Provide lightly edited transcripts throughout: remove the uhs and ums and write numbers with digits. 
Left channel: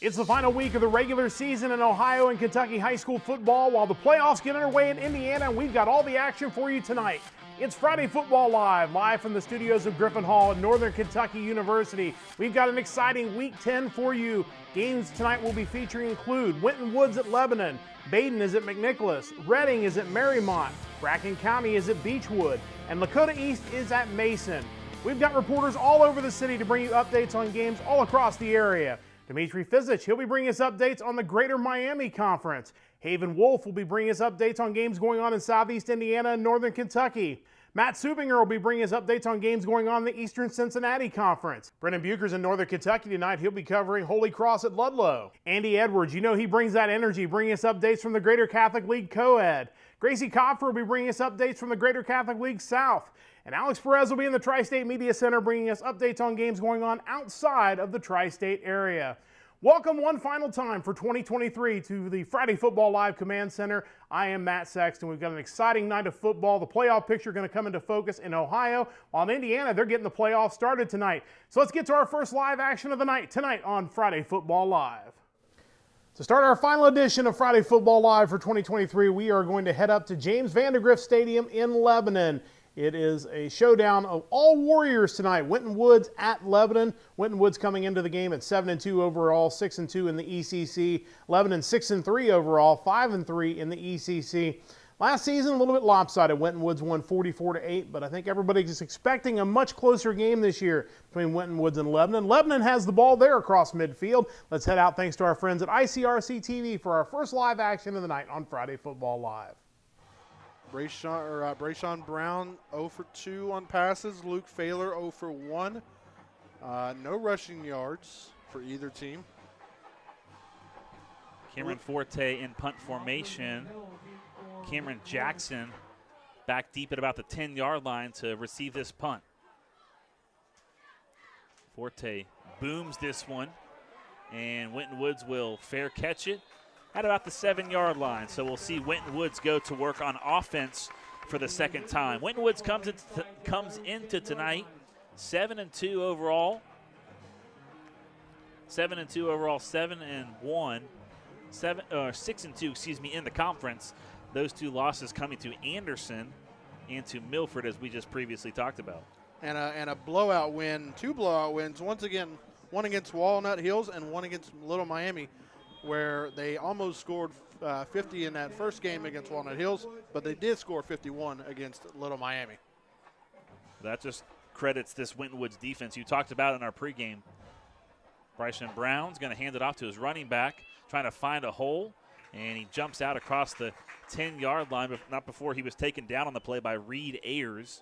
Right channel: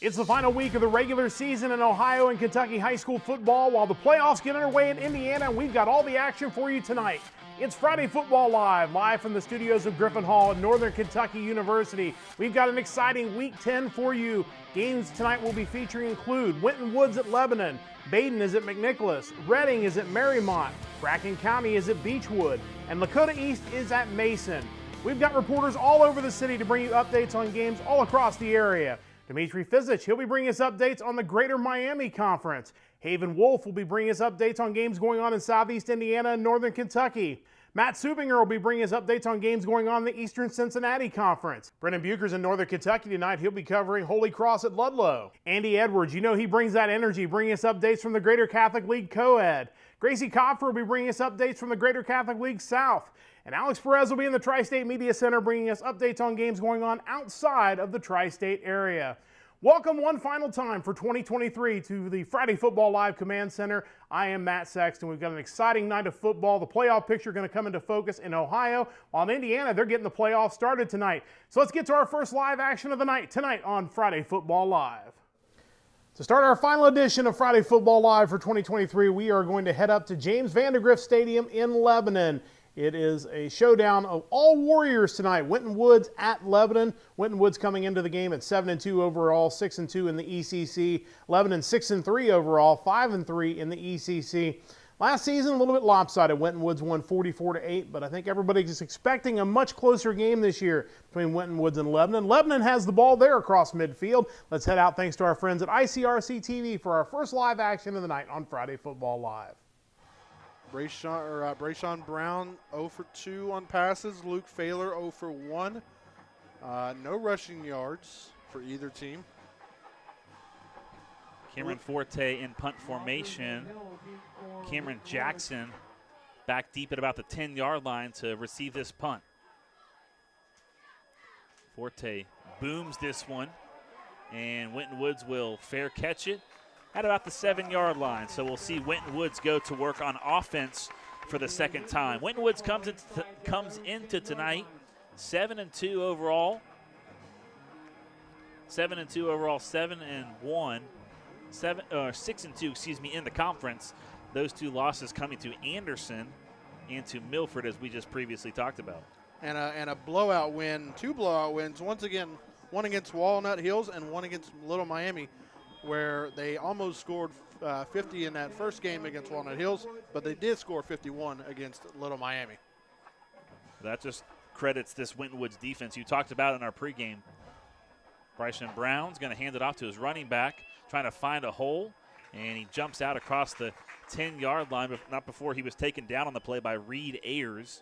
It's the final week of the regular season in Ohio and Kentucky high school football while the playoffs get underway in Indiana, and we've got all the action for you tonight. It's Friday Football live from the studios of Griffin Hall at Northern Kentucky University. We've got an exciting Week 10 for you. Games tonight will be featuring include Winton Woods at Lebanon, Baden is at McNicholas, Reading is at Marymount, Bracken County is at Beechwood, and Lakota East is at Mason. We've got reporters all over the city to bring you updates on games all across the area. Dimitri Fizich, he'll be bringing us updates on the Greater Miami Conference. Haven Wolf will be bringing us updates on games going on in Southeast Indiana and Northern Kentucky. Matt Subinger will be bringing us updates on games going on in the Eastern Cincinnati Conference. Brendan Bucher's in Northern Kentucky tonight. He'll be covering Holy Cross at Ludlow. Andy Edwards, you know he brings that energy, bringing us updates from the Greater Catholic League Co-Ed. Gracie Kopfer will be bringing us updates from the Greater Catholic League South. And Alex Perez will be in the Tri-State Media Center bringing us updates on games going on outside of the Tri-State area. Welcome one final time for 2023 to the Friday Football Live Command Center. I am Matt Sexton. We've got an exciting night of football. The playoff picture going to come into focus in Ohio, while in Indiana, they're getting the playoffs started tonight. So let's get to our first live action of the night tonight on Friday Football Live. To start our final edition of Friday Football Live for 2023, we are going to head up to James Vandergrift Stadium in Lebanon. It is a showdown of all Warriors tonight. Winton Woods at Lebanon. Winton Woods coming into the game at 7-2 overall, 6-2 in the ECC. Lebanon 6-3 overall, 5-3 in the ECC. Last season, a little bit lopsided. Winton Woods won 44-8, but I think everybody's expecting a much closer game this year between Winton Woods and Lebanon. Lebanon has the ball there across midfield. Let's head out thanks to our friends at ICRC TV for our first live action of the night on Friday Football Live. Brayshawn Brown 0 for 2 on passes. Luke Failer 0 for 1. No rushing yards for either team. Cameron Forte in punt formation. Cameron Jackson back deep at about the 10-yard line to receive this punt. Forte booms this one, and Winton Woods will fair catch it at about the 7-yard line. So we'll see Winton Woods go to work on offense for the second time. Winton Woods comes into tonight 7-2 overall. 7-2 overall, 7-1, 6-2, excuse me, in the conference. Those two losses coming to Anderson and to Milford, as we just previously talked about. And a blowout win, 2 blowout wins. Once again, one against Walnut Hills and one against Little Miami, where they almost scored 50 in that first game against Walnut Hills, but they did score 51 against Little Miami. That just credits this Winton Woods defense you talked about in our pregame. Bryson Brown's going to hand it off to his running back, trying to find a hole, and he jumps out across the 10-yard line, but not before he was taken down on the play by Reed Ayers.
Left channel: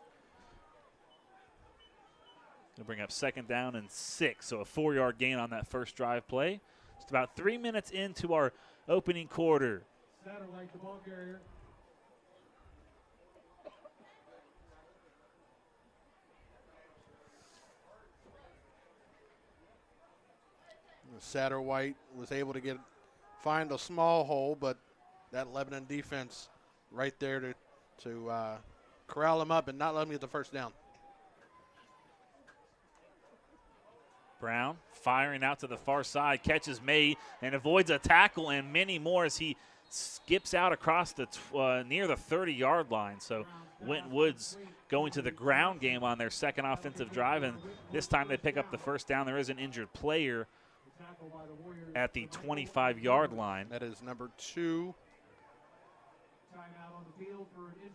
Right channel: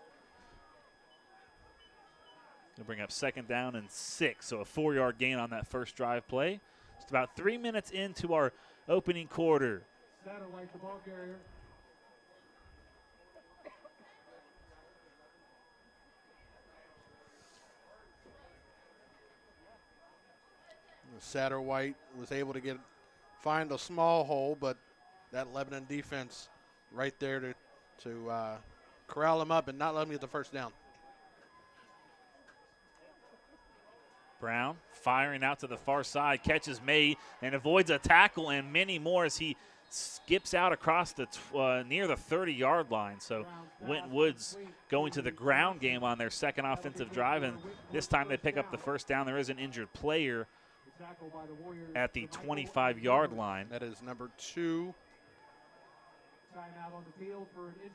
Going to bring up 2nd down and 6, so a 4-yard gain on that first drive play. Just about 3 minutes into our opening quarter. Satellite, the ball carrier. Satterwhite was able to find a small hole, but that Lebanon defense right there to corral him up and not let him get the first down. Brown firing out to the far side, catches made and avoids a tackle and many more as he skips out across the near the 30-yard line. So Winton Woods going to the ground game on their second offensive drive, and this time they pick up the first down. There is an injured player at the 25-yard line. That is number 2,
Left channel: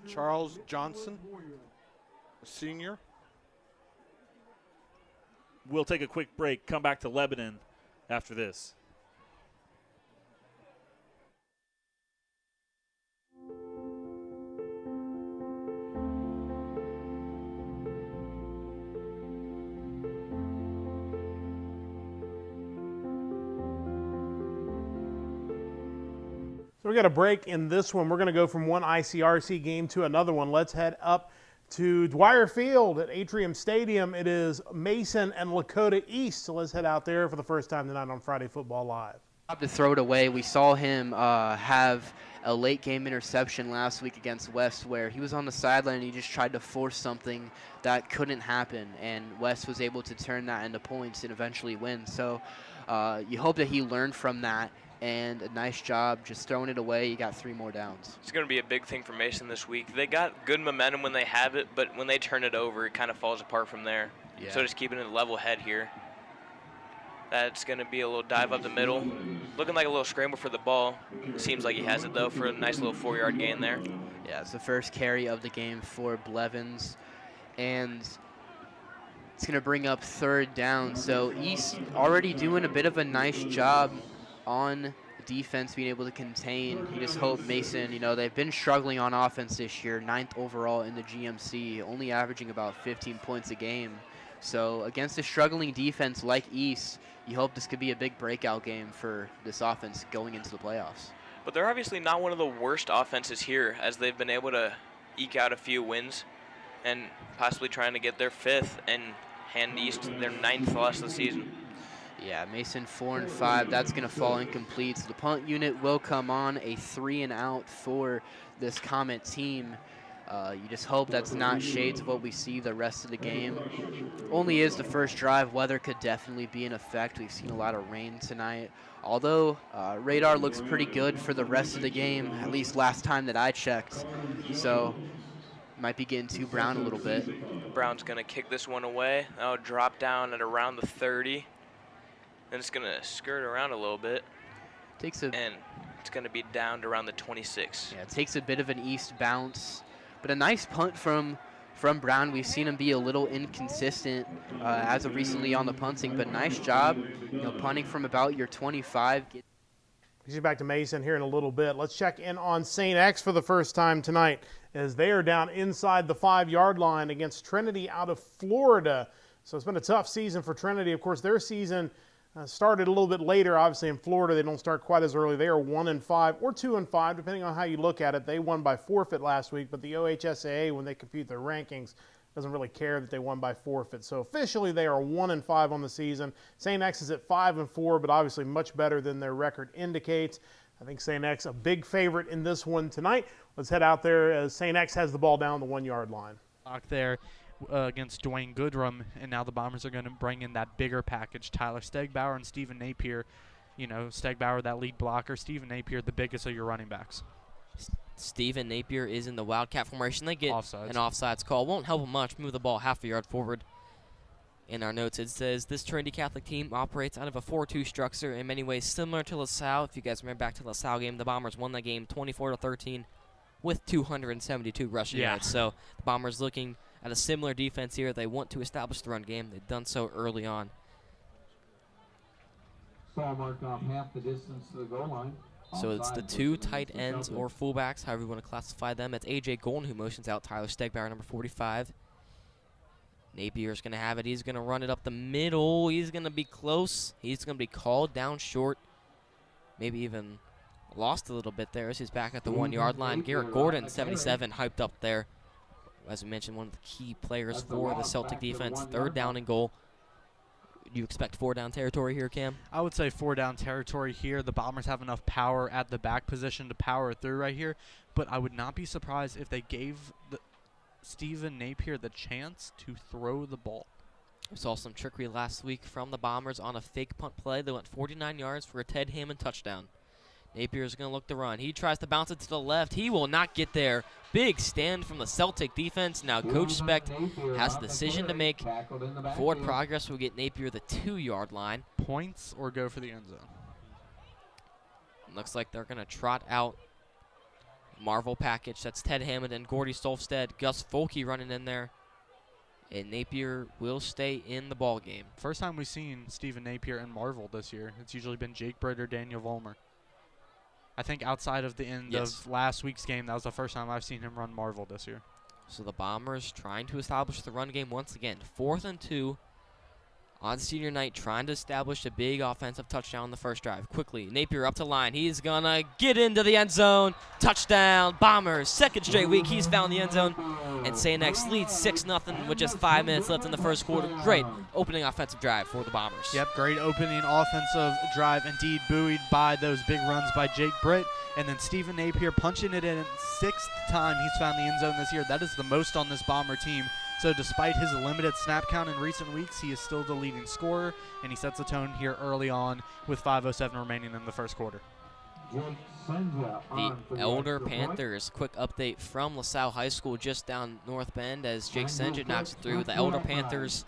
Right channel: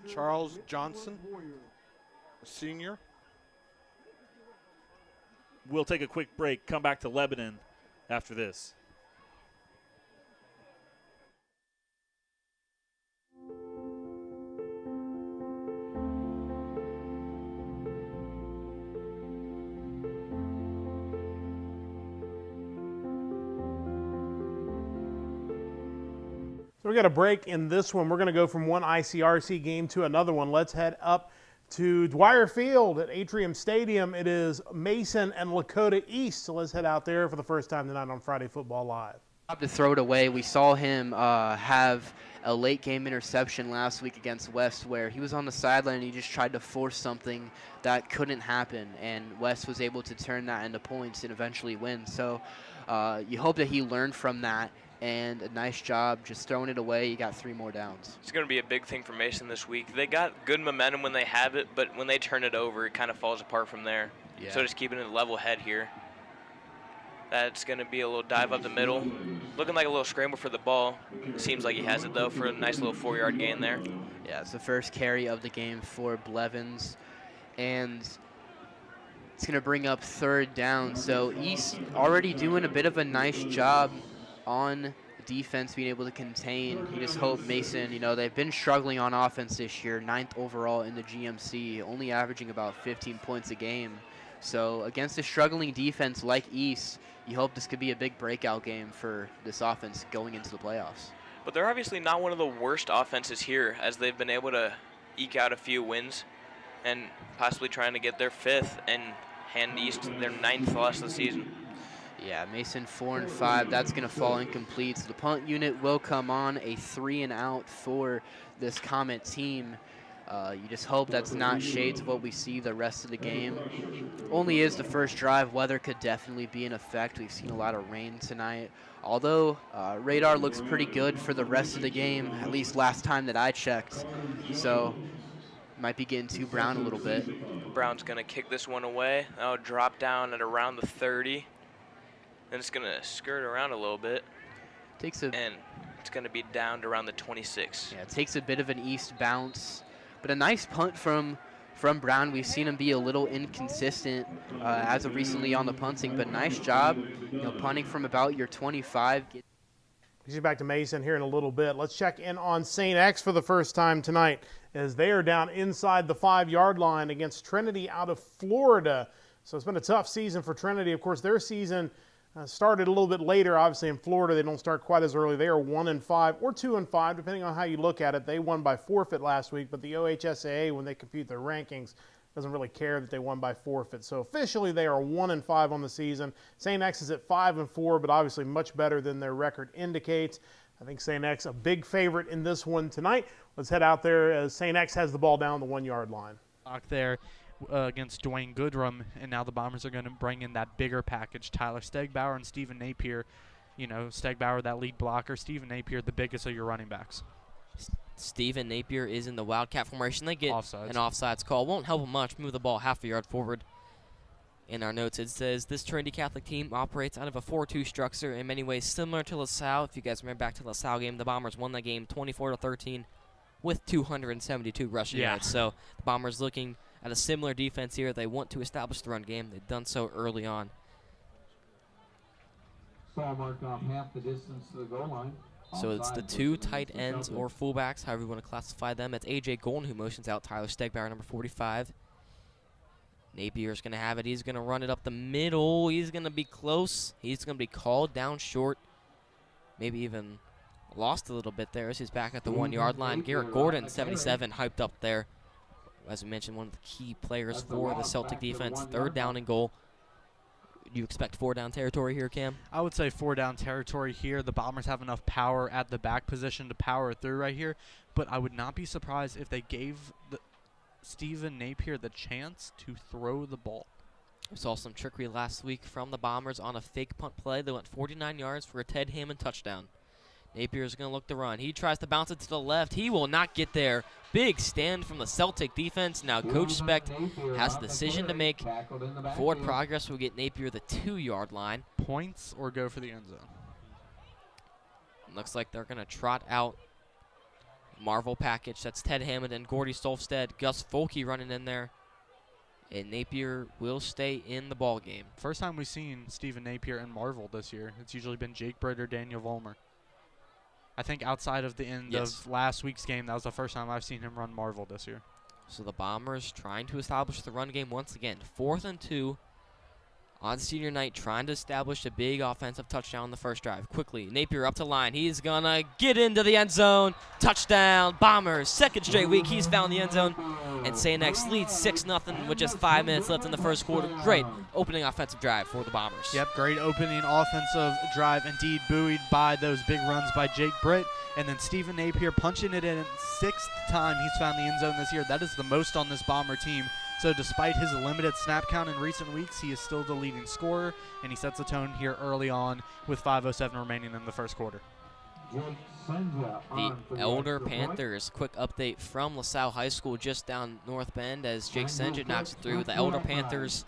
Charles Johnson, a senior. We'll take a quick break, come back to Lebanon after this. So we got a break in this one. We're going to go from one ICRC game to another one. Let's head up to Dwyer Field at Atrium Stadium. It is Mason and Lakota East. So let's head out there for the first time tonight on Friday Football Live. To throw it away. We saw him have a late game interception last week against West where he was on the sideline and he just tried to force something that couldn't happen, and West was able to turn that into points and eventually win. So you hope that he learned from that, and a nice job just throwing it away. You got 3 more downs. It's going to be a big thing for Mason this week. They got good momentum when they have it, but when they turn it over, it kind of falls apart from there. Yeah. So just keeping it a level head here. That's going to be a little dive up the middle. Looking like a little scramble for the ball. Seems like he has it, though, for a nice little 4-yard gain there. Yeah, it's the first carry of the game for Blevins, and it's going to bring up 3rd down. So East already doing a bit of a nice job on defense, being able to contain. You just hope Mason, you know, they've been struggling on offense this year, 9th overall in the GMC, only averaging about 15 points a game. So against a struggling defense like East, you hope this could be a big breakout game for this offense going into the playoffs. But they're obviously not one of the worst offenses here, as they've been able to eke out a few wins and possibly trying to get their 5th and hand East their 9th loss of the season. Yeah, Mason 4-5. That's going to fall incomplete. So the punt unit will come on, a 3-and-out for this Comet team. You just hope that's not shades of what we see the rest of the game. Only is the first drive. Weather could definitely be in effect. We've seen a lot of rain tonight. Although radar looks pretty good for the rest of the game, at least last time that I checked. So might be getting to Brown a little bit. Brown's going to kick this one away. That'll drop down at around the 30. Then it's going to skirt around a little bit. And it's going to be down to around the 26. Yeah, it takes a bit of an East bounce. But a nice punt from Brown. We've seen him be a little inconsistent as of recently on the punting, but nice job, you know, punting from about your 25. He's back to Mason here in a little bit. Let's check in on St. X for the first time tonight, as they are down inside the 5-yard line against Trinity out of Florida. So it's been a tough season for Trinity. Of course, their season started a little bit later. Obviously, in Florida, they don't start quite as early. They are 1-5 or 2-5, depending on how you look at it. They won by forfeit last week, but the OHSAA, when they compute their rankings, doesn't really care that they won by forfeit. So officially, they are 1-5 on the season. St. X is at 5-4, but obviously much better than their record indicates. I think St. X a big favorite in this one tonight. Let's head out there as St. X has the ball down the 1-yard line. There against Dwayne Goodrum, and now the Bombers are going to bring in that bigger package. Tyler Stegbauer and Stephen Napier. You know, Stegbauer, that lead blocker. Stephen Napier, the biggest of your running backs. Stephen Napier is in the Wildcat formation. They get Offsides. an offsides call. Won't help him much. Move the ball half a yard forward. In our notes, it says this Trinity Catholic team operates out of a 4-2 structure, in many ways similar to LaSalle. If you guys remember back to LaSalle game, the Bombers won that game 24-13 with 272 rushing yards. So the Bombers looking at a similar defense here. They want to establish the run game. They've done so early on. Saul marked off half the distance to the goal line. So it's the 2 tight ends or fullbacks, however you want to classify them. It's A.J. Golden who motions out Tyler Stegbauer, number 45. Napier's going to have it. He's going to run it up the middle. He's going to be close. He's going to be called down short. Maybe even lost a little bit there as he's back at the 1-yard line. Garrett Gordon, 77, hyped up there. As we mentioned, one of the key players for the Celtic defense. 3rd down and goal. Do you expect 4-down territory here, Cam? I would say 4-down territory here. The Bombers have enough power at the back position to power through right here, but I would not be surprised if they gave Stephen Napier the chance to throw the ball. We saw some trickery last week from the Bombers on a fake punt play. They went 49 yards for a Ted Hammond touchdown. Napier's going to look to run. He tries to bounce it to the left. He will not get there. Big stand from the Celtic defense. Now Coach Specht has a decision to make. Forward progress will get Napier the 2-yard line. Points or go for the end zone? Looks like they're going to trot out Marvel package. That's Ted Hammond and Gordy Stolfstead. Gus Folke running in there. And Napier will stay in the ball game. First time we've seen Stephen Napier and Marvel this year. It's usually been Jake Britt or Daniel Vollmer. I think outside of the end of last week's game, that was the first time I've seen him run Marvel this year. So the Bombers trying to establish the run game once again. 4th and 2 on senior night, trying to establish a big offensive touchdown on the first drive. Quickly, Napier up to line. He's going to get into the end zone. Touchdown, Bombers. 2nd straight week he's found the end zone. And St. X leads 6-0 with just 5 minutes left in the first quarter. Great opening offensive drive for the Bombers. Yep, great opening offensive drive indeed, buoyed by those big runs by Jake Britt. And then Stephen Napier punching it in 6th time he's found the end zone this year. That is the most on this Bomber team. So despite his limited snap count in recent weeks, he is still the leading scorer, and he sets the tone here early on with 5:07 remaining in the first quarter. The Elder Panthers, quick update from LaSalle High School just down North Bend as Jake Senja knocks it through. The Elder Panthers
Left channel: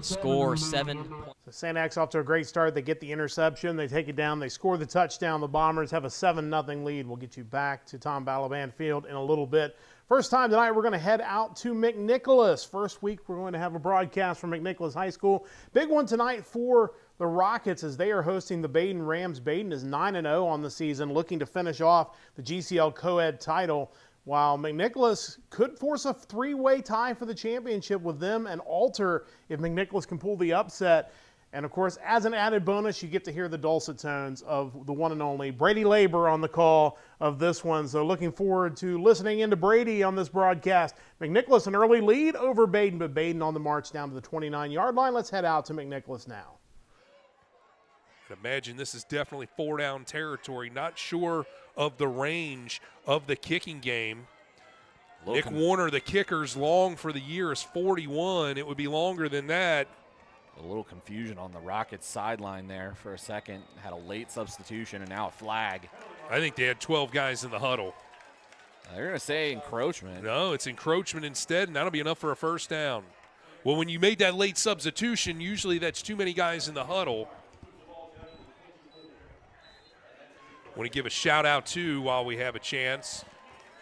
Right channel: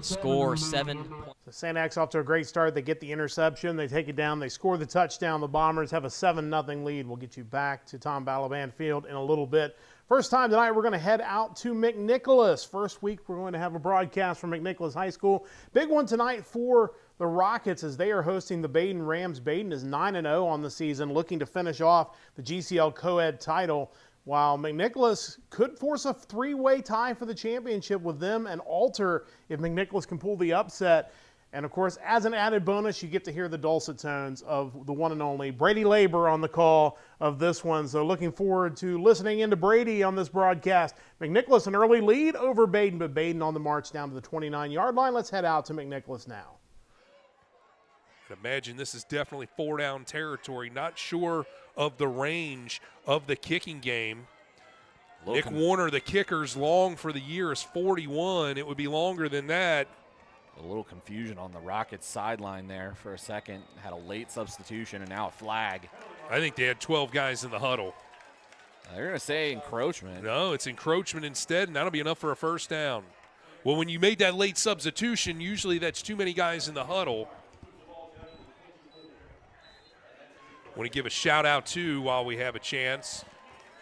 score 7 points. So St. X off to a great start. They get the interception. They take it down. They score the touchdown. The Bombers have a 7-0 lead. We'll get you back to Tom Balaban Field in a little bit. First time tonight, we're going to head out to McNicholas. First week, we're going to have a broadcast from McNicholas High School. Big one tonight for the Rockets as they are hosting the Baden Rams. Baden is 9-0 on the season, looking to finish off the GCL co-ed title, while McNicholas could force a 3-way tie for the championship with them and Alter if McNicholas can pull the upset. And, of course, as an added bonus, you get to hear the dulcet tones of the one and only Brady Labor on the call of this one. So looking forward to listening into Brady on this broadcast. McNicholas an early lead over Baden, but Baden on the march down to the 29-yard line. Let's head out to McNicholas now. I imagine this is definitely 4-down territory. Not sure of the range of the kicking game. Nick Warner, the kicker's long for the year, is 41. It would be longer than that. A little confusion on the Rockets sideline there for a second. Had a late substitution and now a flag. I think they had 12 guys in the huddle. They're going to say encroachment. No, it's encroachment instead, and that'll be enough for a first down. Well, when you made that late substitution, usually that's too many guys in the huddle. Want to give a shout-out, too, while we have a chance,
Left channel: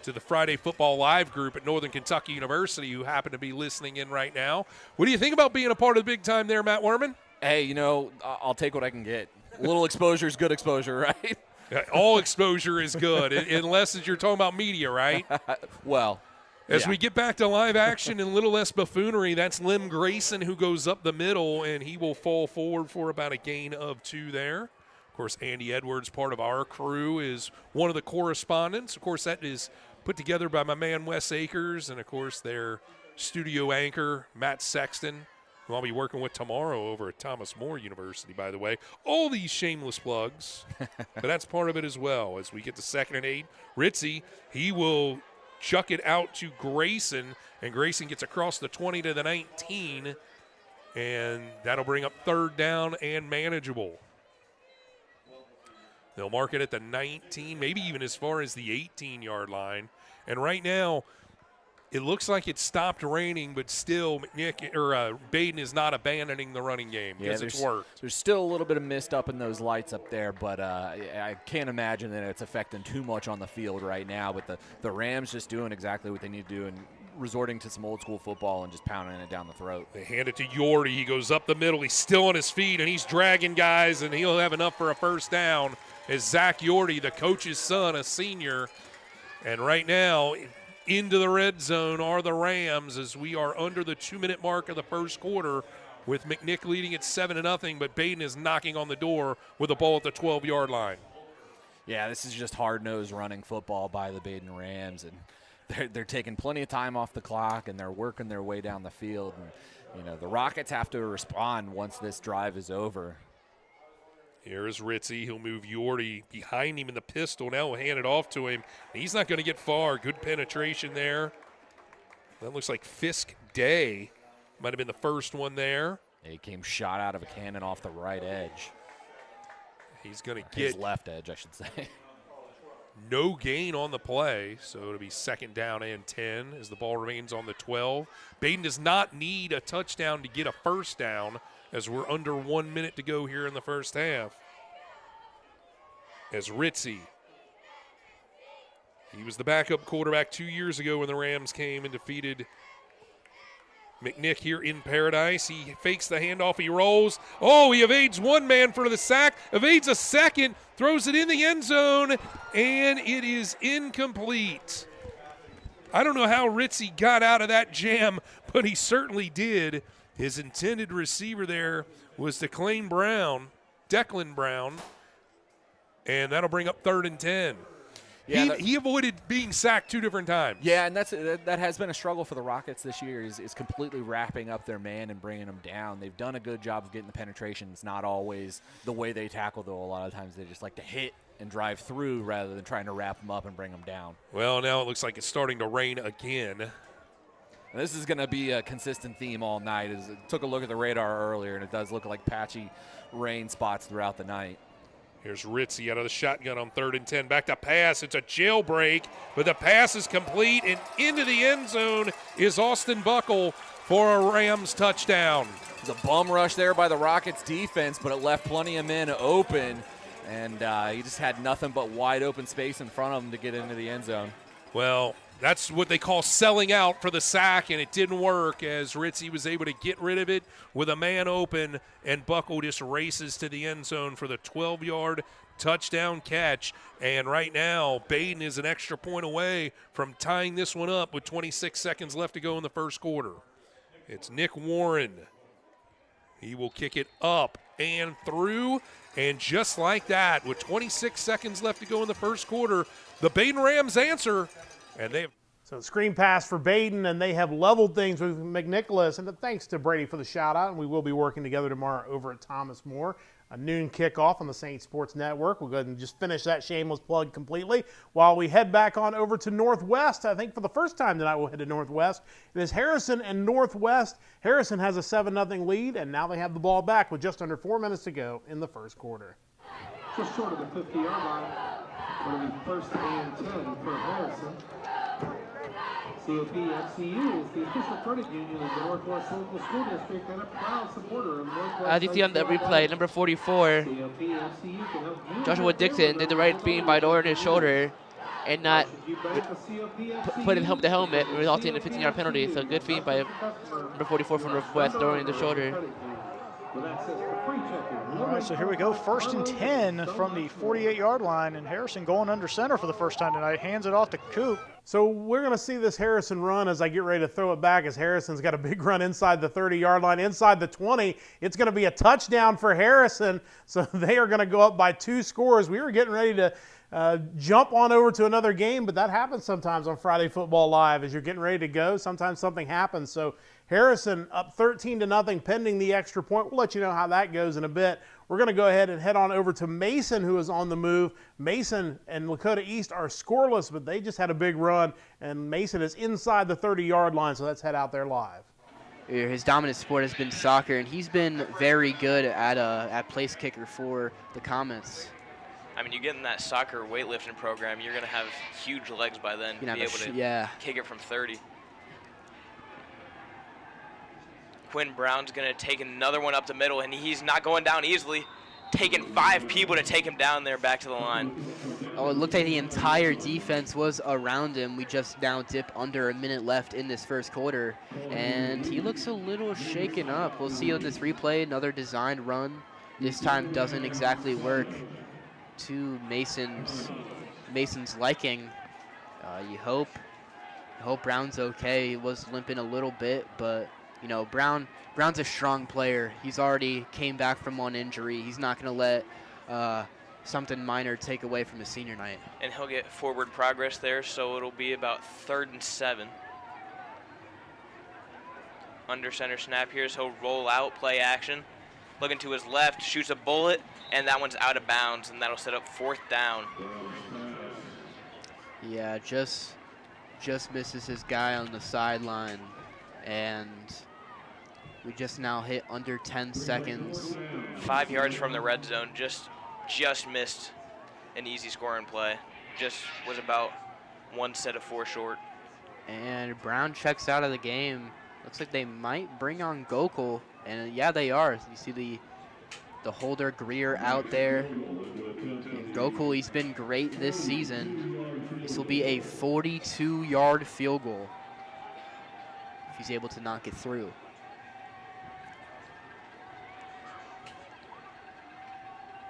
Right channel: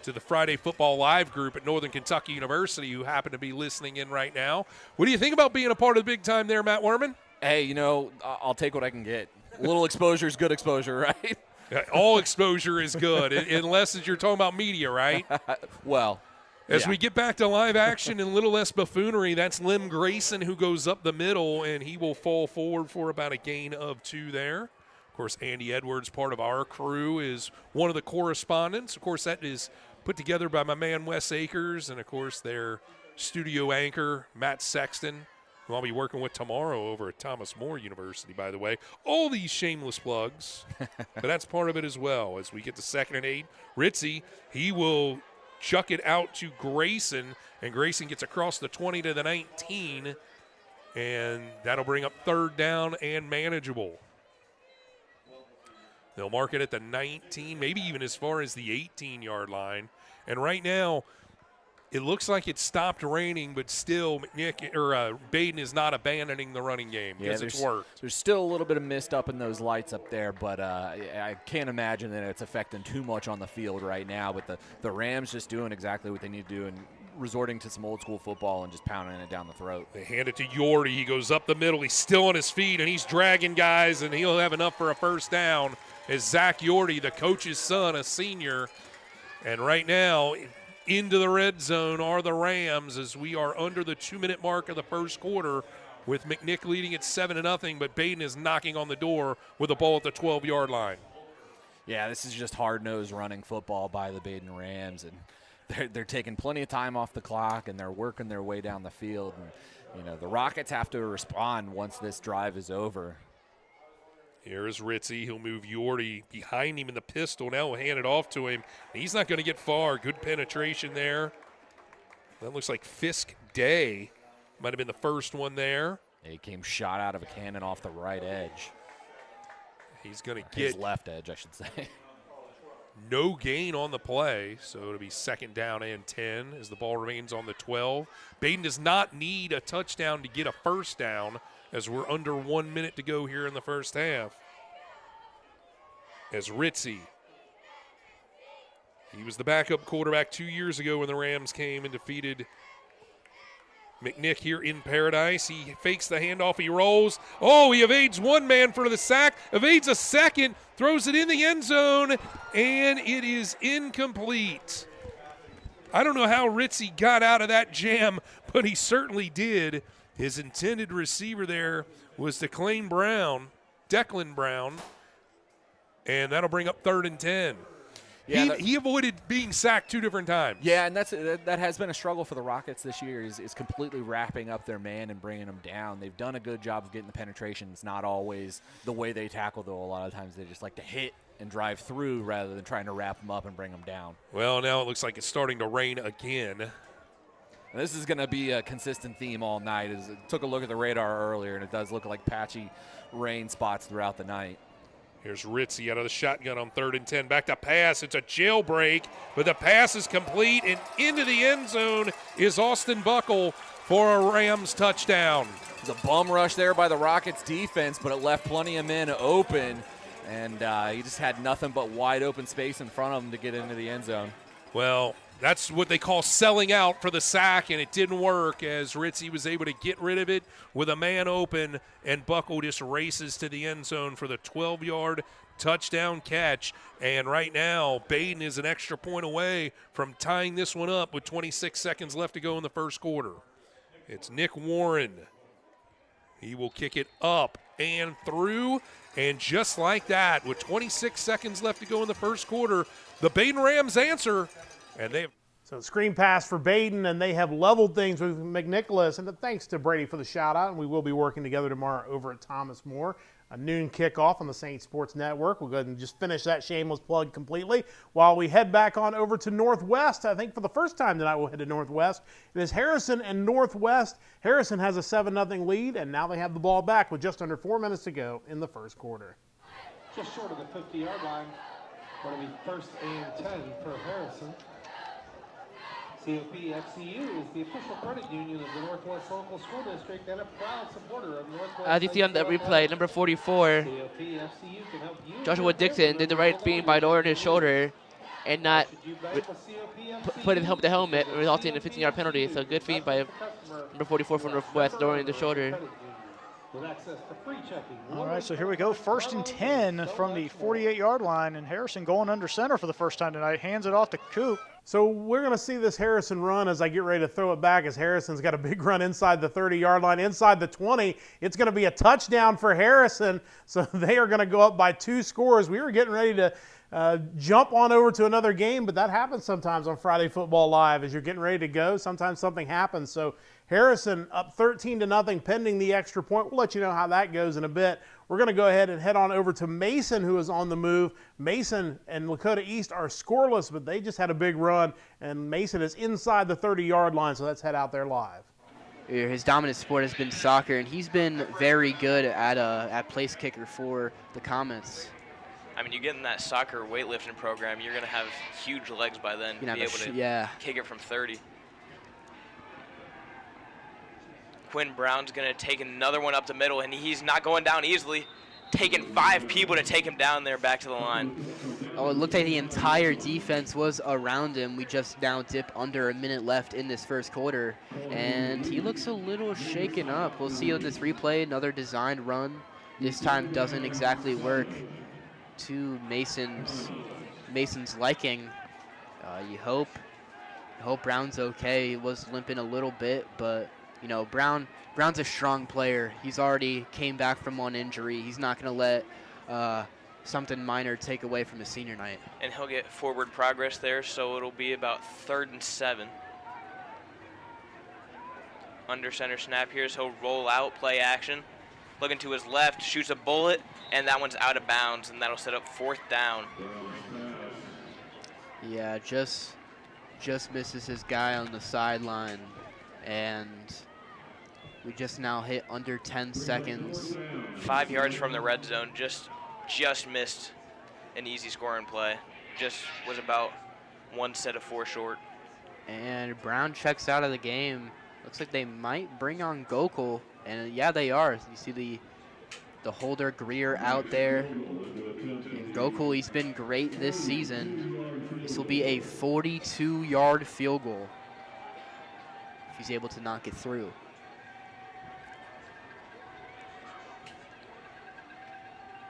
to the Friday Football Live group at Northern Kentucky University who happen to be listening in right now. What do you think about being a part of the big time there, Matt Werman? Hey, you know, I'll take what I can get. A little exposure is good exposure, right? All exposure is good, unless you're talking about media, right? Well, as we get back to live action and a little less buffoonery, that's Lim Grayson who goes up the middle, and he will fall forward for about a gain of 2 there. Of course, Andy Edwards, part of our crew, is one of the correspondents. Of course, that is put together by my man Wes Akers, and, of course, their studio anchor, Matt Sexton, who I'll be working with tomorrow over at Thomas More University, by the way. All these shameless plugs, but that's part of it as well. As we get to 2nd and 8, Ritzy, he will chuck it out to Grayson, and Grayson gets across the 20 to the 19, and that'll bring up 3rd down and manageable. They'll mark it at the 19, maybe even as far as the 18-yard line. And right now, it looks like it stopped raining, but still, Baden is not abandoning the running game because it's worked. There's still a little bit of mist up in those lights up there, but I can't imagine that it's affecting too much on the field right now. But the Rams just doing exactly what they need to do and resorting to some old-school football and just pounding it down the throat. They hand it to Yorty. He goes up the middle. He's still on his feet, and he's dragging guys, and he'll have enough for a first down. As Zach Yorty, the coach's son, a senior. And right now, into the red zone are the Rams as we are under the 2-minute mark of the first quarter with McNick leading at 7-0, but Baden is knocking on the door with a ball at the 12-yard line. Yeah, this is just hard-nosed running football by the Baden Rams, and they're taking plenty of time off the clock, and they're working their way down the field. And, the Rockets have to respond once this drive is over. Here is Ritzy. He'll move Yorty behind him in the pistol. Now we'll hand it off to him. He's not going to get far. Good penetration there. That looks like Fisk Day. Might have been the first one there. He came shot out of a cannon off the right edge. He's going to get his left edge, I should say. No gain on the play, so it'll be 2nd down and 10 as the ball remains on the 12. Baden does not need a touchdown to get a first down, as we're under 1 minute to go here in the first half. As Ritzy, he was the backup quarterback 2 years ago when the Rams came and defeated McNick here in Paradise. He fakes the handoff, he rolls. Oh, he evades one man for the sack, evades a second, throws it in the end zone, and it is incomplete. I don't know how Ritzy got out of that jam, but he certainly did. His intended receiver there was Declan Brown, and that'll bring up 3rd and 10. he avoided being sacked 2 different times. Yeah, and that has been a struggle for the Rockets this year is completely wrapping up their man and bringing them down. They've done a good job of getting the penetration. It's not always the way they tackle, though. A lot of times they just like to hit and drive through rather than trying to wrap them up and bring them down. Well, now it looks like it's starting to rain again. And this is going to be a consistent theme all night. I took a look at the radar earlier, and it does look like patchy rain spots throughout the night. Here's Ritzy out of the shotgun on 3rd and 10. Back to pass. It's a jailbreak, but the pass is complete, and into the end zone is Austin Buckle for a Rams touchdown. It was a bum rush there by the Rockets defense, but it left plenty of men open, and he just had nothing but wide open space in front of him to get into the end zone. Well, that's what they call selling out for the sack, and it didn't work as Ritzy was able to get rid of it with a man open, and Buckle just races to the end zone for the 12-yard touchdown catch. And right now, Baden is an extra point away from tying this one up with 26 seconds left to go in the first quarter. It's Nick Warren. He will kick it up and through, and just like that, with 26 seconds left to go in the first quarter, the Baden Rams answer. And they have So screen pass for Baden, and they have leveled things with McNicholas. And thanks to Brady for the shout-out. And we will be working together tomorrow over at Thomas More. A noon kickoff on the Saint Sports Network. We'll go ahead and just finish that shameless plug completely while we head back on over to Northwest. I think for the first time tonight we'll head to Northwest. It is Harrison and Northwest. Harrison has a 7-0 lead, and now they have the ball back with just under 4 minutes to go in the first quarter. Just short of the 50-yard line. Going to be 1st and 10 for Harrison. COP FCU is the official credit union of the Northwest Local School District and a proud supporter of Northwest. As you see on the replay, number 44, Joshua Dixon did the right thing by lowering his shoulder and not putting the helmet, resulting in a 15-yard penalty. So good feed by number 44 from Northwest, lowering the shoulder. All right, so here we go. 1st and 10 from the 48-yard line, and Harrison going under center for the first time tonight. Hands it off to Coop. So we're going to see this Harrison run as I get ready to throw it back, as Harrison's got a big run inside the 30-yard line, inside the 20. It's going to be a touchdown for Harrison, so they are going to go up by 2 scores. We were getting ready to jump on over to another game, but that happens sometimes on Friday Football Live. As you're getting ready to go, sometimes something happens. So Harrison up 13-0 pending the extra point. We'll let you know how that goes in a bit. We're going to go ahead and head on over to Mason, who is on the move. Mason and Lakota East are scoreless, but they just had a big run, and Mason is inside the 30-yard line, so let's head out there live. His dominant sport has been soccer, and he's been very good at place kicker for the Comets. I mean, you get in that soccer weightlifting program, you're going to have huge legs by then to be able to kick it from 30. Quinn Brown's going to take another one up the middle, and he's not going down easily. Taking 5 people to take him down there back to the line. Oh, it looked like the entire defense was around him. We just now dip under a minute left in this first quarter, and he looks a little shaken up. We'll see on this replay, another designed run. This time doesn't exactly work to Mason's liking. You hope Brown's okay. He was limping a little bit, but you know, Brown's a strong player. He's already came back from one injury. He's not going to let something minor take away from his senior night. And he'll get forward progress there, so it'll be about 3rd and 7. Under center snap here, so he'll roll out, play action. Looking to his left, shoots a bullet, and that one's out of bounds, and that'll set up 4th down. Yeah, just misses his guy on the sideline, and we just now hit under 10 seconds. 5 yards from the red zone, just missed an easy scoring play. Just was about 1 set of 4 short. And Brown checks out of the game. Looks like they might bring on Gokul, and yeah, they are. You see the holder Greer out there. And Gokul, he's been great this season. This will be a 42-yard field goal if he's able to knock it through.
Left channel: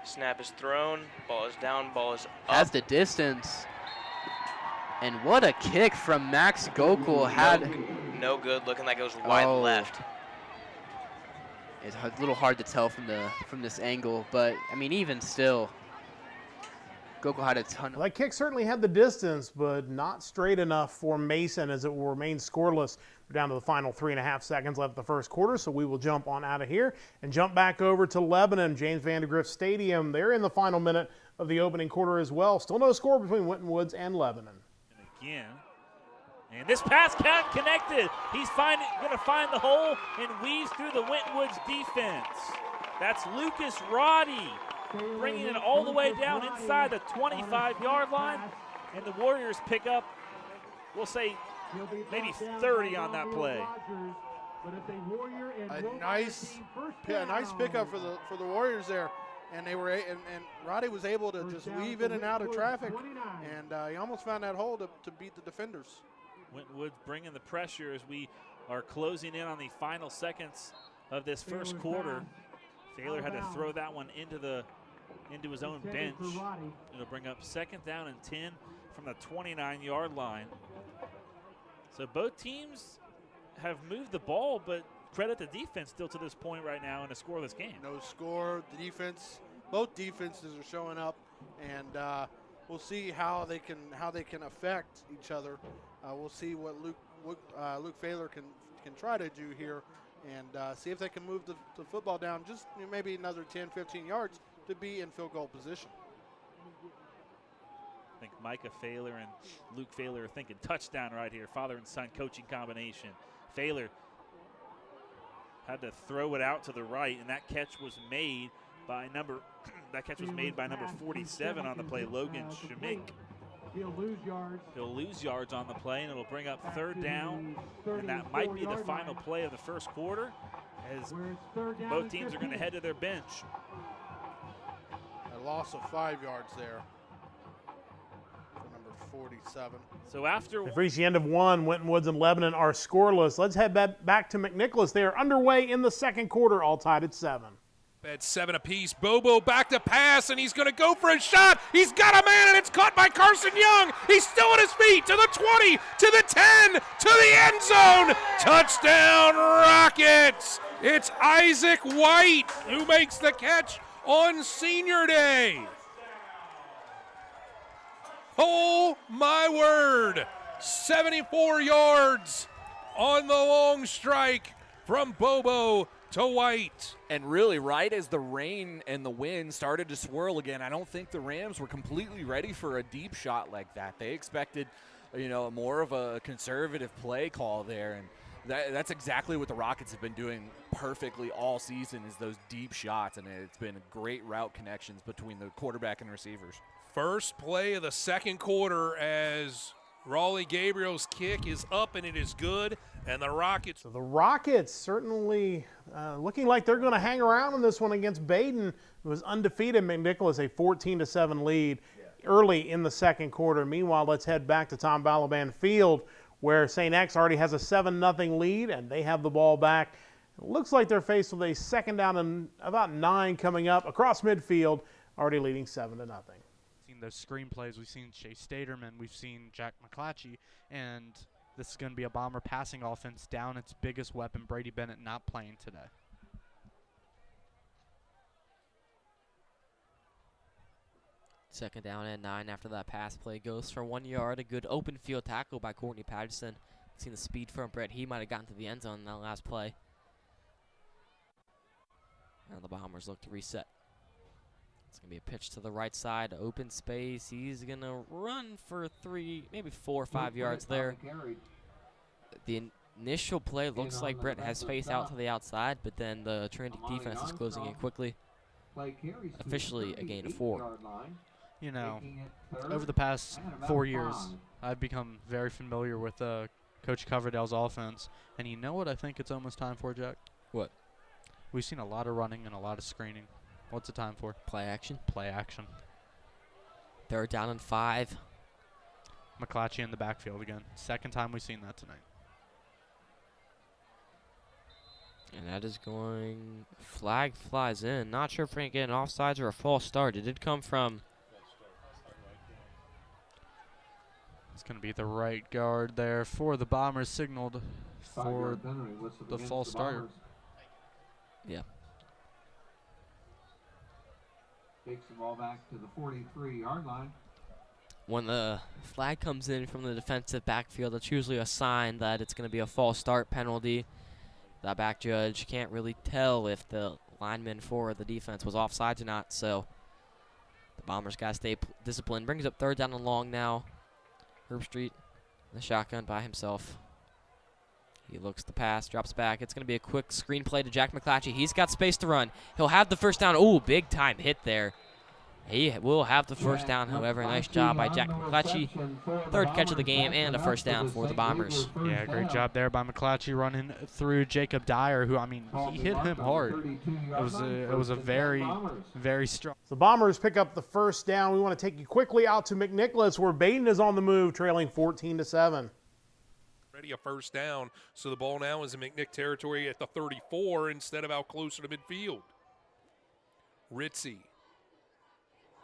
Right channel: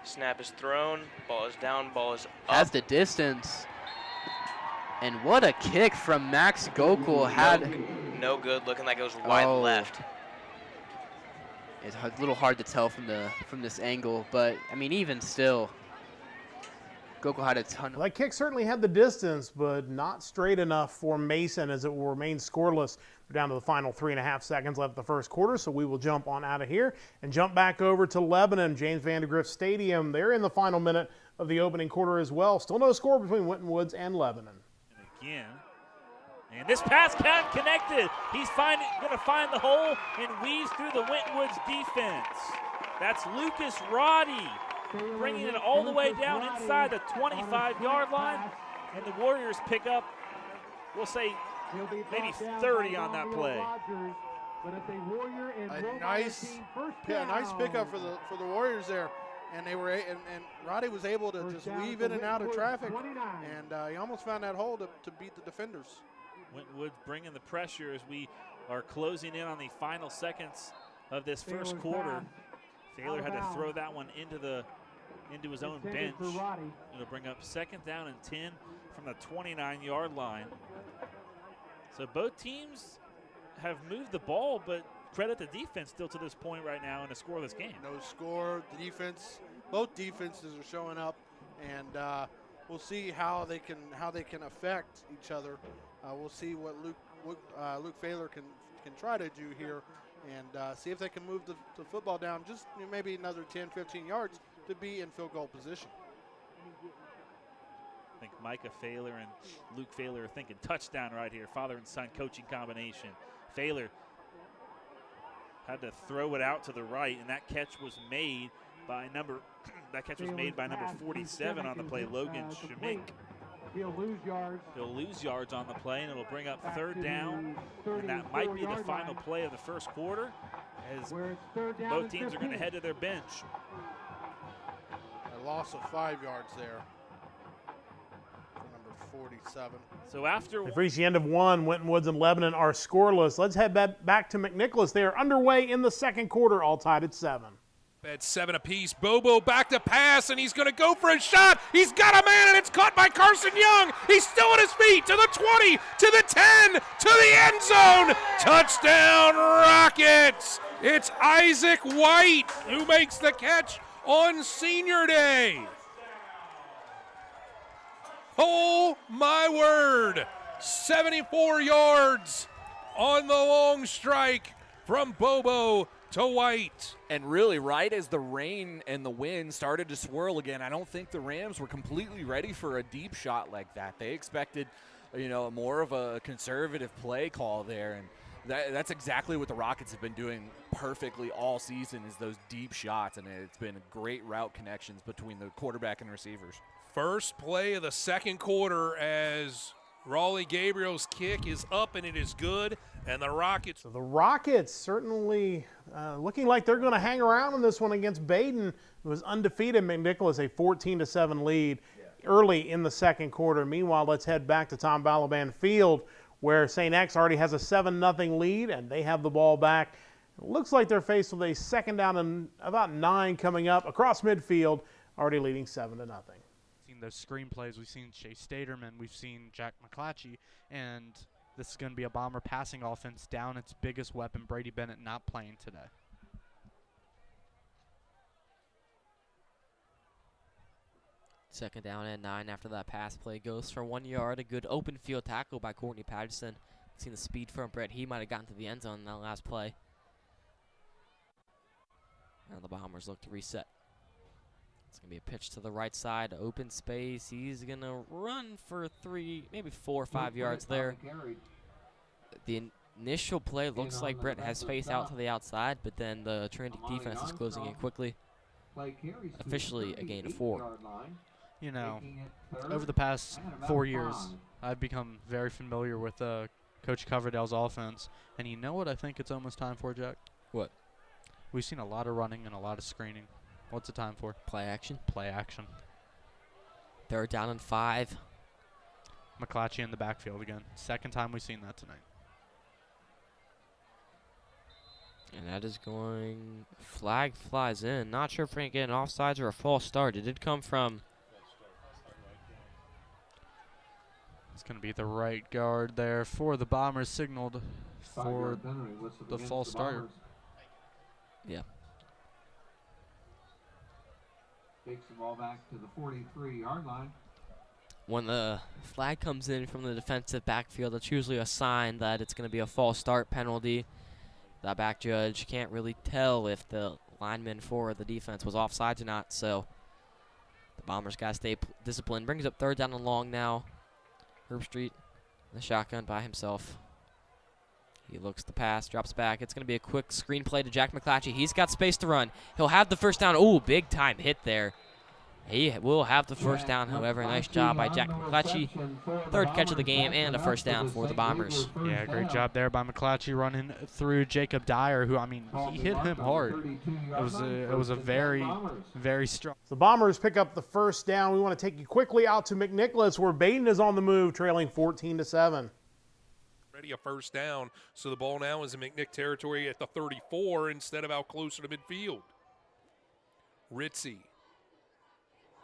Snap is thrown, ball is down, ball is up. Has the distance. And what a kick from Max Gokul. No good, looking like it was wide left. It's a little hard to tell from this angle, but I mean, even still, Goko had a ton. Well, that kick certainly had the distance, but not straight enough for Mason as it will remain scoreless. We're down to the final 3.5 seconds left of the first quarter, so we will jump on out of here and jump back over to Lebanon, James Vandergrift Stadium. They're in the final minute of the opening quarter as well. Still no score between Winton Woods and Lebanon. And again, and this pass count connected. He's going to find the hole and weaves through the Winton Woods defense. That's Lucas Roddy bringing it all the way down inside the 25-yard line. And the Warriors pick up, we'll say, maybe 30 on that play. A nice pickup for the Warriors there. And they were and Roddy was able to just weave in and out of traffic, and he almost found that hole to beat the defenders. Winton Woods bringing the pressure as we are closing in on the final seconds of this first quarter. Thaler had to throw that one into his own bench. It'll bring up 2nd down and 10 from the 29-yard line. So both teams have moved the ball, but credit the defense still to this point right now in a scoreless game. No score. The defense, both defenses are showing up, and we'll see how they can affect each other. We'll see what Luke Thaler can try to do here, and see if they can move the football down just maybe another 10, 15 yards to be in field goal position. I think Micah Thaler and Luke Thaler are thinking touchdown right here. Father and son coaching combination. Thaler had to throw it out to the right, and that catch was made by number 47 on the play, Logan Schmink. He'll lose yards. He'll lose yards on the play, and it'll bring up 3rd down, and that might be the final play of the first quarter, as both teams are going to head to their bench. A loss of 5 yards there for number 47. So after We've reached the end of one. Winton Woods and Lebanon are scoreless. Let's head back to McNicholas. They are underway in the second quarter, all tied at 7. At 7 apiece. Bobo back to pass, and he's going to go for a shot. He's got a man, and it's caught by Carson Young. He's still on his feet to the 20, to the 10, to the end zone. Touchdown, Rockets. It's Isaac White who makes the catch on Senior Day. Oh, my word. 74 yards on the long strike from Bobo to White. And really, right as the rain and the wind started to swirl again, I don't think the Rams were completely ready for a deep shot like that. They expected, more of a conservative play call there, and that's exactly what the Rockets have been doing perfectly all season, is those deep shots, and it's been great route connections between the quarterback and receivers. First play of the second quarter as Raleigh Gabriel's kick is up, and it is good. And the Rockets. So the Rockets certainly looking like they're going to hang around in this one against Baden, who was undefeated. McNicholas, a 14-7 lead early in the second quarter. Meanwhile, let's head back to Tom Balaban Field, where St. X already has a 7-0 lead, and they have the ball back. It looks like they're faced with a 2nd down and about 9 coming up across midfield, already leading 7-0. Seen those screen plays. We've seen Chase Staterman. We've seen Jack McClatchy, and this is going to be a Bomber passing offense down its biggest weapon, Brady Bennett, not playing today. Second down and 9 after that pass play goes for 1 yard. A good open field tackle by Courtney Patterson. Seen the speed from Brett. He might have gotten to the end zone in that last play. And the Bombers look to reset. It's going to be a pitch to the right side, open space. He's going to run for 3, maybe 4 or 5 yards there. The initial play looks like Brett has space out to the outside, but then the Trinity defense is closing in quickly. Officially a gain of 4. Over the past 4 years, I've become very familiar with Coach Coverdale's offense. And you know what I think it's almost time for, Jack? What? We've seen a lot of running and a lot of screening. What's the time for? Play action. Play action. 3rd down and 5. McClatchy in the backfield again. Second time we've seen that tonight. And that is going, flag flies in. Not sure if we're going to get an offsides or a false start. It did come from. It's going to be the right guard there for the Bombers, signaled for the false start. Yeah. Takes the ball back to the 43-yard line. When the flag comes in from the defensive backfield, it's usually a sign that it's going to be a false start penalty. The back judge can't really tell if the lineman for the defense was offsides or not, so the Bombers got to stay disciplined. Brings up 3rd down and long now. Herbstreit in the shotgun by himself. He looks the pass, drops back. It's going to be a quick screen play to Jack McClatchy. He's got space to run. He'll have the first down. Ooh, big time hit there. He will have the first down, however. Nice job by Jack McClatchy. 3rd catch of the game and a first down for the Bombers. Yeah, great job there by McClatchy running through Jacob Dyer, who, I mean, he hit him hard. It was a very, very strong. The Bombers pick up the first down. We want to take you quickly out to McNicholas, where Baden is on the move, trailing 14-7. Ready a first down, so the ball now is in McNick territory at the 34 instead of out closer to midfield. Ritzy.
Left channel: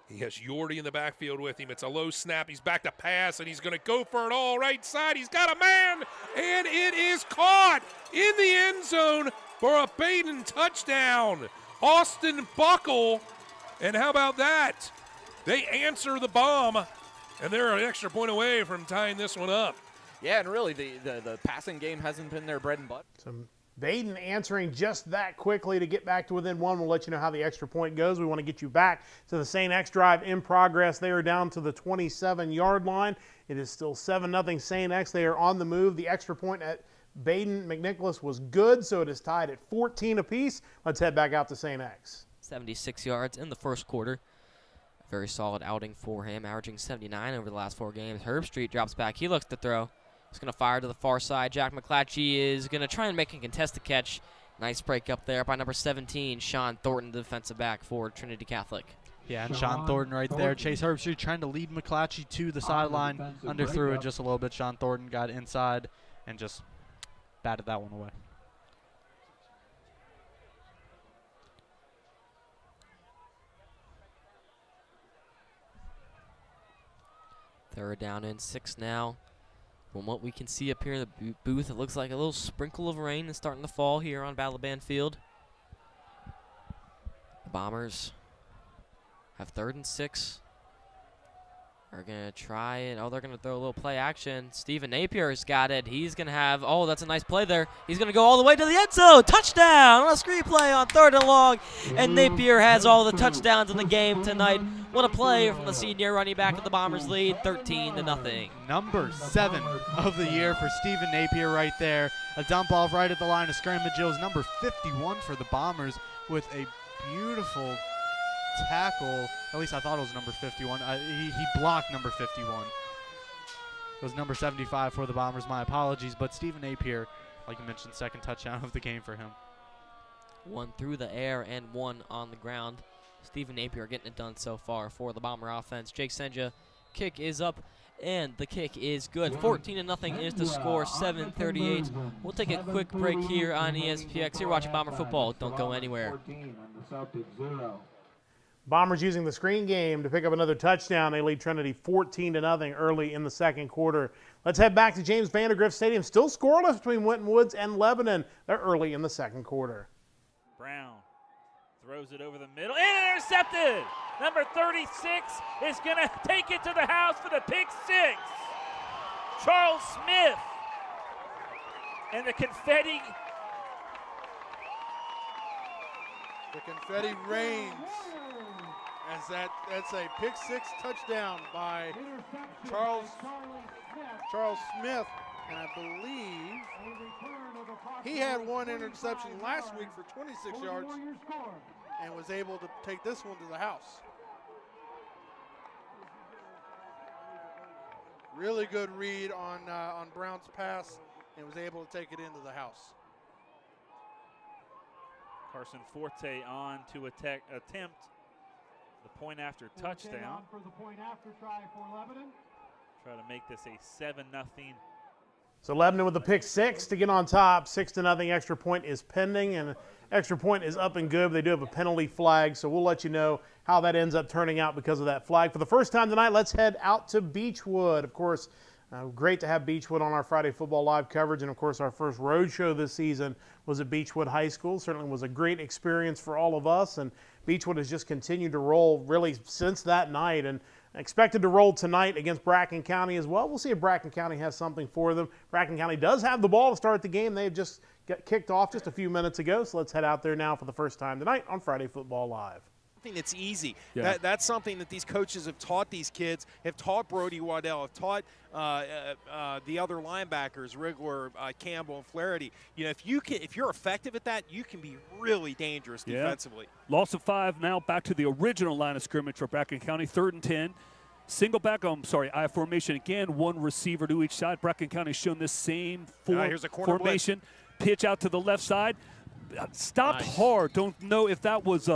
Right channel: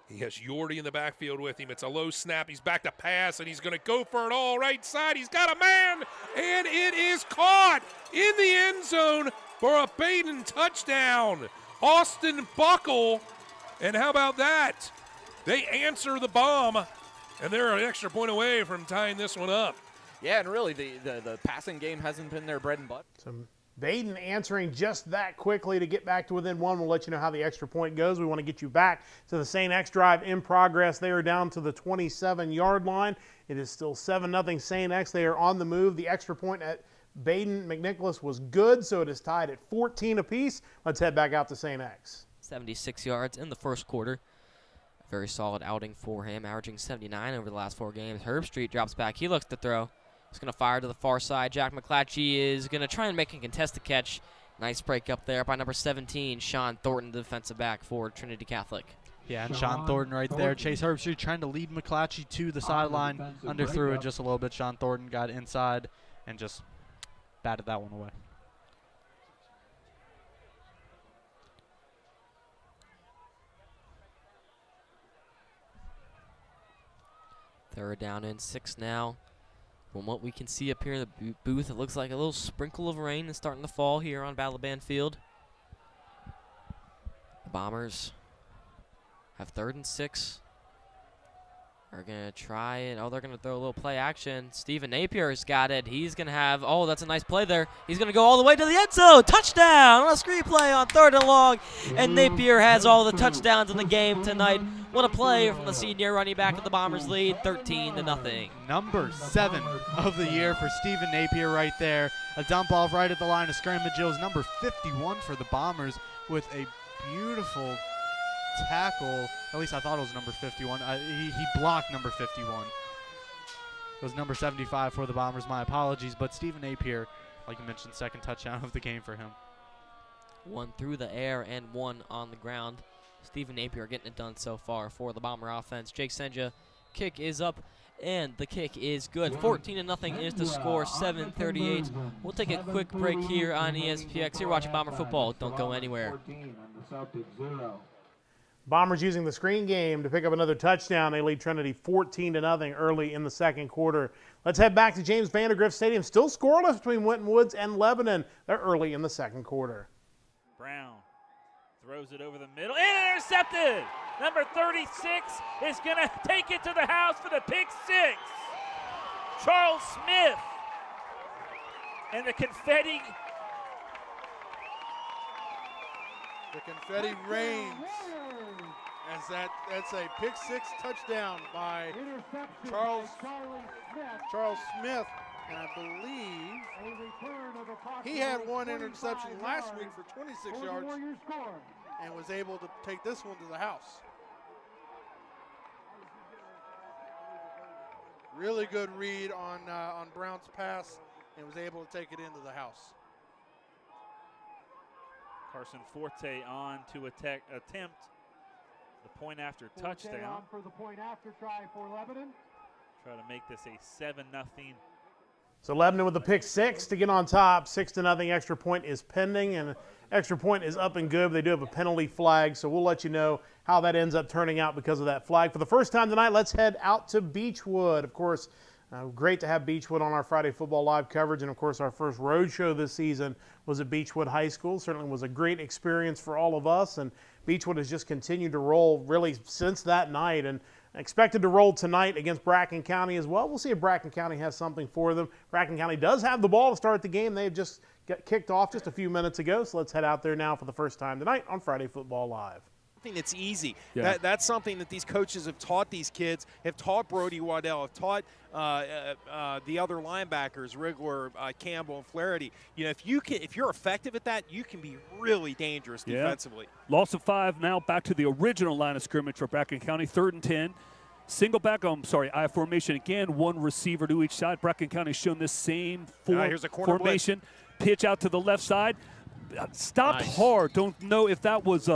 He has Yordi in the backfield with him. It's a low snap. He's back to pass, and he's going to go for it all right side. He's got a man, and it is caught in the end zone for a Baden touchdown. Austin Buckle, and how about that? They answer the bomb, and they're an extra point away from tying this one up. Yeah, and really the passing game hasn't been their bread and butter. So Baden answering just that quickly to get back to within one. We'll let you know how the extra point goes. We want to get you back to the St. X drive in progress. They are down to the 27-yard line. It is still 7-0 St. X. They are on the move. The extra point at Baden McNicholas was good, so it is tied at 14 apiece. Let's head back out to St. X. 76 yards in the first quarter. A very solid outing for him, averaging 79 over the last 4 games. Herbstreit drops back. He looks to throw. He's going to fire to the far side. Jack McClatchy is going to try and make a contested catch. Nice break up there by number 17, Sean Thornton, the defensive back for Trinity Catholic. Yeah, and Sean Thornton right there. Chase Herbstreit trying to lead McClatchy to the sideline. Underthrew it just a little bit. Sean Thornton got inside and just batted that one away. Third down and 6 now. From what we can see up here in the booth, it looks like a little sprinkle of rain is starting to fall here on Balaban Field. The Bombers have 3rd and 6. Are going to try it. Oh, they're going to throw a little play action. Stephen Napier's got it. He's going to have, oh, that's a nice play there. He's going to go all the way to the end zone. Touchdown on a screen play on 3rd and long. And Napier has all the touchdowns in the game tonight. What a play from the senior running back of the Bombers lead, 13-0. Number 7 of the year for Stephen Napier right there. A dump off right at the line of scrimmage. It was number 51 for the Bombers with a beautiful tackle. At least I thought it was number 51. He blocked number 51. It was number 75 for the Bombers. My apologies. But Stephen Napier, like you mentioned, 2nd touchdown of the game for him. 1 through the air and 1 on the ground. Stephen Napier getting it done so far for the Bomber offense. Jake Senja, kick is up, and the kick is good. 14-0 is the score, 7:38. We'll take a quick break here on ESPX. You're watching Bomber football. Don't go anywhere. Bombers using the screen game to pick up another touchdown. They lead Trinity 14-0 early in the second quarter. Let's head back to James Vandergrift Stadium. Still scoreless between Winton Woods and Lebanon. They're early in the second quarter. Brown throws it over the middle and intercepted. Number 36 is going to take it to the house for the pick 6. Charles Smith. And the confetti. The confetti rains as that's a pick 6 touchdown by Charles Smith. And I believe he had 1 interception last week for 26 yards and was able to take this one to the house. Really good read on Brown's pass and was able to take it into the house. Carson Forte on to attempt the point after touchdown. For the point after try for Lebanon. Try to make this a 7-0. So Lebanon with the pick 6 to get on top. 6-0 extra point is pending, and extra point is up and good. But they do have a penalty flag, so we'll let you know how that ends up turning out because of that flag. For the first time tonight, let's head out to Beechwood. Of course, Great to have Beechwood on our Friday Football Live coverage, and of course our first road show this season was at Beechwood High School. Certainly was a great experience for all of us, and Beechwood has just continued to roll really since that night, and expected to roll tonight against Bracken County as well. We'll see if Bracken County has something for them. Bracken County does have the ball to start the game. They've just got kicked off just a few minutes ago, so let's head out there now for the first time tonight on Friday Football Live. That's easy. Yeah. That's something that these coaches have taught these kids, have taught Brody Waddell, have taught the other linebackers, Rigler, Campbell, and Flaherty. You know, if you're effective at that, you can be really dangerous defensively. Loss of 5 now back to the original line of scrimmage for Bracken County, 3rd and 10. Single back, I formation again, 1 receiver to each side. Bracken County shown this same here's a corner formation. Pitch out to the left side. Stopped hard. Don't know if that was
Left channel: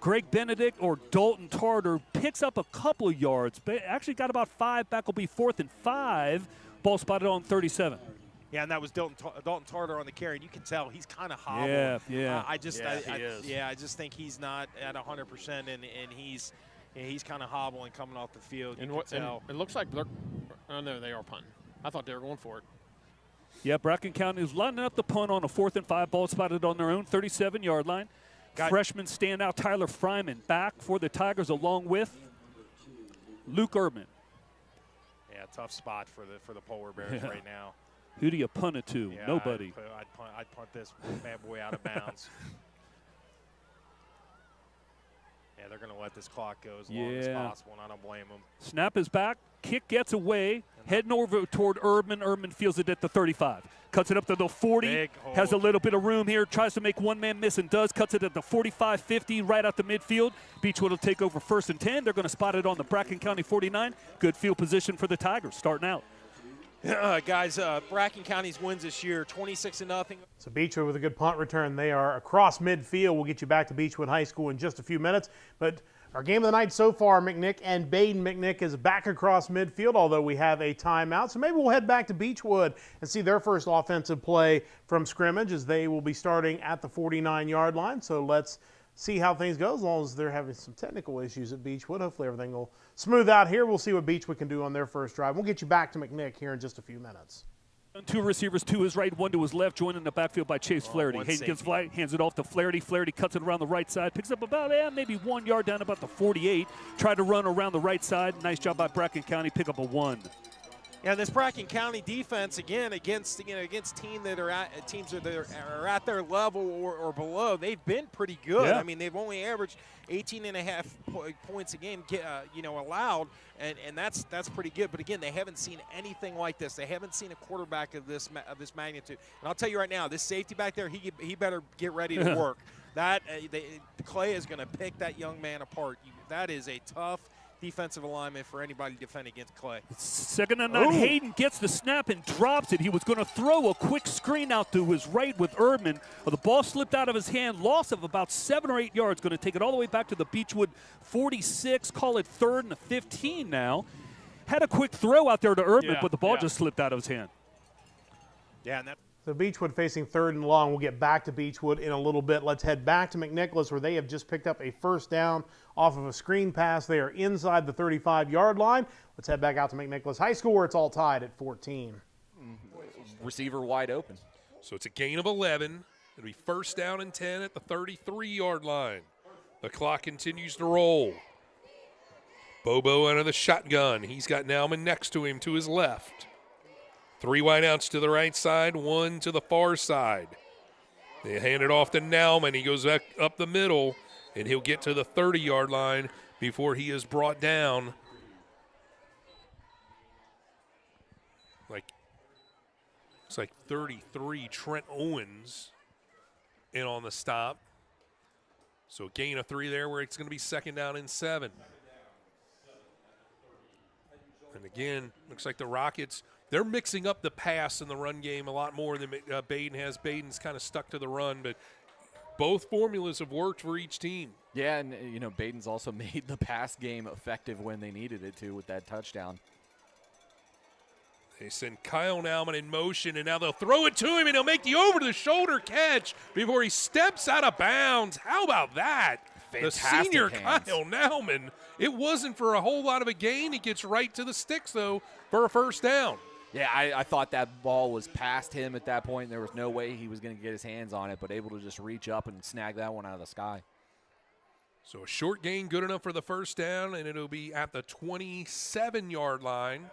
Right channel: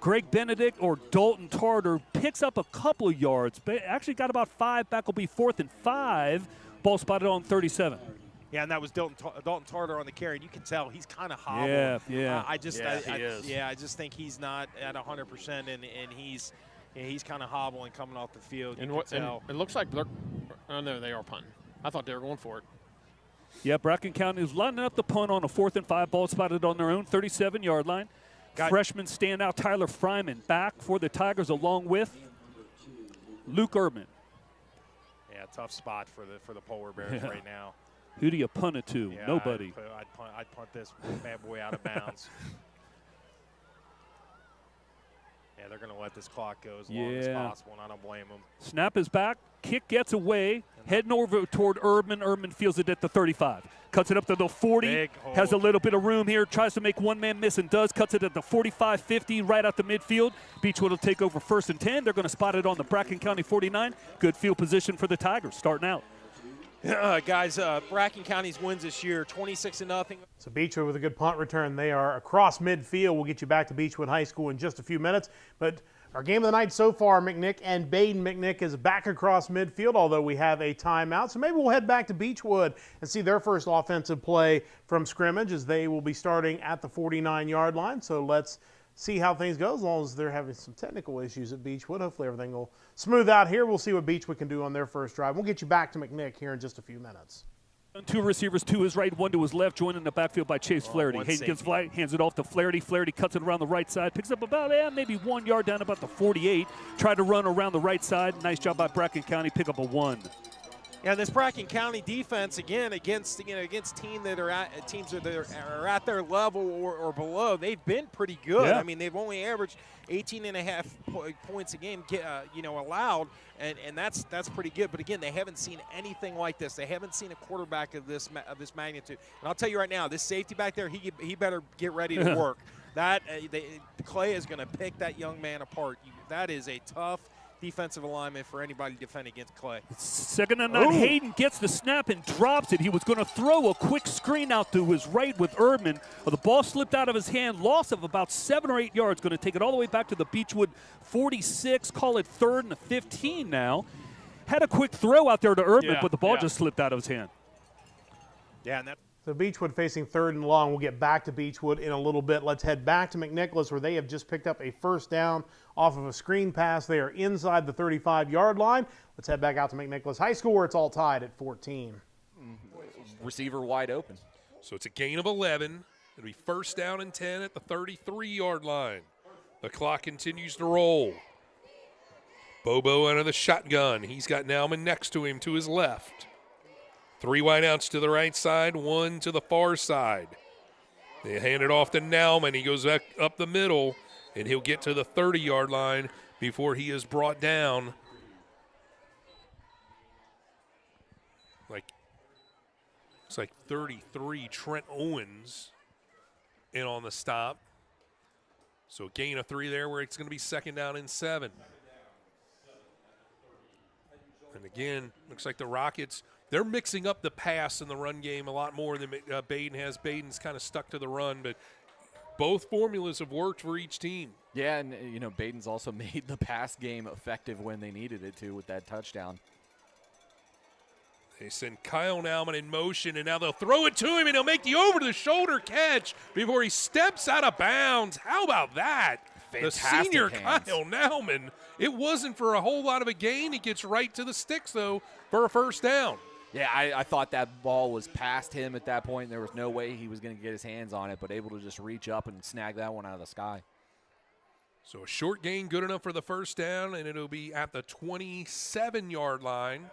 Greg Benedict or Dalton Tarter. Picks up a couple of yards, but actually got about 5. Back will be 4th and 5. Ball spotted on 37. Yeah, and that was Dalton Tarter on the carry, and you can tell he's kind of hobbled. Yeah. I just think he's not at 100%, and he's kind of hobbling coming off the field. You can tell. It looks like no, they are punting. I thought they were going for it. Yeah, Bracken County is lining up the punt on a 4th and 5. Ball spotted on their own 37-yard line. Freshman standout Tyler Fryman back for the Tigers along with Luke Erdman. Yeah, tough spot for the Polar Bears right now. Who do you punt it to? Yeah, Nobody. I'd punt this bad boy out of bounds. Yeah, they're going to let this clock go as long as possible, and I don't blame them. Snap is back. Kick gets away. Heading over toward Erdman. Erdman feels it at the 35. Cuts it up to the 40. Has a little bit of room here. Tries to make one man miss and does. Cuts it at the 45, 50, right out the midfield. Beechwood will take over 1st and 10. They're going to spot it on the Bracken County 49. Good field position for the Tigers starting out. Guys, Bracken County's wins this year, 26-0. So Beechwood with a good punt return. They are across midfield. We'll get you back to Beechwood High School in just a few minutes. But our game of the night so far, McNick and Baden. McNick is back across midfield, although we have a timeout. So maybe we'll head back to Beechwood and see their first offensive play from scrimmage, as they will be starting at the 49-yard line. So let's see how things go, as long as they're having some technical issues at Beechwood. Hopefully everything will smooth out here. We'll see what Beechwood can do on their first drive. We'll get you back to McNick here in just a few minutes. 2 receivers to his right, 1 to his left, joined in the backfield by Chase Flaherty. Hayden gets fly, hands it off to Flaherty. Flaherty cuts it around the right side, picks up about maybe 1 yard down about the 48. Tried to run around the right side. Nice job by Bracken County. Pick up a 1. Yeah, this Bracken County defense, again, against teams that are at their level or below, they've been pretty good. Yeah. I mean, they've only averaged 18.5 points a game, allowed, and that's pretty good. But again, they haven't seen anything like this. They haven't seen a quarterback of this magnitude. And I'll tell you right now, this safety back there, he better get ready to work. Clay is going to pick that young man apart. That is a tough defensive alignment for anybody defending against Clay. 2nd and 9. Hayden gets the snap and drops it. He was going to throw a quick screen out to his right with Erdman. The ball slipped out of his hand. Loss of about 7 or 8 yards. Going to take it all the way back to the Beechwood 46. Call it 3rd and 15 now. Had a quick throw out there to Erdman, but the ball just slipped out of his hand. Yeah, and that. So Beechwood facing 3rd and long. We'll get back to Beechwood in a little bit. Let's head back to McNicholas, where they have just picked up a first down off of a screen pass. They are inside the 35-yard line. Let's head back out to McNicholas High School, where it's all tied at 14. Receiver wide open. So it's a gain of 11. It'll be 1st down and 10 at the 33-yard line. The clock continues to roll. Bobo out of the shotgun. He's got Nauman next to him to his left. 3 wideouts to the right side, 1 to the far side. They hand it off to Nauman. He goes back up the middle, and he'll get to the 30-yard line before he is brought down. It's like 33, Trent Owens in on the stop. So gain of 3 there, where it's going to be 2nd down and 7. And again, looks like the Rockets, they're mixing up the pass and the run game a lot more than Baden has. Baden's kind of stuck to the run, but both formulas have worked for each team. Yeah, and, Baden's also made the pass game effective when they needed it to with that touchdown. They send Kyle Nauman in motion, and now they'll throw it to him, and he'll make the over-the-shoulder catch before he steps out of bounds. How about that? Fantastic the senior hands. Kyle Nauman. It wasn't for a whole lot of a gain. He gets right to the sticks, though, for a 1st down. Yeah, I thought that ball was past him at that point. There was no way he was going to get his hands on it, but able to just reach up and snag that one out of the sky. So a short gain, good enough for the first down, and it'll be at the 27-yard line.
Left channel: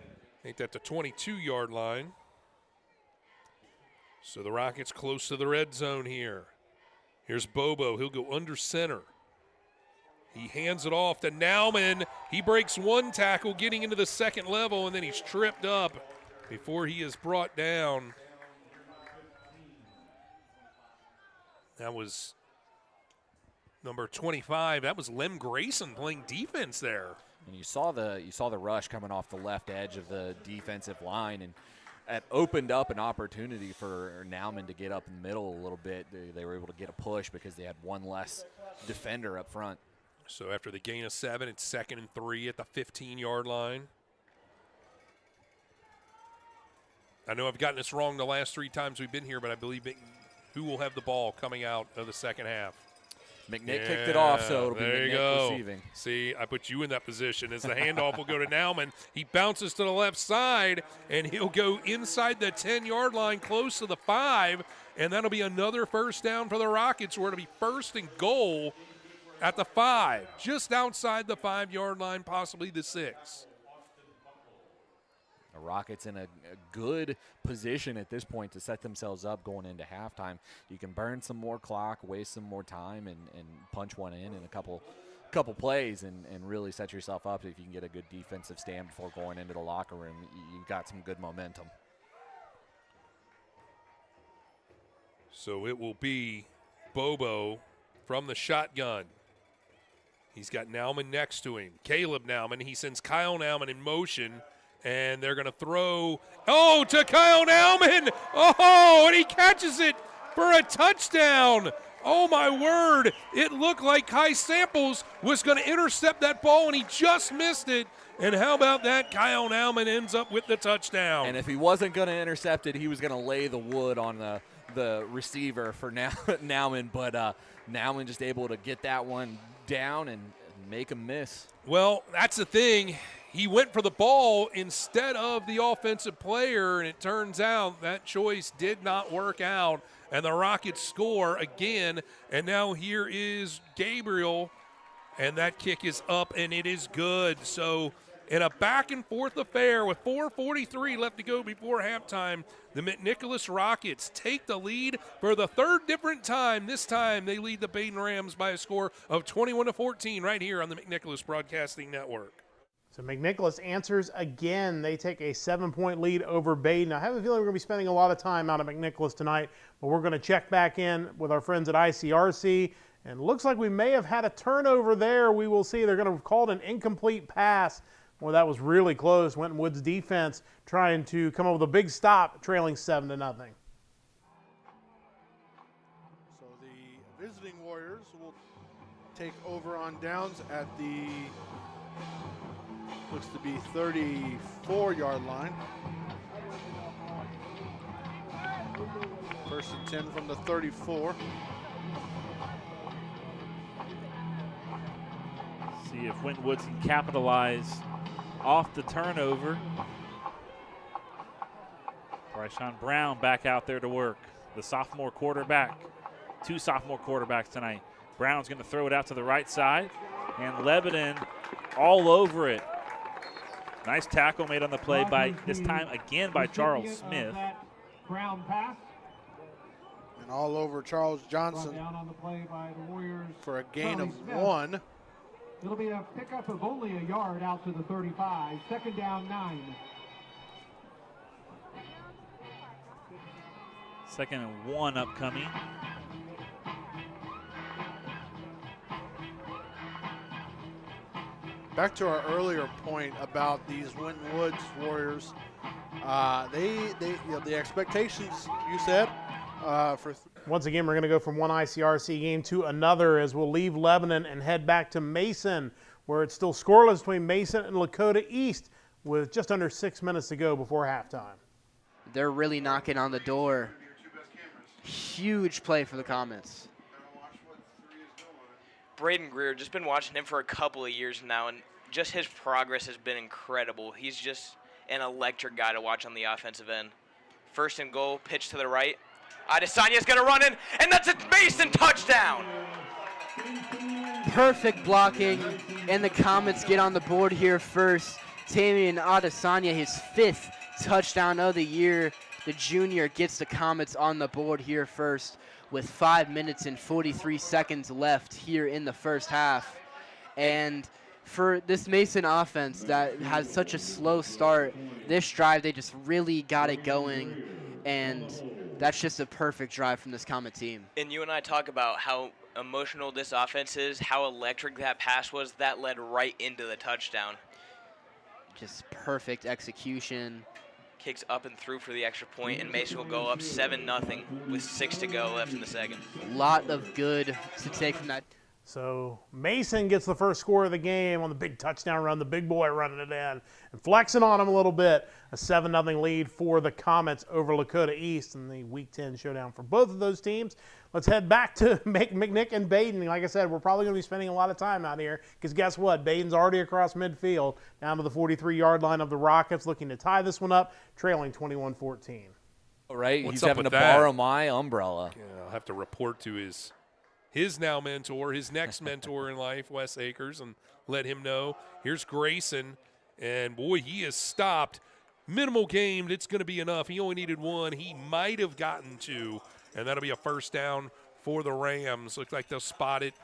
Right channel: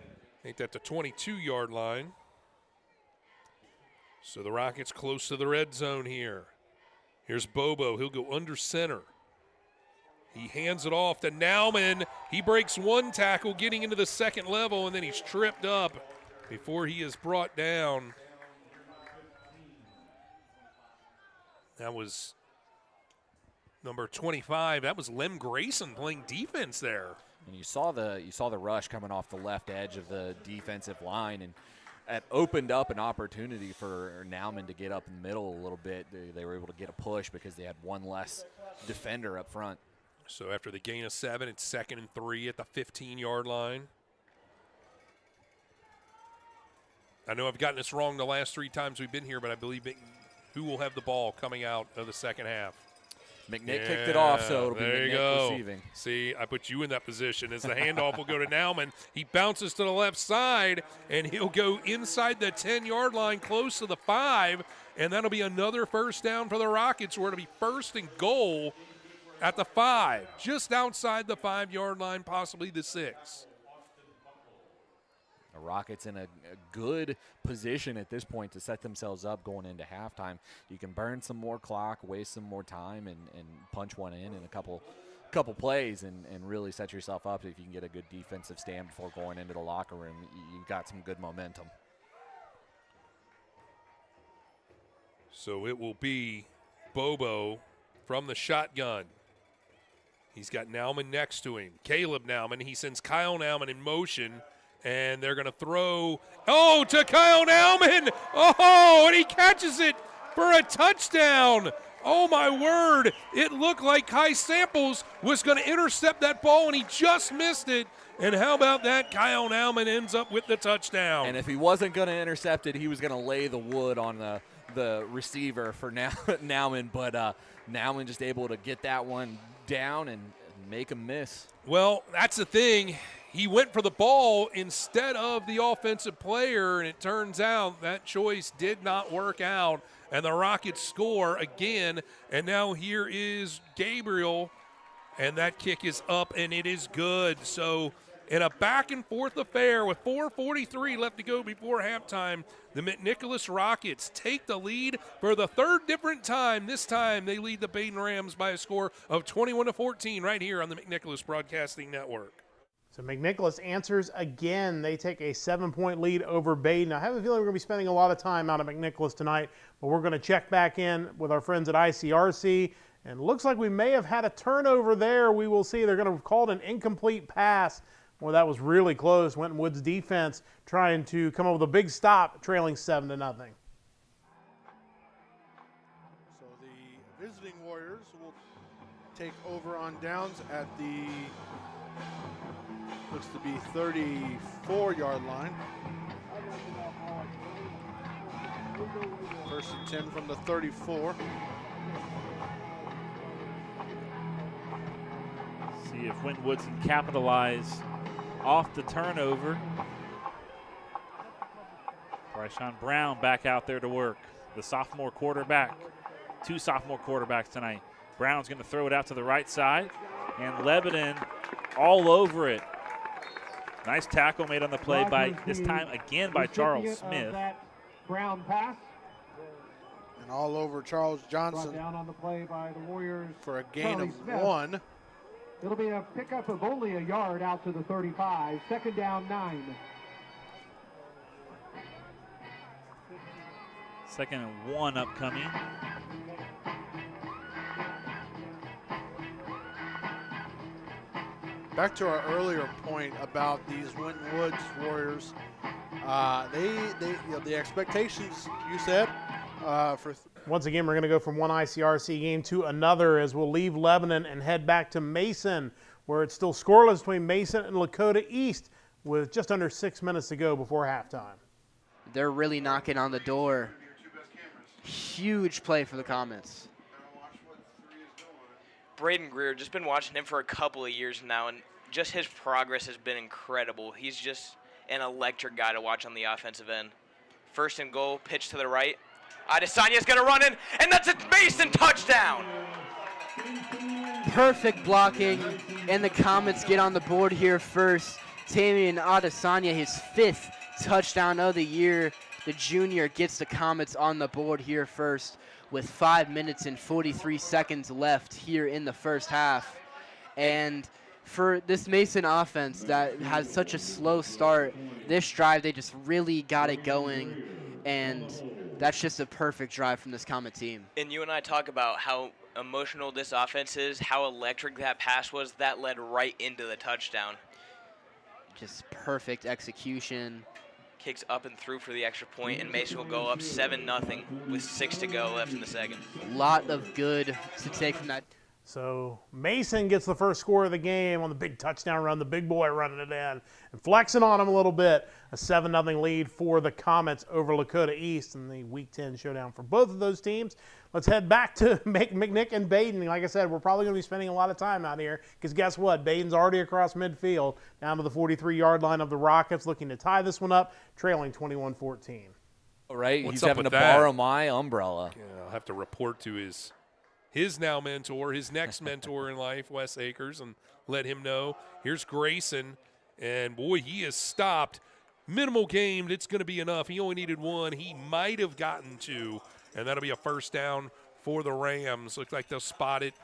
I think that's the 22-yard line. So the Rockets close to the red zone here. Here's Bobo. He'll go under center. He hands it off to Nauman. He breaks one tackle getting into the second level, and then he's tripped up before he is brought down. That was number 25. That was Lem Grayson playing defense there. And you saw the rush coming off the left edge of the defensive line, and it opened up an opportunity for Nauman to get up in the middle a little bit. They were able to get a push because they had one less defender up front. So after the gain of 7, it's 2nd and 3 at the 15-yard line. I know I've gotten this wrong the last 3 times we've been here, but I believe who will have the ball coming out of the second half? McNick kicked it off, so it'll be McNick receiving. See, I put you in that position as the handoff will go to Nauman. He bounces to the left side, and he'll go inside the 10-yard line close to the 5, and that'll be another first down for the Rockets, where it'll be 1st and goal at the 5, just outside the 5-yard line, possibly the 6. The Rockets in a good position at this point to set themselves up going into halftime. You can burn some more clock, waste some more time, and punch one in a couple plays and really set yourself up. If you can get a good defensive stand before going into the locker room, you've got some good momentum. So it will be Bobo from the shotgun. He's got Nauman next to him. Caleb Nauman. He sends Kyle Nauman in motion, and they're going to throw. Oh, to Kyle Nauman. Oh, and he catches it for a touchdown. Oh, my word. It looked like Kai Samples was going to intercept that ball, and he just missed it. And how about that? Kyle Nauman ends up with the touchdown. And if he wasn't going to intercept it, he was going to lay the wood on the receiver for Nauman, but Nauman just able to get that one down and make him miss. Well, that's the thing. He went for the ball instead of the offensive player, and it turns out that choice did not work out, and the Rockets score again. And now here is Gabriel, and that kick is up, and it is good. So in a back-and-forth affair with 4:43 left to go before halftime, the McNicholas Rockets take the lead for the 3rd different time. This time they lead the Baden Rams by a score of 21-14 right here on the McNicholas Broadcasting Network. So McNicholas answers again. They take a 7-point lead over Baden. I have a feeling we're going to be spending a lot of time out at McNicholas tonight, but we're going to check back in with our friends at ICRC. And it looks like we may have had a turnover there. We will see. They're going to call it an incomplete pass. Well, that was really close. Winton Woods defense trying to come up with a big stop, trailing 7-0. So the visiting Warriors will take over on downs at the, looks to be 34-yard line. 1st and 10 from the 34. See if Winton Woods can capitalize off the turnover. Bryshawn Brown back out there to work. The sophomore quarterback. 2 sophomore quarterbacks tonight. Brown's going to throw it out to the right side, and Lebanon all over it. Nice tackle made on the play by, this time again by Charles Smith. Brown pass. And all over Charles Johnson Down on the play by the Warriors for a gain Charlie of Smith. 1. It'll be a pickup of only a yard out to the 35. 2nd down, 9. 2nd and 1 upcoming. Back to our earlier point about these Winton Woods Warriors, the expectations you said for. Once again, we're going to go from one ICRC game to another as we'll leave Lebanon and head back to Mason, where it's still scoreless between Mason and Lakota East with just under 6 minutes to go before halftime. They're really knocking on the door. Huge play for the Comets. Braden Greer, just been watching him for a couple of years now, and just his progress has been incredible. He's just an electric guy to watch on the offensive end. First and goal, pitch to the right. Adesanya's going to run in, and that's a Mason touchdown. Perfect blocking, and the Comets get on the board here first. Tamian Adesanya, his 5th touchdown of the year. The junior gets the Comets on the board here first with 5 minutes and 43 seconds left here in the first half. And for this Mason offense that has such a slow start, this drive they just really got it going, and that's just a perfect drive from this Comet team. And you and I talk about how emotional this offense is, how electric that pass was. That led right into the touchdown. Just perfect execution. Kicks up and through for the extra point, and Mason will go up 7-0 with 6 to go left in the second. A lot of good to take from that. So Mason gets the first score of the game on the big touchdown run, the big boy running it in and flexing on him a little bit. A 7-0 lead for the Comets over Lakota East in the Week 10 showdown for both of those teams. Let's head back to McNick and Baden. Like I said, we're probably going to be spending a lot of time out here because guess what? Baden's already across midfield down to the 43-yard line of the Rockets, looking to tie this one up, trailing 21-14. All right, What's he's up having to with that? borrow my umbrella. Yeah, I'll have to report to his now mentor, his next mentor in life, Wes Akers, and let him know. Here's Grayson, and boy, he is stopped. Minimal game, it's going to be enough. He only needed 1. He might have gotten 2, and that'll be a first down for the Rams. Looks like they'll spot it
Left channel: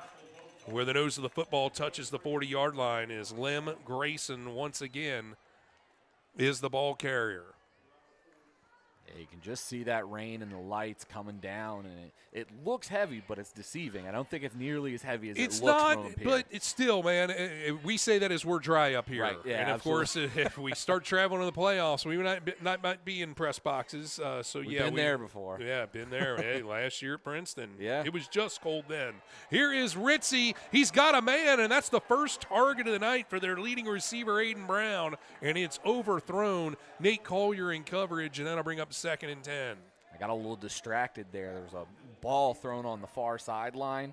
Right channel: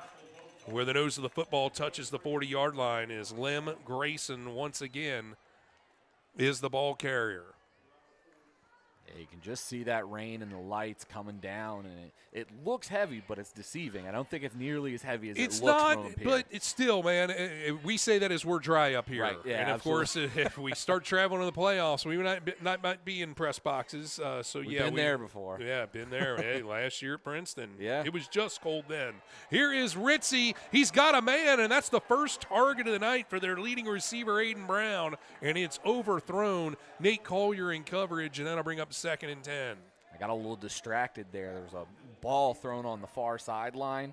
where the nose of the football touches the 40-yard line. Is Lem Grayson once again is the ball carrier. Yeah, you can just see that rain and the lights coming down, and it looks heavy, but it's deceiving. I don't think it's nearly as heavy as It's it looks not, from up here. but it's still, man. We say that as we're dry up here, Right, yeah, and of absolutely. course, if we start traveling to the playoffs, we might be in press boxes. So We've yeah, been there before. Yeah, been there. Hey, last year at Princeton, Yeah. it was just cold then. Here is Ritzy. He's got a man, and that's the first target of the night for their leading receiver, Aiden Brown, and it's overthrown. Nate Collier in coverage, and that'll bring up 2nd and 10. I got a little distracted there. There was a ball thrown on the far sideline.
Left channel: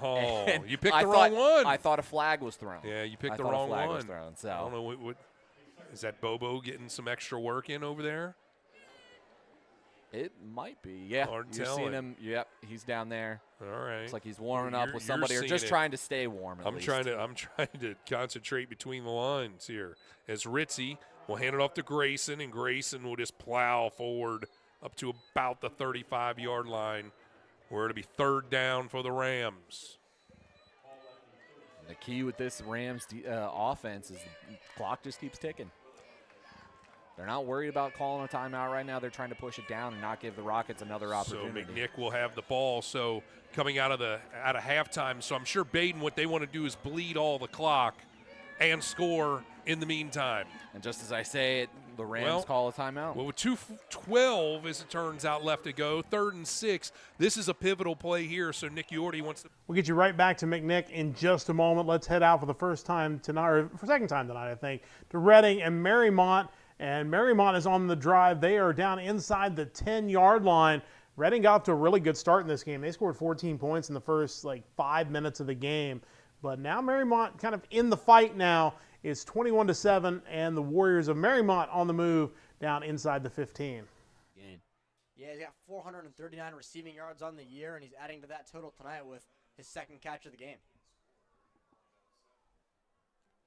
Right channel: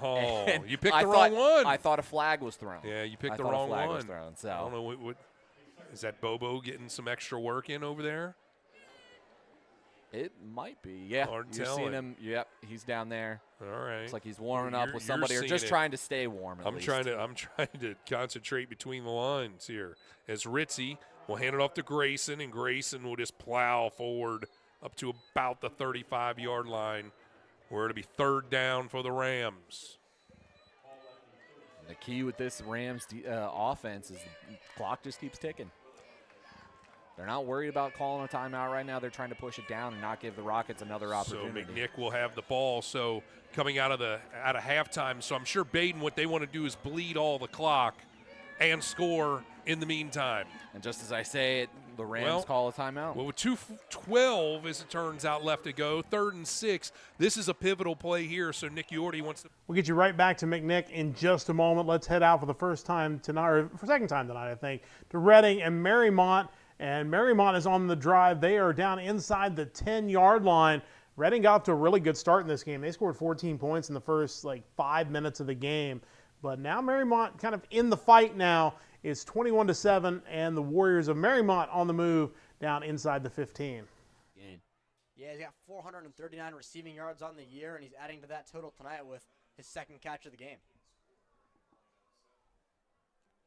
Oh, and you picked I the wrong one. I thought a flag was thrown. Yeah, you picked I the thought wrong a flag one. was thrown, so. I don't know what is that. Bobo getting some extra work in over there? It might be. Yeah, Hard you're telling. seeing him. Yep, he's down there. All right. Looks like he's warming up You're- with you're somebody, or seeing just it. trying to stay warm. At least. I'm trying to concentrate between the lines here. As Ritzy will hand it off to Grayson, and Grayson will just plow forward up to about the 35-yard line, where it'll be 3rd down for the Rams. The key with this Rams offense is the clock just keeps ticking. They're not worried about calling a timeout right now. They're trying to push it down and not give the Rockets another opportunity. So McNick will have the ball. So coming out of halftime, so I'm sure Baden, what they want to do is bleed all the clock and score in the meantime. And just as I say it, the Rams call a timeout. Well, with 2:12, as it turns out, left to go, 3rd and 6. This is a pivotal play here, so Nick Yorty wants to. We'll get you right back to McNick in just a moment. Let's head out for the first time tonight, or for second time tonight, I think, to Reading and Marymount. And Marymount is on the drive. They are down inside the 10-yard line. Reading got off to a really good start in this game. They scored 14 points in the first 5 minutes of the game. But now Marymount kind of in the fight now. It's 21-7, and the Warriors of Marymount on the move down inside the 15. Yeah, he's got 439 receiving yards on the year, and he's adding to that total tonight with his 2nd catch of the game.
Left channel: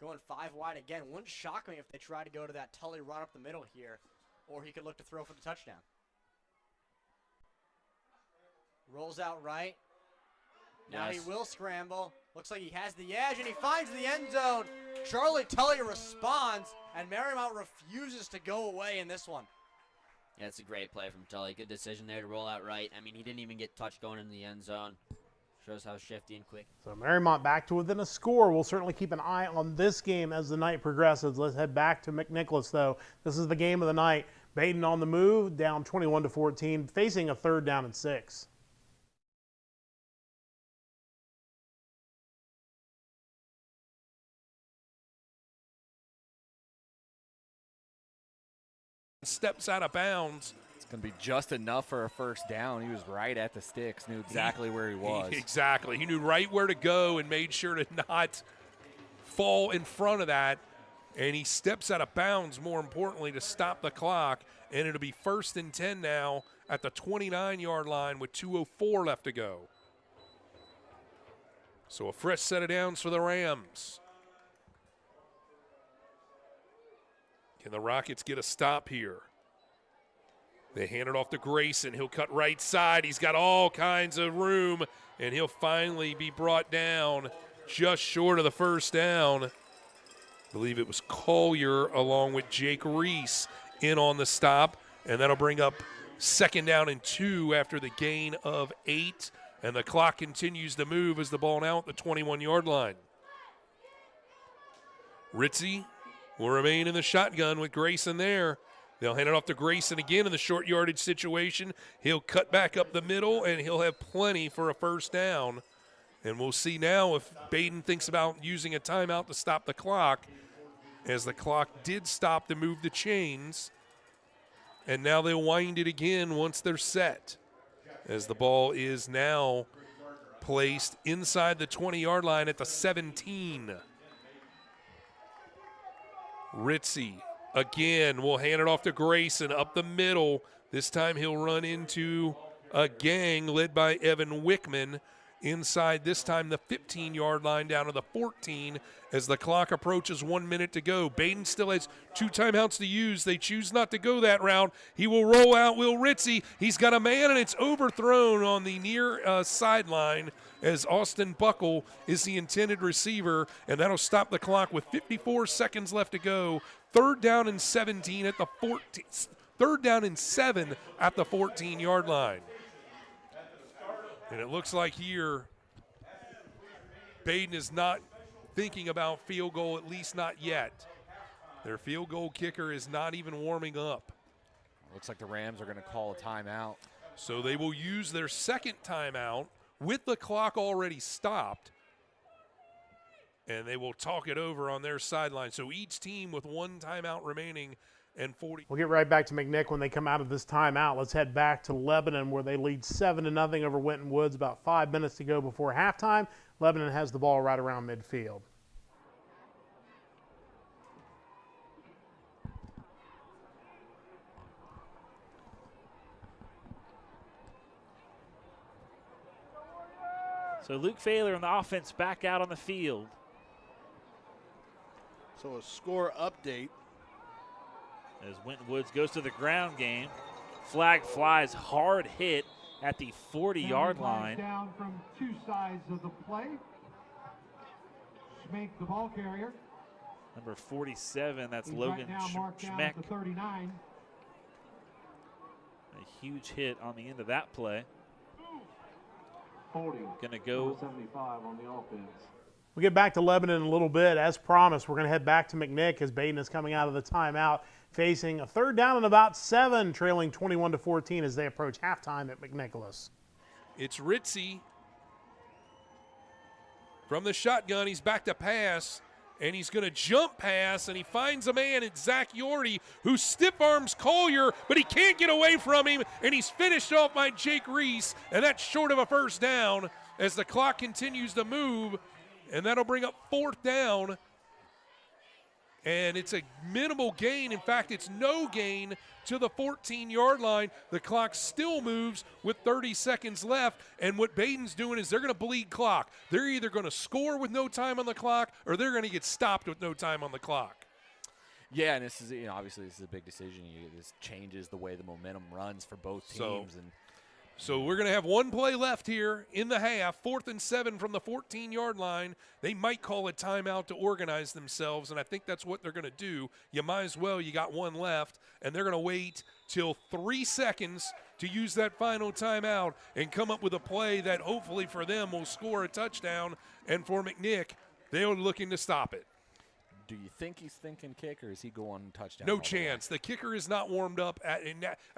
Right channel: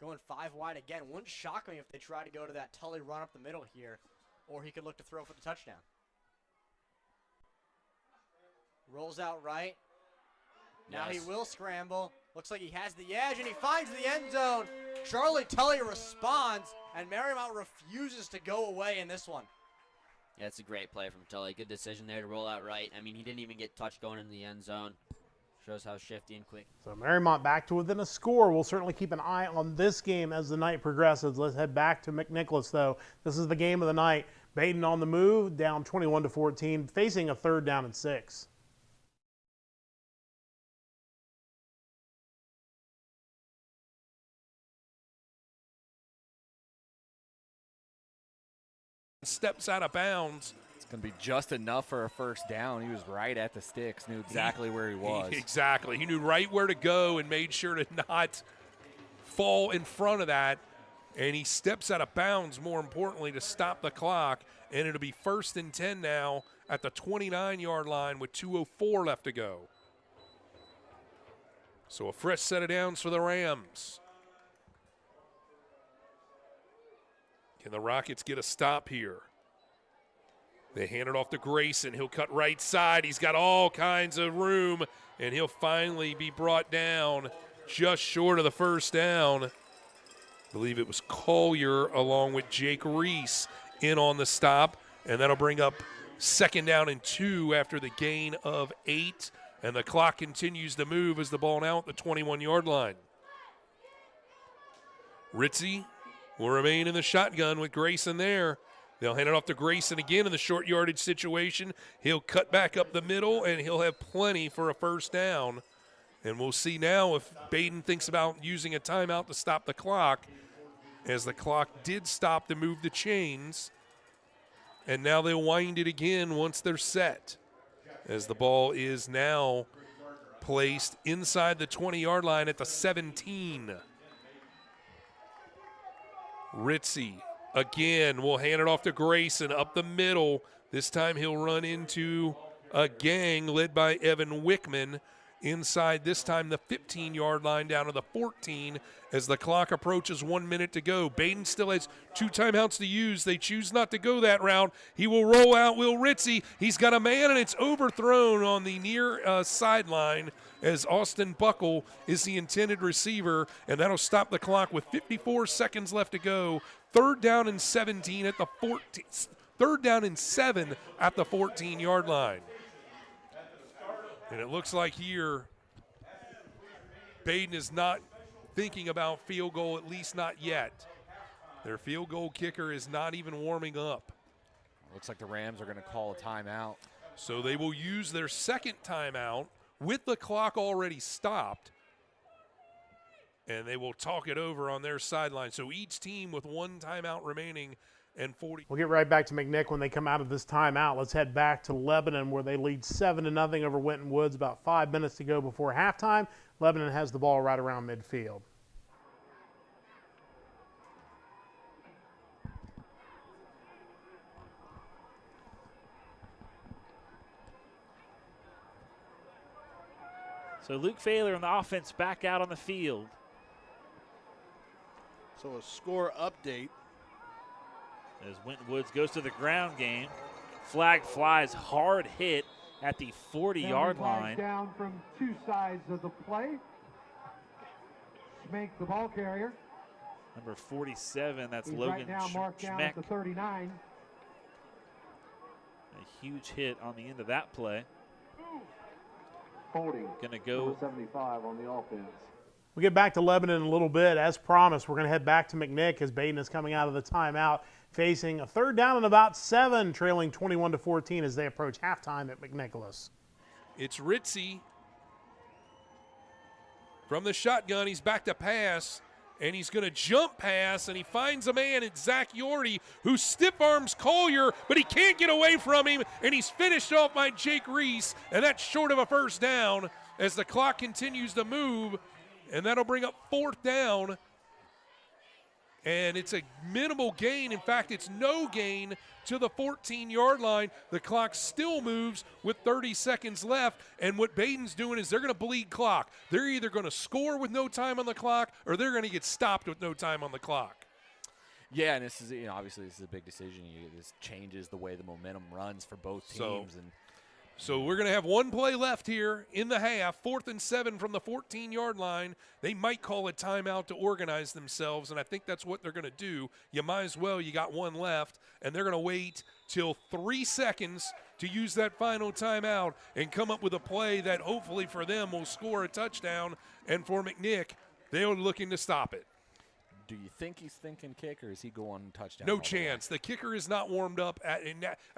Going 5 wide again. Wouldn't shock me if they try to go to that Tully run up the middle here, or he could look to throw for the touchdown. Rolls out right. Now he will scramble. Looks like he has the edge, and he finds the end zone. Charlie Tully responds, and Marymount refuses to go away in this one. Yeah, it's a great play from Tully. Good decision there to roll out right. I mean, he didn't even get touched going in the end zone. Shows how shifty and quick. So Marymount back to within a score. We'll certainly keep an eye on this game as the night progresses. Let's head back to McNicholas, though. This is the game of the night. Baden on the move, down 21-14, facing a 3rd down and 6. Steps out of bounds. It's going to be just enough for a first down. He was right at the sticks, knew exactly where he was. Exactly. He knew right where to go and made sure to not fall in front of that. and he steps out of bounds, more importantly, to stop the clock, and it'll be 1st and 10 now at the 29-yard line with 2:04 left to go. So a fresh set of downs for the Rams. Can the Rockets get a stop here? They hand it off to Grayson. He'll cut right side. He's got all kinds of room, and he'll finally be brought down just short of the first down. I believe it was Collier along with Jake Reese in on the stop, and that'll bring up 2nd down and 2 after the gain of 8, and the clock continues to move as the ball now at the 21-yard line. Ritzy will remain in the shotgun with Grayson there. They'll hand it off to Grayson again in the short yardage situation. He'll cut back up the middle, and he'll have plenty for a first down. And we'll see now if Baden thinks about using a timeout to stop the clock, as the clock did stop to move the chains. And now they'll wind it again once they're set, as the ball is now placed inside the 20-yard line at the 17. Ritzy again will hand it off to Grayson up the middle. This time he'll run into a gang led by Evan Wickman inside, this time the 15-yard line down to the 14 as the clock approaches 1 minute to go. Baden still has 2 timeouts to use. They choose not to go that route. He will roll out Will Ritzy. He's got a man, and it's overthrown on the near sideline as Austin Buckle is the intended receiver, and that'll stop the clock with 54 seconds left to go. 3rd down and 17 at the 14. 3rd down and 7 at the 14-yard line. And it looks like here Baden is not thinking about field goal, at least not yet. Their field goal kicker is not even warming up. Looks like the Rams are going to call a timeout. So they will use their 2nd timeout with the clock already stopped, and they will talk it over on their sideline. So each team with 1 timeout remaining and 40. We'll get right back to McNick when they come out of this timeout. Let's head back to Lebanon, where they lead 7-0 over Winton Woods. About 5 minutes to go before halftime. Lebanon has the ball right around midfield. So Luke Failer and the offense back out on the field. So a score update. As Winton Woods goes to the ground game. Flag flies, hard hit at the 40-yard line. Down from 2 sides of the play. Schmeck, the ball carrier. Number 47, that's He's Logan right now marked down Schmeck. at the 39. A huge hit on the end of that play. Holding. Gonna go 75 on the offense. We'll get back to Lebanon in a little bit. As promised, we're going to head back to McNick as Baden is coming out of the timeout, facing a 3rd down and about 7, trailing 21-14 as they approach halftime at McNicholas. It's Ritzy from the shotgun. He's back to pass, and he's going to jump pass, and he finds a man. It's Zach Yorty, who stiff arms Collier, but he can't get away from him, and he's finished off by Jake Reese, and that's short of a first down as the clock continues to move, and that'll bring up 4th down. And it's a minimal gain. In fact, it's no gain to the 14-yard line. The clock still moves with 30 seconds left. And what Baden's doing is they're going to bleed clock. They're either going to score with no time on the clock or they're going to get stopped with no time on the clock. Yeah, and this is, obviously this is a big decision. This changes the way the momentum runs for both teams. So we're going to have 1 play left here in the half, 4th and 7 from the 14-yard line. They might call a timeout to organize themselves, and I think that's what they're going to do. You might as well. You got 1 left, and they're going to wait till 3 seconds to use that final timeout and come up with a play that hopefully for them will score a touchdown, and for McNick, they're looking to stop it. Do you think he's thinking kick, or is he going touchdown? No chance. The kicker is not warmed up.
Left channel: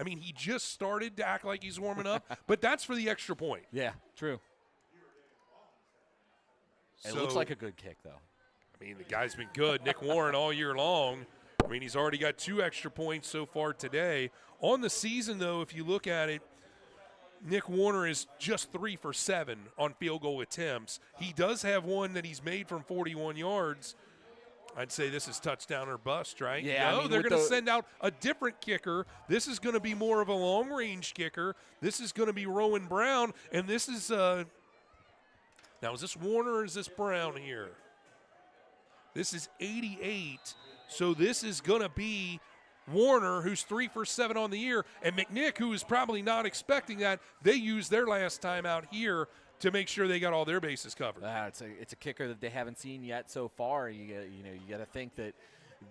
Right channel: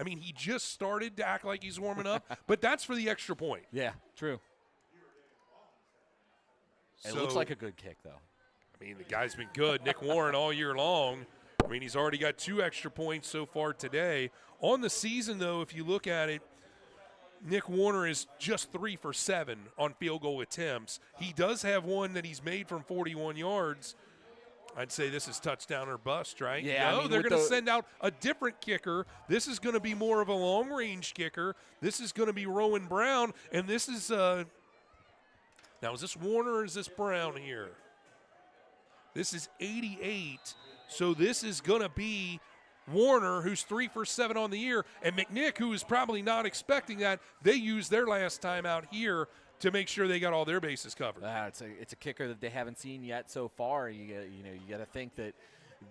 He just started to act like he's warming up, but that's for the extra point. Yeah, true. It looks like a good kick, though. The guy's been good. Nick Warren all year long. He's already got 2 extra points so far today. On the season, though, if you look at it, Nick Warner is just 3 for 7 on field goal attempts. He does have one that he's made from 41 yards. I'd say this is touchdown or bust, right? Yeah, No, I mean, they're with going to the- send out a different kicker. This is going to be more of a long-range kicker. This is going to be Rowan Brown, and this is now is this Warner or is this Brown here? This is 88, so this is going to be Warner, who's 3 for 7 on the year, and McNick, who is probably not expecting that. They used their last time out here to make sure they got all their bases covered. It's a kicker that they haven't seen yet so far. You got to think that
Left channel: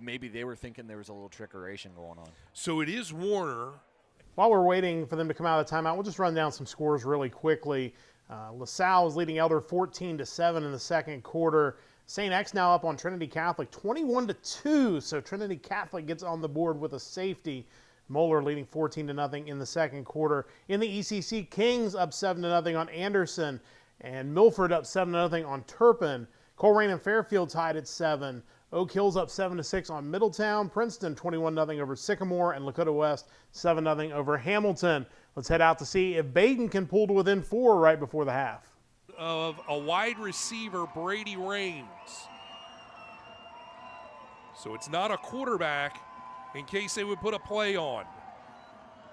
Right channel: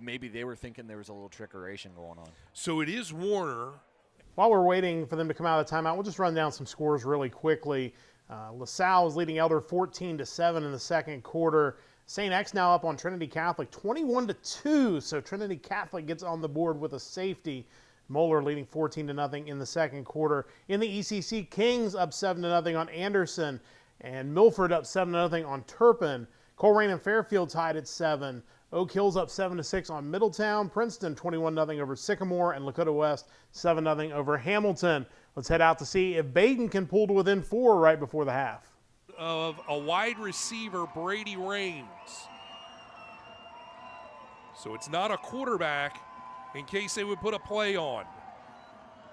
maybe they were thinking there was a little trickeration going on. So it is Warner. While we're waiting for them to come out of the timeout, we'll just run down some scores really quickly. LaSalle is leading Elder 14-7 in the second quarter. St. X now up on Trinity Catholic 21-2, so Trinity Catholic gets on the board with a safety. Moeller leading 14-0 in the second quarter. In the ECC, Kings up 7-0 on Anderson, and Milford up 7-0 on Turpin. Colerain and Fairfield tied at 7. Oak Hill's up 7-6 on Middletown. Princeton 21-0 over Sycamore, and Lakota West 7-0 over Hamilton. Let's head out to see if Baden can pull to within 4 right before the half. Of a wide receiver, Brady Raines. So it's not a quarterback in case they would put a play on.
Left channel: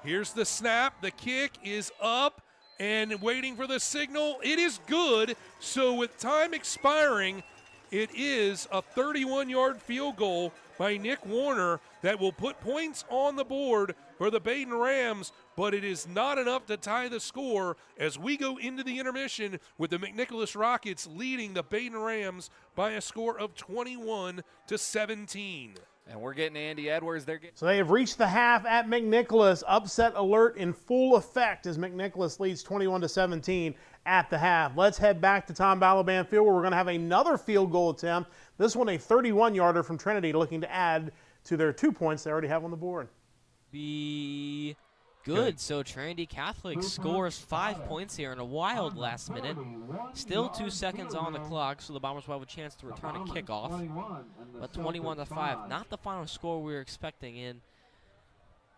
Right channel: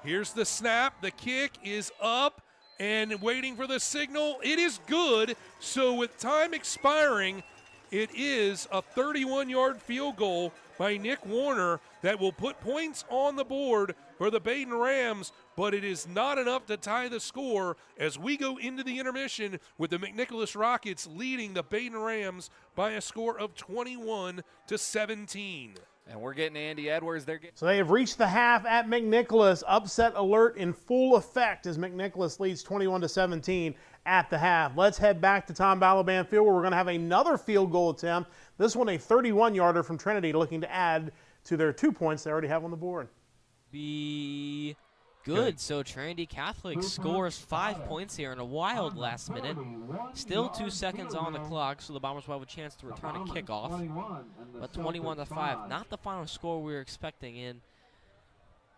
Here's the snap. The kick is up and waiting for the signal. It is good. So with time expiring, it is a 31-yard field goal by Nick Warner that will put points on the board for the Baden Rams, but it is not enough to tie the score as we go into the intermission with the McNicholas Rockets leading the Baden Rams by a score of 21-17. And we're getting Andy Edwards. So they have reached the half at McNicholas. Upset alert in full effect as McNicholas leads 21-17 at the half. Let's head back to Tom Balaban Field where we're going to have another field goal attempt. This one a 31-yarder from Trinity looking to add to their 2 points they already have on the board. Be good. So Trinity Catholic scores 5 points here in a wild last minute. Still 2 seconds on the clock, so the Bombers will have a chance to return a kickoff. But 21-5, not the final score we were expecting. And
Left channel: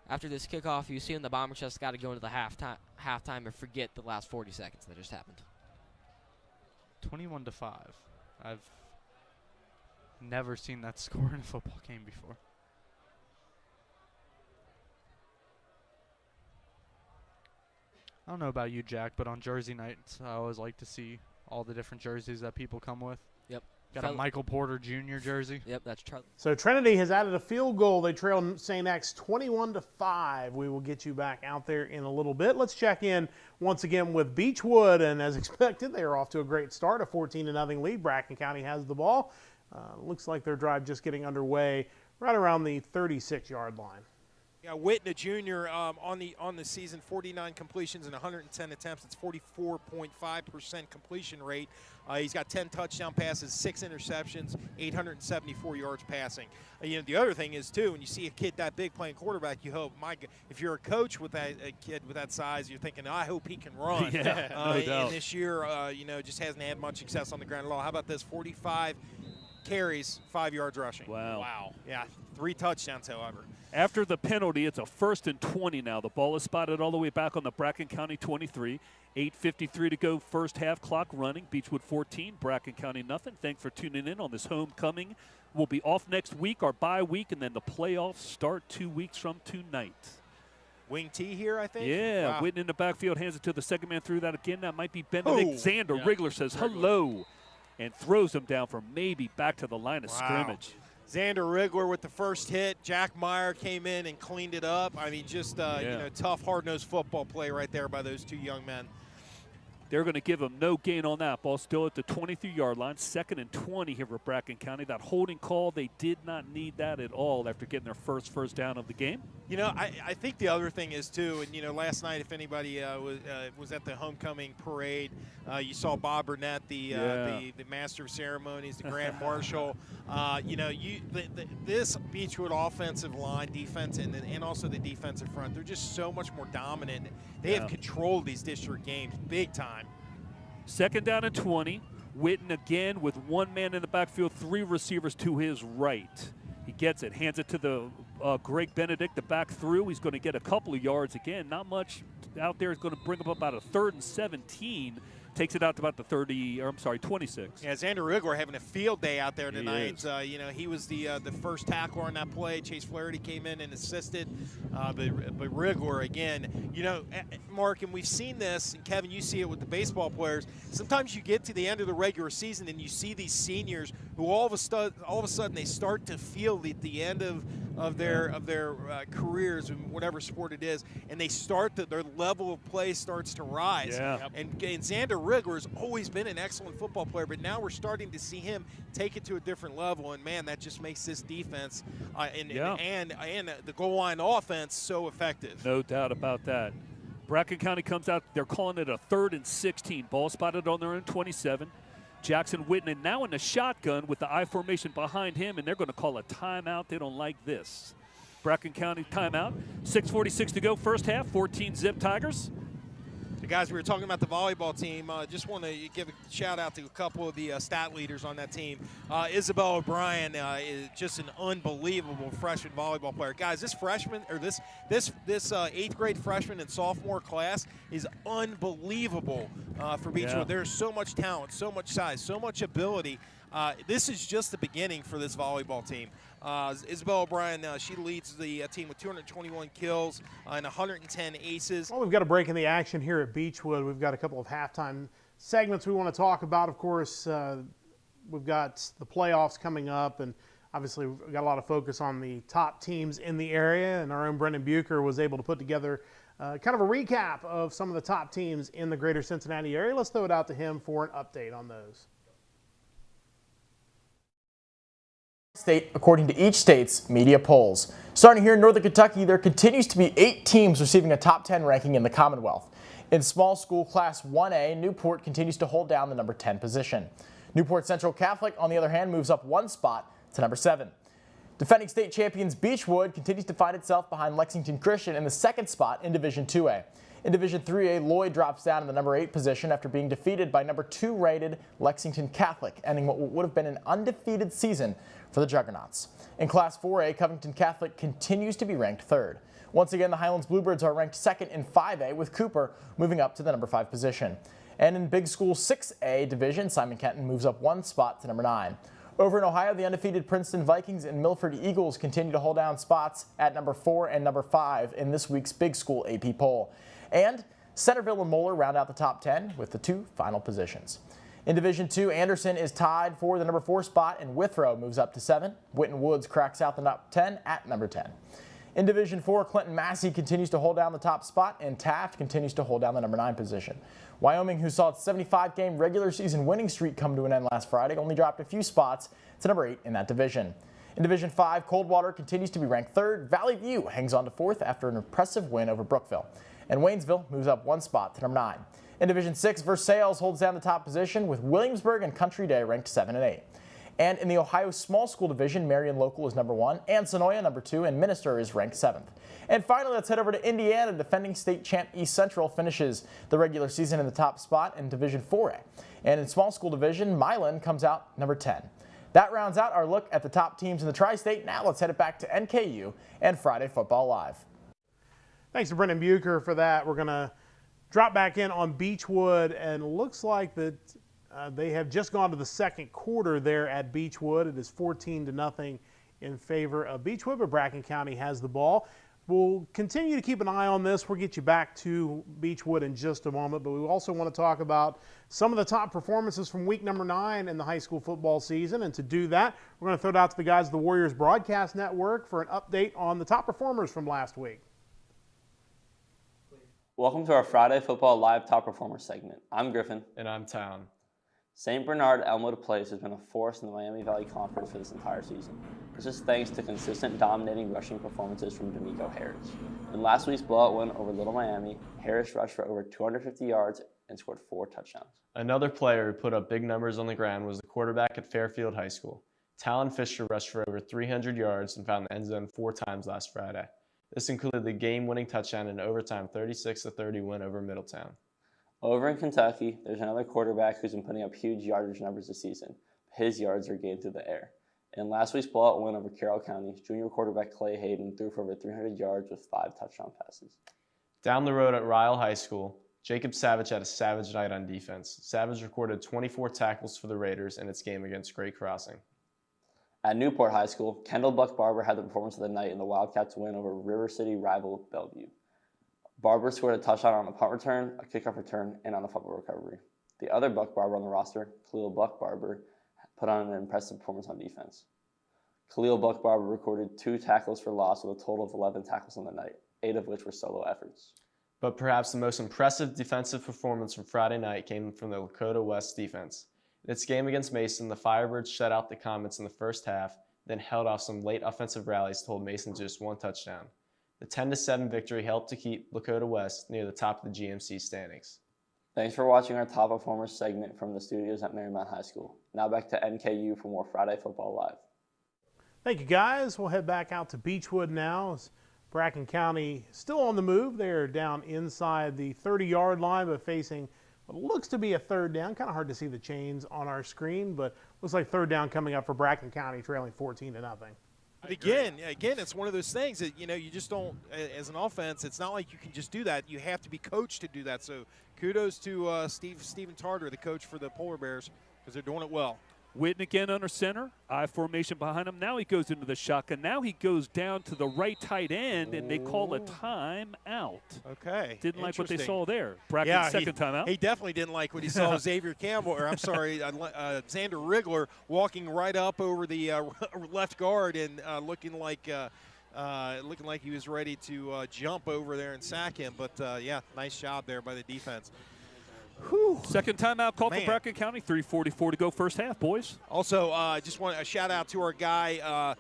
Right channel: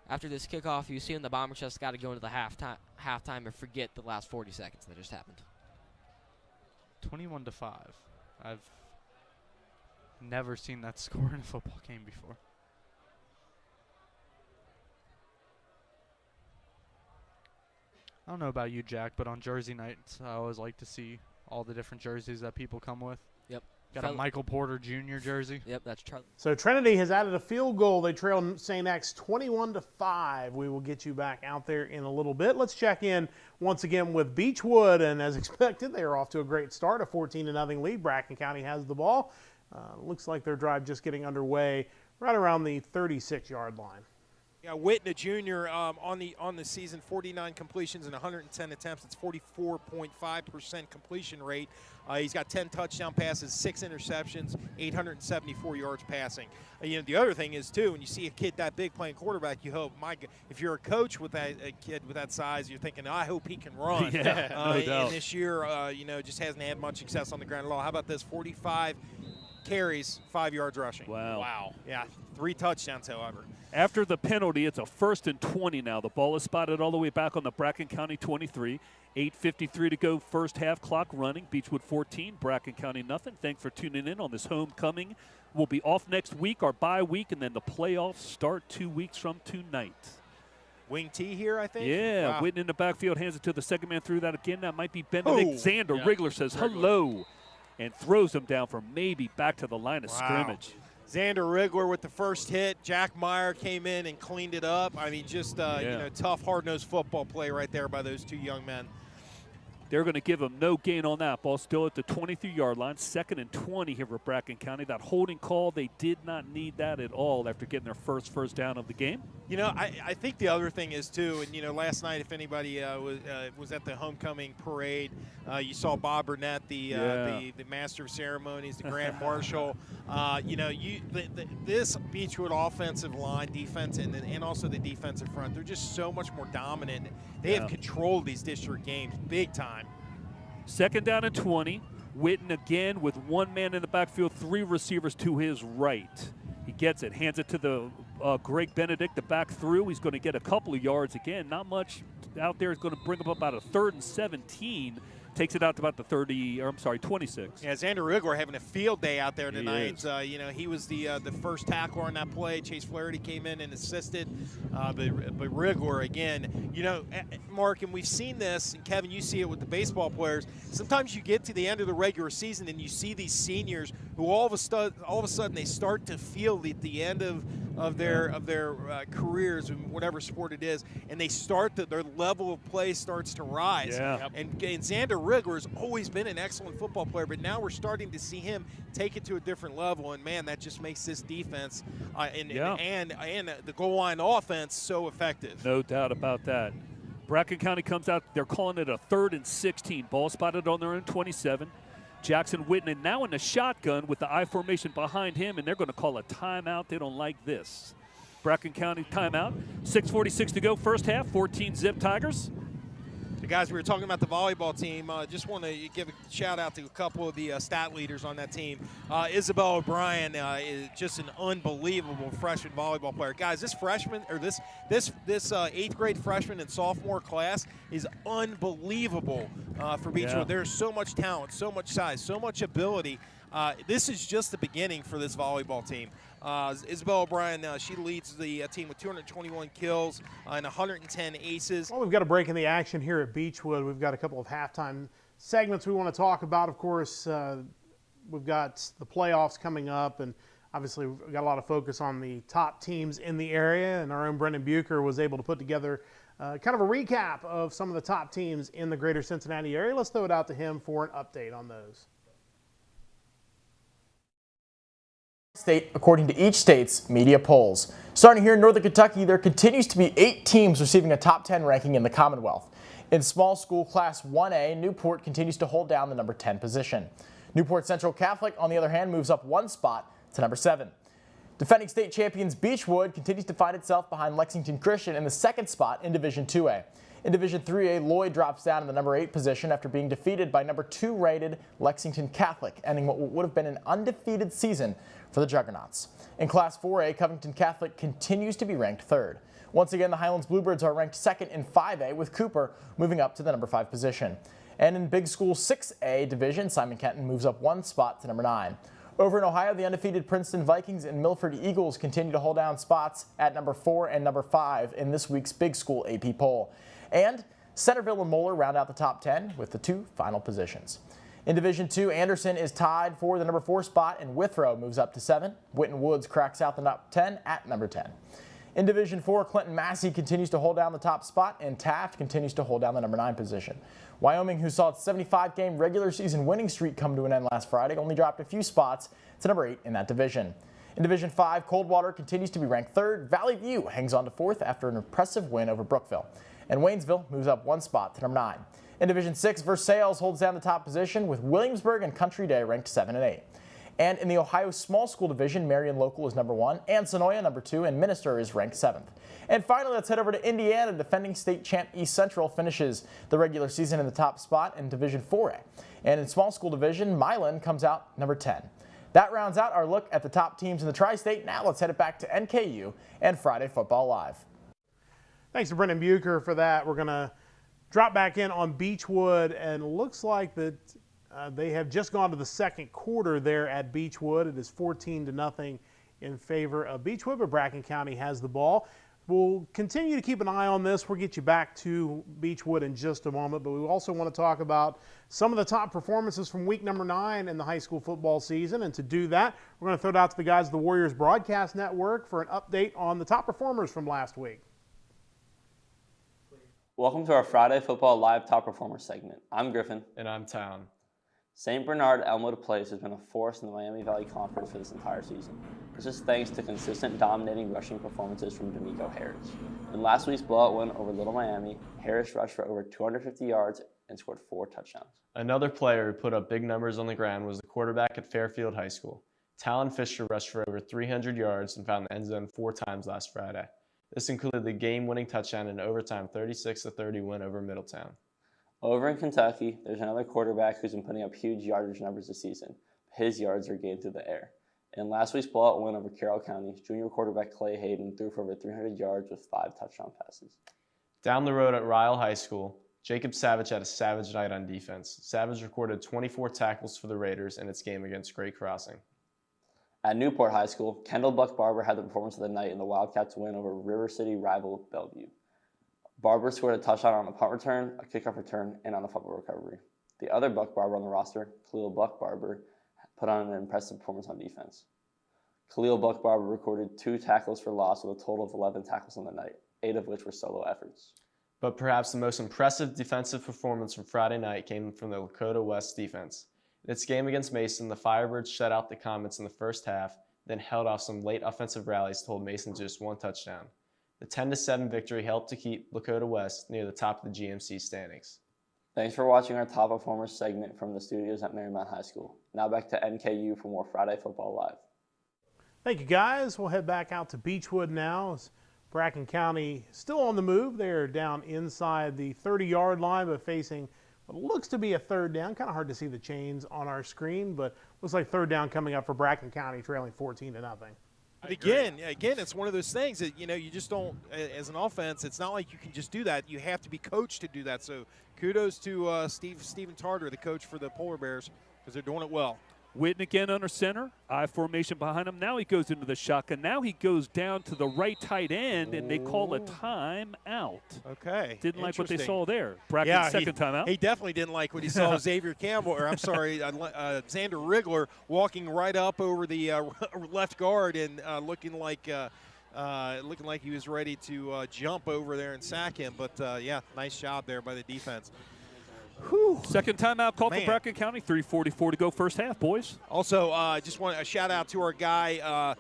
after this kickoff, you see when the Bombers just got to go into the halftime and forget the last 40 seconds that just happened. 21-5. I've never seen that score in a football game before. I don't know about you, Jack, but on Jersey nights, I always like to see all the different jerseys that people come with. Yep. Got a Michael Porter Jr. jersey. Yep, that's Charlie. So Trinity has added a field goal. They trail St. X 21-5. We will get you back out there in a little bit. Let's check in once again with Beechwood, and as expected, they are off to a great start, a 14-0 lead. Bracken County has the ball. Looks like their drive just getting underway right around the 36-yard line. Yeah, Whitna Jr. On the season, 49 completions and 110 attempts. It's 44.5% completion rate. He's got 10 touchdown passes, 6 interceptions, 874 yards passing. The other thing is too, when you see a kid that big playing quarterback, you hope, if you're a coach with a kid with that size, you're thinking, I hope he can run. Yeah, no doubt. And this year, just hasn't had much success on the ground at all. How about this? 45 carries, 5 yards rushing. Wow. Yeah, 3 touchdowns, however. After the penalty, it's a 1st and 20 now. The ball is spotted all the way back on the Bracken County 23. 8:53 to go, first half, clock running. Beechwood 14, Bracken County nothing. Thanks for tuning in on this homecoming. We'll be off next week, our bye week, and then the playoffs start 2 weeks from tonight. Wing T here, I think. Yeah, Wow. Whitten in the backfield, hands it to the second man through that again. That might be Benedict Xander. Yeah. Wriggler says hello and throws him down for maybe back to the line of scrimmage. Xander Wriggler with the first hit. Jack Meyer came in and cleaned it up. I mean, just tough, hard-nosed football play right there by those 2 young men. They're going to give him no gain on that ball. Still at the 23-yard line. 2nd and 20 here for Bracken County. That holding call, they did not need that at all after getting their first down of the game. I think the other thing is, too, and, last night if anybody was at the homecoming parade, you saw Bob Burnett, the master of ceremonies, the grand marshal. This Beechwood offensive line, defense, and also the defensive front, they're just so much more dominant. They have controlled these district games big time. 2nd down and 20. Whitten again with 1 man in the backfield, 3 receivers to his right. He gets it, hands it to the Greg Benedict, the back through. He's going to get a couple of yards again. Not much out there. Is going to bring up about a 3rd and 17 takes it out to about the 26. Yeah, Xander Rigler having a field day out there He tonight. is. You know, he was the first tackler on that play. Chase Flaherty came in and assisted, but Rigler again. You know, Mark, and we've seen this, and Kevin, you see it with the baseball players. Sometimes you get to the end of the regular season and you see these seniors who all of a sudden they start to feel at the end of their careers in whatever sport it is, and they start their level of play starts to rise. Yeah. And Xander Rigler has always been an excellent football player, but now we're starting to see him take it to a different level, and man, that just makes this defense and the goal line offense so effective. No doubt about that. Bracken County comes out. They're calling it a 3rd and 16. Ball spotted on their own 27. Jackson Whitman now in the shotgun with the I formation behind him, and they're going to call a timeout. They don't like this. Bracken County timeout. 6:46 to go, first half. 14 Zip Tigers. The guys, we were talking about the volleyball team. Just want to give a shout out to a couple of the stat leaders on that team. Isabel O'Brien is just an unbelievable freshman volleyball player. Guys, this freshman or this 8th grade freshman and sophomore class is unbelievable for Beechwood. Yeah. There's so much talent, so much size, so much ability. This is just the beginning for this volleyball team. Isabel O'Brien, she leads the team with 221 kills and 110 aces. Well, we've got a break in the action here at Beechwood. We've got a couple of halftime segments we want to talk about. Of course, we've got the playoffs coming up, and obviously we've got a lot of focus on the top teams in the area, and our own Brendan Bucher was able to put together kind of a recap of some of the top teams in the greater Cincinnati area. Let's throw it out to him for an update on those. State according to each state's media polls. Starting here in Northern Kentucky, there continues to be 8 teams receiving a top 10 ranking in the Commonwealth. In small school class 1A, Newport continues to hold down the number 10 position. Newport Central Catholic, on the other hand, moves up 1 spot to number 7. Defending state champions Beechwood continues to find itself behind Lexington Christian in the 2nd spot in Division 2A. In Division 3A, Lloyd drops down in the number 8 position after being defeated by number 2 rated Lexington Catholic, ending what would have been an undefeated season for the Juggernauts. In Class 4A, Covington Catholic continues to be ranked 3rd. Once again, the Highlands Bluebirds are ranked 2nd in 5A, with Cooper moving up to the number 5 position. And in Big School 6A division, Simon Kenton moves up 1 spot to number 9. Over in Ohio, the undefeated Princeton Vikings and Milford Eagles continue to hold down spots at number 4 and number 5 in this week's Big School AP poll. And Centerville and Moeller round out the top 10 with the 2 final positions. In Division 2, Anderson is tied for the number 4 spot, and Withrow moves up to 7. Winton Woods cracks out the top 10 at number 10. In Division 4, Clinton Massey continues to hold down the top spot, and Taft continues to hold down the number 9 position. Wyoming, who saw its 75-game regular season winning streak come to an end last Friday, only dropped a few spots to number 8 in that division. In Division 5, Coldwater continues to be ranked 3rd. Valley View hangs on to 4th after an impressive win over Brookville. And Waynesville moves up 1 spot to number 9. In Division 6, Versailles holds down the top position with Williamsburg and Country Day ranked 7 and 8. And in the Ohio Small School Division, Marion Local is number 1, and Sonoya number 2, and Minister is ranked 7th. And finally, let's head over to Indiana. Defending state champ East Central finishes the regular season in the top spot in Division 4A. And in Small School Division, Milan comes out number 10. That rounds out our look at the top teams in the Tri-State. Now let's head it back to NKU and Friday Football Live. Thanks to Brendan Bucher for that. We're going to drop back in on Beechwood, and looks like that they have just gone to the second quarter there at Beechwood. It is 14-0 in favor of Beechwood, but Bracken County has the ball. We'll continue to keep an eye on this. We'll get you back to Beechwood in just a moment, but we also want to talk about some of the top performances from week number 9 in the high school football season. And to do that, we're going to throw it out to the guys of the Warriors Broadcast Network for an update on the top performers from last week. Welcome to our Friday Football Live Top Performer segment. I'm Griffin. And I'm Town. St. Bernard Elmwood Place has been a force in the Miami Valley Conference for this entire season. This is thanks to consistent dominating rushing performances from D'Amico Harris. In last week's blowout win over Little Miami, Harris rushed for over 250 yards and scored 4 touchdowns. Another player who put up big numbers on the ground was the quarterback at Fairfield High School. Talon Fisher rushed for over 300 yards and found the end zone 4 times last Friday. This included the game-winning touchdown in overtime 36-30 win over Middletown. Over in Kentucky, there's another quarterback who's been putting up huge yardage numbers this season. His yards are gained through the air. In last week's blowout win over Carroll County, junior quarterback Clay Hayden threw for over 300 yards with 5 touchdown passes. Down the road at Ryle High School, Jacob Savage had a savage night on defense. Savage recorded 24 tackles for the Raiders in its game against Great Crossing. At Newport High School, Kendall Buck Barber had the performance of the night in the Wildcats' win over River City rival Bellevue. Barber scored a touchdown on a punt return, a kickoff return, and on a fumble recovery. The other Buck Barber on the roster, Khalil Buck Barber, put on an impressive performance on defense. Khalil Buck Barber recorded 2 tackles for loss with a total of 11 tackles on the night, 8 of which were solo efforts. But perhaps the most impressive defensive performance from Friday night came from the Lakota West defense. In its game against Mason, the Firebirds shut out the Comets in the first half, then held off some late offensive rallies to hold Mason to just 1 touchdown. The 10-7 victory helped to keep Lakota West near the top of the GMC standings. Thanks for watching our Top Performers segment from the studios at Marymount High School. Now back to NKU for more Friday Football Live. Thank you, guys. We'll head back out to Beechwood now. As Bracken County still on the move. They're down inside the 30-yard line, but facing what looks to be a third down. Kind of hard to see the chains on our screen, but looks like third down coming up for Bracken County, trailing 14-0. Again, it's one of those things that, you just don't, as an offense, it's not like you can just do that. You have to be coached to do that. So kudos to Stephen Tarter, the coach for the Polar Bears, because they're doing it well. Witten again under center, I formation behind him. Now he goes into the shotgun. Now he goes down to the right tight end, and they call a timeout. Okay. Didn't like what they saw there. Bracken's second timeout. He definitely didn't like what he saw. Xavier Campbell, or I'm sorry, Xander Rigler walking right up over the left guard and looking like he was ready to jump over there and sack him. But yeah, nice job there by the defense. Whew. Second timeout called for Bracken County. 3:44 to go first half, boys. Also, just want a shout out to our guy,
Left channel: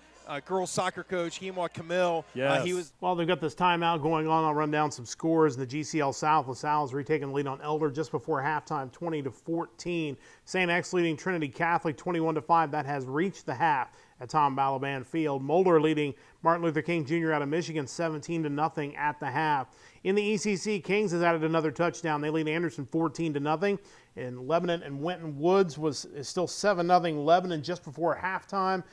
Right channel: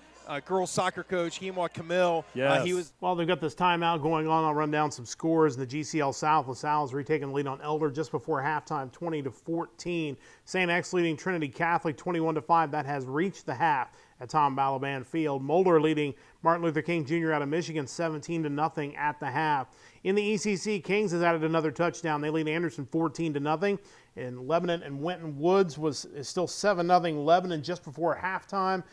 girls soccer coach, Hemwa Camille. Yes. Well, they've got this timeout going on. I'll run down some scores in the GCL South. LaSalle is retaking the lead on Elder just before halftime, 20-14. St. X leading Trinity Catholic 21-5. That has reached the half at Tom Balaban Field. Mulder leading Martin Luther King Jr. out of Michigan 17-0 at the half. In the ECC, Kings has added another touchdown. They lead Anderson 14-0. And Lebanon and Winton Woods is still 7-0 Lebanon just before halftime.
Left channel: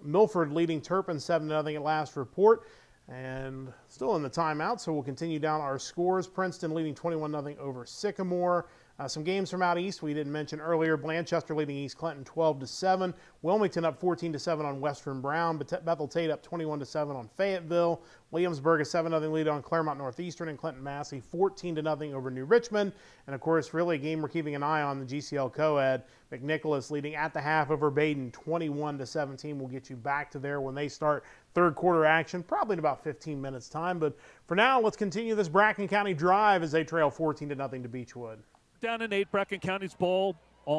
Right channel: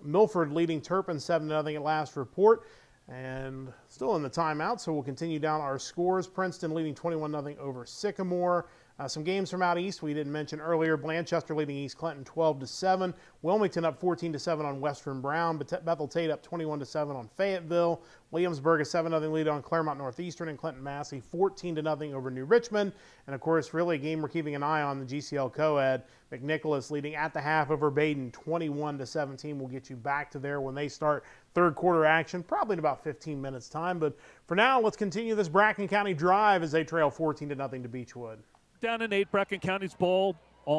Milford leading Turpin 7-0 at last report. And still in the timeout, so we'll continue down our scores. Princeton leading 21-0 over Sycamore. Some games from out east we didn't mention earlier. Blanchester leading East Clinton 12-7. Wilmington up 14-7 on Western Brown. Bethel Tate up 21-7 on Fayetteville. Williamsburg a 7-0 lead on Claremont Northeastern, and Clinton Massey 14-0 over New Richmond. And of course, really a game we're keeping an eye on, the GCL Co-Ed. McNicholas leading at the half over Baden 21-17. We'll get you back to there when they start third quarter action, probably in about 15 minutes time. But for now, let's continue this Bracken County drive as they trail 14-0 to Beechwood. Down and 8, Bracken County's ball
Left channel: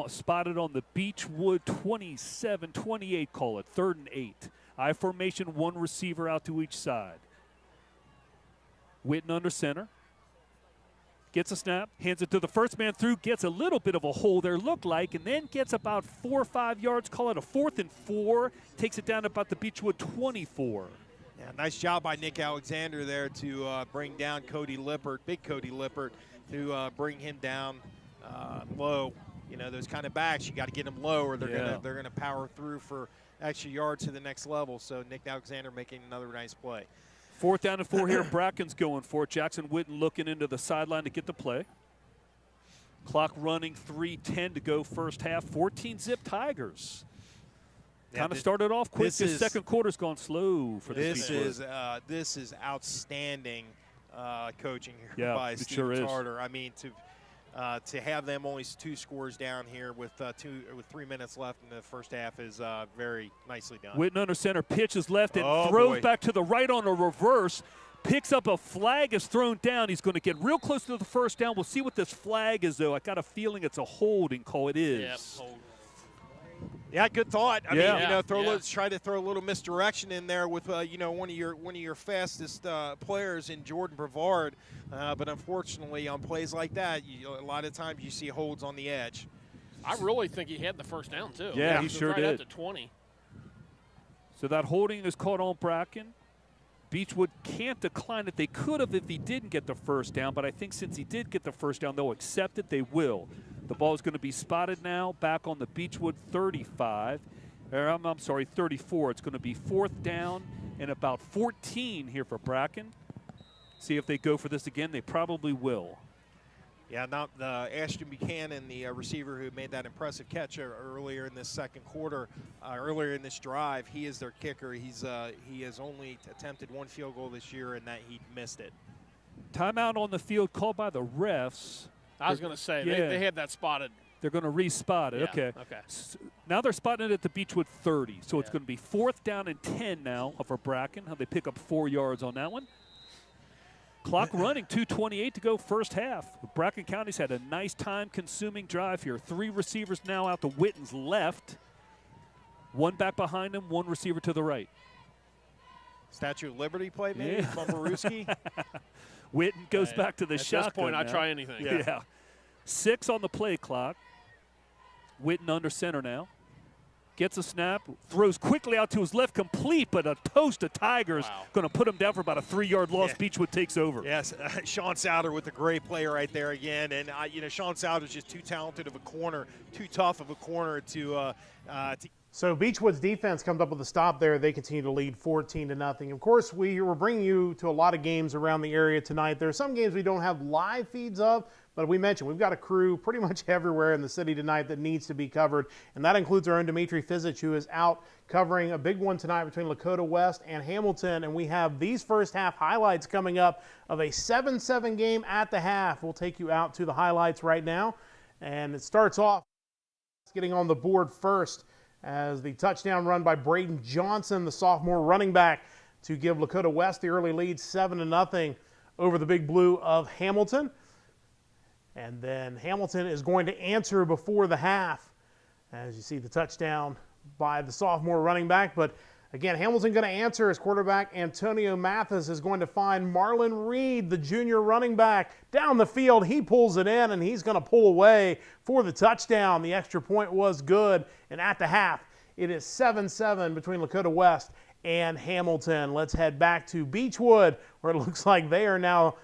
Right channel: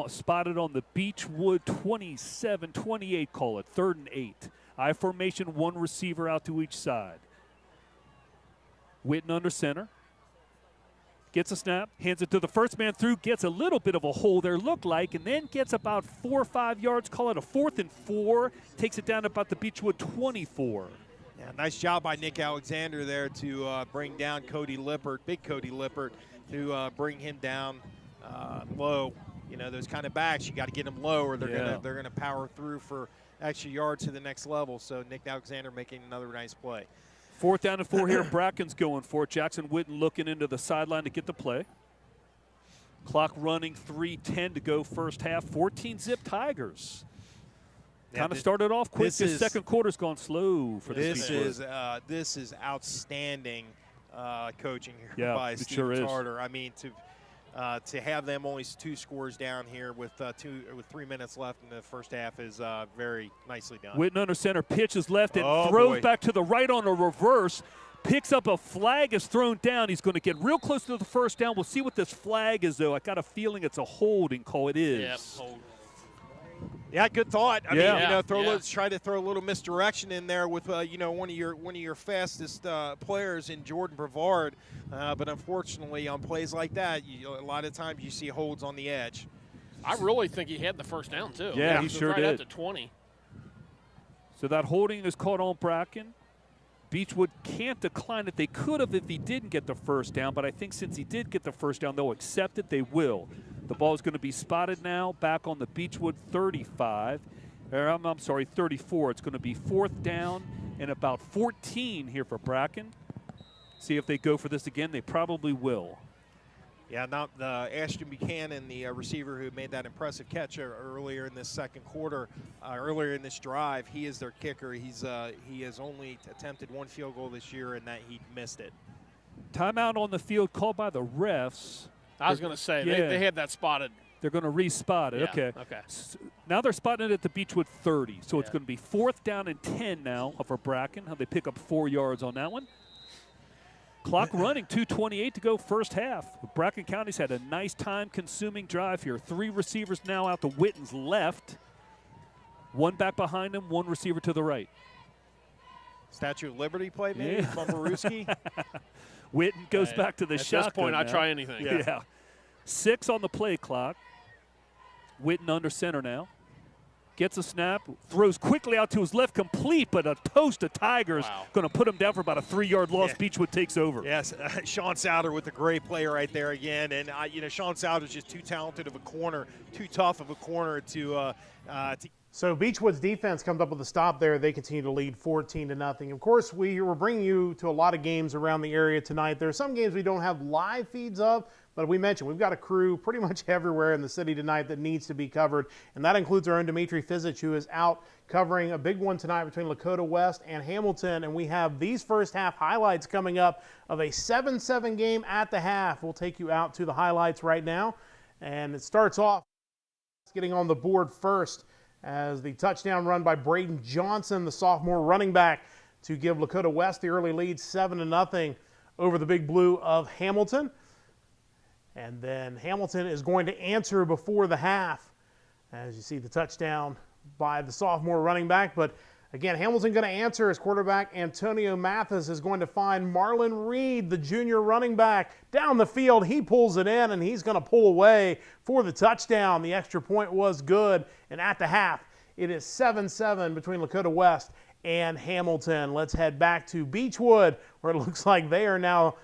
spotted on the Beechwood 27-28 call it, 3rd and 8. I formation, 1 receiver out to each side. Witten under center. Gets a snap, hands it to the first man through, gets a little bit of a hole there, looked like, and then gets about 4 or 5 yards, call it a 4th and 4, takes it down about the Beechwood 24. Yeah, nice job by Nick Alexander there to bring down Cody Lippert, big Cody Lippert, to bring him down low. Those kind of backs, you got to get them low, or they're gonna power through for extra yards to the next level. So Nick Alexander making another nice play. 4th down and 4 here. Bracken's going for it. Jackson Witten looking into the sideline to get the play. Clock running, 3:10 to go first half. 14-zip Tigers. Kind of started off quick. This second quarter's gone slow for this. This is outstanding coaching here by Steve Tarter. I mean, to have them only 2 scores down here with 3 minutes left in the first half is very nicely done. Witten under center, pitches left and throws back to the right on a reverse. Picks up a flag, is thrown down. He's going to get real close to the first down. We'll see what this flag is, though. I got a feeling it's a holding call. It is. Yep, hold. Yeah, good thought. I mean, try to throw a little misdirection in there with one of your fastest players in Jordan Brevard, but unfortunately on plays like that, a lot of times you see holds on the edge. I really think he had the first down too. Yeah, he sure did. Right up to 20. So that holding is caught on Bracken. Beechwood can't decline it. They could have if he didn't get the first down, but I think since he did get the first down, they'll accept it. They will. The ball is going to be spotted now back on the Beechwood 35. I'm sorry, 34. It's going to be 4th down and about 14 here for Bracken. See if they go for this again. They probably will. Yeah, now the Ashton Buchanan, the receiver who made that impressive catch earlier in this second quarter, earlier in this drive, he is their kicker. He has only attempted 1 field goal this year, and that he missed it. Timeout on the field called by the refs. I was going to say, Yeah. they had that spotted. They're going to re-spot it. Yeah, Okay. okay. Now they're spotting it at the Beechwood 30. So it's going to be 4th down and 10 now for Bracken. How they pick up 4 yards on that one. Clock running, 2:28 to go first half. Bracken County's had a nice time-consuming drive here. 3 receivers now out to Witten's left. 1 back behind him, 1 receiver to the right. Statue of Liberty play, maybe, from Baruski. Witten goes back to the At shotgun. this point, I'd now. try anything. Yeah. 6 on the play clock. Witten under center now. Gets a snap, throws quickly out to his left, complete, but a toast of Tigers going to put him down for about a 3-yard loss. Yeah. Beechwood takes over. Yes, Sean Souter with a great play right there again. And, Sean Souter's just too talented of a corner, too tough of a corner to So Beechwood's defense comes up with a stop there. They continue to lead 14-0. Of course, we were bringing you to a lot of games around the area tonight. There are some games we don't have live feeds of, but we mentioned we've got a crew pretty much everywhere in the city tonight that needs to be covered, and that includes our own Dimitri Fizich, who is out covering a big one tonight between Lakota West and Hamilton, and we have these first half highlights coming up of a 7-7 game at the half. We'll take you out to the highlights right now, and it starts off getting on the board first as the touchdown run by Braden Johnson, the sophomore running back, to give Lakota West the early lead 7-0 over the Big Blue of Hamilton. And then Hamilton is going to answer before the half, as you see the touchdown by the sophomore running back. But again, Hamilton going to answer as quarterback Antonio Mathis is going to find Marlon Reed, the junior running back, down the field. He pulls it in, and he's going to pull away for the touchdown. The extra point was good, and at the half, it is 7-7 between Lakota West and Hamilton. Let's head back to Beechwood, where it looks like they are now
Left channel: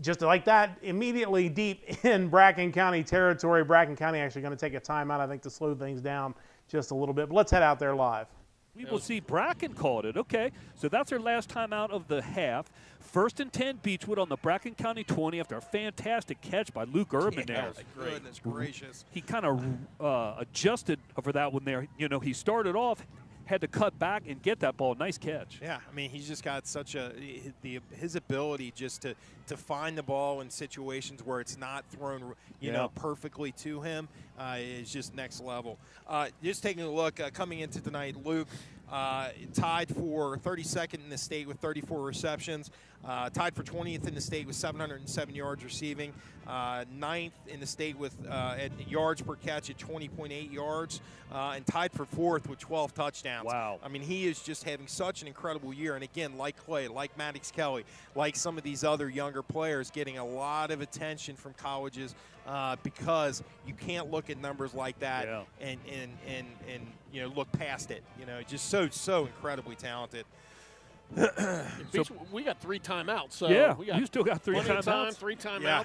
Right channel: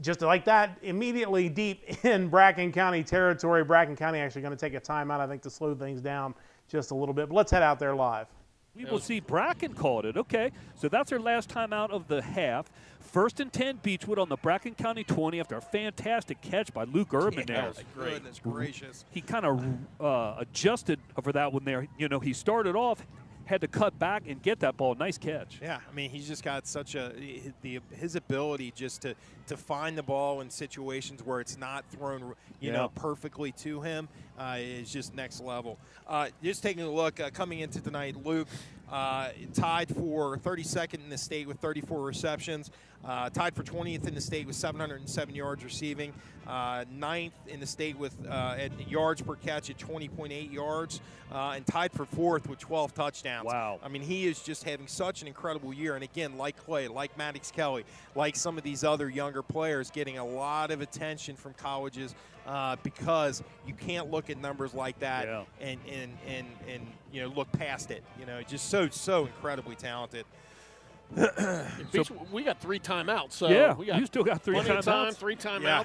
just like that, immediately deep in Bracken County territory. Bracken County actually going to take a timeout, I think, to slow things down just a little bit. But let's head out there live. We will see Bracken called it. Okay, so that's their last time out of the half. 1st and 10 Beechwood on the Bracken County 20 after a fantastic catch by Luke Urban there. Goodness gracious. He kind of adjusted for that one there. He started off, had to cut back and get that ball. Nice catch. Yeah, I mean, he's just got such his ability just to find the ball in situations where it's not thrown, perfectly to him is just next level. Just taking a look, coming into tonight, Luke tied for 32nd in the state with 34 receptions, tied for 20th in the state with 707 yards receiving, 9th in the state with at yards per catch at 20.8 yards, and tied for 4th with 12 touchdowns. Wow. I mean, he is just having such an incredible year. And again, like Clay, like Maddox Kelly, like some of these other younger players, getting a lot of attention from colleges because you can't look at numbers like that and look past it. Just so incredibly talented. We got 3 timeouts. So we got you still got 3 timeouts. 3 timeouts. Yeah.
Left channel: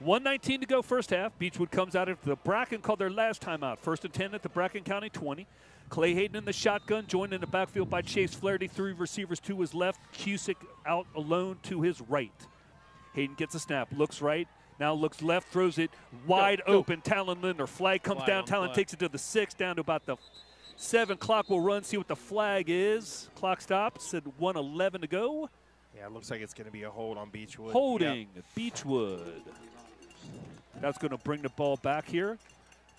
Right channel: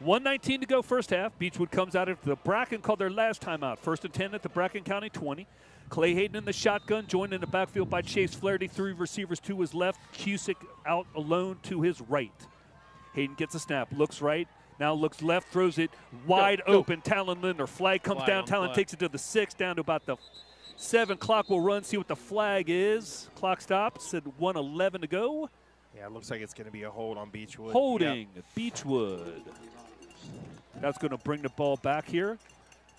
1:19 to go first half. Beechwood comes out after the Bracken called their last timeout. 1st and 10 at the Bracken County 20. Clay Hayden in the shotgun, joined in the backfield by Chase Flaherty. 3 receivers to his left. Cusick out alone to his right. Hayden gets a snap, looks right, now looks left, throws it wide open. Talon Linder. Flag comes down. Talon takes it to the 6, down to about the 7. Clock will run, see what the flag is. Clock stops at 1:11 to go. Yeah, it looks like it's going to be a hold on Beechwood. Holding Beechwood. That's going to bring the ball back here.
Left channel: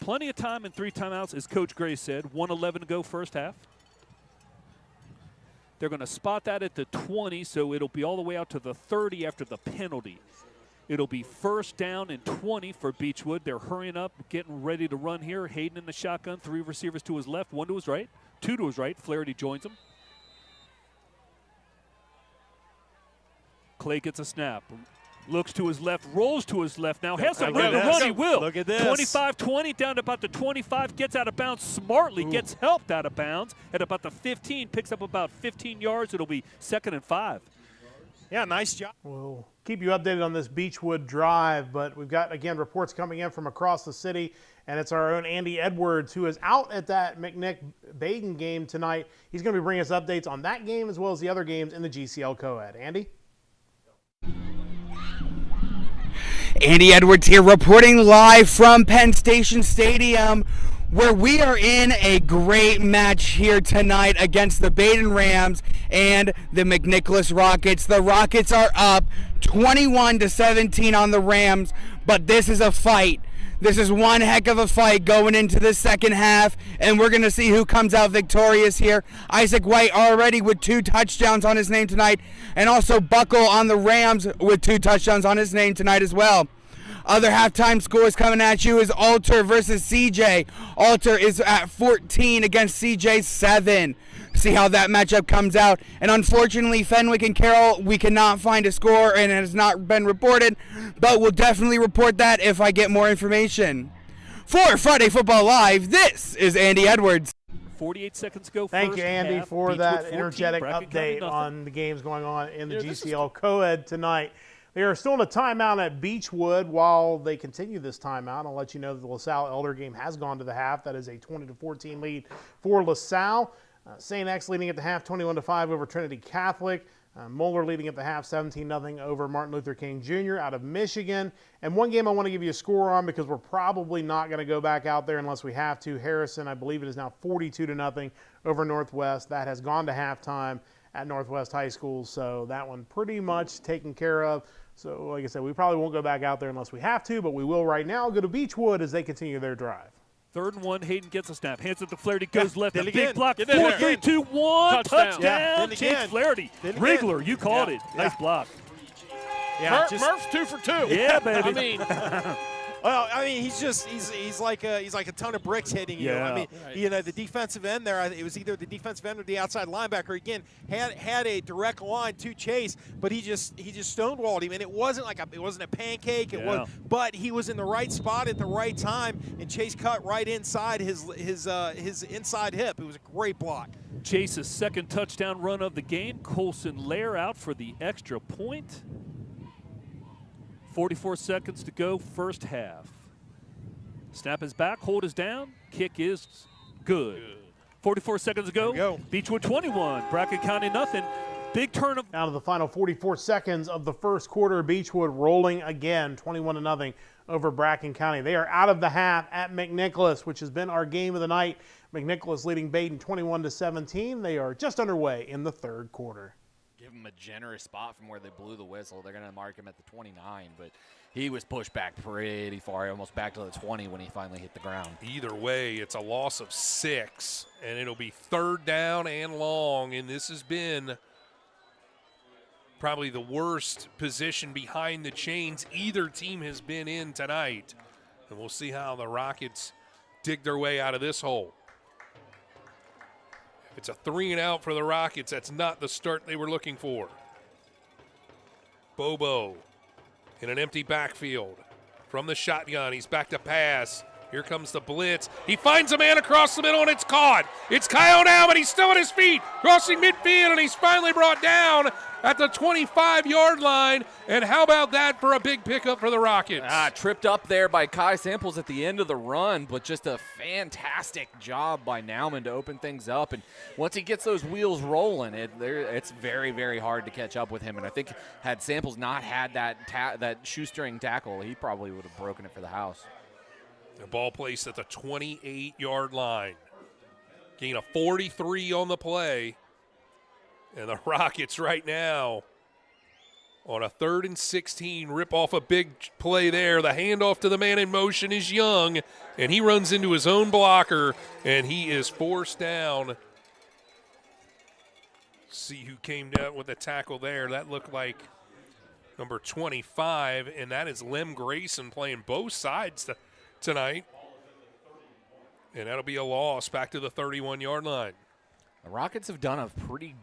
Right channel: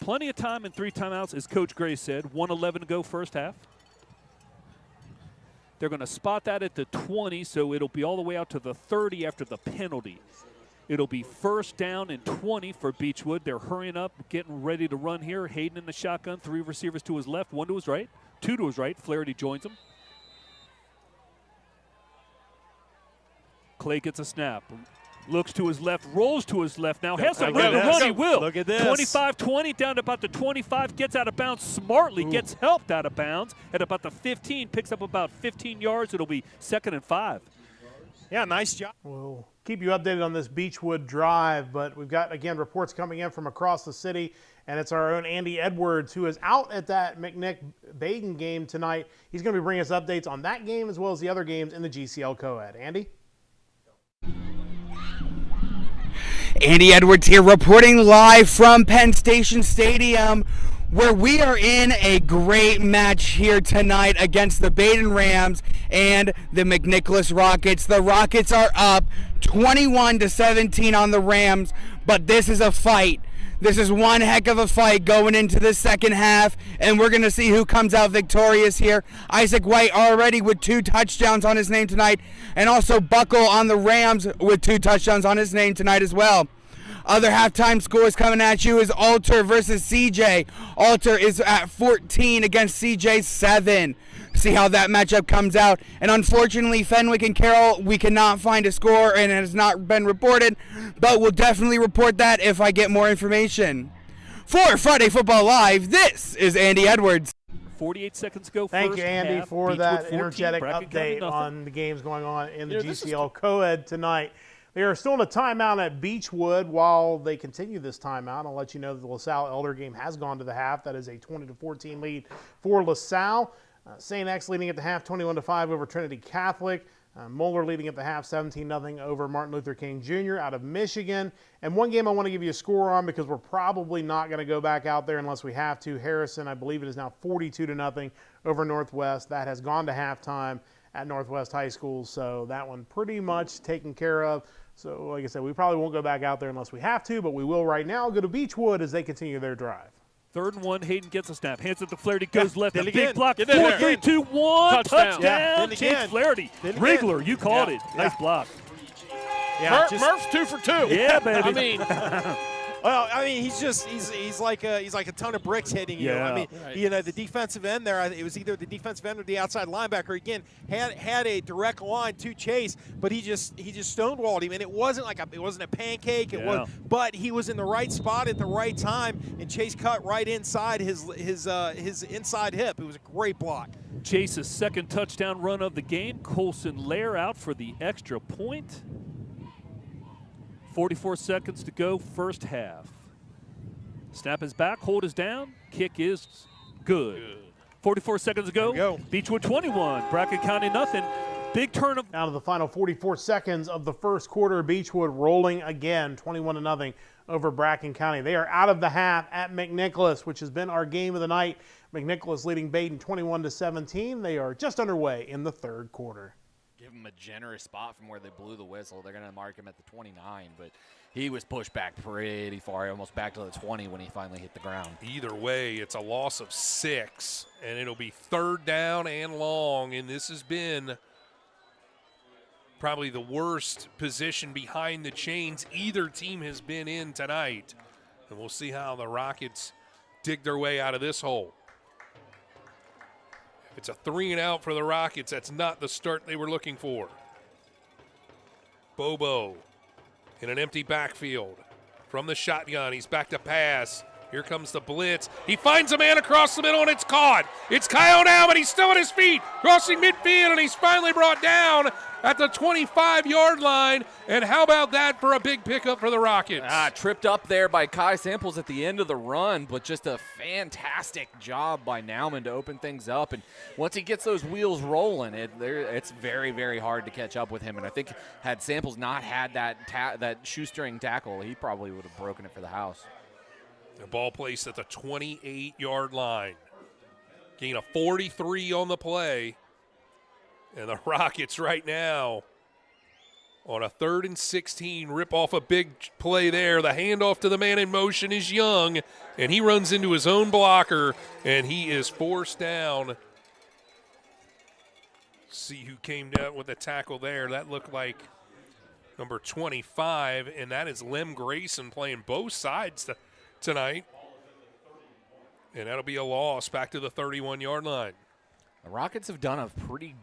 Plenty of time and 3 timeouts, as Coach Gray said. 1:11 to go first half. They're going to spot that at the 20, so it'll be all the way out to the 30 after the penalty. It'll be 1st down and 20 for Beechwood. They're hurrying up, getting ready to run here. Hayden in the shotgun, 3 receivers to his left, 1 to his right, 2 to his right. Flaherty joins him. Clay gets a snap. Looks to his left, rolls to his left now. Has some room to run, he will. Look at this. 25-20 down to about the 25. Gets out of bounds smartly. Ooh. Gets helped out of bounds at about the 15. Picks up about 15 yards. It'll be 2nd and 5. Yeah, nice job. We'll keep you updated on this Beechwood drive, but we've got, again, reports coming in from across the city, and it's our own Andy Edwards, who is out at that McNick-Baden game tonight. He's going to be bringing us updates on that game as well as the other games in the GCL Co-Ed. Andy? Andy Edwards here reporting live from Penn Station Stadium, where we are in a great match here tonight against the Baden Rams and the McNicholas Rockets. The Rockets are up 21-17 on the Rams, but this is a fight. This is one heck of a fight going into the second half, and we're going to see who comes out victorious here. Isaac White already with 2 touchdowns on his name tonight, and also Buckle on the Rams with 2 touchdowns on his name tonight as well. Other halftime scores coming at you is Alter versus CJ. Alter is at 14 against CJ 7. See how that matchup comes out. And unfortunately, Fenwick and Carroll, we cannot find a score and it has not been reported, but we'll definitely report that if I get more information. For Friday Football Live, this is Andy Edwards. 48 seconds to go. Thank you, Andy, half. for Beechwood that 14, energetic Bracken County update nothing. on the games going on in the GCL Co-Ed tonight. They are still in a timeout at Beechwood. While they continue this timeout, I'll let you know that the LaSalle Elder game has gone to the half. That is a 20-14 lead for LaSalle. St. X leading at the half 21-5 over Trinity Catholic. Moeller leading at the half 17-0 over Martin Luther King Jr. out of Michigan. And one game I want to give you a score on because we're probably not going to go back out there unless we have to. Harrison, I believe it is now 42-0 over Northwest. That has gone to halftime at Northwest High School, so that one pretty much taken care of. So like I said, we probably won't go back out there unless we have to, but we will right now go to Beechwood as they continue their drive. 3rd and 1, Hayden gets a snap, hands it to Flaherty, goes left, a big again. block, Get 4, in there. 3, 2, 1, touchdown. Yeah. Then Chase again. Flaherty. Then again. Wriggler, you called Yeah. it. Nice block. Yeah, Murph's 2 for 2. Yeah, baby. I mean, well, I mean, he's like a ton of bricks hitting you. Yeah. I mean, you know, the defensive end there, it was either the defensive end or the outside linebacker. Again, had a direct line to Chase, but he just stonewalled him, and it wasn't a pancake. It was, but he was in the right spot at the right time, and Chase cut right inside his inside hip. It was a great block. Chase's 2nd touchdown run of the game. Colson Lair out for the extra point. 44 seconds to go, first half. Snap is back, hold is down, kick is good. 44 seconds to go. Beechwood 21, Bracken County nothing. Big turn of Out of the final 44 seconds of the first quarter, Beechwood rolling again, 21-0 over Bracken County. They are out of the half at McNicholas, which has been our game of the night. McNicholas leading Baden 21-17. They are just underway in the 3rd quarter. Give him a generous spot from where they blew the whistle. They're going to mark him at the 29, but he was pushed back pretty far, almost back to the 20 when he finally hit the ground. Either way, it's a loss of 6, and it'll be 3rd down and long, and this has been probably the worst position behind the chains either team has been in tonight. And we'll see how the Rockets dig their way out of this hole. It's a 3-and-out for the Rockets. That's not the start they were looking for. Bobo in an empty backfield. From the shotgun, he's back to pass. Here comes the blitz. He finds a man across the middle, and it's caught. It's Kyle now, but he's still on his feet, crossing midfield, and he's finally brought down at the 25-yard line. And how about that for a big pickup for the Rockets? Tripped up there by Kai Samples at the end of the run, but just a fantastic job by Nauman to open things up. And once he gets those wheels rolling, it's very, very hard to catch up with him. And I think had Samples not had that shoestring tackle, he probably would have broken it for the house. The ball placed at the 28-yard line. Gain of 43 on the play. And the Rockets right now on a 3rd and 16, rip off a big play there. The handoff to the man in motion is Young, and he runs into his own blocker, and he is forced down. See who came down with the tackle there. That looked like number 25, and that is Lem Grayson playing both sides tonight. And that'll be a loss back to the 31-yard line. The Rockets have done a pretty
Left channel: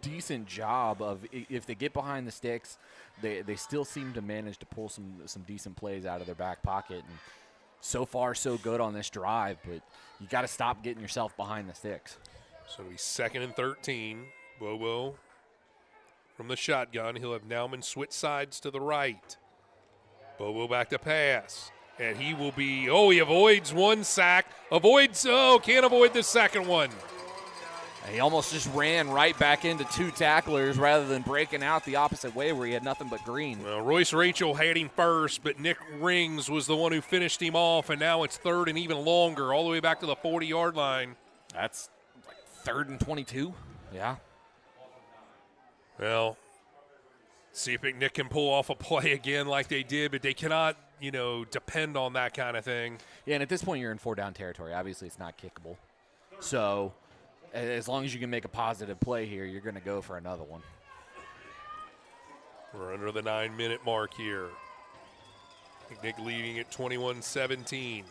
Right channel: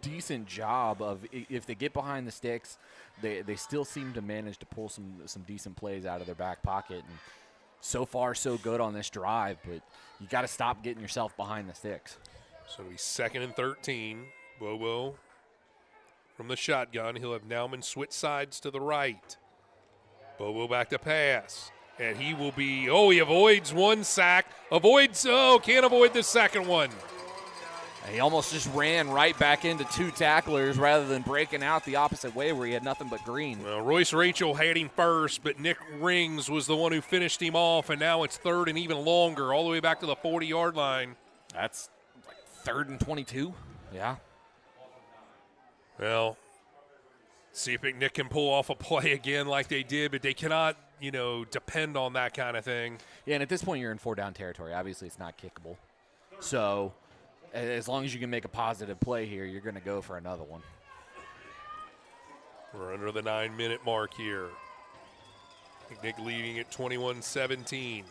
decent job of, if they get behind the sticks, they still seem to manage to pull some decent plays out of their back pocket. And so far, so good on this drive, but you got to stop getting yourself behind the sticks. So it'll be 2nd and 13. Bobo from the shotgun. He'll have Nauman switch sides to the right. Bobo back to pass. And he will be, he avoids one sack. Can't avoid the second one. He almost just ran right back into 2 tacklers rather than breaking out the opposite way where he had nothing but green. Well, Royce Rachel had him first, but Nick Rings was the one who finished him off, and now it's 3rd and even longer, all the way back to the 40-yard line. That's like 3rd and 22. Yeah. Well, see if McNick can pull off a play again like they did, but they cannot, depend on that kind of thing. Yeah, and at this point you're in 4-down territory. Obviously it's not kickable. So as long as you can make a positive play here, you're going to go for another one. We're under the 9-minute mark here. McNick leading at 21-17.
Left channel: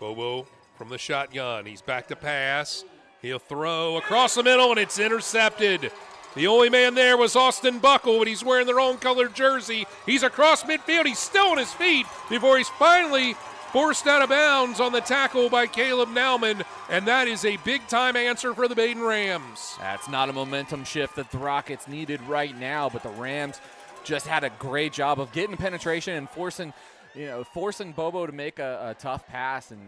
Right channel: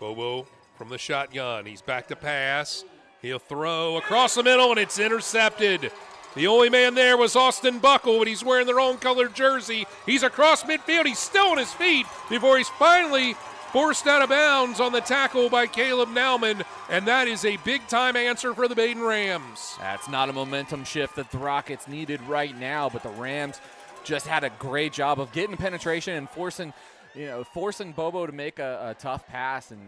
Bobo from the shotgun. He's back to pass. He'll throw across the middle, and it's intercepted. The only man there was Austin Buckle, but he's wearing the wrong colored jersey. He's across midfield. He's still on his feet before he's finally forced out of bounds on the tackle by Caleb Nauman, and that is a big-time answer for the Baden Rams. That's not a momentum shift that the Rockets needed right now, but the Rams just had a great job of getting penetration and forcing Bobo to make a tough pass, and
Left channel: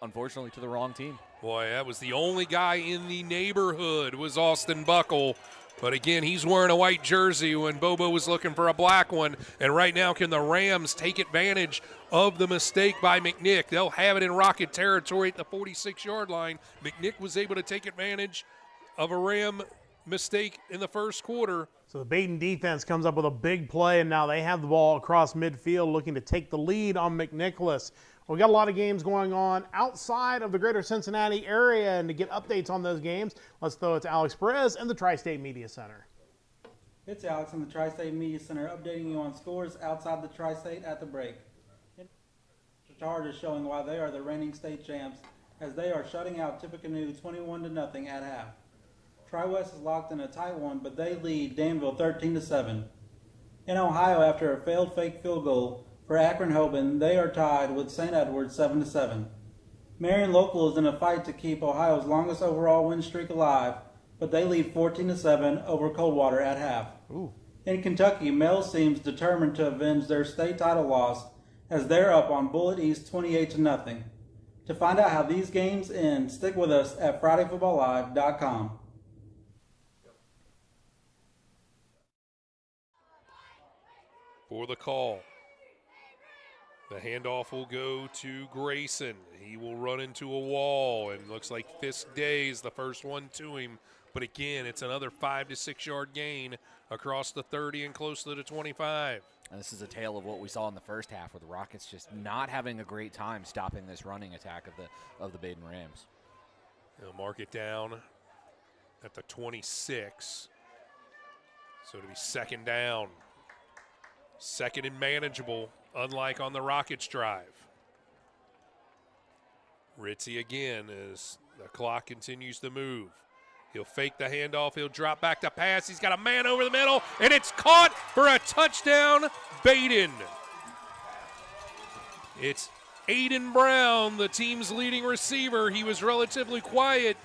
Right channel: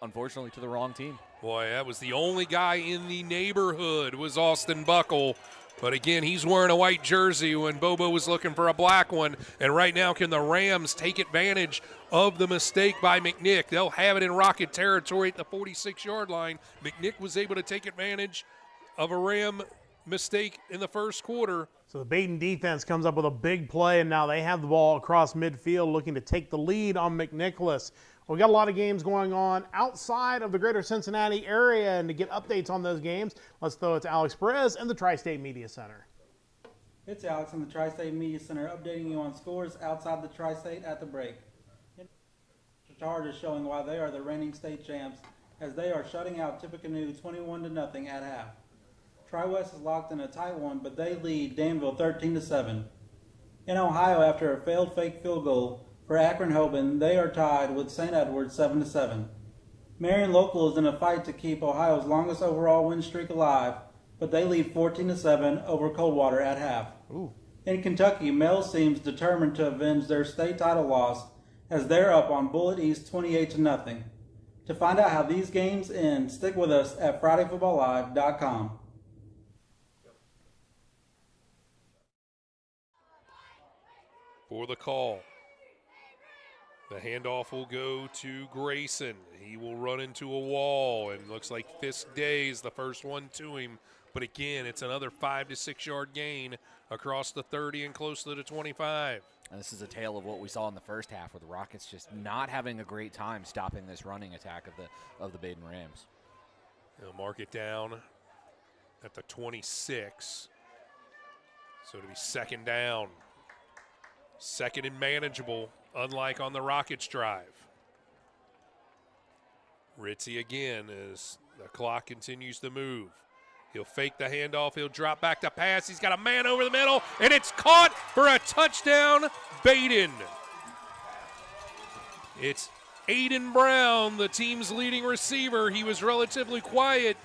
unfortunately to the wrong team. Boy, that was the only guy in the neighborhood was Austin Buckle. But again, he's wearing a white jersey when Bobo was looking for a black one. And right now, can the Rams take advantage of the mistake by McNick? They'll have it in Rocket territory at the 46-yard line. McNick was able to take advantage of a Ram mistake in the first quarter. So the Baden defense comes up with a big play, and now they have the ball across midfield looking to take the lead on McNicholas. We got a lot of games going on outside of the greater Cincinnati area, and to get updates on those games, let's throw it to Alex Perez and the Tri-State Media Center. It's Alex in the Tri-State Media Center updating you on scores outside the Tri-State at the break. Chargers showing why they are the reigning state champs as they are shutting out Tippecanoe 21-0 at half. Tri-West is locked in a tight one, but they lead Danville 13-7. In Ohio, after a failed fake field goal, for Akron-Hoban, they are tied with St. Edward's 7-7. Marion Local is in a fight to keep Ohio's longest overall win streak alive, but they lead 14-7 over Coldwater at half. Ooh. In Kentucky, Mel seems determined to avenge their state title loss as they're up on Bullitt East 28-0. To find out how these games end, stick with us at FridayFootballLive.com. For the call. The handoff will go to Grayson. He will run into a wall, and looks like Fisk Day is the first one to him. But again, it's another 5 to 6 yard gain across the 30 and close to the 25. And this is a tale of what we saw in the first half, where the Rockets just not having a great time stopping this running attack of the Baden Rams. They'll mark it down at the 26. So it'll be 2nd down. 2nd and manageable, unlike on the Rockets drive. Ritzy again as the clock continues to move. He'll fake the handoff. He'll drop back to pass. He's got a man over the middle, and it's caught for a touchdown, Baden. It's Aiden Brown, the team's leading receiver. He was relatively quiet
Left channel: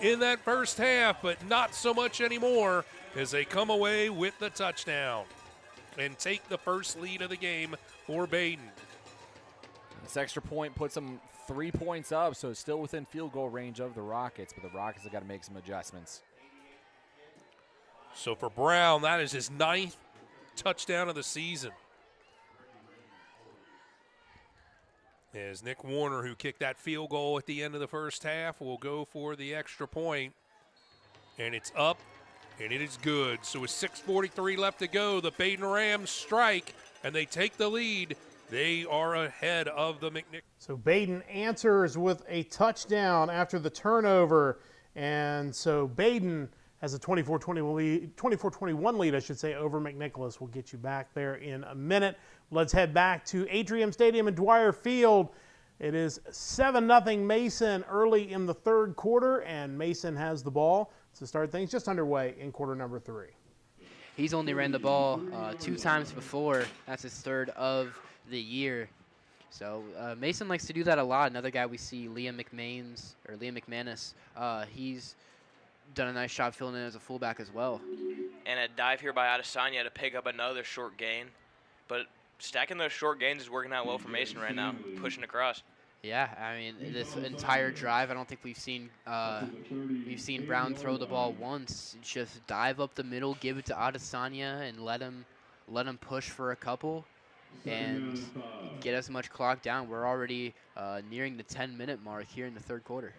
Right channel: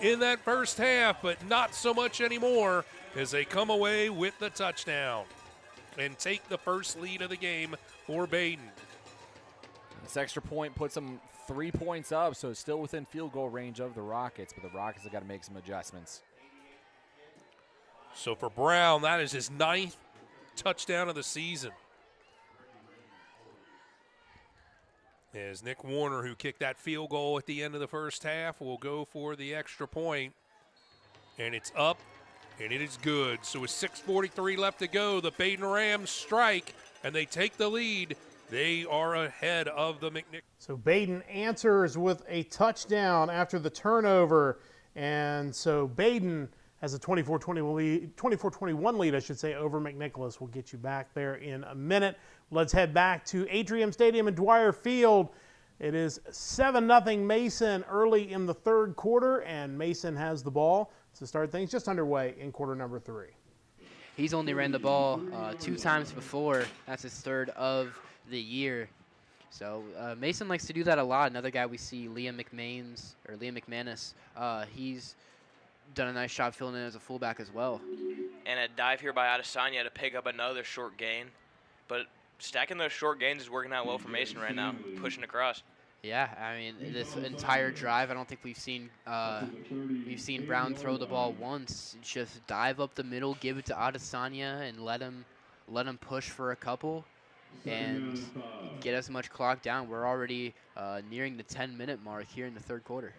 in that first half, but not so much anymore as they come away with the touchdown and take the first lead of the game for Baden. This extra point puts them 3 points up, so it's still within field goal range of the Rockets, but the Rockets have got to make some adjustments. So for Brown, that is his 9th touchdown of the season. As Nick Warner, who kicked that field goal at the end of the first half, will go for the extra point. And it's up, and it is good. So with 6:43 left to go, the Baden Rams strike, and they take the lead. They are ahead of the McNick. So Baden answers with a touchdown after the turnover. And so Baden has a 24-21 lead, I should say, over McNicholas. We'll get you back there in a minute. Let's head back to Atrium Stadium and Dwyer Field. It is 7-0 Mason early in the third quarter, and Mason has the ball to start things just underway in quarter number 3. He's only ran the ball 2 times before. That's his 3rd of the year. So Mason likes to do that a lot. Another guy we see, Liam McManus, he's done a nice job filling in as a fullback as well. And a dive here by Adesanya to pick up another short gain. But stacking those short gains is working out well for Mason right now, pushing across. Yeah, I mean, this entire drive, I don't think we've seen Brown throw the ball once. Just dive up the middle, give it to Adesanya, and let him push for a couple, and get as much clock down. We're already nearing the 10-minute mark here in the third quarter.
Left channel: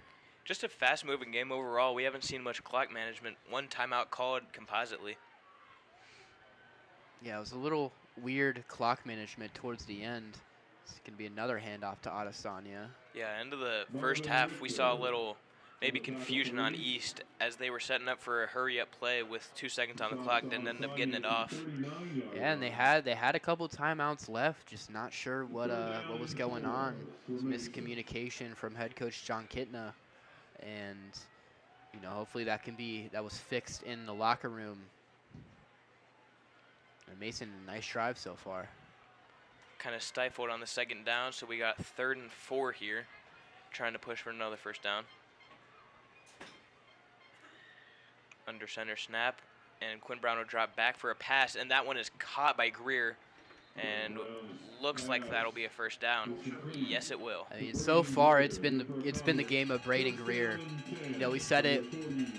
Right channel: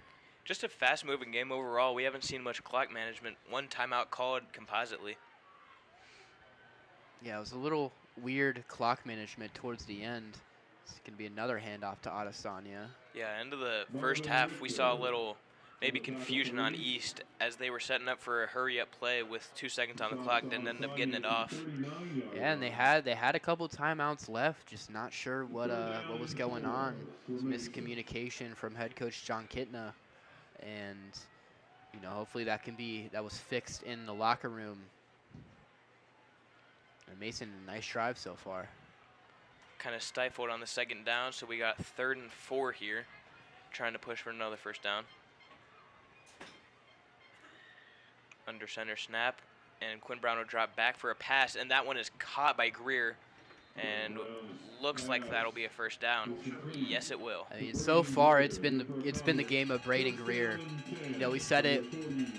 Just a fast-moving game overall. We haven't seen much clock management. One timeout called compositely. Yeah, it was a little weird clock management towards the end. This can be another handoff to Adesanya. Yeah, end of the first half, we saw a little maybe confusion on East as they were setting up for a hurry-up play with 2 seconds on the clock, then ended up getting it off. Yeah, and they had a couple timeouts left, just not sure what was going on. Some miscommunication from head coach John Kitna, and hopefully that was fixed in the locker room. And Mason, a nice drive so far. Kind of stifled on the second down, so we got 3rd and 4 here, trying to push for another first down. Under center snap, and Quinn Brown will drop back for a pass, and that one is caught by Greer, and looks like that'll be a first down. Yes, it will. I mean, so far it's been the game of Braden Greer. We said it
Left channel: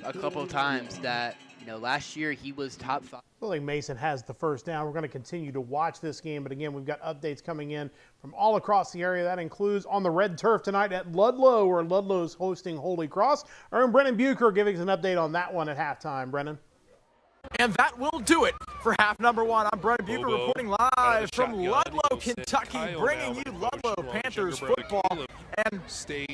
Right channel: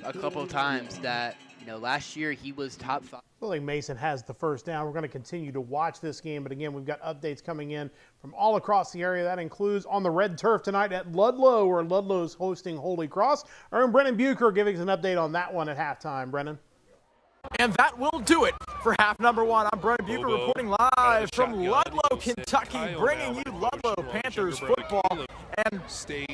a couple of times that last year he was top 5. I feel like Mason has the first down. We're going to continue to watch this game, but again, we've got updates coming in from all across the area. That includes on the red turf tonight at Ludlow, where Ludlow's hosting Holy Cross. Our own Brennan Bucher giving us an update on that one at halftime. Brennan. And that will do it for half number 1. I'm Brennan Bucher reporting live from Ludlow, Kentucky, bringing you Ludlow Panthers football. And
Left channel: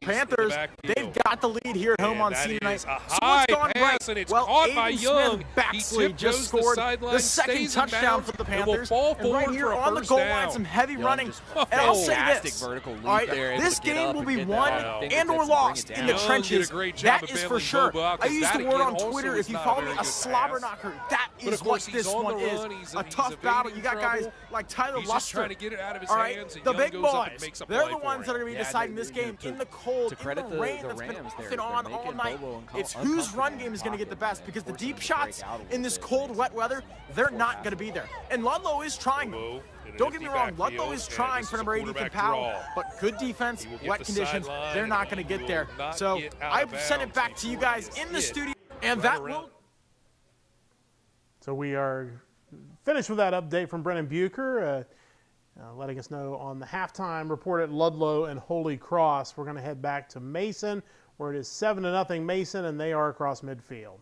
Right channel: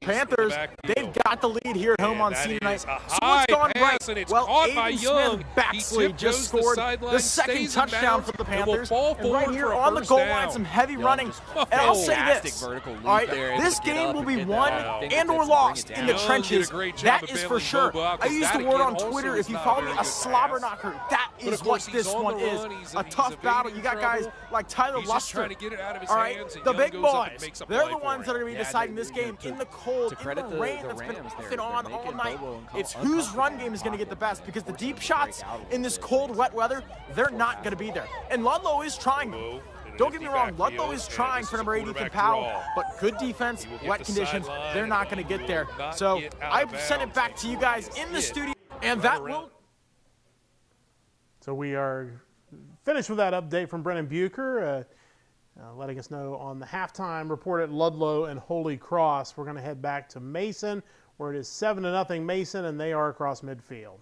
Panthers, they've got the lead here at home on senior night. So what's gone right? And it's well, caught by Aiden Young. Baxley just scored the second touchdown for the Panthers. And right here on the goal line, some heavy running. And I'll say this. All right, this game will be won and or lost in the trenches. That is for sure. I used the word on Twitter, if you follow me, a slobber knocker. That is what this one is. A tough battle. You got guys like Tyler Luster. All right, the big boys. They're the ones that are going to be deciding this game in the cold, in the rain that's been off and on all night. It's whose run game is going to get the best, because the deep shots in this cold, wet weather, they're not going to be there. And Ludlow is trying. Don't get me wrong, Ludlow is trying for number 8, Ethan Powell, but good defense, wet conditions, they're not going to get there. So I send it back to you guys in the studio, and that will... So we are finished with that update from Brennan Bucher, letting us know on the halftime report at Ludlow and Holy Cross. We're going to head back to Mason, where it is 7-0 Mason, and they are across midfield.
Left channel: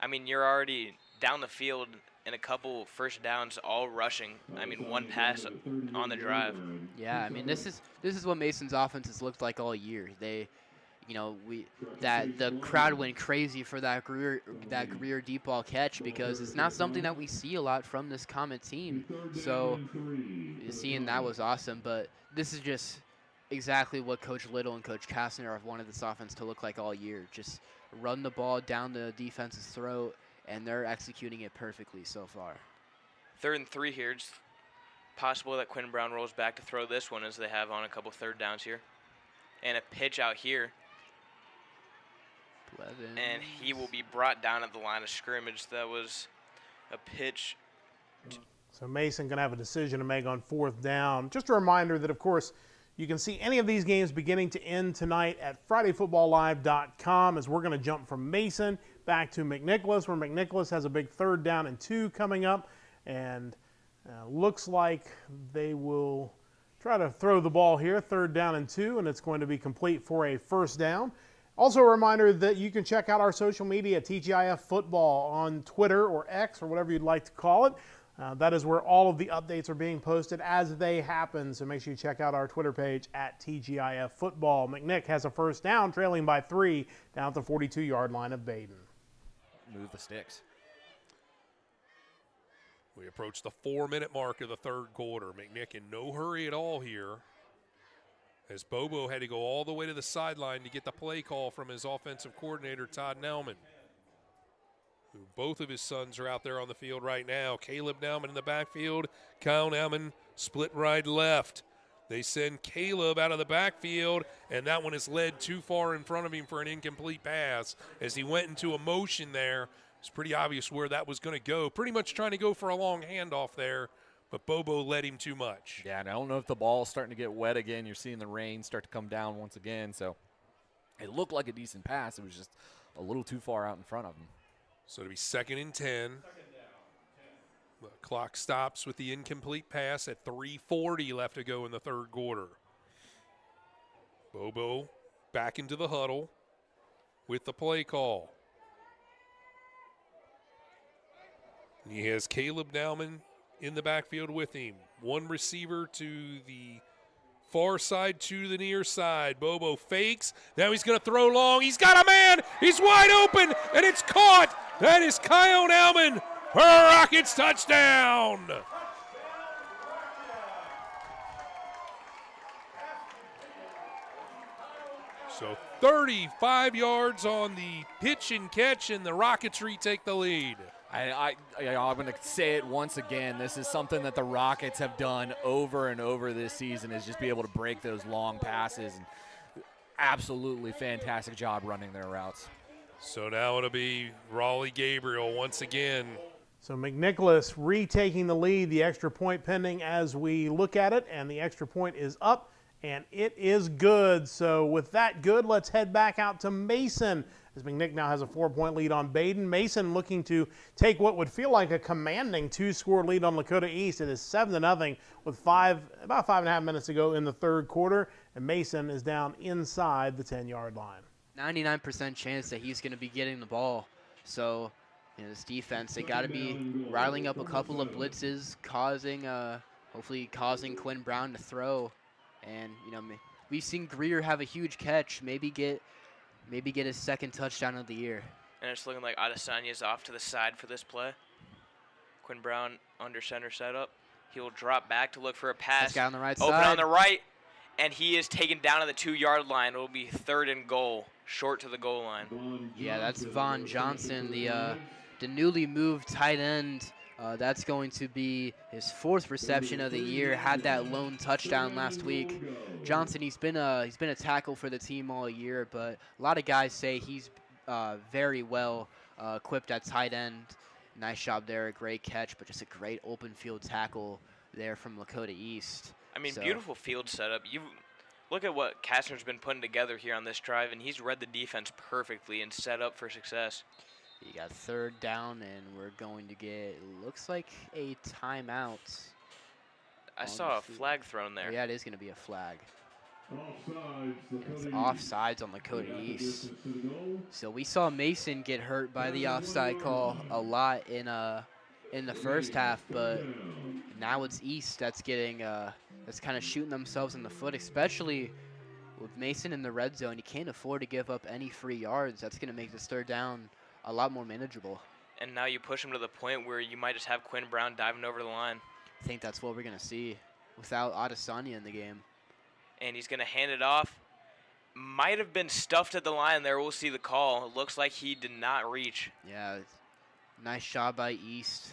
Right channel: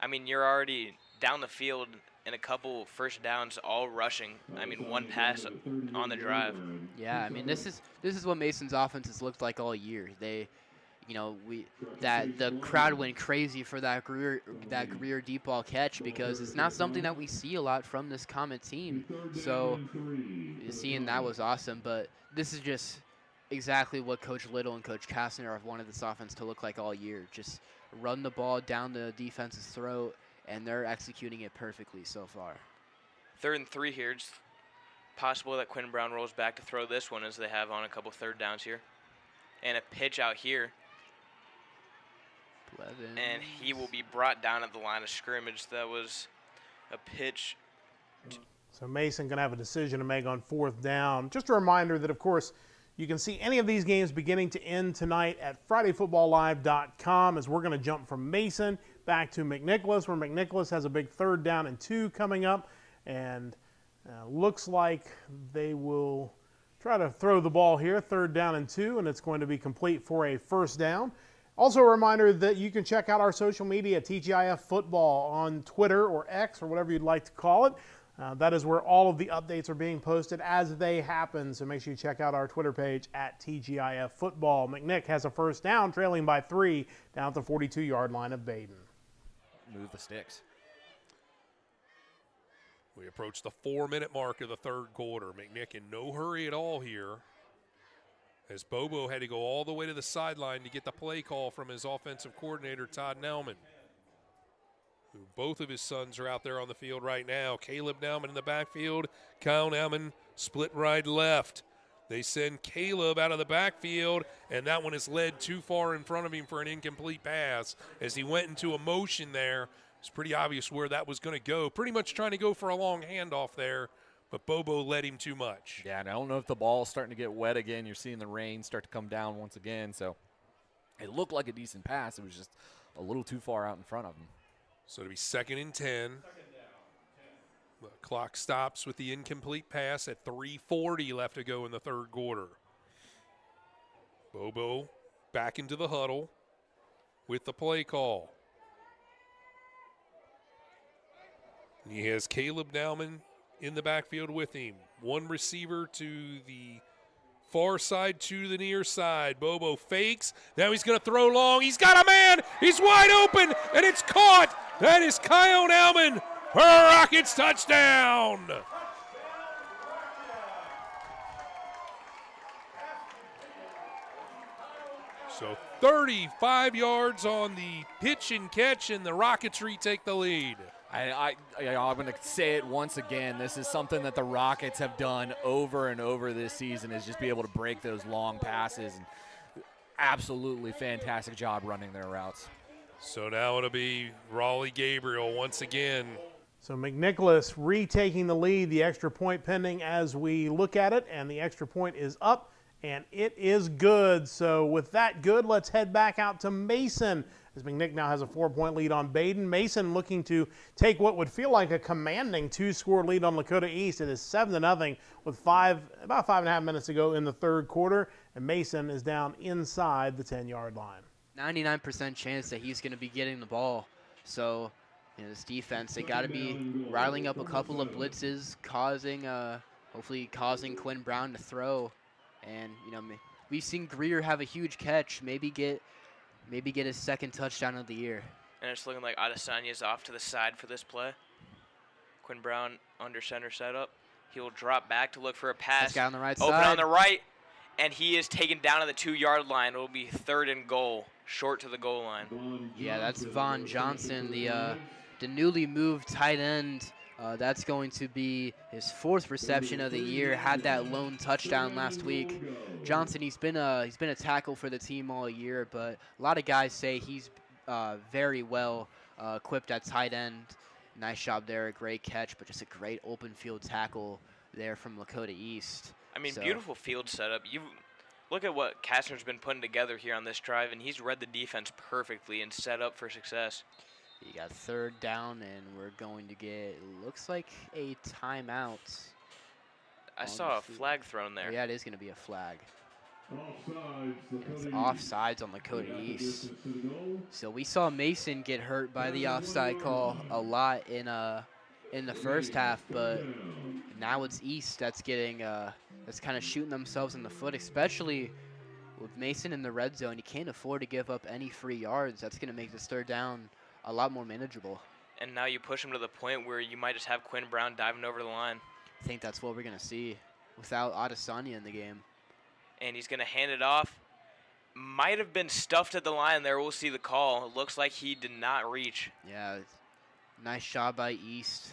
I mean, you're already down the field in a couple first downs, all rushing. I mean, one pass on the drive. Yeah, I mean, this is what Mason's offense has looked like all year. They, the crowd went crazy for that Greer deep ball catch, because it's not something that we see a lot from this Comet team. So seeing that was awesome, but this is just exactly what Coach Little and Coach Kastner have wanted this offense to look like all year. Just run the ball down the defense's throat, and they're executing it perfectly so far. 3rd and 3 here. It's possible that Quinn Brown rolls back to throw this one, as they have on a couple third downs here. And a pitch out here. And he will be brought down at the line of scrimmage. That was a pitch. So Mason going to have a decision to make on 4th down. Just a reminder that, of course, you can see any of these games beginning to end tonight at FridayFootballLive.com, as we're going to jump from Mason back to McNicholas, where McNicholas has a big 3rd down and 2 coming up. And looks like they will try to throw the ball here, 3rd down and 2, and it's going to be complete for a first down. Also a reminder that you can check out our social media at TGIF Football on Twitter or X or whatever you'd like to call it. That is where all of the updates are being posted as they happen, so make sure you check out our Twitter page at TGIF Football. McNick has a first down, trailing by 3 down at the 42-yard line of Baden. Move the sticks. We approach the 4-minute mark of the third quarter. McNick in no hurry at all here, as Bobo had to go all the way to the sideline to get the play call from his offensive coordinator, Todd Nauman, who both of his sons are out there on the field right now. Caleb Nauman in the backfield, Kyle Nauman split right left. They send Caleb out of the backfield, and that one is led too far in front of him for an incomplete pass. As he went into a motion there, it's pretty obvious where that was going to go. Pretty much trying to go for a long handoff there, but Bobo led him too much. Yeah, and I don't know if the ball's starting to get wet again. You're seeing the rain start to come down once again. So it looked like a decent pass. It was just a little too far out in front of him. So to be 2nd and 10. The clock stops with the incomplete pass at 3:40 left to go in the 3rd quarter. Bobo back into the huddle with the play call. He has Caleb Nauman in the backfield with him. One receiver to the far side, to the near side. Bobo fakes. Now he's going to throw long. He's got a man. He's wide open, and it's caught. That is Kyle Nauman for a Rockets touchdown. So 35 yards on the pitch and catch, and the Rockets retake the lead. I'm going to say it once again. This is something that the Rockets have done over and over this season, is just be able to break those long passes. And absolutely fantastic job running their routes. So now it'll be Raleigh Gabriel once again. So McNicholas retaking the lead, the extra point pending as we look at it, and the extra point is up, and it is good. So with that good, let's head back out to Mason, as McNick now has a 4-point lead on Baden. Mason looking to take what would feel like a commanding 2-score lead on Lakota East. It is 7-0 with about 5.5 minutes to go in the 3rd quarter, and Mason is down inside the 10-yard line. 99% chance that he's going to be getting the ball. So, this defense, they got to be riling up a couple of blitzes, hopefully causing Quinn Brown to throw. And, we've seen Greer have a huge catch, maybe get his 2nd touchdown of the year. And it's looking like Adesanya's off to the side for this play. Quinn Brown under center setup. He will drop back to look for a pass. This guy on the right Open side. on the right, and he is taken down to the 2-yard line. It will be 3rd and goal, short to the goal line. Yeah, that's Vaughn Johnson, the newly moved tight end. That's going to be his 4th reception of the year. Had that lone touchdown last week. Johnson, he's been a tackle for the team all year, but a lot of guys say he's very well equipped at tight end. Nice job there, a great catch, but just a great open field tackle there from Lakota East. I mean, beautiful field setup. You look at what Kastner's been putting together here on this drive, and he's read the defense perfectly and set up for success. You got 3rd down, and we're going to get, looks like a timeout. I saw a flag thrown there. Yeah, it is going to be a flag. It's offsides on Lakota East. So we saw Mason get hurt by the offside call a lot in the first half, but now it's East that's getting that's kind of shooting themselves in the foot, especially with Mason in the red zone. You can't afford to give up any free yards. That's going to make this 3rd down a lot more manageable. And now you push him to the point where you might just have Quinn Brown diving over the line. I think that's what we're going to see without Adesanya in the game. And he's going to hand it off. Might have been stuffed at the line there. We'll see the call. It looks like he did not reach. Yeah, nice job by East.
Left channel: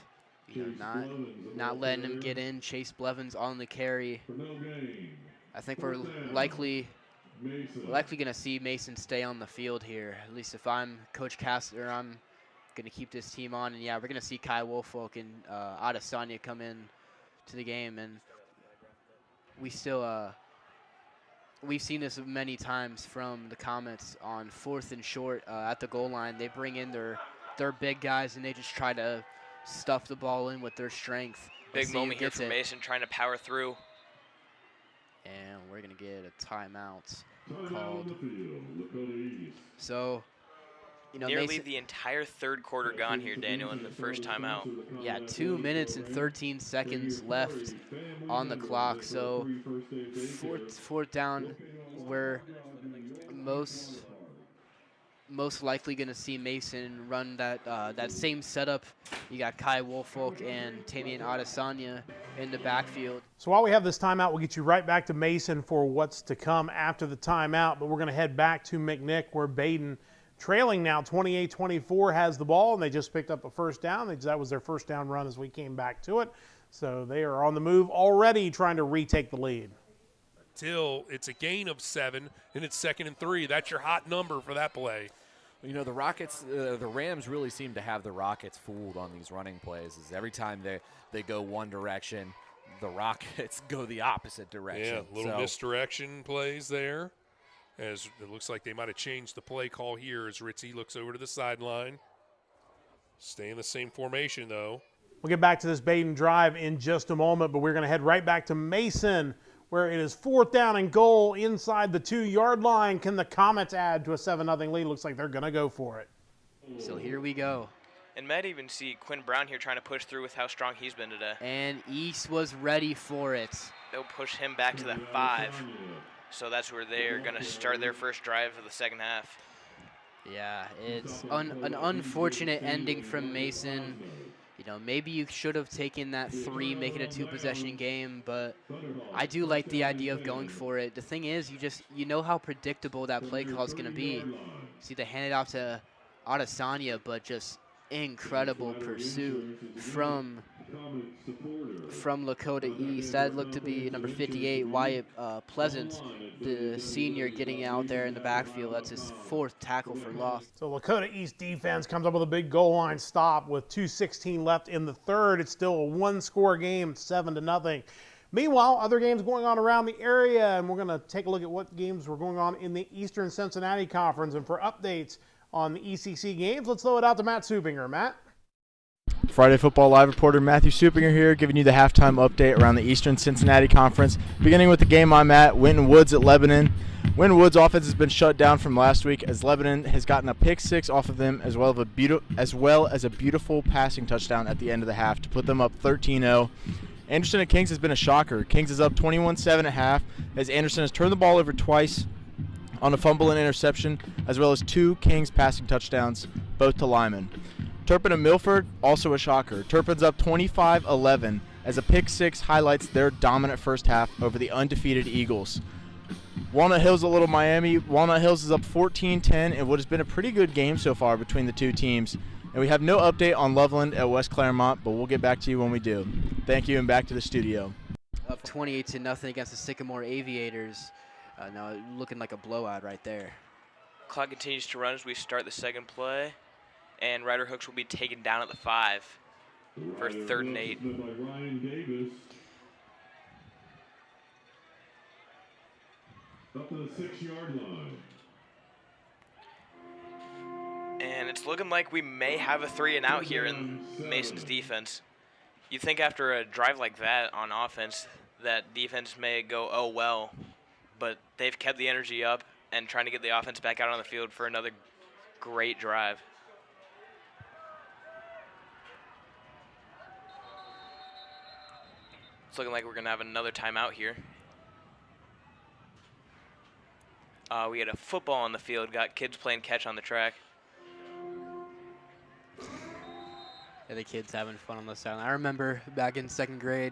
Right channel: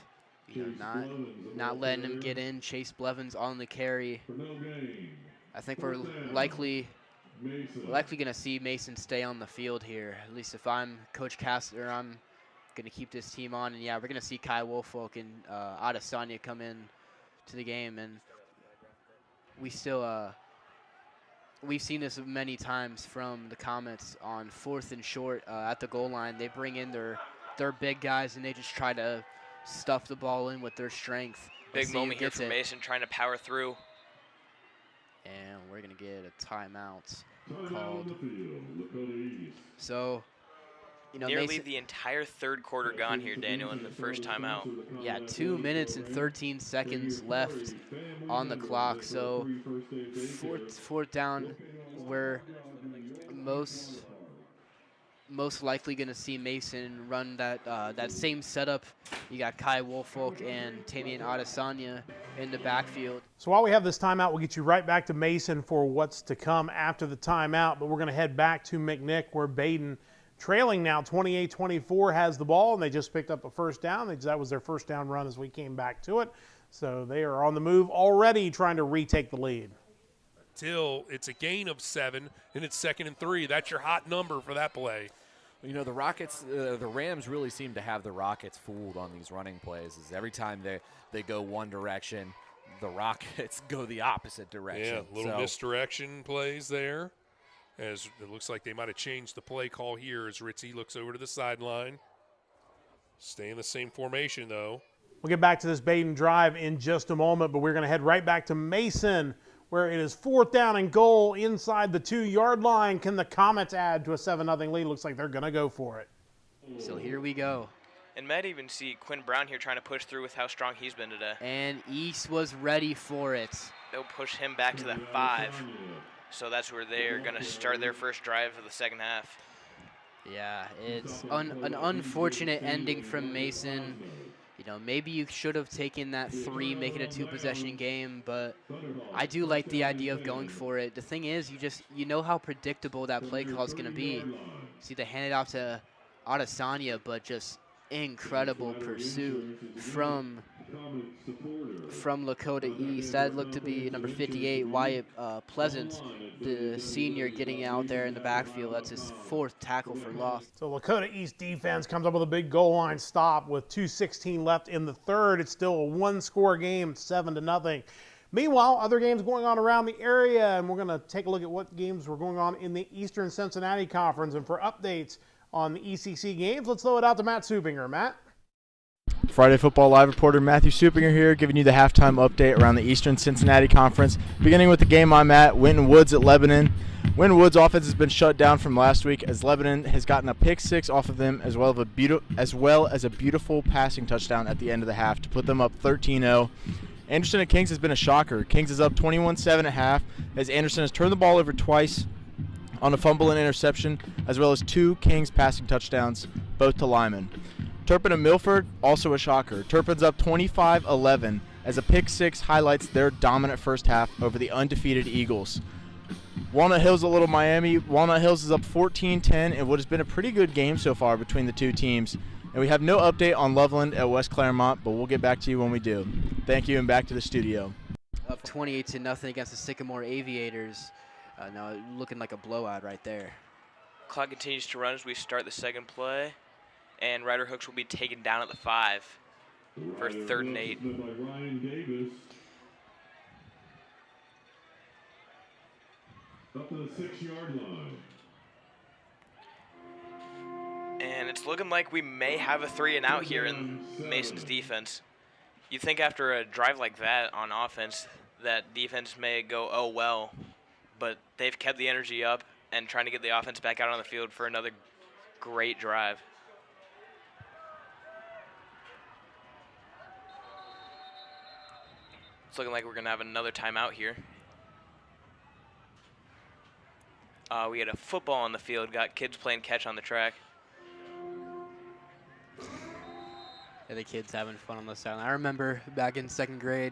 Not letting him get in. Chase Blevins on the carry. I think we're likely going to see Mason stay on the field here. At least if I'm Coach Kastner, I'm going to keep this team on. And, yeah, we're going to see Kai Woolfolk and Adesanya come in to the game. And we still we've seen this many times from the comments on 4th and short at the goal line. They bring in their big guys, and they just try to stuff the ball in with their strength. Big moment here for Mason trying to power through. And we're going to get a timeout called. So, nearly Mason, the entire 3rd quarter gone here, Daniel, in the first timeout. Yeah, 2 minutes and 13 seconds left on the clock. So, 4th down, we're most likely going to see Mason run that same setup. You got Kai Woolfolk and Tamian Adesanya in the backfield. So while we have this timeout, we'll get you right back to Mason for what's to come after the timeout. But we're going to head back to McNick, where Baden, trailing now 28-24, has the ball, and they just picked up a 1st down. That was their 1st down run as we came back to it. So they are on the move already, trying to retake the lead. Till it's a gain of 7, and it's 2nd and 3. That's your hot number for that play. The Rockets, the Rams really seem to have the Rockets fooled on these running plays. Is every time they go one direction, the Rockets go the opposite direction. Yeah, little misdirection plays there. As it looks like they might have changed the play call here as Ritzy looks over to the sideline. Stay in the same formation, though. We'll get back to this Baden drive in just a moment, but we're going to head right back to Mason, where it is 4th down and goal inside the 2-yard line. Can the Comets add to a 7-0 lead? Looks like they're going to go for it. So here we go. And might even see Quinn Brown here trying to push through with how strong he's been today. And East was ready for it. They'll push him back to the 5. So that's where they're going to start their first drive of the second half. Yeah, it's an unfortunate ending from Mason. You know, maybe you should have taken that 3, make it a 2-possession game, but I do like the idea of going for it. The thing is, you know how predictable that play call is going to be. See, they hand it off to Adesanya, but just incredible pursuit from Lakota East. That looked to be number 58, Wyatt Pleasant, the senior, getting out there in the backfield. That's his 4th tackle for loss. So Lakota East defense comes up with a big goal line stop with 2:16 left in the third. It's still a 1-score game, 7-0. Meanwhile, other games going on around the area, and we're going to take a look at what games were going on in the Eastern Cincinnati Conference. And for updates on the ECC games, let's throw it out to Matt Supinger. Matt? Friday Football Live reporter Matthew Supinger here, giving you the halftime update around the Eastern Cincinnati Conference. Beginning with the game I'm at, Winton Woods at Lebanon. Winton Woods' offense has been shut down from last week as Lebanon has gotten a pick 6 off of them, as well as a beautiful passing touchdown at the end of the half to put them up 13-0. Anderson at Kings has been a shocker. Kings is up 21-7 at half as Anderson has turned the ball over twice on a fumble and interception, as well as 2 Kings passing touchdowns, both to Lyman. Turpin and Milford, also a shocker. Turpin's up 25-11 as a pick 6 highlights their dominant first half over the undefeated Eagles. Walnut Hills at Little Miami. Walnut Hills is up 14-10 in what has been a pretty good game so far between the two teams. And we have no update on Loveland at West Claremont, but we'll get back to you when we do. Thank you, and back to the studio. Up 28-0 against the Sycamore Aviators. Now looking like a blowout right there. Clock continues to run as we start the second play. And Ryder Hooks will be taken down at the 5 for 3rd and 8. Up to the 6-yard line. And it's looking like we may have a 3-and-out here in Mason's defense. You'd think after a drive like that on offense, that defense may go, oh, well. But they've kept the energy up and trying to get the offense back out on the field for another great drive. It's looking like we're going to have another timeout here. We had a football on the field, got kids playing catch on the track. Yeah, the kids having fun on the sideline. I remember back in 2nd grade,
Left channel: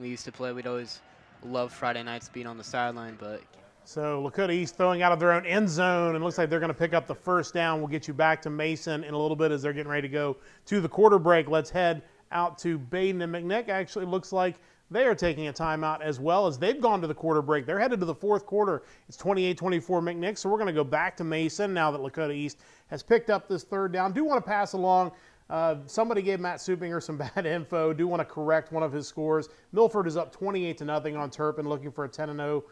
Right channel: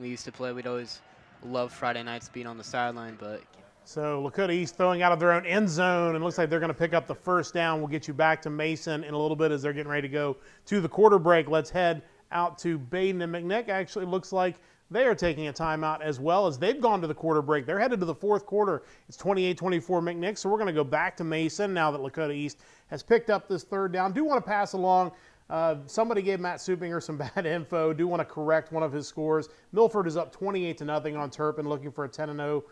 we used to play. We'd always love Friday nights being on the sideline, but. So Lakota East throwing out of their own end zone, and looks like they're going to pick up the 1st down. We'll get you back to Mason in a little bit as they're getting ready to go to the quarter break. Let's head out to Baden and McNick. Actually looks like they are taking a timeout as well as they've gone to the quarter break. They're headed to the 4th quarter. It's 28-24 McNick, so we're going to go back to Mason now that Lakota East has picked up this 3rd down. Do want to pass along. Somebody gave Matt Supinger some bad info. Do want to correct one of his scores. Milford is up 28-0 on Turpin, looking for a 10-0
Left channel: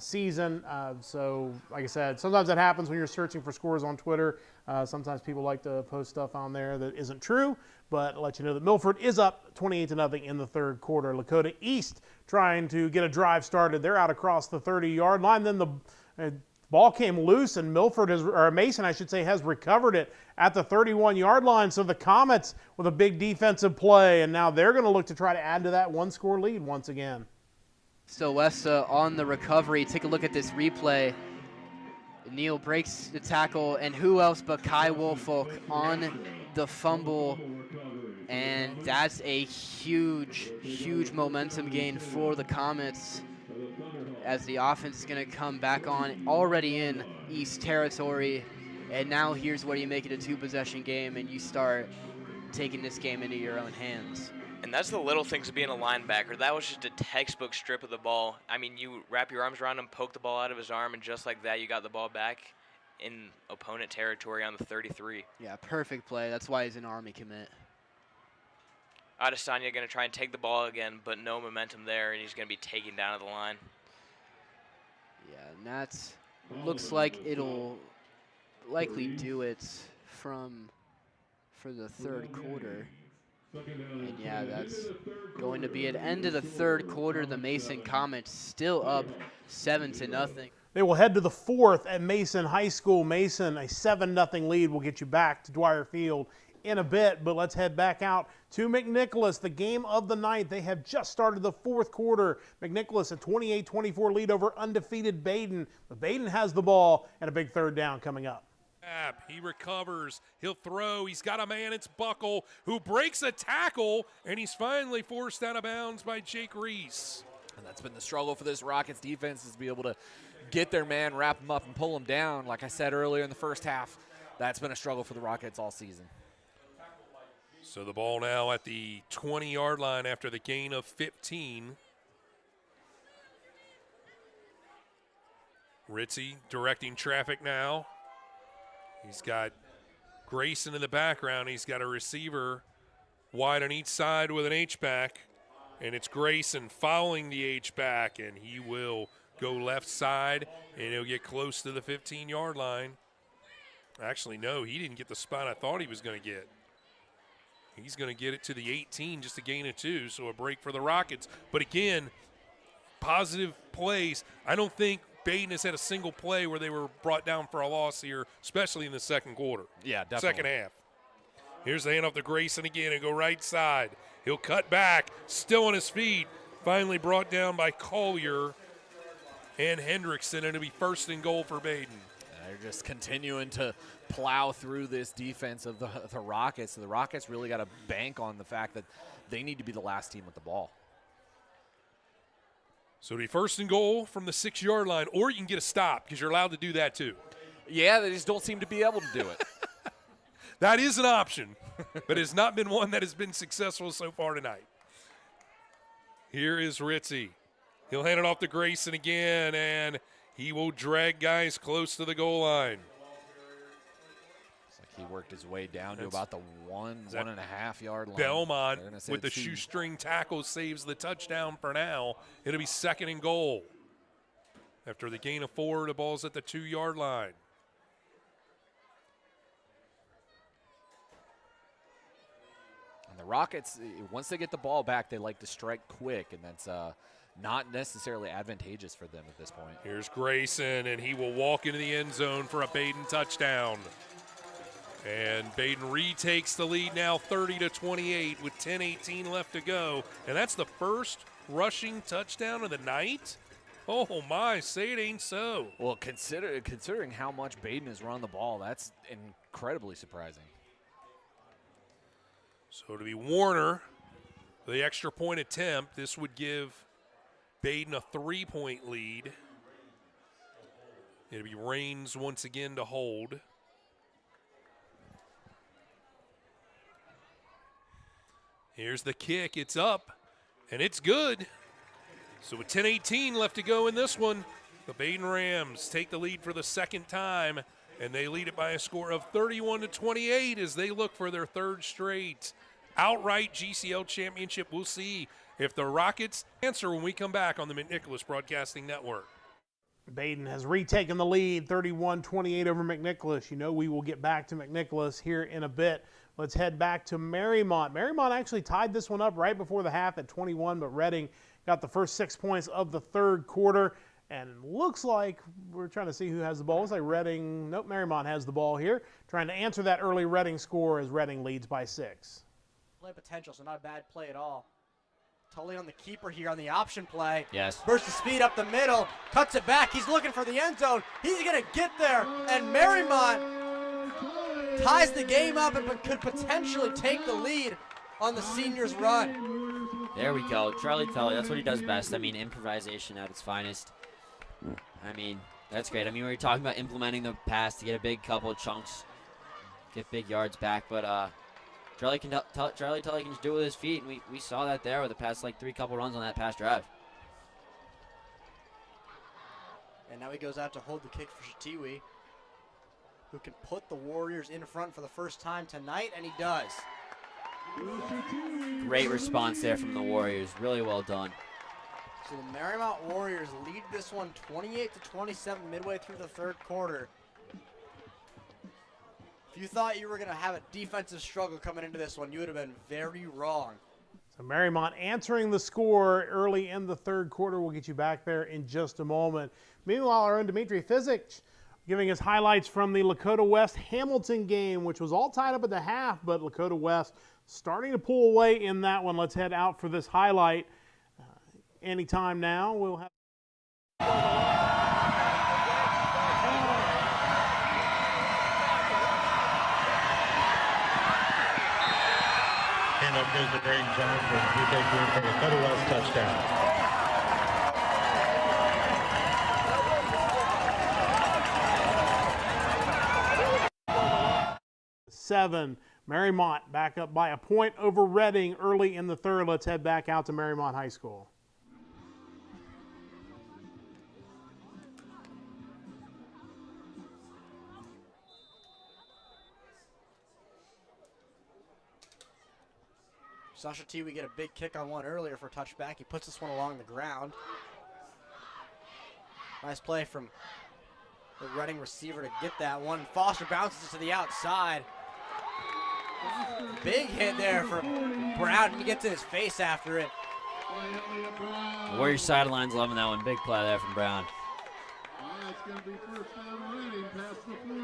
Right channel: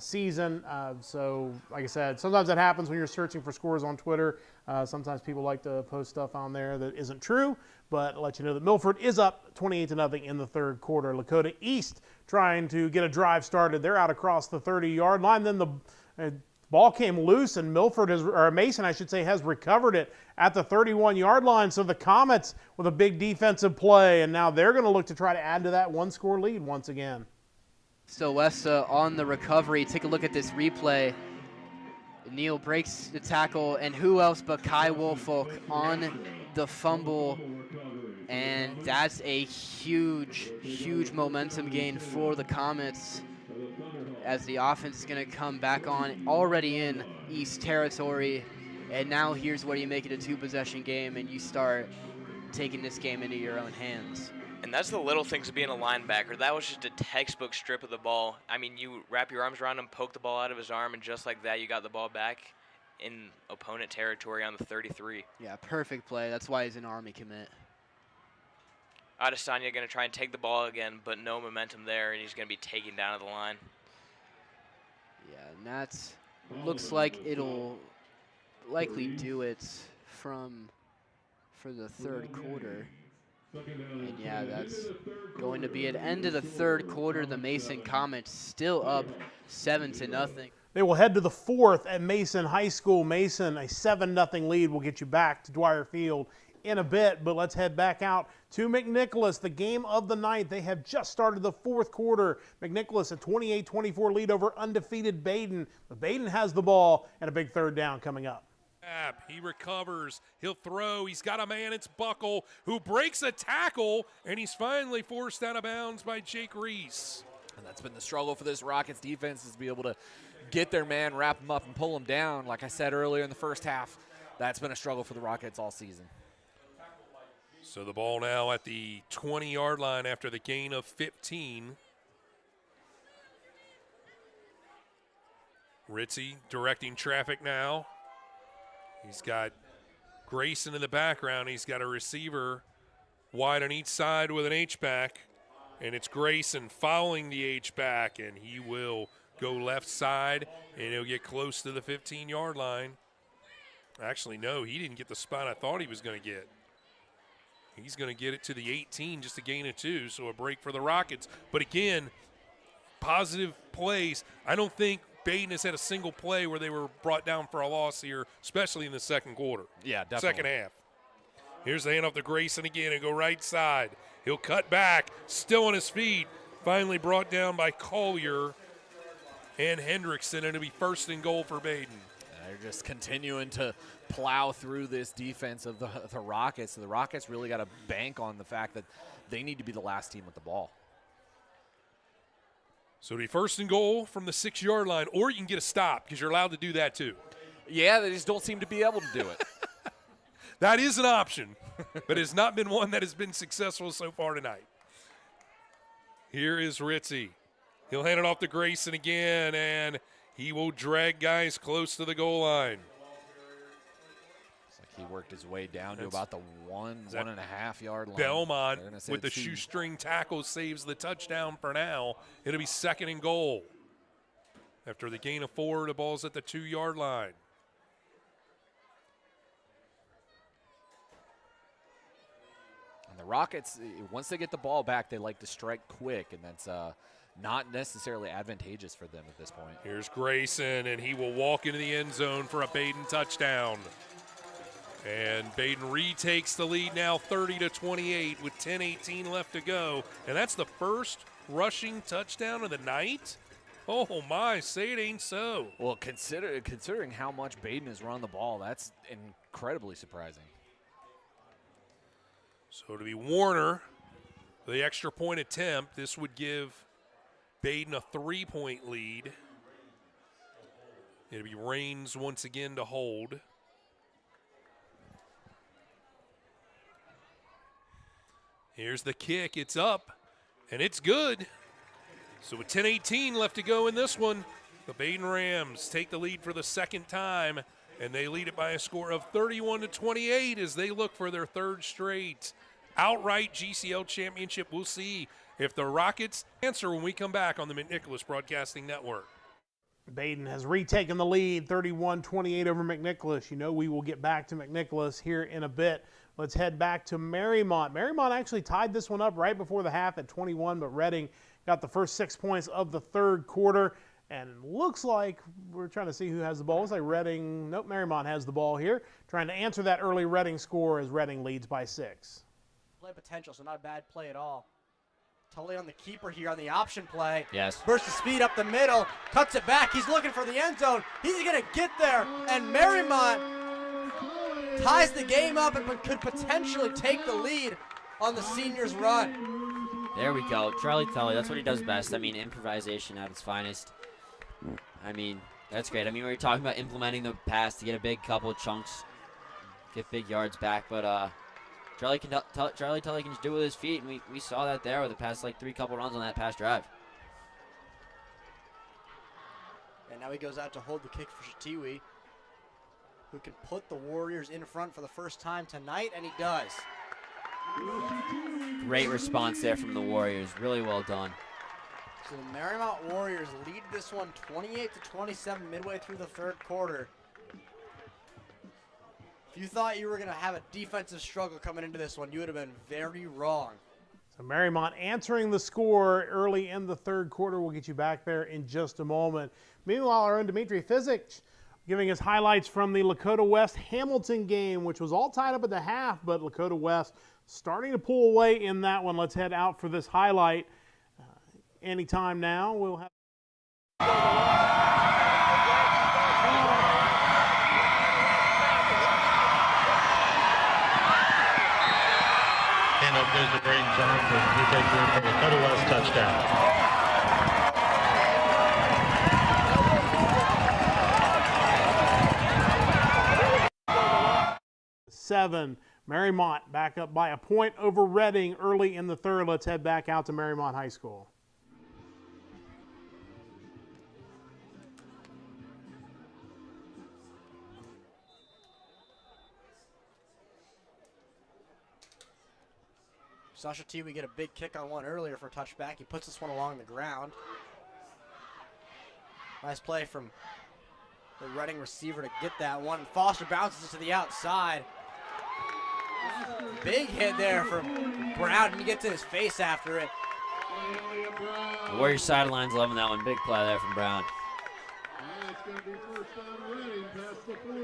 season. So, like I said, sometimes that happens when you're searching for scores on Twitter. Sometimes people like to post stuff on there that isn't true. But I'll let you know that Milford is up 28-0 in the 3rd quarter. Lakota East trying to get a drive started. They're out across the 30-yard line. Then the ball came loose, and Mason, I should say, has recovered it at the 31-yard line. So the Comets with a big defensive play, and now they're going to look to try to add to that 1-score lead once again. So Westa on the recovery. Take a look at this replay. Neal breaks the tackle, and who else but Kai Woolfolk on the fumble. And that's a huge, huge momentum gain for the Comets as the offense is going to come back on already in East territory. And now here's where you make it a 2-possession game and you start taking this game into your own hands. And that's the little things of being a linebacker. That was just a textbook strip of the ball. I mean, you wrap your arms around him, poke the ball out of his arm, and just like that, you got the ball back in opponent territory on the 33. Yeah, perfect play. That's why he's an Army commit. Adesanya going to try and take the ball again, but no momentum there, and he's going to be taken down at the line. Yeah, and that's looks like it'll likely do it for the third quarter. And yeah, that's going to be at end of the third quarter. The Mason Comets still up 7-0. They will head to the fourth at Mason High School. Mason, a 7-0 lead will get you back to Dwyer Field in a bit, but let's head back out to McNicholas, the game of the night. They have just started the fourth quarter. McNicholas a 28-24 lead over undefeated Baden, but Baden has the ball and a big third down coming up. He recovers. He'll throw. He's got a man. It's Buckle, who breaks a tackle, and he's finally forced out of bounds by Jake Reese. And that's been the struggle for this Rockets defense, is to be able to get their man, wrap him up, and pull him down. Like I said earlier in the first half, that's been a struggle for the Rockets all season. So the ball now at the 20-yard line after the gain of 15. Ritzy directing traffic now. He's got Grayson in the background. He's got a receiver wide on each side with an H-back, and it's Grayson following the H-back, and he will go left side, and he'll get close to the 15-yard line. Actually, no, he didn't get the spot I thought he was going to get. He's going to get it to the 18, just a gain of 2, so a break for the Rockets. But again, positive plays. I don't think Baden has had a single play where they were brought down for a loss here, especially in the second quarter. Yeah, definitely. Second half. Here's the handoff to Grayson again and go right side. He'll cut back, still on his feet. Finally brought down by Collier and Hendrickson, and it'll be first and goal for Baden. They're just continuing to plow through this defense of the Rockets. So the Rockets really got to bank on the fact that they need to be the last team with the ball. So it'll be first and goal from the 6-yard line, or you can get a stop because you're allowed to do that too. Yeah, they just don't seem to be able to do it. That is an option, but it's not been one that has been successful so far tonight. Here is Ritzy. He'll hand it off to Grayson again, and he will drag guys close to the goal line. It's like he worked his way down to about the 1.5 yard line. Belmont with the shoestring tackle saves the touchdown for now. It'll be second and goal. After the gain of 4, the ball's at the 2-yard line. And the Rockets, once they get the ball back, they like to strike quick, and that's not necessarily advantageous for them at this point. Here's Grayson, and he will walk into the end zone for a Baden touchdown. And Baden retakes the lead now 30-28 with 10:18 left to go. And that's the first rushing touchdown of the night? Oh, my, say it ain't so. Well, considering how much Baden has run the ball, that's incredibly surprising. So to be Warner, the extra point attempt, this would give Baden a 3-point lead. It'll be Raines once again to hold. Here's the kick. It's up, and it's good. So with 10:18 left to go in this one, the Baden Rams take the lead for the second time, and they lead it by a score of 31-28 as they look for their third straight outright GCL championship. We'll see if the Rockets answer when we come back on the McNicholas Broadcasting Network. Baden has retaken the lead, 31-28 over McNicholas. You know we will get back to McNicholas here in a bit. Let's head back to Marymount. Marymount actually tied this one up right before the half at 21, but Reading got the first 6 points of the third quarter. And looks like we're trying to see who has the ball. It's like Reading, nope, Marymount has the ball here. Trying to answer that early Reading score as Reading leads by 6. Play potential, so not a bad play at all. Tully on the keeper here on the option play. Yes. Burst of speed up the middle, cuts it back. He's looking for the end zone. He's going to get there, and Marymount ties the game up and could potentially take the lead on the seniors' run. There we go. Charlie Tully, that's what he does best. I mean, improvisation at its finest. I mean, that's great. I mean, we were talking about implementing the pass to get a big couple of chunks, get big yards back, but Charlie Tully can just do it with his feet, and we saw that there with the past like 3 couple runs on that pass drive. And now he goes out to hold the kick for Shatiwi, who can put the Warriors in front for the first time tonight, and he does. Great response there from the Warriors. Really well done. So the Marymount Warriors lead this one 28-27 midway through the third quarter. If you thought you were going to have a defensive struggle coming into this one, you would have been very wrong. So Marymount answering the score early in the third quarter. We'll get you back there in just a moment. Meanwhile, our own Dimitri Fizic giving us highlights from the Lakota West Hamilton game, which was all tied up at the half, but Lakota West starting to pull away in that one. Let's head out for this highlight. Anytime now, we'll have. And up goes the Braden Johnson. He takes in for the Lakota West touchdown. Seven. Marymount back up by a point over Reading early in the third. Let's head back out to Marymount High School. Sasha T, we get a big kick on one earlier for touchback. He puts this one along the ground. Nice play from the Reading receiver to get that one. Foster bounces it to the outside. Big hit there for Brown. He gets in his face after it. Warriors sidelines loving that one. Big play there from Brown.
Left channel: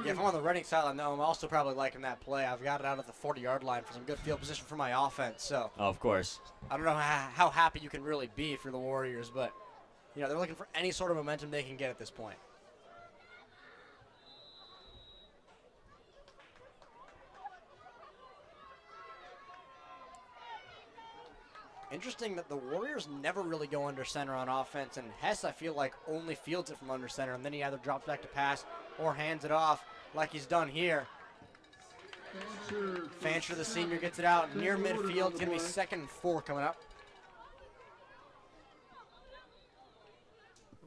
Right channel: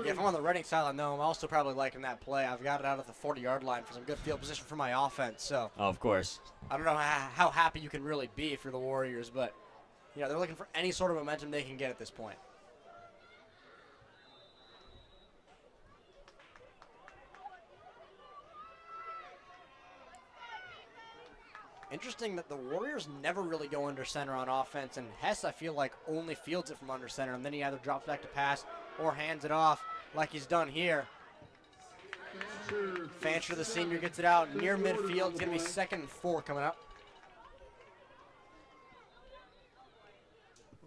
Yeah, if I'm on the Reading sideline, though, I'm also probably liking that play. I've got it out of the 40-yard line for some good field position for my offense. So, Oh, of course. I don't know how happy you can really be for the Warriors, but you know they're looking for any sort of momentum they can get at this point. Interesting that the Warriors never really go under center on offense, and Hess, I feel like, only fields it from under center, and then he either drops back to pass or hands it off like he's done here. Fancher, the senior, gets it out near midfield. It's going to be 2nd and 4 coming up.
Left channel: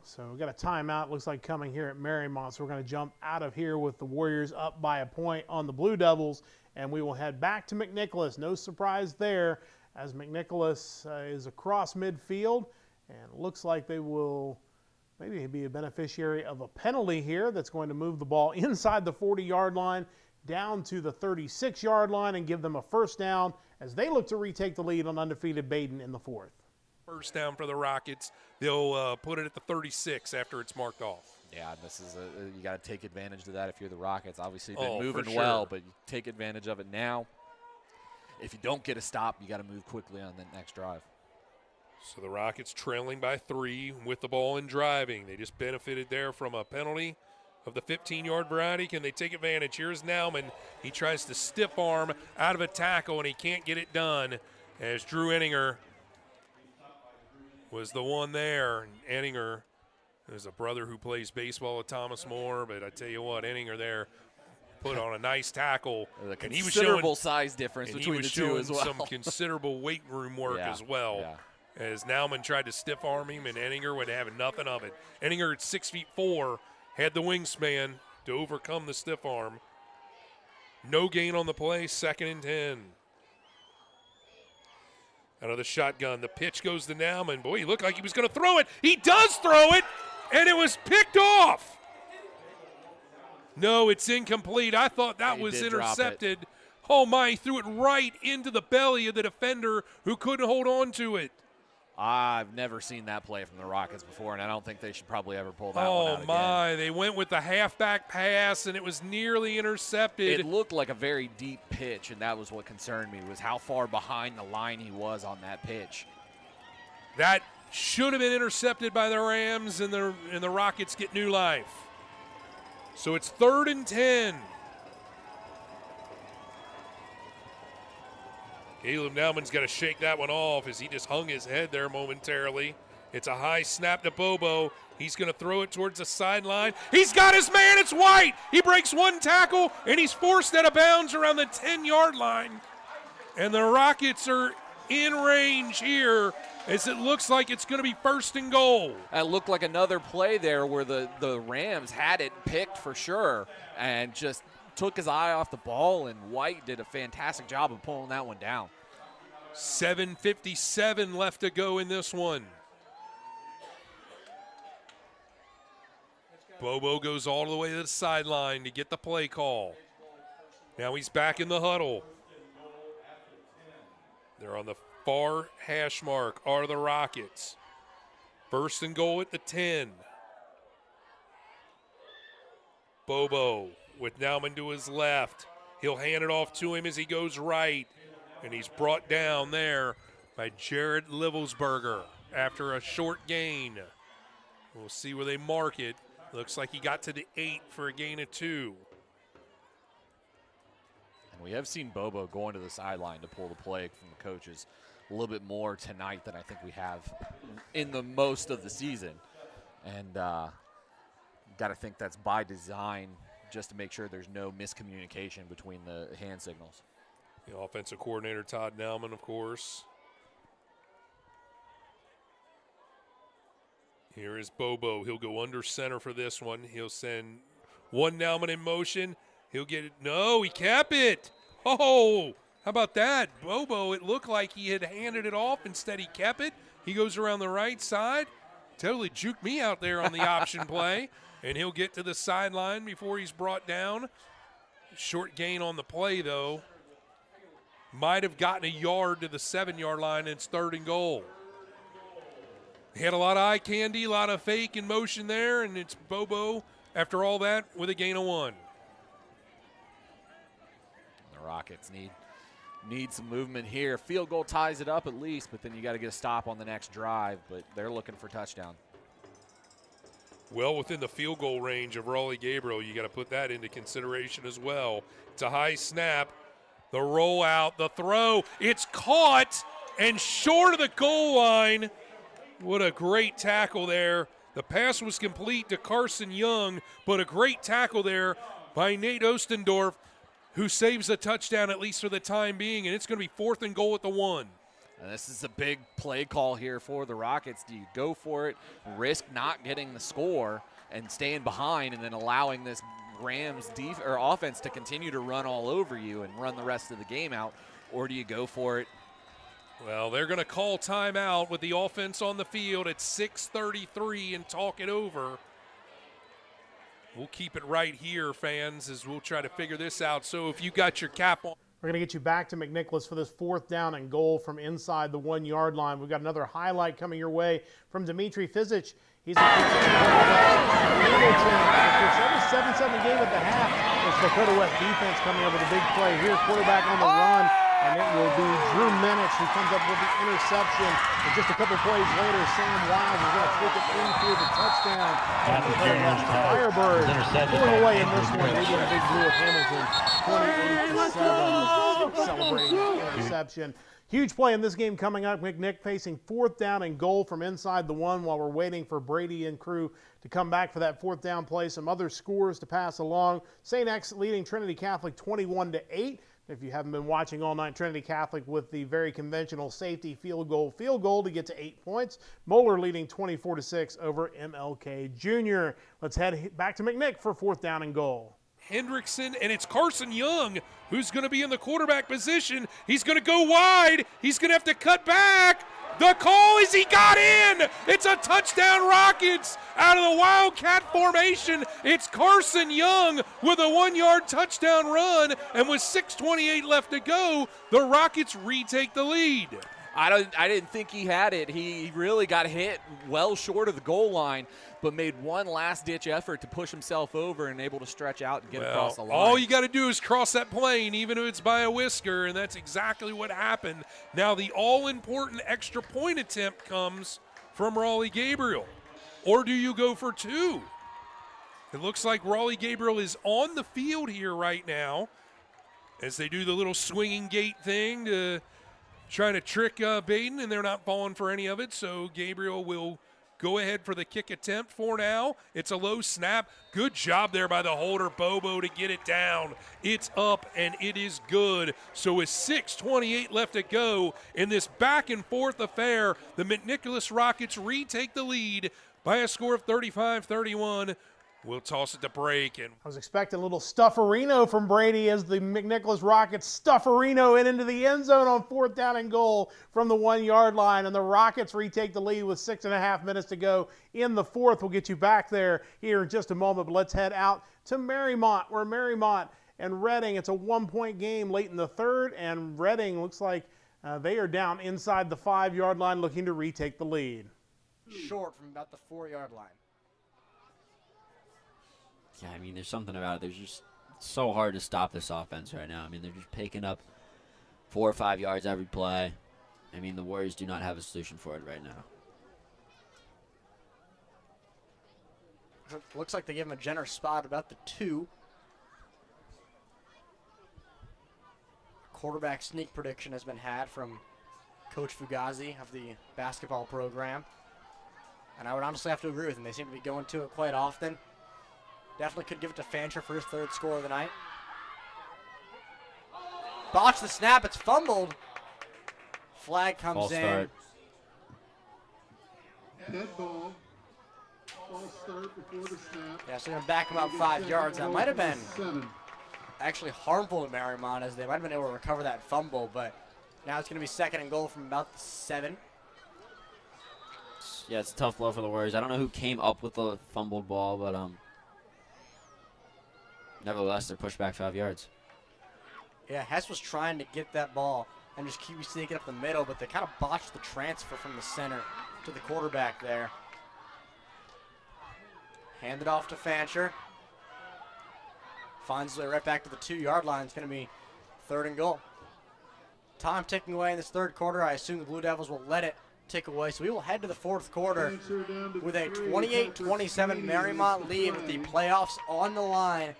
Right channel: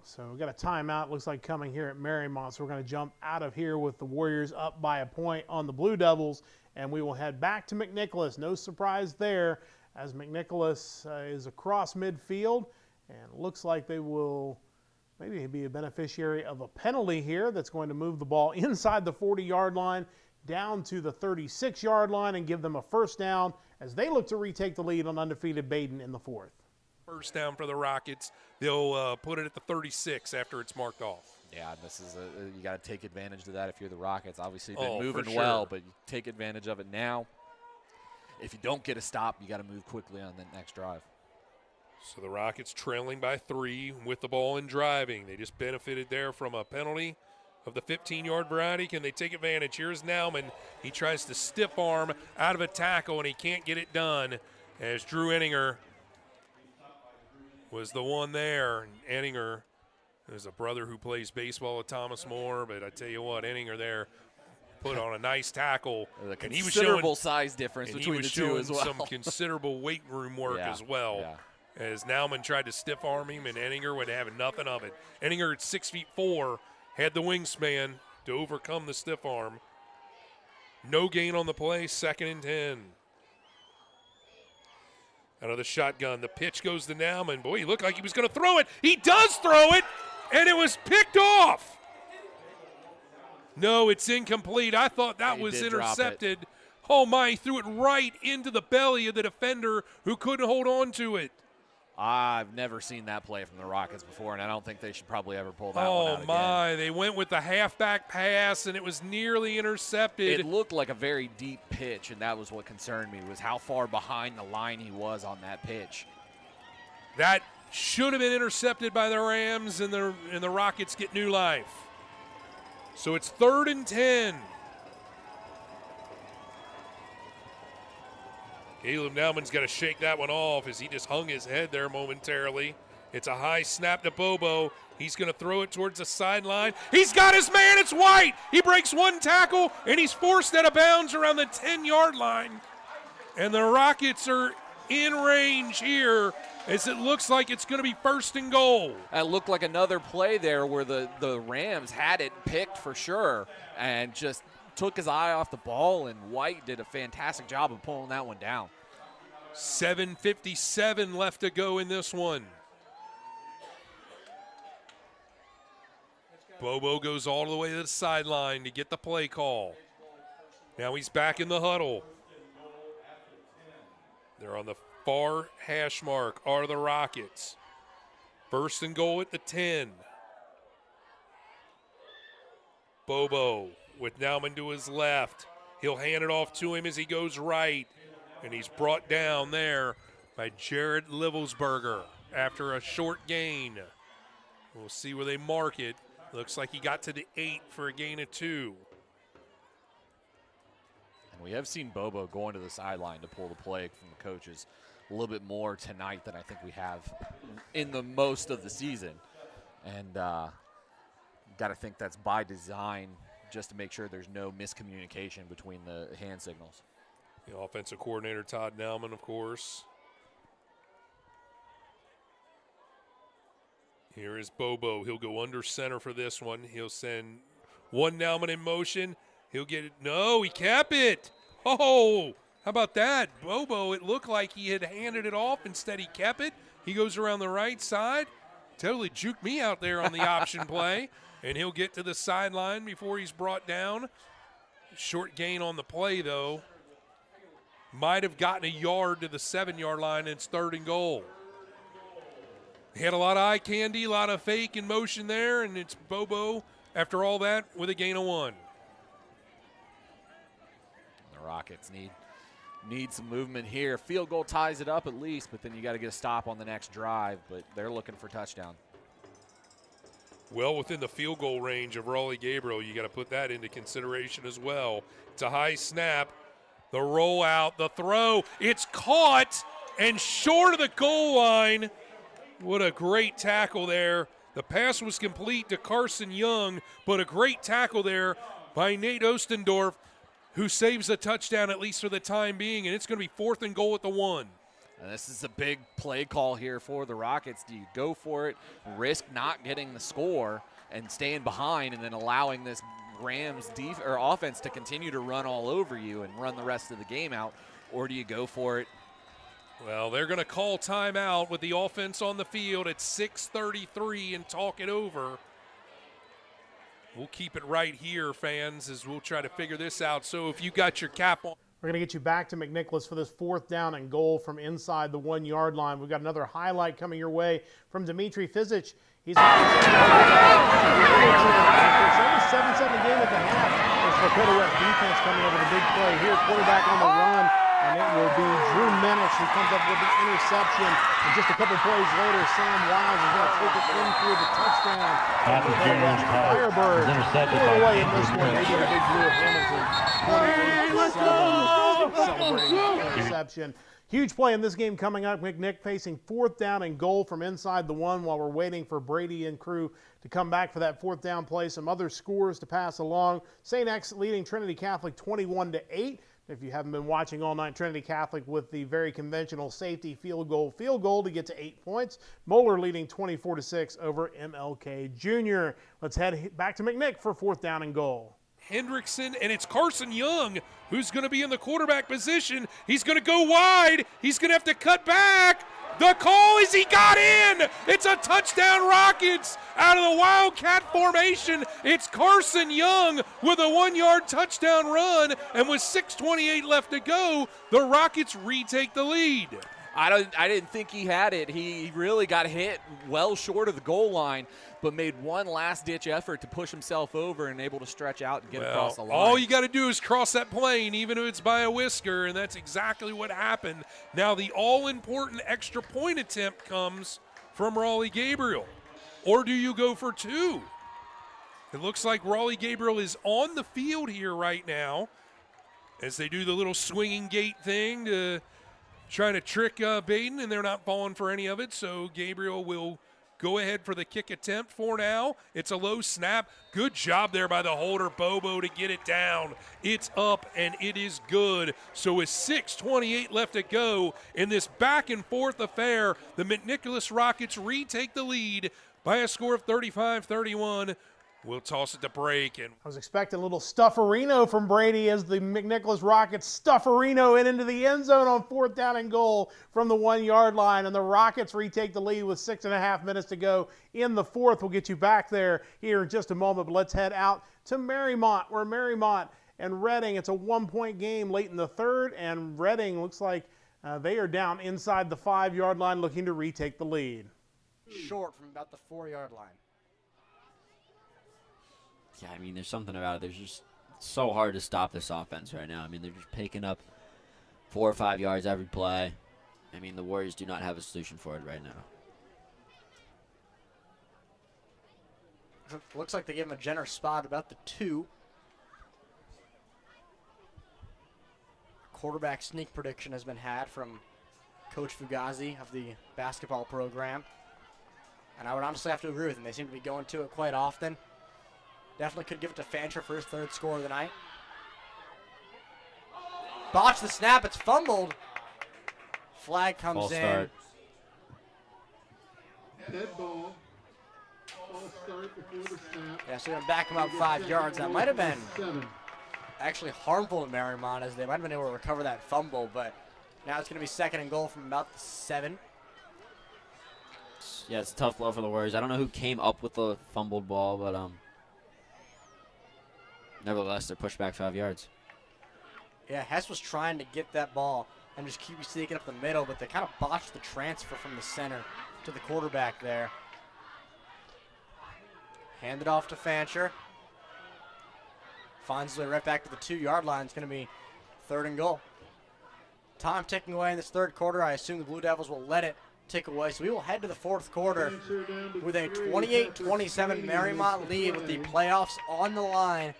So we've got a timeout, looks like, coming here at Marymount. So we're going to jump out of here with the Warriors up by a point on the Blue Devils, and we will head back to McNicholas. No surprise there, as McNicholas is across midfield, and it looks like they will maybe be a beneficiary of a penalty here that's going to move the ball inside the 40-yard line down to the 36-yard line and give them a first down as they look to retake the lead on undefeated Baden in the fourth. First down for the Rockets. They'll put it at the 36 after it's marked off. Yeah, this is you got to take advantage of that if you're the Rockets. Obviously, been moving for well, sure. but you take advantage of it now. If you don't get a stop, you got to move quickly on the next drive. So the Rockets trailing by 3 with the ball and driving. They just benefited there from a penalty of the 15-yard variety. Can they take advantage? Here's Nauman. He tries to stiff arm out of a tackle, and he can't get it done as Drew Enninger was the one there. And Enninger is a brother who plays baseball with Thomas More, but I tell you what, Enninger there put on a nice tackle. And he was showing size difference between the two as well. Some considerable weight room work as well. Yeah. As Nauman tried to stiff arm him, and Enninger would have nothing of it. Enninger at 6'4", had the wingspan to overcome the stiff arm. No gain on the play, 2nd and 10. Out of the shotgun, the pitch goes to Nauman. Boy, he looked like he was going to throw it. He does throw it, and it was picked off. No, it's incomplete. I thought that was intercepted. Oh, my, he threw it right into the belly of the defender who couldn't hold on to it. I've never seen that play from the Rockets before, and I don't think they should probably ever pull that one out again. Oh, my. They went with the halfback pass, and it was nearly intercepted. It looked like a very deep pitch, and that was what concerned me, was how far behind the line he was on that pitch. That should have been intercepted by the Rams, and the Rockets get new life. So it's 3rd and 10. Caleb Nauman's got to shake that one off as he just hung his head there momentarily. It's a high snap to Bobo. He's going to throw it towards the sideline. He's got his man. It's White. He breaks one tackle, and he's forced out of bounds around the 10-yard line. And the Rockets are in range here as it looks like it's going to be 1st and goal. It looked like another play there where the Rams had it picked for sure and just took his eye off the ball, and White did a fantastic job of pulling that one down. 7:57 left to go in this one. Bobo goes all the way to the sideline to get the play call. Now he's back in the huddle. They're on the far hash mark are the Rockets. 1st and goal at the 10. Bobo with Nauman to his left. He'll hand it off to him as he goes right. And he's brought down there by Jared Livelsberger after a short gain. We'll see where they mark it. Looks like he got to the 8 for a gain of 2. And we have seen Bobo going to the sideline to pull the play from the coaches a little bit more tonight than I think we have in the most of the season. And got to think that's by design, just to make sure there's no miscommunication between the hand signals. The offensive coordinator, Todd Nauman, of course. Here is Bobo. He'll go under center for this one. He'll send one Nauman in motion. He'll get it. No, he kept it. Oh, how about that? Bobo, it looked like he had handed it off. Instead, he kept it. He goes around the right side. Totally juked me out there on the option play. And he'll get to the sideline before he's brought down. Short gain on the play, though. Might have gotten a yard to the 7-yard line, and it's 3rd and goal. He had a lot of eye candy, a lot of fake in motion there, and it's Bobo, after all that, with a gain of 1. The Rockets need some movement here. Field goal ties it up at least, but then you got to get a stop on the next drive, but they're looking for touchdown. Well within the field goal range of Raleigh Gabriel. You got to put that into consideration as well. It's a high snap. The rollout, the throw. It's caught and short of the goal line. What a great tackle there. The pass was complete to Carson Young, but a great tackle there by Nate Ostendorf, who saves a touchdown at least for the time being, and it's going to be 4th and goal at the 1. And this is a big play call here for the Rockets. Do you go for it, risk not getting the score and staying behind and then allowing this Rams offense to continue to run all over you and run the rest of the game out, or do you go for it? Well, they're going to call timeout with the offense on the field at 6:33 and talk it over. We'll keep it right here, fans, as we'll try to figure this out. So if you got your cap on. We're going to get you back to McNicholas for this 4th down and goal from inside the 1-yard line. We've got another highlight coming your way from Dimitri Fizic. He's a every 7-7 game at the half. It's Dakota West defense coming up with a big play here. Quarterback on the run, and it will be Drew Minich who comes up with the interception. And just a couple plays later, Sam Wiles is going to take it in for the touchdown. Firebird pulling away in this one, leading the Big Blue of Hamilton 28-7. Celebrating the interception. Huge play in this game coming up. McNick facing 4th down and goal from inside the 1 while we're waiting for Brady and crew to come back for that 4th down play. Some other scores to pass along. St. X leading Trinity Catholic 21-8. If you haven't been watching all night, Trinity Catholic with the very conventional safety field goal to get to 8 points. Moeller leading 24-6 over MLK Jr. Let's head back to McNick for 4th down and goal. Hendrickson, and it's Carson Young who's going to be in the quarterback position. He's going to go wide. He's going to have to cut back. The call is he got in. It's a touchdown Rockets out of the Wildcat formation. It's Carson Young with a 1-yard touchdown run, and with 6:28 left to go, the Rockets retake the lead. I didn't think he had it. He really got hit well short of the goal line, but made one last-ditch effort to push himself over and able to stretch out and get across the line. All you got to do is cross that plane, even if it's by a whisker, and that's exactly what happened. Now the all-important extra point attempt comes from Raleigh Gabriel. Or do you go for 2? It looks like Raleigh Gabriel is on the field here right now as they do the little swinging gate thing to trying to trick Baden, and they're not falling for any of it, so Gabriel will go ahead for the kick attempt for now. It's a low snap. Good job there by the holder, Bobo, to get it down. It's up, and it is good. So with 6:28 left to go in this back-and-forth affair, the McNicholas Rockets retake the lead by a score of 35-31 We'll toss it to break. And I was expecting a little stufferino from Brady as the McNicholas Rockets stufferino into the end zone on 4th down and goal from the 1-yard line. And the Rockets retake the lead with 6.5 minutes to go in the 4th. We'll get you back there here in just a moment. But let's head out to Marymount, where Marymount and Reading, it's a 1-point game late in the 3rd. And Reading looks like they are down inside the 5-yard line looking to retake the lead. Short from about the 4-yard line. Yeah, I mean, there's something about it. There's just so hard to stop this offense right now. I mean, they're just picking up 4 or 5 yards every play. I mean, the Warriors do not have a solution for it right now. Looks like they give him a generous spot about the 2. Quarterback sneak prediction has been had from Coach Fugazi of the basketball program. And I would honestly have to agree with him. They seem to be going to it quite often. Definitely could give it to Fancher for his 3rd score of the night. Botch the snap. It's fumbled. Flag comes False in. Start. Dead ball. False start before the snap. Yeah, so they're going to back him up 5 yards. That might have been actually harmful to Marymount, as they might have been able to recover that fumble, but now it's going to be 2nd and goal from about the 7. Yeah, it's a tough blow for the Warriors. I don't know who came up with the fumbled ball, but nevertheless, they're pushed back 5 yards. Yeah, Hess was trying to get that ball and just keep sneaking up the middle, but they kind of botched the transfer from the center to the quarterback there. Hand it off to Fancher. Finds his way right back to the 2-yard line. It's going to be 3rd and goal. Time ticking away in this 3rd quarter. I assume the Blue Devils will let it tick away. So we will head to the 4th quarter with a 28-27 Marymount lead with the playoffs on the line.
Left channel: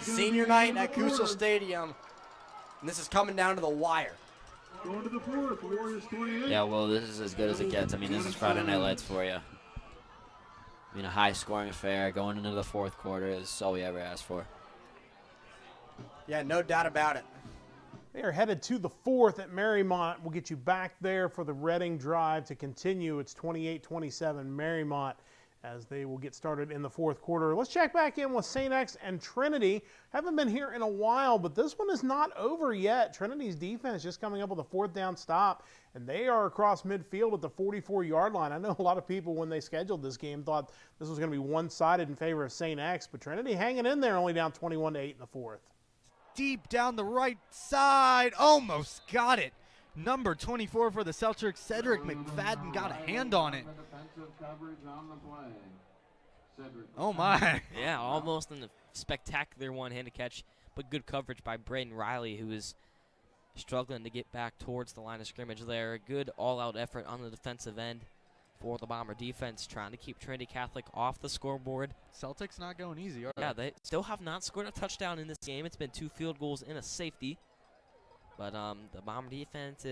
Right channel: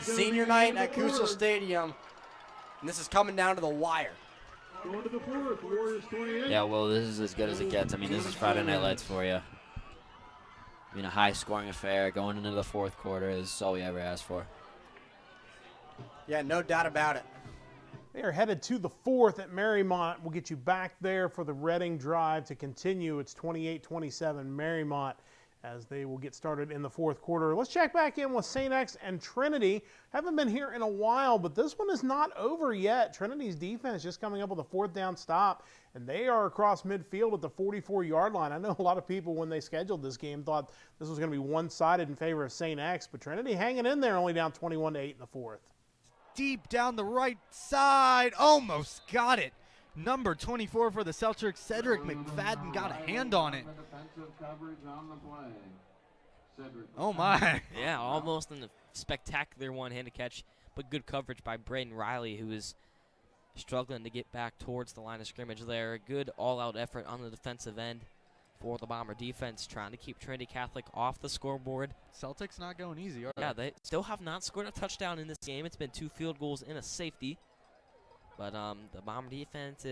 Senior night at Kusel Stadium. And this is coming down to the wire. Going to the 4th, Warriors 28. Yeah, well, this is as good as it gets. I mean, this is Friday Night Lights for you. I mean, a high-scoring affair going into the 4th quarter is all we ever asked for. Yeah, no doubt about it. They are headed to the 4th at Marymount. We'll get you back there for the Reading drive to continue. It's 28-27 Marymount as they will get started in the 4th quarter. Let's check back in with St. X and Trinity. Haven't been here in a while, but this one is not over yet. Trinity's defense just coming up with a 4th down stop, and they are across midfield at the 44-yard line. I know a lot of people, when they scheduled this game, thought this was going to be one-sided in favor of St. X, but Trinity hanging in there, only down 21-8 in the 4th. Deep down the right side, almost got it. Number 24 for the Celtics, Cedric McFadden, got a hand on it. Oh my. Yeah, almost in the spectacular one-handed catch, but good coverage by Braden Riley, who is struggling to get back towards the line of scrimmage there. A good all-out effort on the defensive end for the Bomber defense, trying to keep Trinity Catholic off the scoreboard. Celtics not going easy, are they? Yeah, they still have not scored a touchdown in this game. It's been 2 field goals and a safety. But the Bomber defense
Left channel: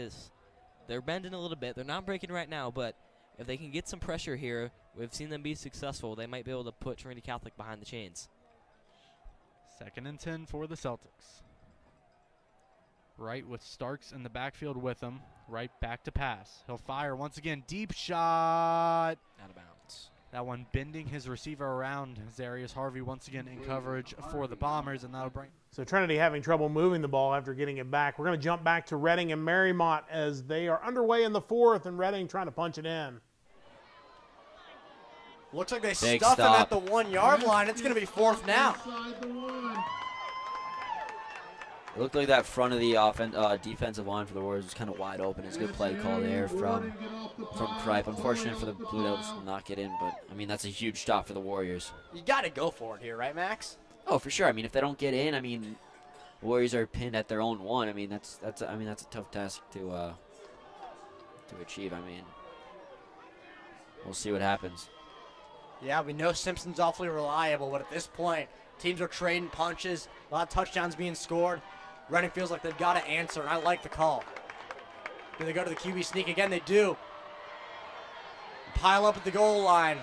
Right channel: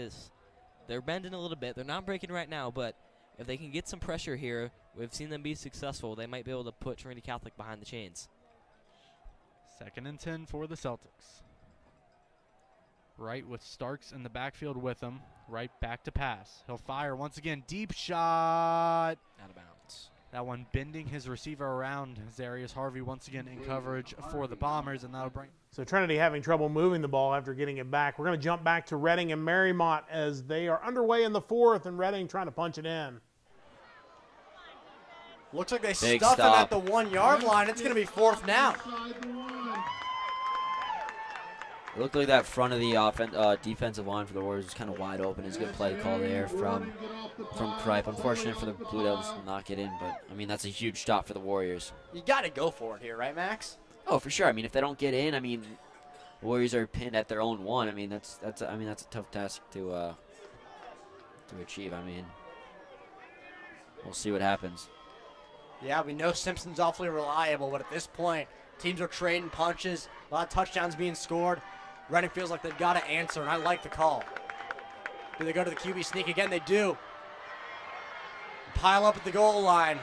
they're bending a little bit. They're not breaking right now, but if they can get some pressure here, we've seen them be successful. They might be able to put Trinity Catholic behind the chains. 2nd and 10 for the Celtics. Wright with Starks in the backfield with him. Wright back to pass. He'll fire once again. Deep shot. Out of bounds. That one bending his receiver around. Zarius Harvey once again in coverage for the Bombers, and that'll bring. So Trinity having trouble moving the ball after getting it back. We're going to jump back to Reading and Marymount as they are underway in the 4th, and Reading trying to punch it in. Looks like they stuff him at the 1-yard line. It's going to be 4th now. It looked like that front of the defensive line for the Warriors was kind of wide open. It's a good play call there from Kripe. Unfortunate for the Blue Devils to not get in, but, I mean, that's a huge stop for the Warriors. You got to go for it here, right, Max? Oh, for sure. I mean, if they don't get in, I mean, the Warriors are pinned at their own 1. I mean, that's a tough task to achieve. I mean, we'll see what happens. Yeah, we know Simpson's awfully reliable, but at this point, teams are trading punches. A lot of touchdowns being scored. Reading feels like they've got to answer, and I like the call. Do they go to the QB sneak again? They do. Pile up at the goal line.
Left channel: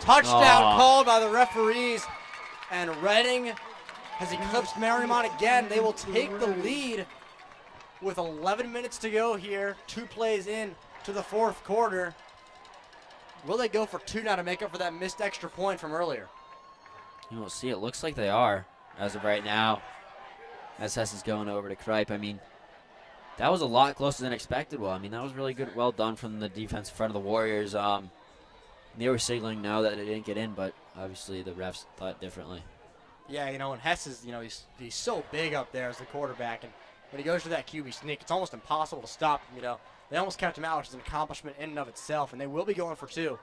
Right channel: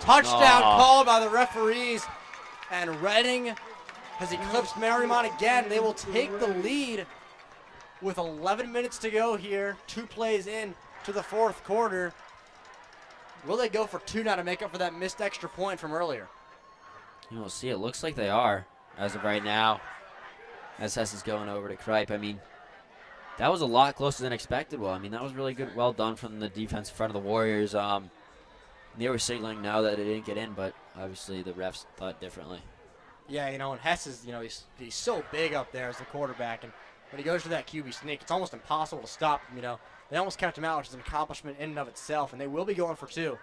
Touchdown called by the referees, and Reading has eclipsed Marymount again. They will take the lead with 11 minutes to go here. 2 plays in to the 4th quarter. Will they go for 2 now to make up for that missed extra point from earlier? You will see. It looks like they are as of right now. SS is going over to Kripe. I mean, that was a lot closer than expected. Well, I mean, that was really good. Well done from the defense in front of the Warriors. They were signaling now that they didn't get in, but obviously the refs thought differently. Yeah, you know, and Hess is, you know, he's so big up there as the quarterback, and when he goes to that QB sneak, it's almost impossible to stop him, you know. They almost kept him out, which is an accomplishment in and of itself, and they will be going for 2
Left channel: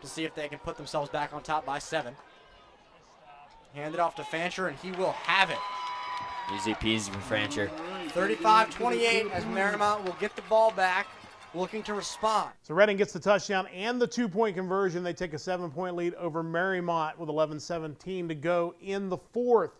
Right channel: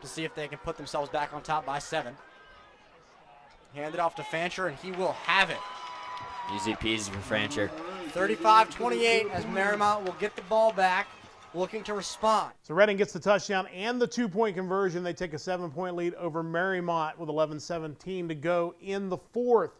to see if they can put themselves back on top by 7. Hand it off to Fancher, and he will have it. Easy peasy for Fancher. 35-28 as Marymount will get the ball back, looking to respond. So Reading gets the touchdown and the 2-point conversion. They take a 7-point lead over Marymount with 11:17 to go in the 4th.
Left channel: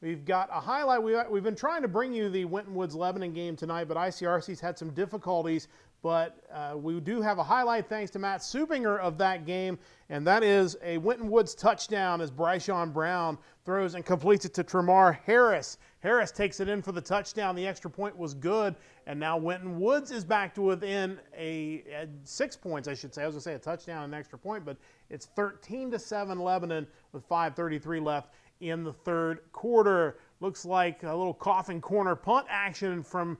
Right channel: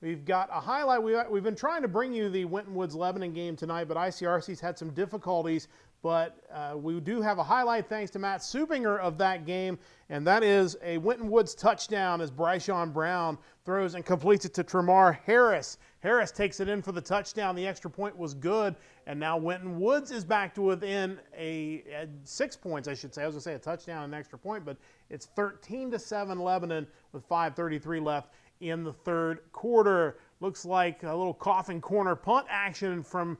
We've got a highlight. We've been trying to bring you the Winton Woods Lebanon game tonight, but ICRC's had some difficulties. But we do have a highlight thanks to Matt Supinger of that game, and that is a Winton Woods touchdown as Bryshon Brown throws and completes it to Tremar Harris. Harris takes it in for the touchdown. The extra point was good, and now Winton Woods is back to within 6 points, I should say. I was going to say a touchdown and an extra point, but it's 13-7 Lebanon with 5:33 left in the 3rd quarter. Looks like a little coffin corner punt action from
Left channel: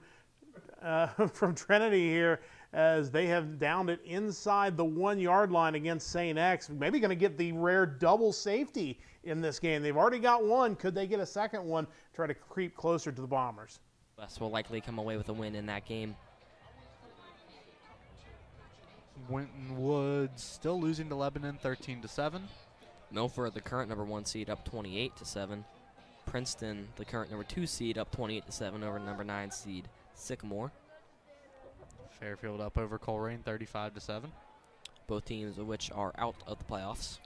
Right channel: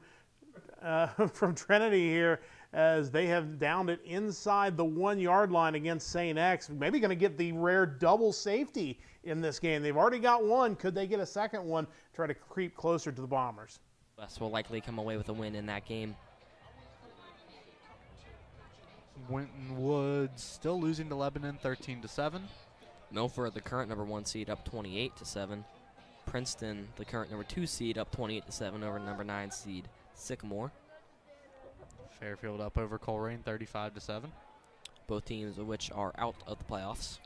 Trinity here as they have downed it inside the 1-yard line against St. X. Maybe going to get the rare double safety in this game. They've already got one. Could they get a second one, try to creep closer to the Bombers? West will likely come away with a win in that game. Winton Woods still losing to Lebanon 13-7. Milford, the current number 1 seed, up 28-7. Princeton, the current number 2 seed, up 28-7 over number 9 seed Sycamore. Fairfield up over Coleraine 35-7. Both teams of which are out of the playoffs.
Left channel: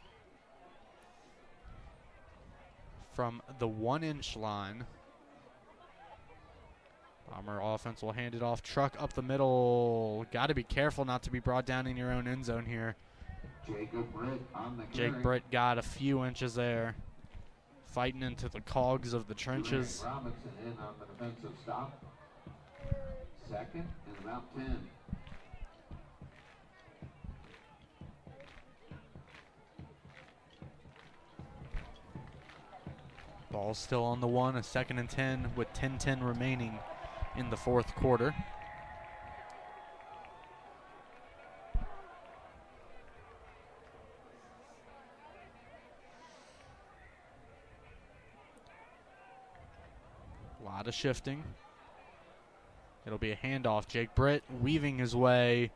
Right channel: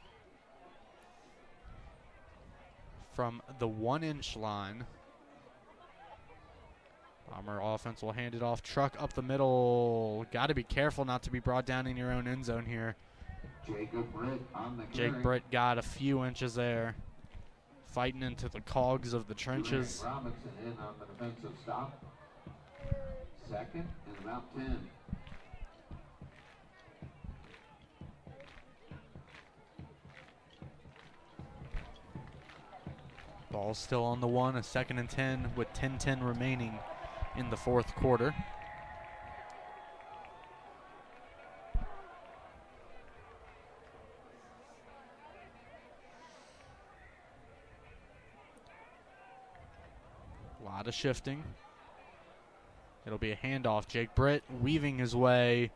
From the 1-inch line, Bomber offense will hand it off. Truck up the middle. Got to be careful not to be brought down in your own end zone here. Jake Britt got a few inches there. Fighting into the cogs of the trenches. Robinson in on the defensive stop. 2nd and about 10. Ball still on the 1, a 2nd and 10 with 10:10 remaining in the 4th quarter. A lot of shifting. It'll be a handoff. Jake Britt weaving his way,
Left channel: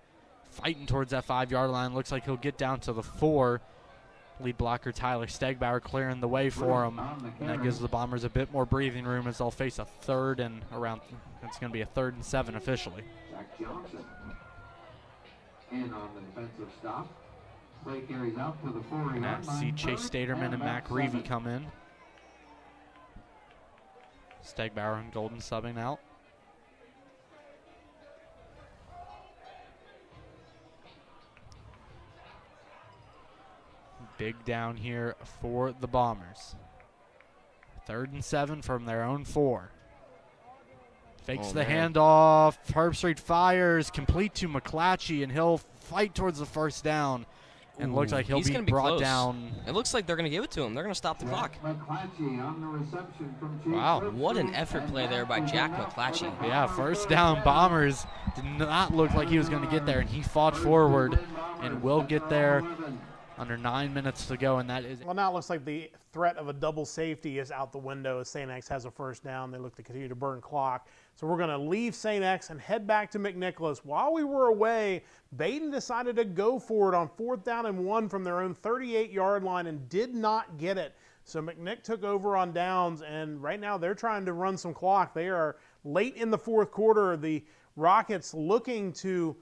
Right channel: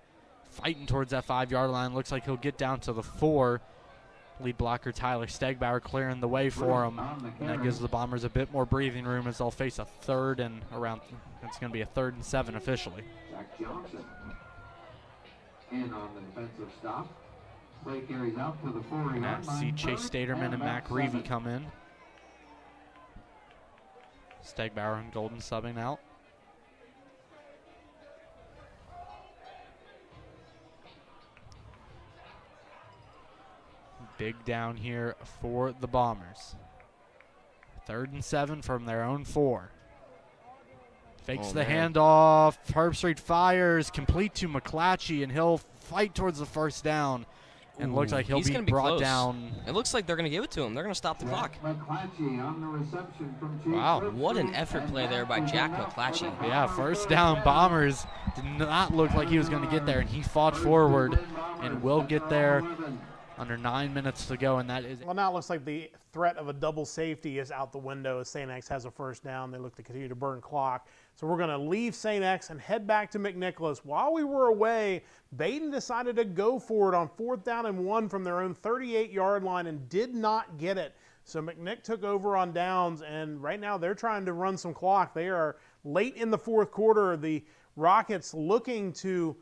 fighting towards that 5-yard line. Looks like he'll get down to the 4. Lead blocker Tyler Stegbauer clearing the way for him. And that gives the Bombers a bit more breathing room as they'll face a 3rd and around. It's going to be a 3rd and 7 officially. Jack Johnson in on the defensive stop. Play carries out to the 4-yard line. See Chase Staterman and Mac Reevy come in. Stegbauer and Golden subbing out. Big down here for the Bombers. 3rd and 7 from their own 4. Fakes the handoff. Herbstreit fires, complete to McClatchy, and he'll fight towards the 1st down. And looks like he'll be brought down. It looks like they're going to give it to him. They're going to stop the clock. McClatchy on the reception from Chief. Wow. What an effort play there by Jack McClatchy. Yeah, 1st down. Bombers did not look like he was going to get there, and he fought forward and will get there. Under 9 minutes to go, and that is... Well, now it looks like the threat of a double safety is out the window as St. X has a 1st down. They look to continue to burn clock. So we're going to leave St. X and head back to McNicholas. While we were away, Baden decided to go for it on 4th down and 1 from their own 38-yard line and did not get it. So McNick took over on downs, and right now they're trying to run some clock. They are late in the 4th quarter. The Rockets looking to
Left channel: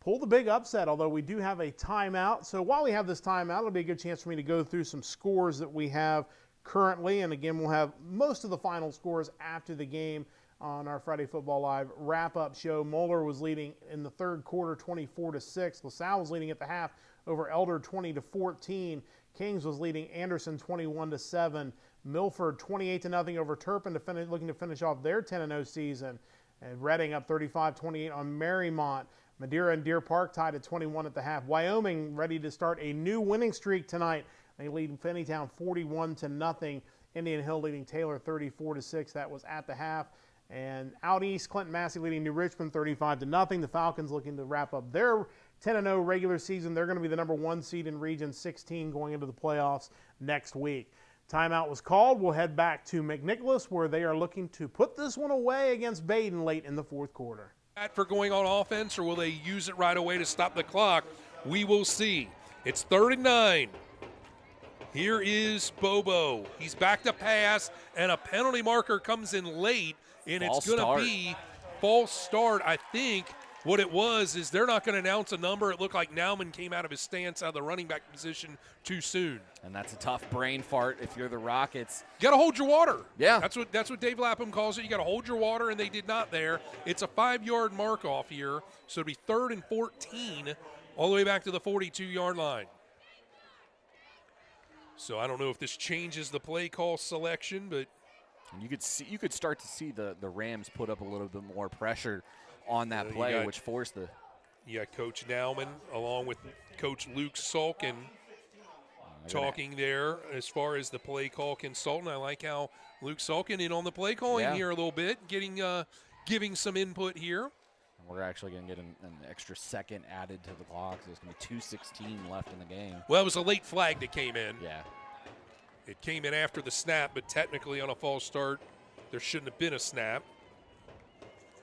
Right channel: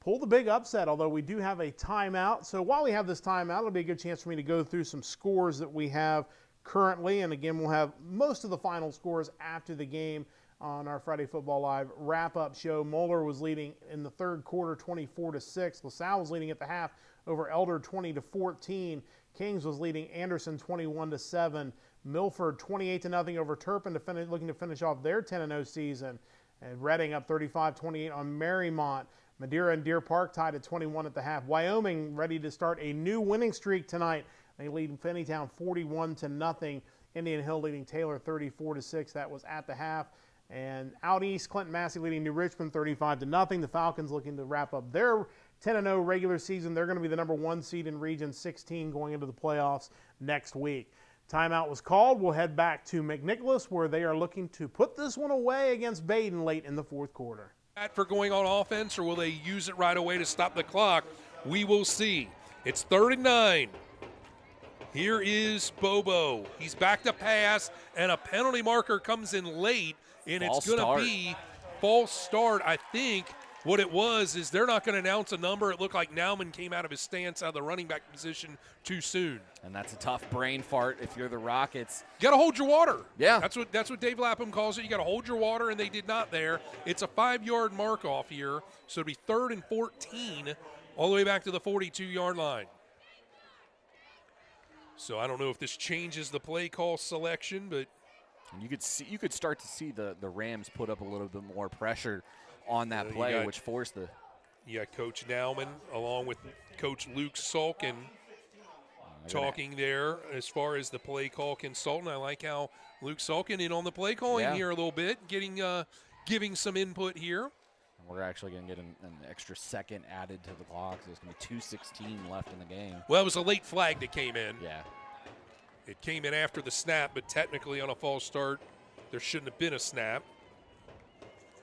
pull the big upset, although we do have a timeout. So while we have this timeout, it'll be a good chance for me to go through some scores that we have currently. And again, we'll have most of the final scores after the game on our Friday Football Live wrap-up show. Moeller was leading in the 3rd quarter 24-6. LaSalle was leading at the half over Elder 20-14. Kings was leading Anderson 21-7. Milford 28-0 over Turpin looking to finish off their 10-0 season. And Reading up 35-28 on Marymount. Madeira and Deer Park tied at 21 at the half. Wyoming ready to start a new winning streak tonight. They lead Finneytown 41-0. Indian Hill leading Taylor 34-6. That was at the half. And out east, Clinton Massey leading New Richmond 35-0. The Falcons looking to wrap up their 10-0 regular season. They're going to be the number 1 seed in Region 16 going into the playoffs next week. Timeout was called. We'll head back to McNicholas, where they are looking to put this one away against Baden late in the fourth quarter. For going on offense, or will they use it right away to stop the clock? We will see. It's 3rd and 9. Here is Bobo. He's back to pass, and a penalty marker comes in late, and it's going to be false start. I think what it was is they're not going to announce a number. It looked like Nauman came out of his stance out of the running back position too soon. And that's a tough brain fart if you're the Rockets. You got to hold your water. Yeah. That's what Dave Lapham calls it. You got to hold your water, and they did not there. It's a 5-yard mark off here, so it'll be 3rd and 14 all the way back to the 42-yard line. So I don't know if this changes the play call selection, but and you could start to see the Rams put up a little bit more pressure on that play, which forced the. You got Coach Nauman along with Coach Luke Sulkin talking there as far as the play call consultant. I like how Luke Sulkin in on the play calling here a little bit, giving some input here. We're actually going to get an extra second added to the clock, so it's going to be 2:16 left in the game. Well, it was a late flag that came in. Yeah. It came in after the snap, but technically on a false start, there shouldn't have been a snap.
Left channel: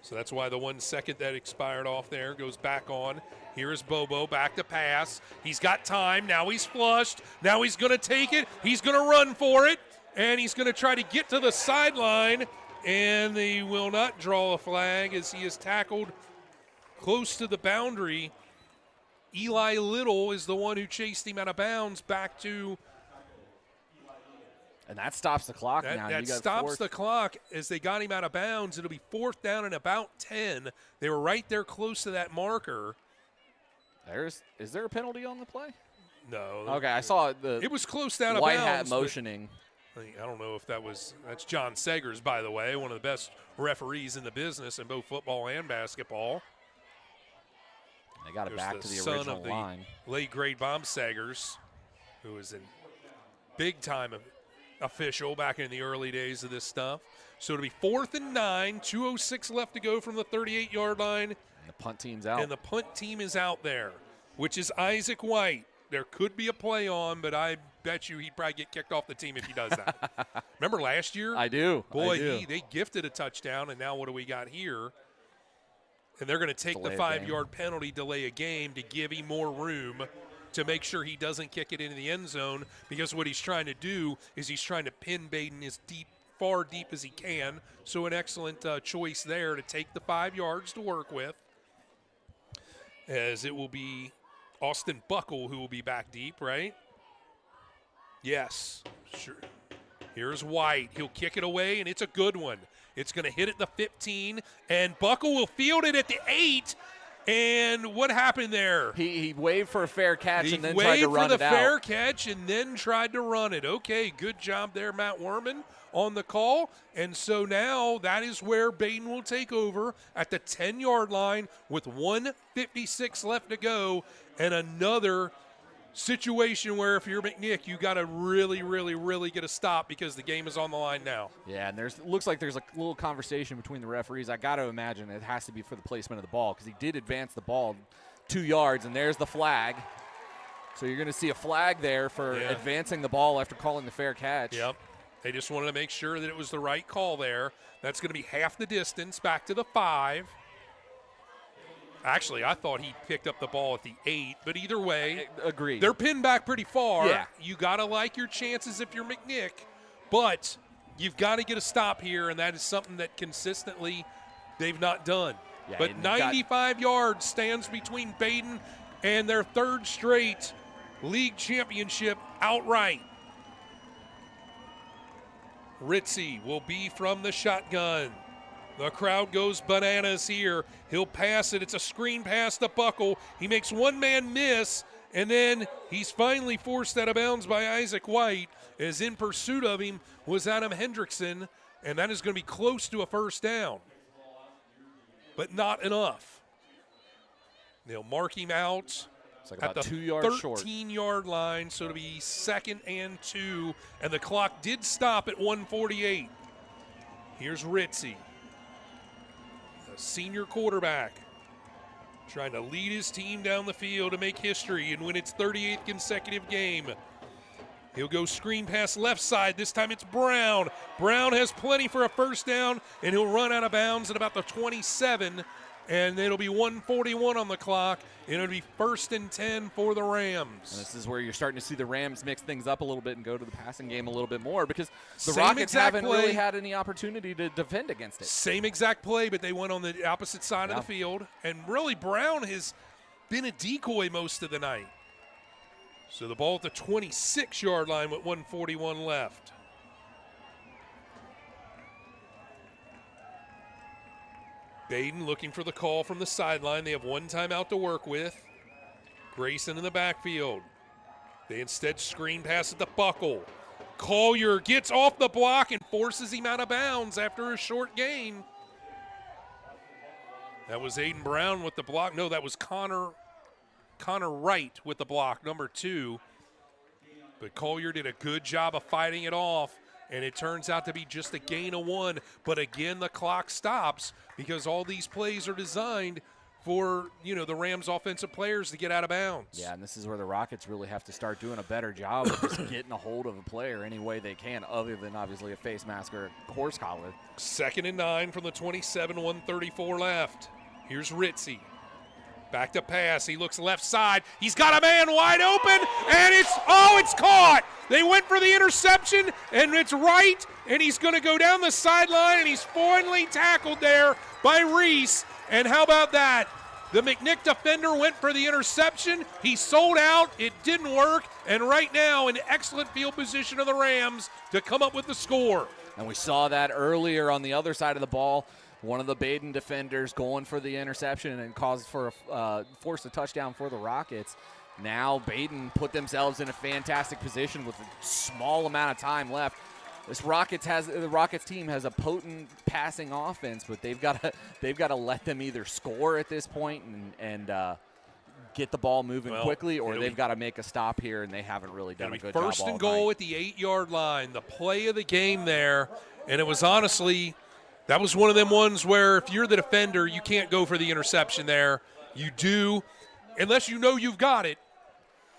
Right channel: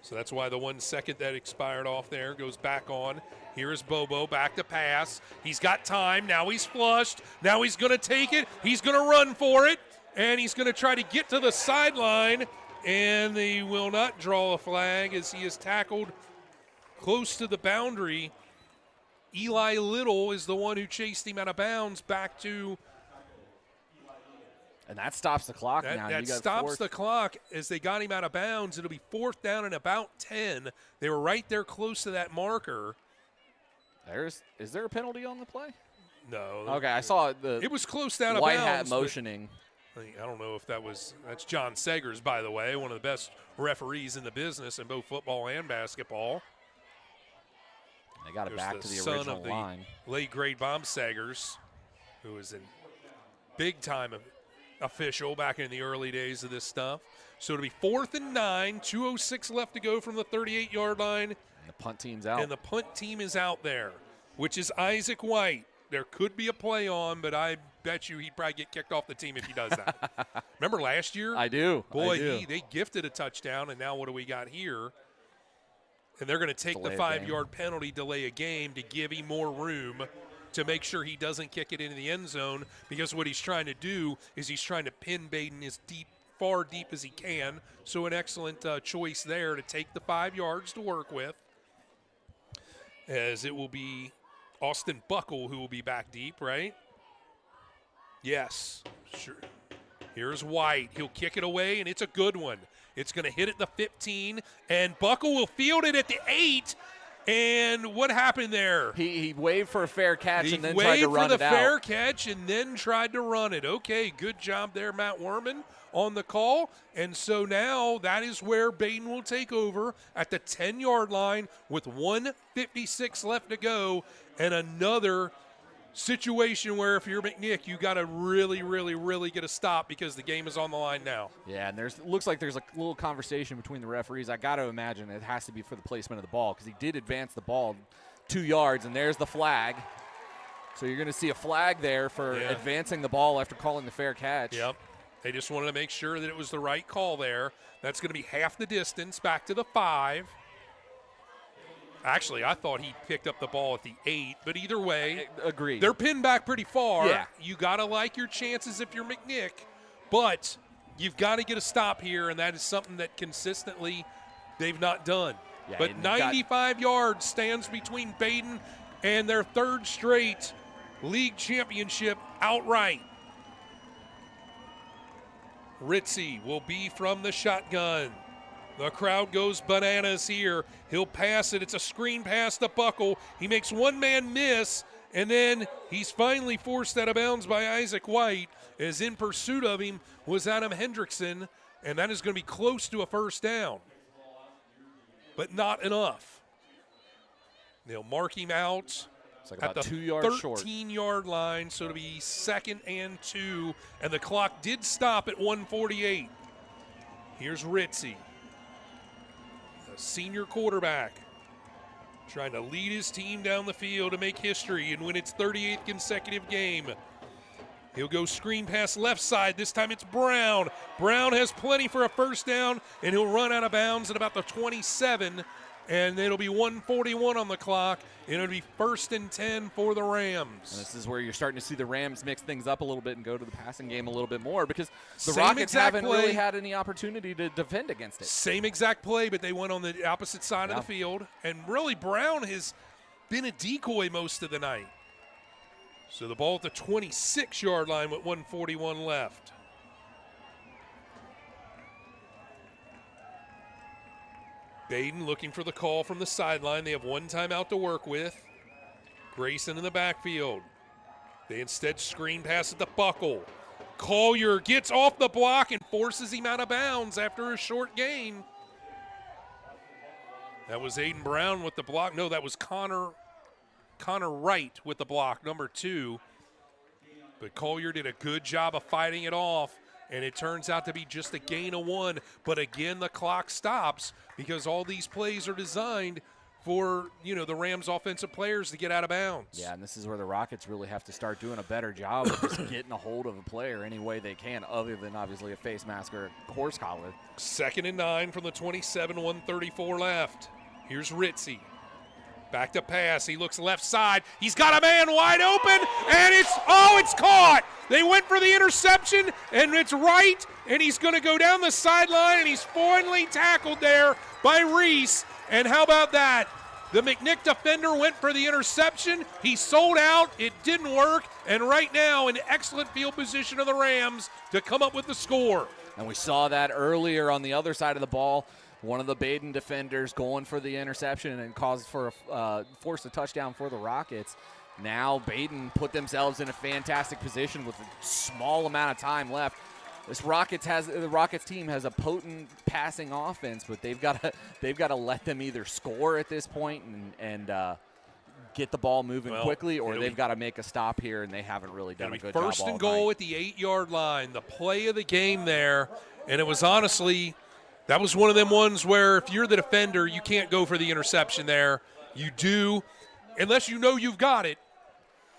So that's why the 1 second that expired off there goes back on. Here is Bobo back to pass. He's got time. Now he's flushed. Now he's going to take it. He's going to run for it, and he's going to try to get to the sideline, and they will not draw a flag as he is tackled close to the boundary. Eli Little is the one who chased him out of bounds back to. And that stops the clock now. That stops the clock as they got him out of bounds. It'll be 4th down and about 10. They were right there close to that marker. Is there a penalty on the play? No. Okay, I saw it was close down of white bounds. hat motioning. I don't know if that's John Segers, by the way, one of the best referees in the business in both football and basketball. They got it back to the original line. Late great Bob Segers, who was a big-time official back in the early days of this stuff. So it'll be 4th and 9, 2:06 left to go from the 38-yard line. And the punt team's out. And the punt team is out there, which is Isaac White. There could be a play on, but I bet you he'd probably get kicked off the team if he does that. Remember last year? I do. Boy, they gifted a touchdown, and now what do we got here? And they're going to take the 5-yard penalty, delay a game, to give him more room to make sure he doesn't kick it into the end zone, because what he's trying to do is he's trying to pin Baden as far deep as he can. So an excellent choice there to take the 5 yards to work with, as it will be Austin Buckle who will be back deep, right? Yes, sure. Here's White. He'll kick it away, and it's a good one. It's going to hit at the 15, and Buckle will field it at the 8. And what happened there? He waved for a fair catch and then tried to run it out. He waved for the fair catch and then tried to run it. Okay, good job there, Matt Werman, on the call. And so now that is where Baden will take over at the 10-yard line with 1:56 left to go, and another situation where if you're McNick, you got to really, really, really get a stop because the game is on the line now. Yeah, and looks like there's a little conversation between the referees. I got to imagine it has to be for the placement of the ball, because he did advance the ball 2 yards, and there's the flag. So you're going to see a flag there for advancing the ball after calling the fair catch. Yep. They just wanted to make sure that it was the right call there. That's going to be half the distance back to the 5. Actually, I thought he picked up the ball at the 8, but either way, agreed. They're pinned back pretty far. Yeah. You got to like your chances if you're McNick, but you've got to get a stop here, and that is something that consistently they've not done. Yeah, but 95 yards stands between Baden and their 3rd straight league championship outright. Ritzy will be from the shotgun. The crowd goes bananas here. He'll pass it. It's a screen pass to Buckle. He makes one man miss, and then he's finally forced out of bounds by Isaac White, as in pursuit of him was Adam Hendrickson, and that is going to be close to a 1st down, but not enough. They'll mark him out It's like at about the 2 yards short. 13-yard line, so it'll be 2nd and 2, and the clock did stop at 1:48. Here's Ritzy, the senior quarterback, trying to lead his team down the field to make history and win its 38th consecutive game. He'll go screen pass left side. This time it's Brown. Brown has plenty for a first down, and he'll run out of bounds at about the 27, and it'll be 1:41 on the clock, and it'll be 1st and 10 for the Rams. And this is where you're starting to see the Rams mix things up a little bit and go to the passing game a little bit more because the Same Rockets exact haven't play. really had any opportunity to defend against it. Same exact play, but they went on the opposite side of the field, and really Brown has been a decoy most of the night. So the ball at the 26-yard line with 1:41 left. Baden looking for the call from the sideline. They have one timeout to work with. Grayson in the backfield. They instead screen pass at the buckle. Collier gets off the block and forces him out of bounds after a short gain. That was Aiden Brown with the block. No, that was Connor Wright with the block, number 2. But Collier did a good job of fighting it off, and it turns out to be just a gain of 1. But again, the clock stops because all these plays are designed for, the Rams offensive players to get out of bounds. Yeah, and this is where the Rockets really have to start doing a better job of just getting a hold of a player any way they can, other than obviously a face mask or a horse collar. 2nd and 9 from the 27, 1:34 left. Here's Ritzy. Back to pass. He looks left side. He's got a man wide open, and it's caught. They went for the interception, and it's Wright, and he's going to go down the sideline, and he's finally tackled there by Reese. And how about that? The McNick defender went for the interception. He sold out. It didn't work. And right now, in excellent field position of the Rams to come up with the score. And we saw that earlier on the other side of the ball. One of the Baden defenders going for the interception and forced a touchdown for the Rockets. Now Baden put themselves in a fantastic position with a small amount of time left. The Rockets team has a potent passing offense, but they've got to let them either score at this point and get the ball moving quickly, or they've got to make a stop here, and they haven't really done a good job all night. 1st and goal at the 8-yard line. The play of the game there, and it was honestly. That was one of them ones where if you're the defender, you can't go for the interception there. You do, unless you know you've got it.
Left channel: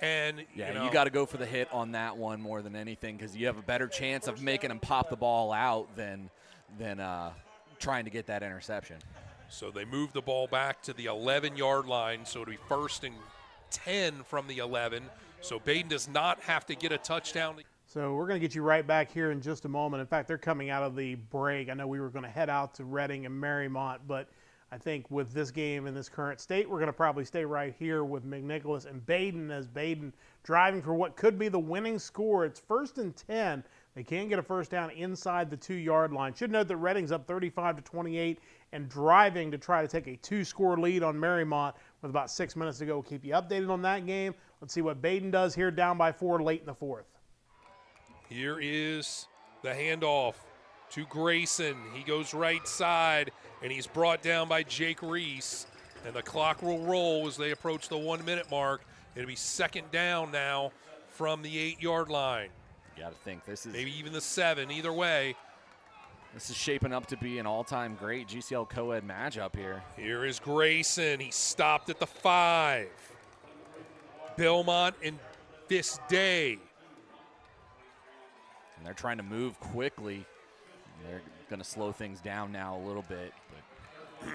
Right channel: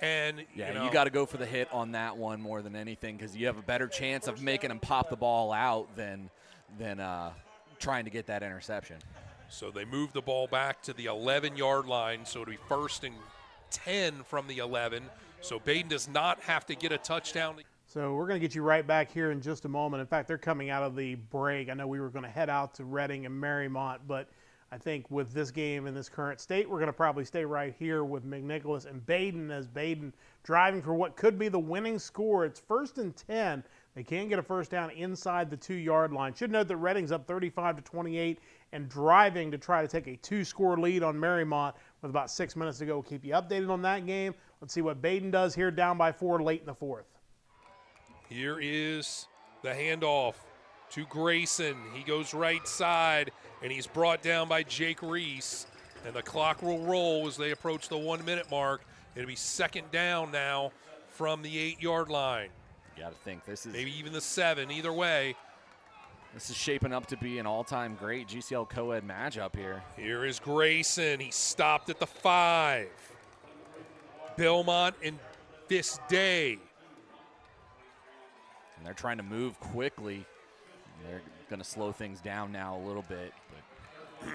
And you got to go for the hit on that one more than anything because you have a better chance of making them pop the ball out than trying to get that interception. So they move the ball back to the 11-yard line, so it'll be 1st and 10 from the 11. So Baden does not have to get a touchdown. So we're going to get you right back here in just a moment. In fact, they're coming out of the break. I know we were going to head out to Reading and Marymount, but I think with this game in this current state, we're going to probably stay right here with McNicholas and Baden, as Baden driving for what could be the winning score. It's 1st and 10. They can get a first down inside the 2-yard line. Should note that Reading's up 35-28 and driving to try to take a 2-score lead on Marymount with about 6 minutes to go. We'll keep you updated on that game. Let's see what Baden does here, down by 4 late in the 4th. Here is the handoff to Grayson. He goes right side, and he's brought down by Jake Reese. And the clock will roll as they approach the 1-minute mark. It'll be 2nd down now from the 8-yard line. You got to think this is maybe even the 7. Either way, this is shaping up to be an all-time great GCL co-ed matchup here. Here is Grayson. He stopped at the 5. Belmont and this day. And they're trying to move quickly. They're going to slow things down now a little bit. But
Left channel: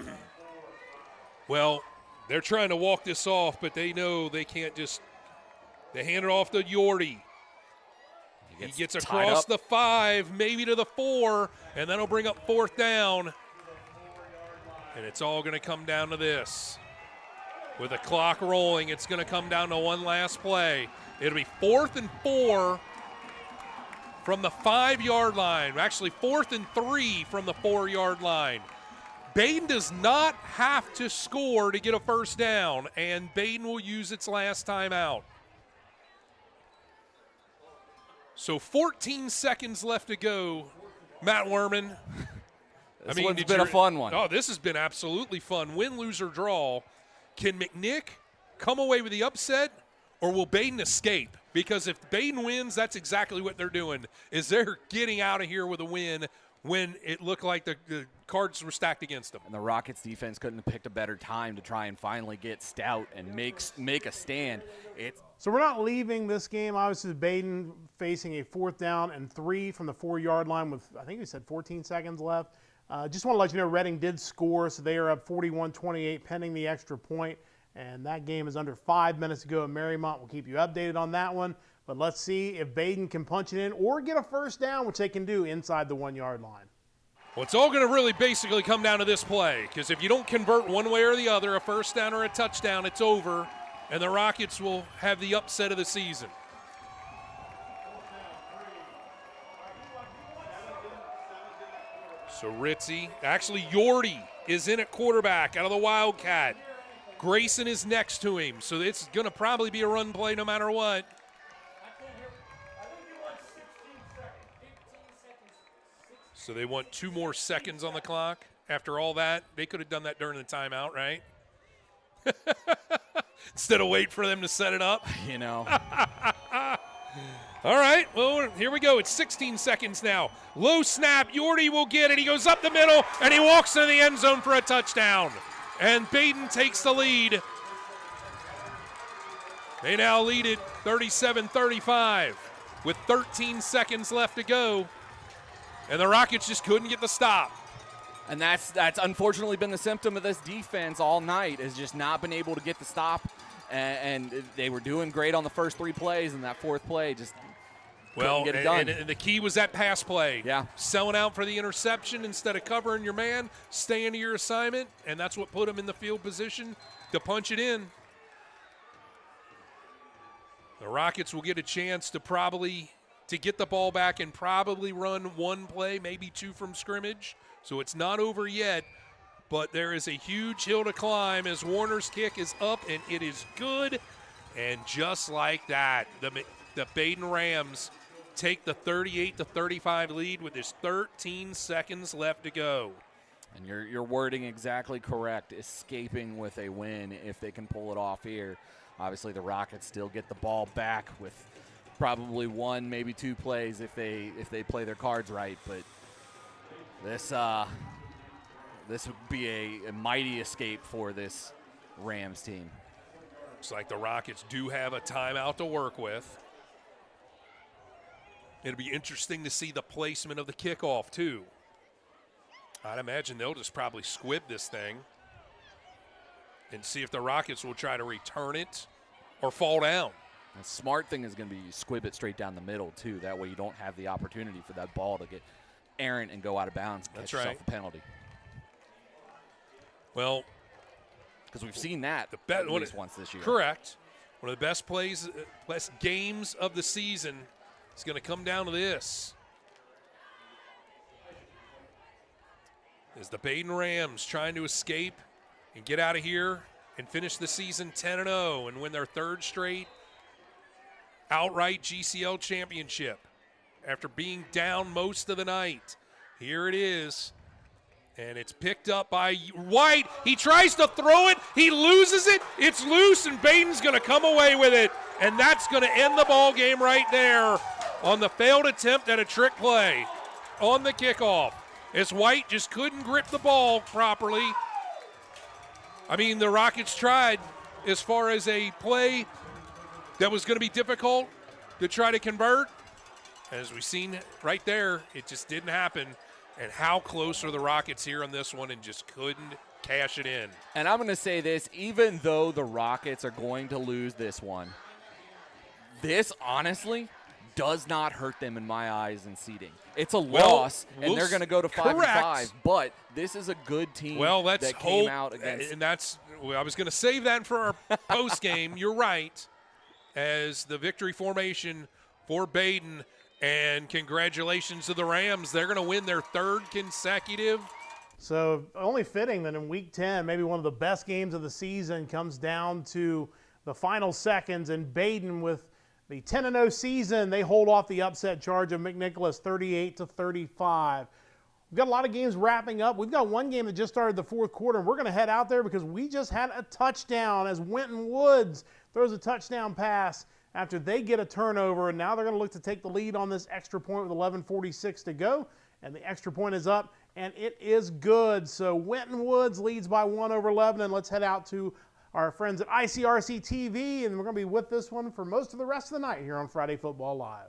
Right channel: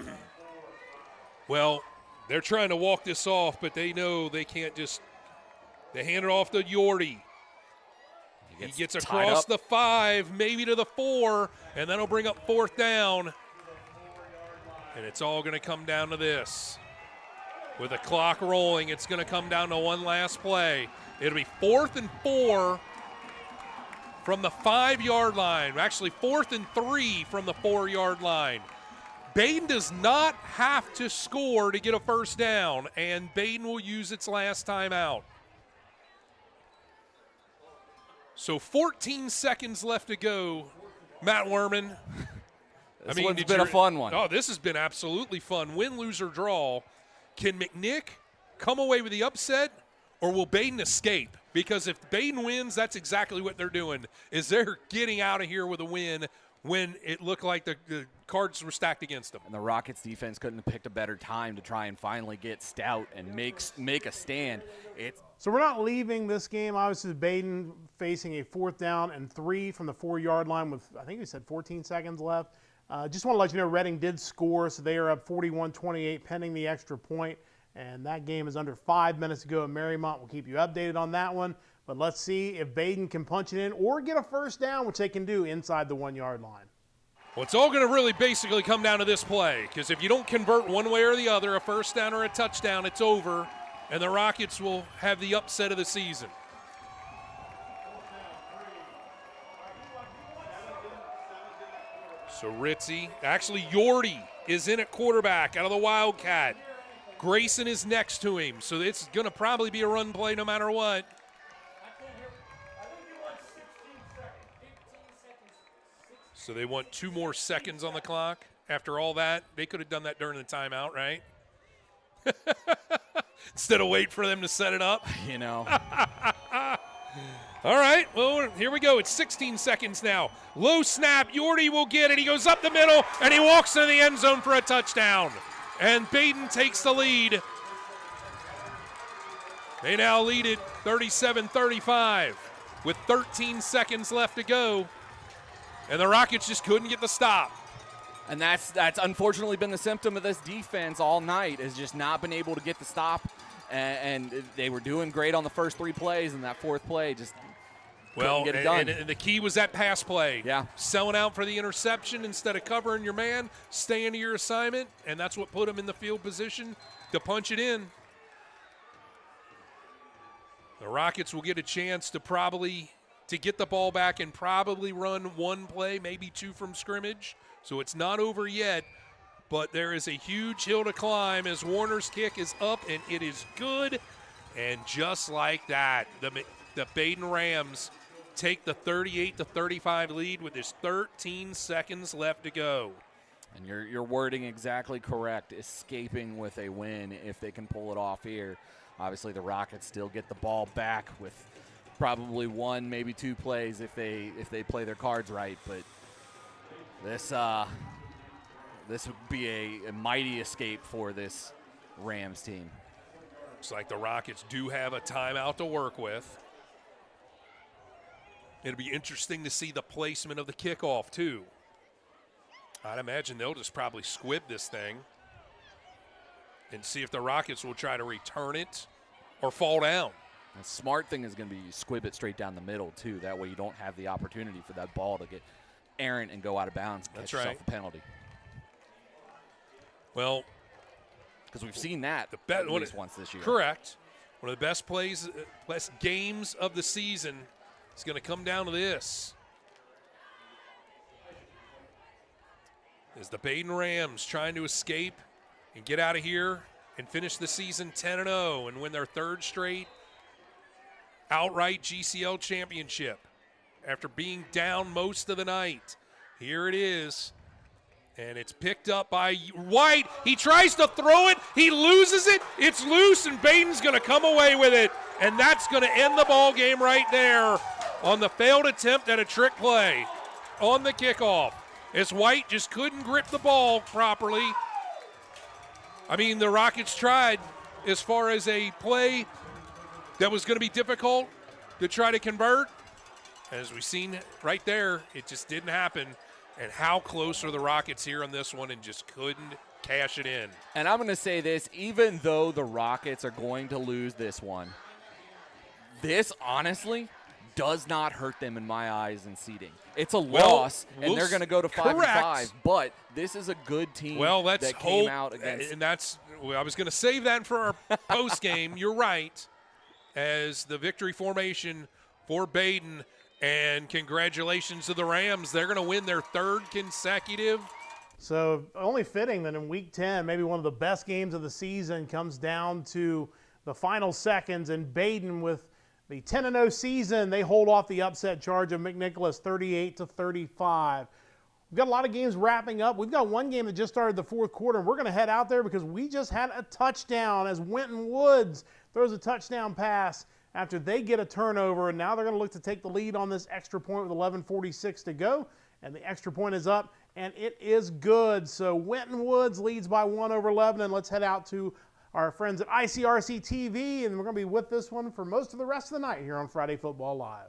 well, they're trying to walk this off, but they know they can't just – they hand it off to Yorty. He gets across the 5, maybe to the 4, and that'll bring up 4th down. And it's all going to come down to this. With the clock rolling, it's going to come down to one last play. It'll be 4th and 4 from the 5-yard line. Actually, 4th and 3 from the 4-yard line. Baden does not have to score to get a first down, and Baden will use its last timeout. So 14 seconds left to go, Matt Werman. This one's been a fun one. Oh, this has been absolutely fun. Win, lose, or draw. Can McNick come away with the upset, or will Badin escape? Because if Badin wins, that's exactly what they're doing, is they're getting out of here with a win when it looked like the cards were stacked against them. And the Rockets defense couldn't have picked a better time to try and finally get stout and make a stand. So we're not leaving this game. Obviously, Badin facing a 4th down and 3 from the 4-yard line with, I think we said 14 seconds left. Just want to let you know Reading did score, so they are up 41-28 pending the extra point. And that game is under 5 minutes to go. Marymount will keep you updated on that one. But let's see if Badin can punch it in or get a first down, which they can do inside the 1-yard line. Well, it's all going to really basically come down to this play, because if you don't convert one way or the other, a first down or a touchdown, it's over, and the Rockets will have the upset of the season. So Ritzy, actually Yordi is in at quarterback out of the Wildcat. Grayson is next to him, so it's going to probably be a run play no matter what. So they want 2 more seconds on the clock. After all that, they could have done that during the timeout, right? Instead of wait for them to set it up. You know. All right, well, here we go. It's 16 seconds now. Low snap. Yordi will get it. He goes up the middle, and he walks into the end zone for a touchdown. And Badin takes the lead. They now lead it 37-35 with 13 seconds left to go. And the Rockets just couldn't get the stop. And that's unfortunately been the symptom of this defense all night, is just not been able to get the stop. And they were doing great on the first 3 plays, and that 4th play just couldn't get it done. And the key was that pass play. Yeah. Selling out for the interception instead of covering your man, staying to your assignment, and that's what put him in the field position to punch it in. The Rockets will get a chance to get the ball back and probably run 1 play, maybe 2 from scrimmage. So it's not over yet, but there is a huge hill to climb as Warner's kick is up, and it is good. And just like that, the Badin Rams take the 38-35 lead with just 13 seconds left to go. And your wording exactly correct. Escaping with a win if they can pull it off here. Obviously, the Rockets still get the ball back with probably 1, maybe 2 plays if they play their cards right. But this would be a mighty escape for this Rams team. Looks like the Rockets do have a timeout to work with. It'll be interesting to see the placement of the kickoff, too. I'd imagine they'll just probably squib this thing and see if the Rockets will try to return it or fall down. The smart thing is going to be you squib it straight down the middle, too. That way you don't have the opportunity for that ball to get errant and go out of bounds and catch yourself a penalty. Well, because we've seen that at least once this year. Correct. One of the best games of the season is going to come down to this. As the Badin Rams trying to escape and get out of here and finish the season 10-0 and win their 3rd straight outright GCL championship after being down most of the night. Here it is. And it's picked up by White. He tries to throw it. He loses it. It's loose, and Badin's going to come away with it. And that's going to end the ball game right there on the failed attempt at a trick play on the kickoff. As White just couldn't grip the ball properly. I mean, the Rockets tried as far as a play that was going to be difficult to try to convert. As we've seen right there, it just didn't happen. And how close are the Rockets here on this one and just couldn't cash it in. And I'm going to say this, even though the Rockets are going to lose this one, this honestly does not hurt them in my eyes in seeding. It's a loss, and they're going to go to 5-5, but this is a good team that came out against. And that's, I was going to save that for our post game. You're right, as the victory formation for Badin. And congratulations to the Rams. They're going to win their 3rd consecutive. So only fitting that in Week 10, maybe one of the best games of the season comes down to the final seconds. And Badin, with the 10-0 season, they hold off the upset charge of McNicholas 38-35. We've got a lot of games wrapping up. We've got one game that just started the fourth quarter, and we're going to head out there because we just had a touchdown as Winton Woods throws a touchdown pass after they get a turnover, and now they're going to look to take the lead on this extra point with 11:46 to go, and the extra point is up, and it is good. So Winton Woods leads by 1 over Lebanon. Let's head out to our friends at ICRC TV, and we're going to be with this one for most of the rest of the night here on Friday Football Live.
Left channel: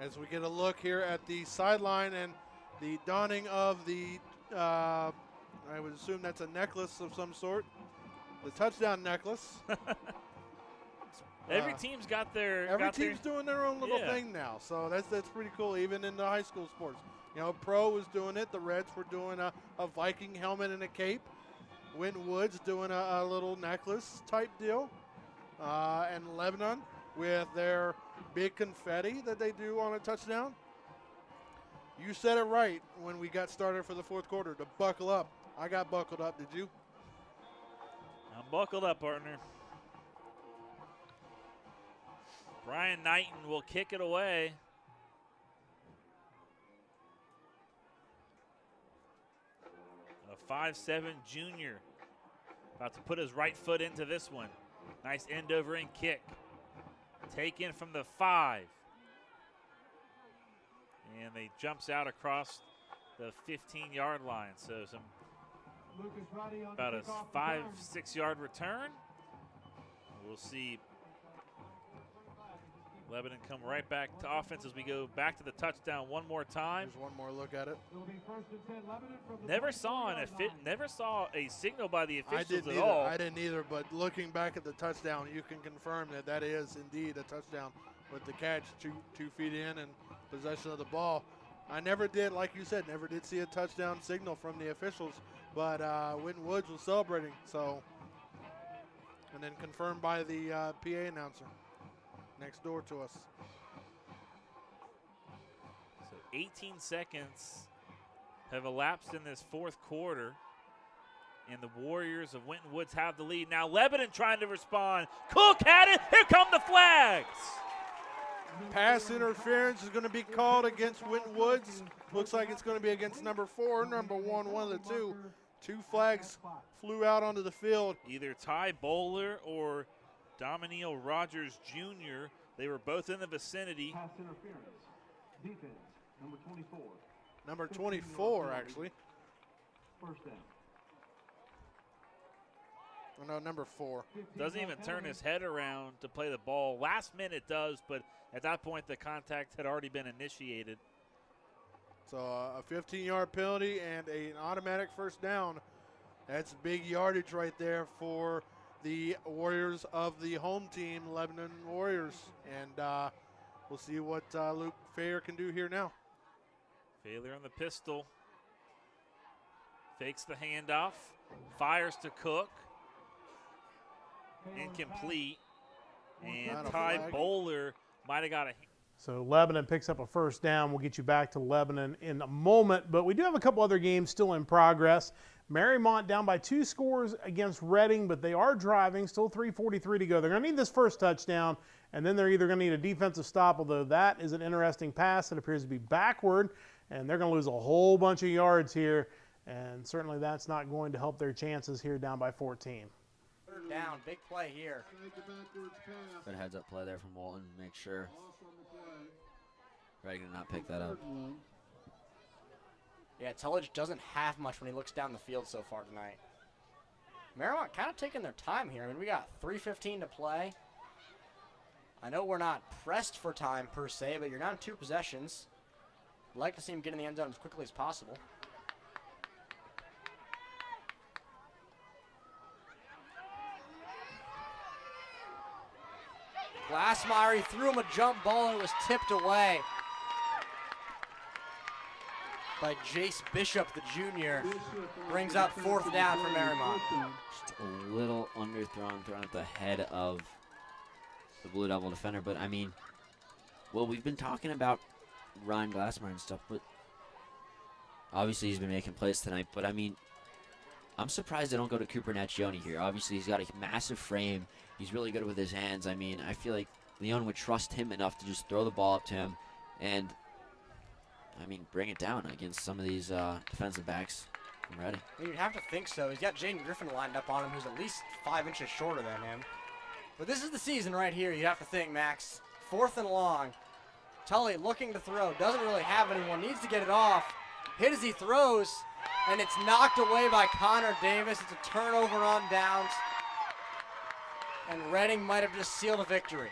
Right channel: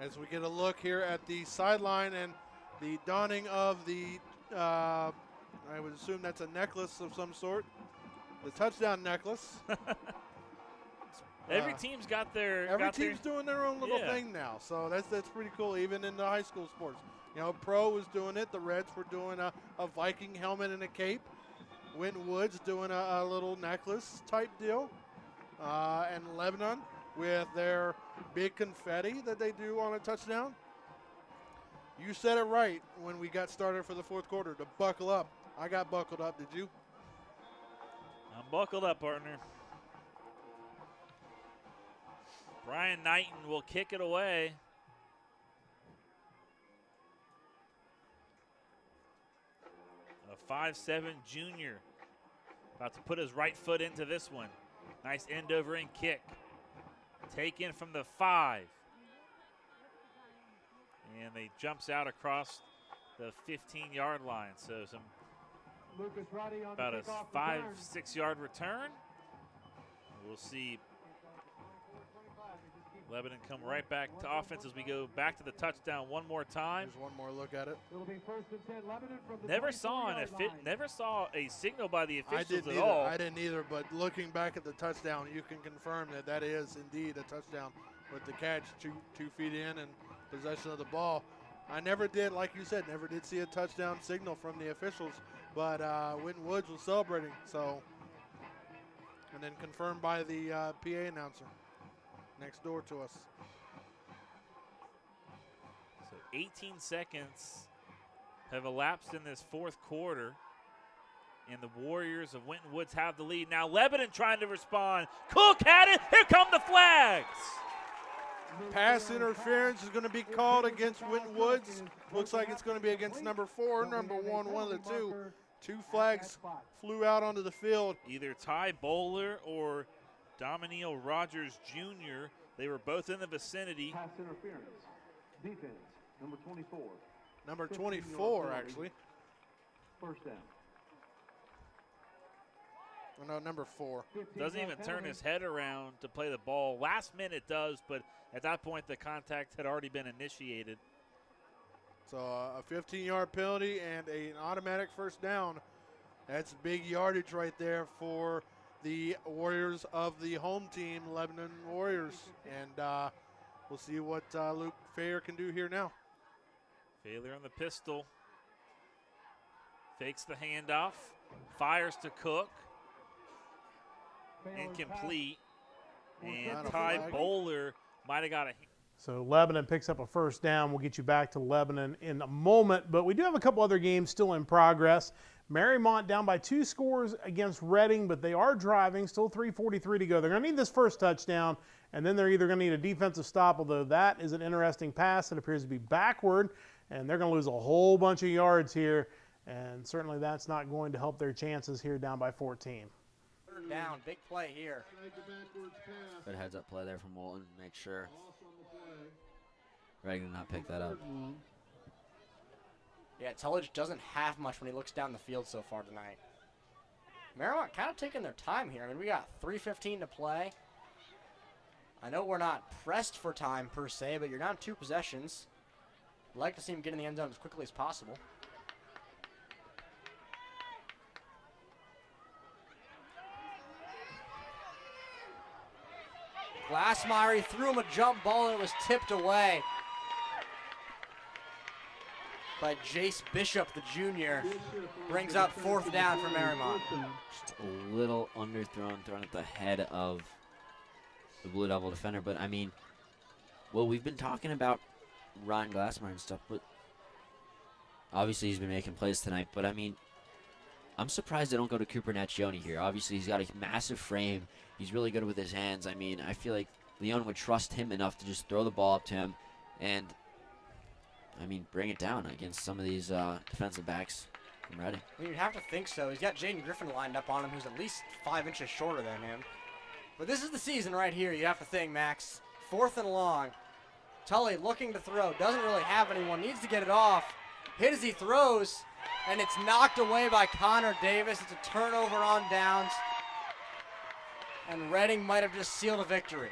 As we get a look here at the sideline and the donning of the, I would assume that's a necklace of some sort, the touchdown necklace. Every team's got their. Every team's doing their own little thing now, so that's pretty cool. Even in the high school sports, you know, Pro was doing it. The Reds were doing a Viking helmet and a cape. Winton Woods doing a little necklace type deal, and Lebanon with their big confetti that they do on a touchdown. You said it right when we got started for the fourth quarter, to buckle up. I got buckled up, did you? I'm buckled up, partner. Brian Knighton will kick it away. A 5'7" junior. About to put his right foot into this one. Nice end over end kick. Taken from the 5. And they jumps out across the 15-yard line. So about a 5-6 yard return. We'll see Lebanon come right back to offense as we go back to the touchdown one more time. There's one more look at it. Never saw a signal by the officials at all. I didn't either, but looking back at the touchdown, you can confirm that is indeed a touchdown with the catch 2 feet in and possession of the ball. I never did, like you said, never did see a touchdown signal from the officials, but Winton Woods was celebrating, so, and then confirmed by the PA announcer next door to us. So 18 seconds have elapsed in this fourth quarter, and the Warriors of Winton Woods have the lead. Now Lebanon trying to respond. Cook had it. Here come the flags. Pass interference is going to be called against Winton Woods. Looks like it's going to be against number 4, number 1, one of the two. 2 flags flew out onto the field. Either Ty Bowler or Dominiel Rogers Jr. They were both in the vicinity. Pass interference. Defense, number 24. Number 24, actually. First down. Oh, no, number 4. Doesn't even turn his head around to play the ball. Last minute does, but at that point the contact had already been initiated. So a 15-yard penalty and an automatic first down. That's big yardage right there for the Warriors of the home team, Lebanon Warriors. And we'll see what Luke Fair can do here now. Failure on the pistol. Fakes the handoff. Fires to Cook. Incomplete. And Ty Bowler might have got a. So Lebanon picks up a first down. We'll get you back to Lebanon in a moment, but we do have a couple other games still in progress. Marymount down by 2 scores against Reading, but they are driving, still 3:43 to go. They're going to need this first touchdown, and then they're either going to need a defensive stop, although that is an interesting pass that appears to be backward, and they're going to lose a whole bunch of yards here, and certainly that's not going to help their chances here down by 14. Down, big play here. Good heads-up play there from Walton. Make sure Reagan did not pick that up. Yeah, Tullidge doesn't have much when he looks down the field so far tonight. Marymount kind of taking their time here. I mean, we got 3:15 to play. I know we're not pressed for time per se, but you're down 2 possessions. I'd like to see him get in the end zone as quickly as possible. Glassmeyer, he threw him a jump ball and it was tipped away by Jace Bishop, the junior. Brings up 4th down for Marymount. Just a little underthrown, thrown at the head of the Blue Devil defender. But, I mean, well, we've been talking about Ryan Glassmeyer and stuff, but obviously he's been making plays tonight. But, I mean, I'm surprised they don't go to Cooper Naccioni here. Obviously, he's got a massive frame. He's really good with his hands. I mean, I feel like Leon would trust him enough to just throw the ball up to him and, I mean, bring it down against some of these defensive backs from Reading. You'd have to think so. He's got Jaden Griffin lined up on him, who's at least 5 inches shorter than him. But this is the season right here, you have to think, Max. 4th and long. Tully looking to throw, doesn't really have anyone, needs to get it off. Hit as he throws, and it's knocked away by Connor Davis. It's a turnover on downs. And Reading might have just sealed a victory.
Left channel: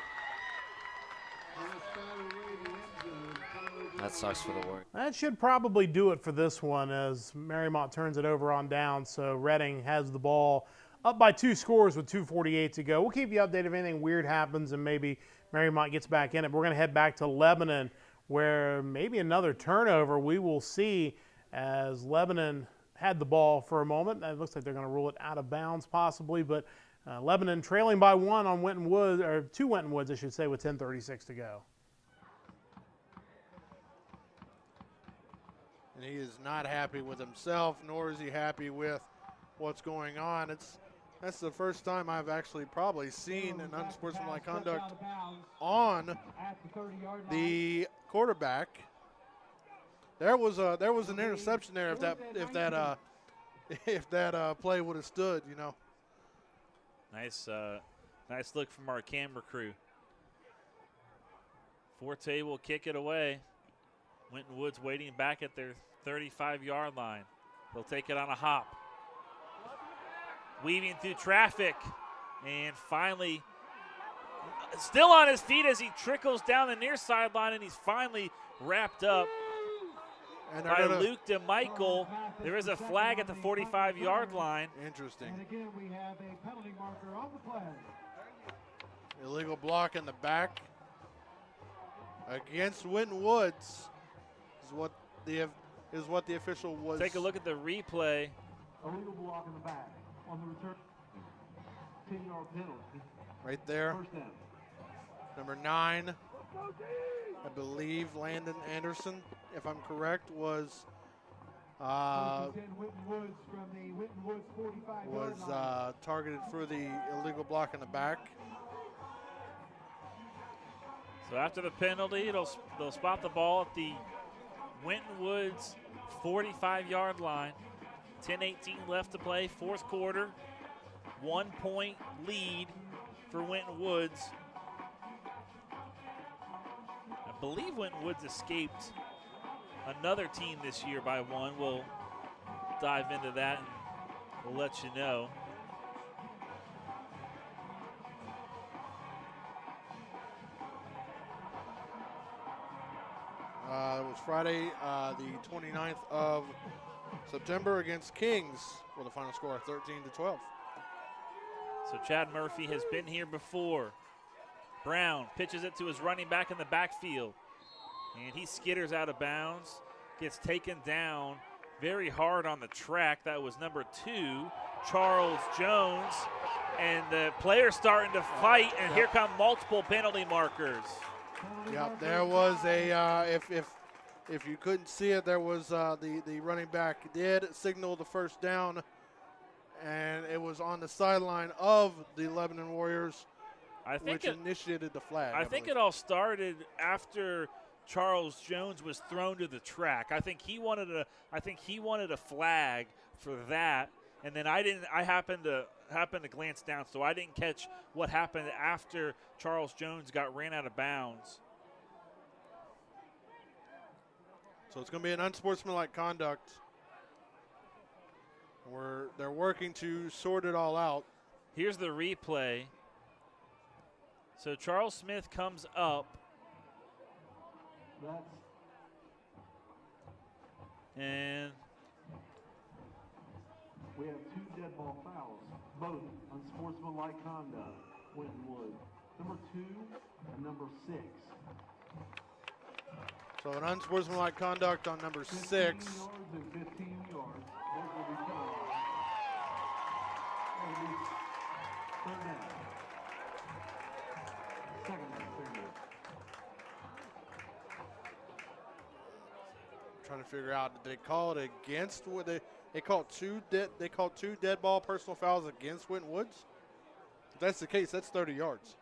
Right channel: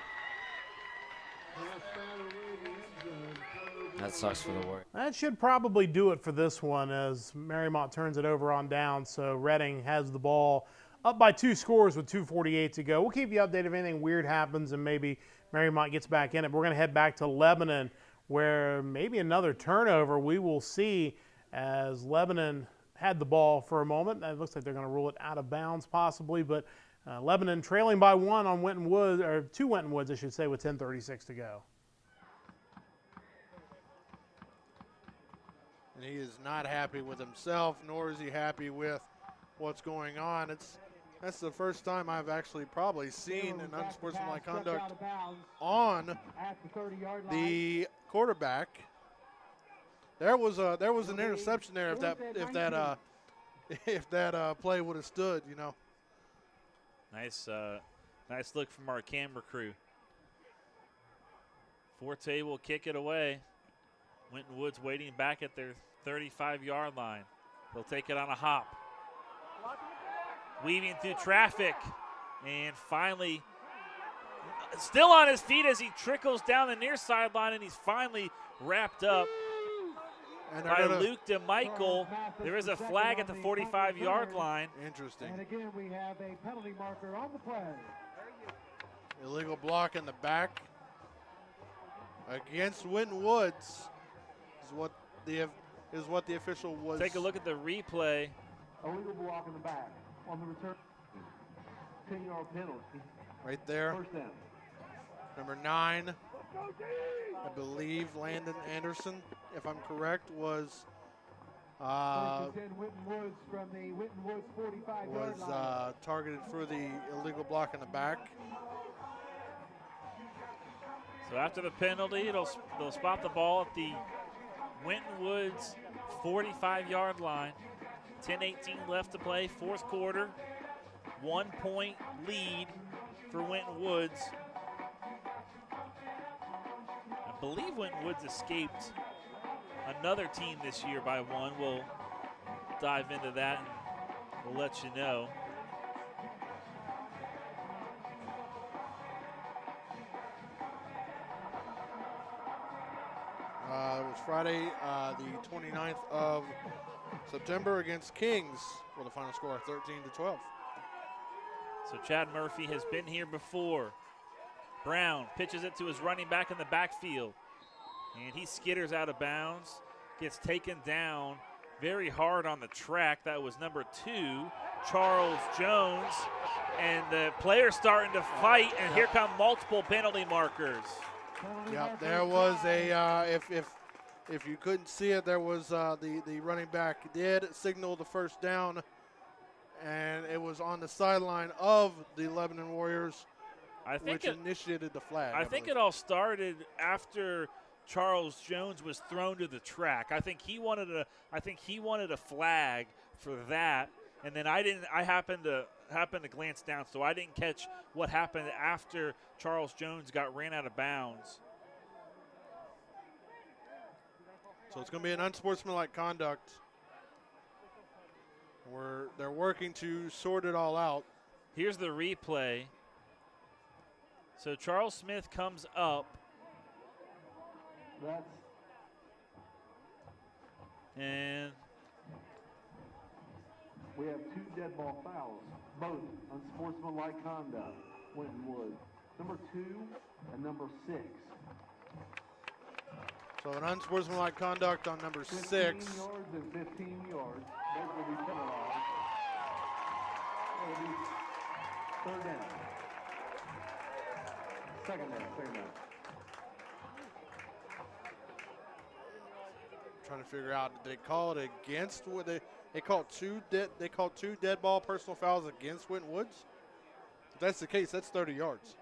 That sucks for the Warriors. That should probably do it for this one as Marymount turns it over on down. So Reading has the ball up by 2 scores with 2:48 to go. We'll keep you updated if anything weird happens and maybe Marymount gets back in it. But we're going to head back to Lebanon where maybe another turnover we will see as Lebanon had the ball for a moment. It looks like they're going to rule it out of bounds possibly, but Lebanon trailing by 1 on Winton Woods, or 2 Winton Woods, I should say, with 10:36 to go. And he is not happy with himself, nor is he happy with what's going on. That's the first time I've actually probably seen an unsportsmanlike conduct on the quarterback. There was an interception there if that play would have stood, you know. Nice look from our camera crew. Forte will kick it away. Winton Woods waiting back at their 35-yard line. They'll take it on a hop. Weaving through traffic. And finally, still on his feet as he trickles down the near sideline, and he's finally wrapped up by Luke DeMichael. There is a flag at the 45-yard line. Interesting. And again, we have a penalty marker on the flag. Illegal block in the back against Winton Woods is what the official was. Take a look at the replay. Illegal block in the back on the return. 10-yard penalty. Right there. First down. Number 9, I believe Landon Anderson, if I'm correct, was targeted for the illegal block in the back. So after the penalty, they'll spot the ball at the Winton Woods 45-yard line. 10:18 left to play, 4th quarter. 1-point lead for Winton Woods. I believe Winton Woods escaped another team this year by 1. We'll dive into that and we'll let you know. It was Friday, the 29th of September against Kings with a final score of 13-12. So Chad Murphy has been here before. Brown pitches it to his running back in the backfield. And he skitters out of bounds, gets taken down very hard on the track. That was number 2, Charles Jones. And the player's starting to fight, and here come multiple penalty markers. Yep, there was a, if you couldn't see it, there was the running back did signal the first down, and it was on the sideline of the Lebanon Warriors, which initiated the flag. I think it all started after Charles Jones was thrown to the track. I think he wanted a flag for that, and then I happened to glance down, so I didn't catch what happened after Charles Jones ran out of bounds. So it's going to be an unsportsmanlike conduct. They're working to sort it all out. Here's the replay. So Charles Smith comes up. And we have 2 dead ball fouls, both unsportsmanlike conduct. Winton Woods, number 2 and number 6. So an unsportsmanlike conduct on number 6. 15 yards and 15 yards. Those will be penalties. Third down. Second down. Trying to figure out, did they call it against? What they called 2 dead ball personal fouls against Winton Woods. If that's the case, that's 30 yards.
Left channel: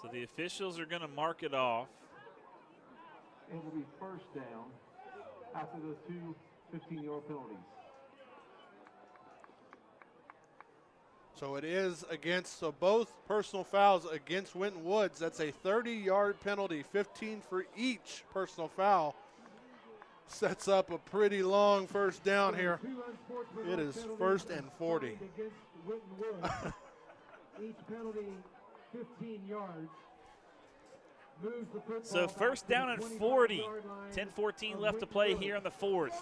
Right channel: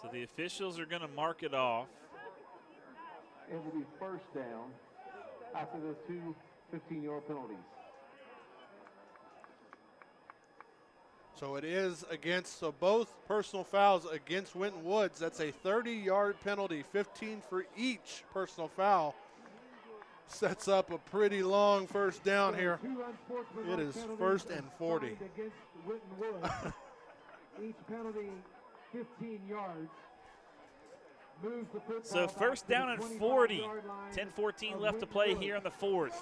So the officials are going to mark it off. It will be first down after those two 15-yard penalties. So it is against, so both personal fouls against Winton Woods. That's a 30-yard penalty, 15 for each personal foul. Sets up a pretty long first down here. It is 1st and 40. Each penalty 15 yards. So first down and 40. 10-14 left to play here in the 4th.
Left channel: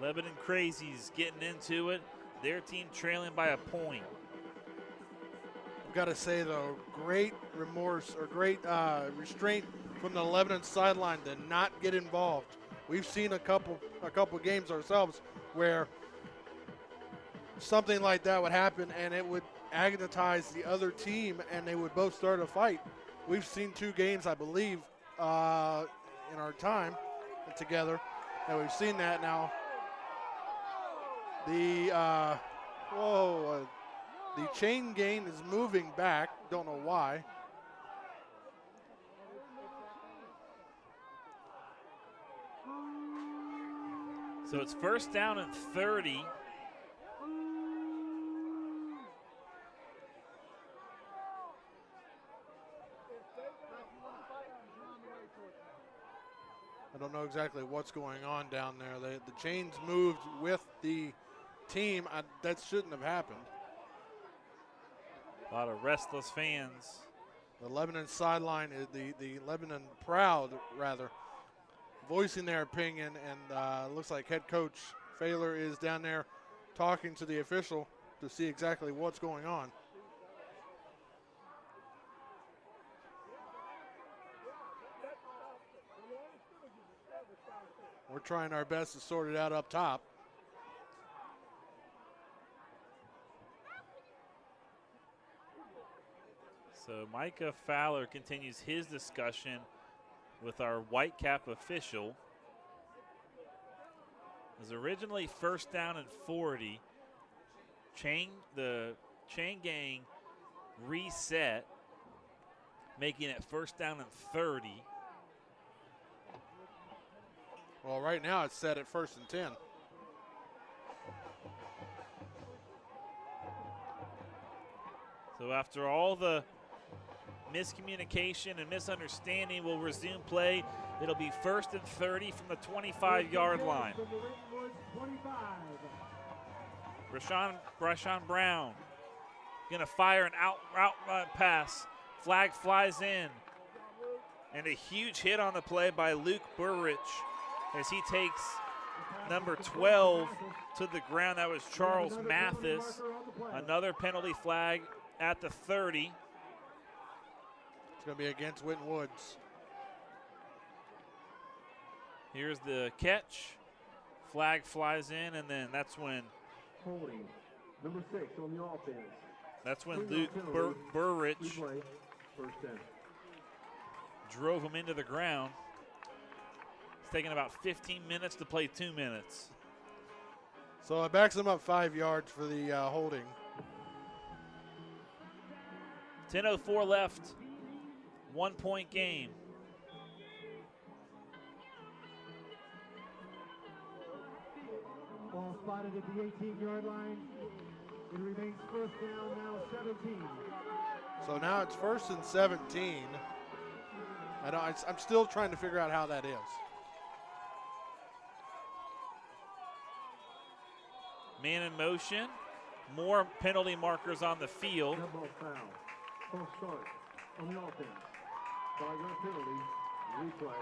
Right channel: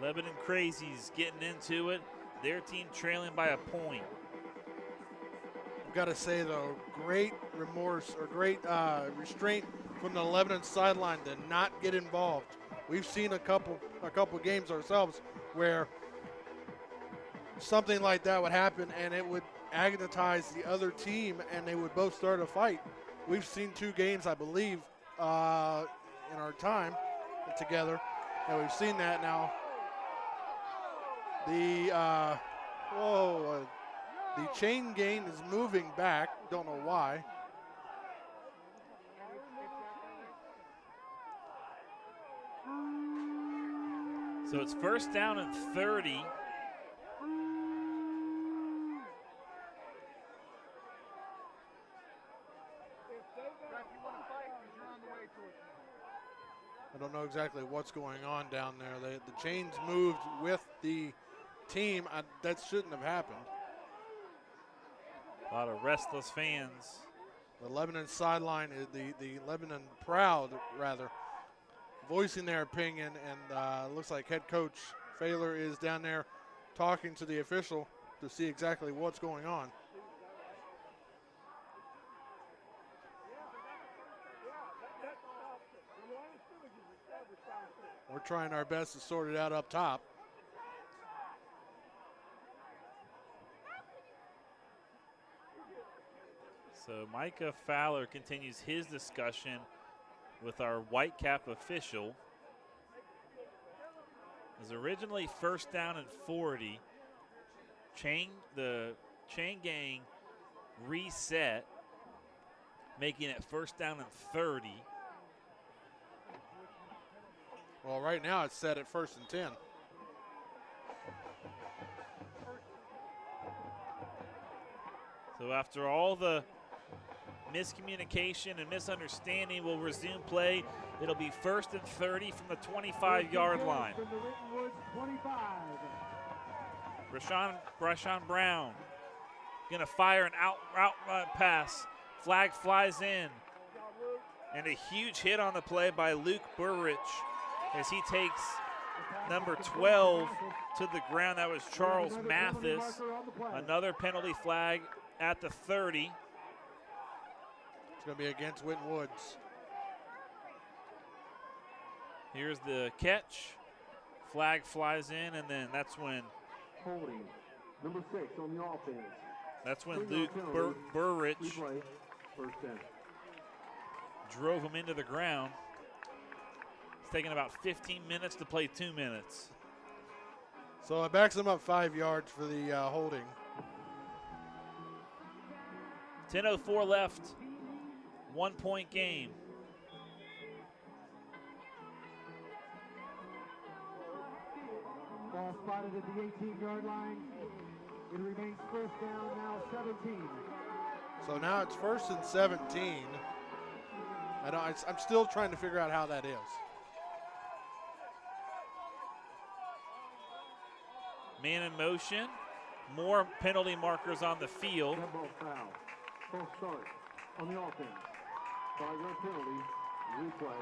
Lebanon Crazies getting into it. Their team trailing by a point. I've got to say, though, great remorse or great restraint from the Lebanon sideline to not get involved. We've seen a couple games ourselves where something like that would happen and it would agonize the other team and they would both start a fight. We've seen 2 games, I believe, in our time together, and we've seen that now. The chain gang is moving back. Don't know why. So it's first down and 30. I don't know exactly what's going on down there. The chains moved with the team. That shouldn't have happened. A lot of restless fans. The Lebanon sideline, the Lebanon Proud, rather, voicing their opinion, and looks like head coach Failer is down there talking to the official to see exactly what's going on. We're trying our best to sort it out up top. So Micah Fowler continues his discussion with our Whitecap official. It was originally first down and 40. The chain gang reset, making it first down and 30. Well, right now it's set at 1st and 10. So after all the miscommunication and misunderstanding, we'll resume play. It'll be 1st and 30 from the 25-yard line. Rashawn Brown gonna fire an out pass. Flag flies in. And a huge hit on the play by Luke Burrich as he takes number 12 to the ground. That was Charles Mathis. Another penalty flag at the 30. It's going to be against Winton Woods. Here's the catch. Flag flies in, and then that's when holding number 6 on the offense. That's when Luke Burrich drove him into the ground. It's taken about 15 minutes to play 2 minutes. So it backs him up 5 yards for the holding. 10:04 left. 1-point game. Ball spotted at the 18-yard line. It remains first down, now 17. So now it's 1st and 17. I'm still trying to figure out how that is. Man in motion. More penalty markers on the field. Foul. False start on the offense. 5-yard penalty. Replay.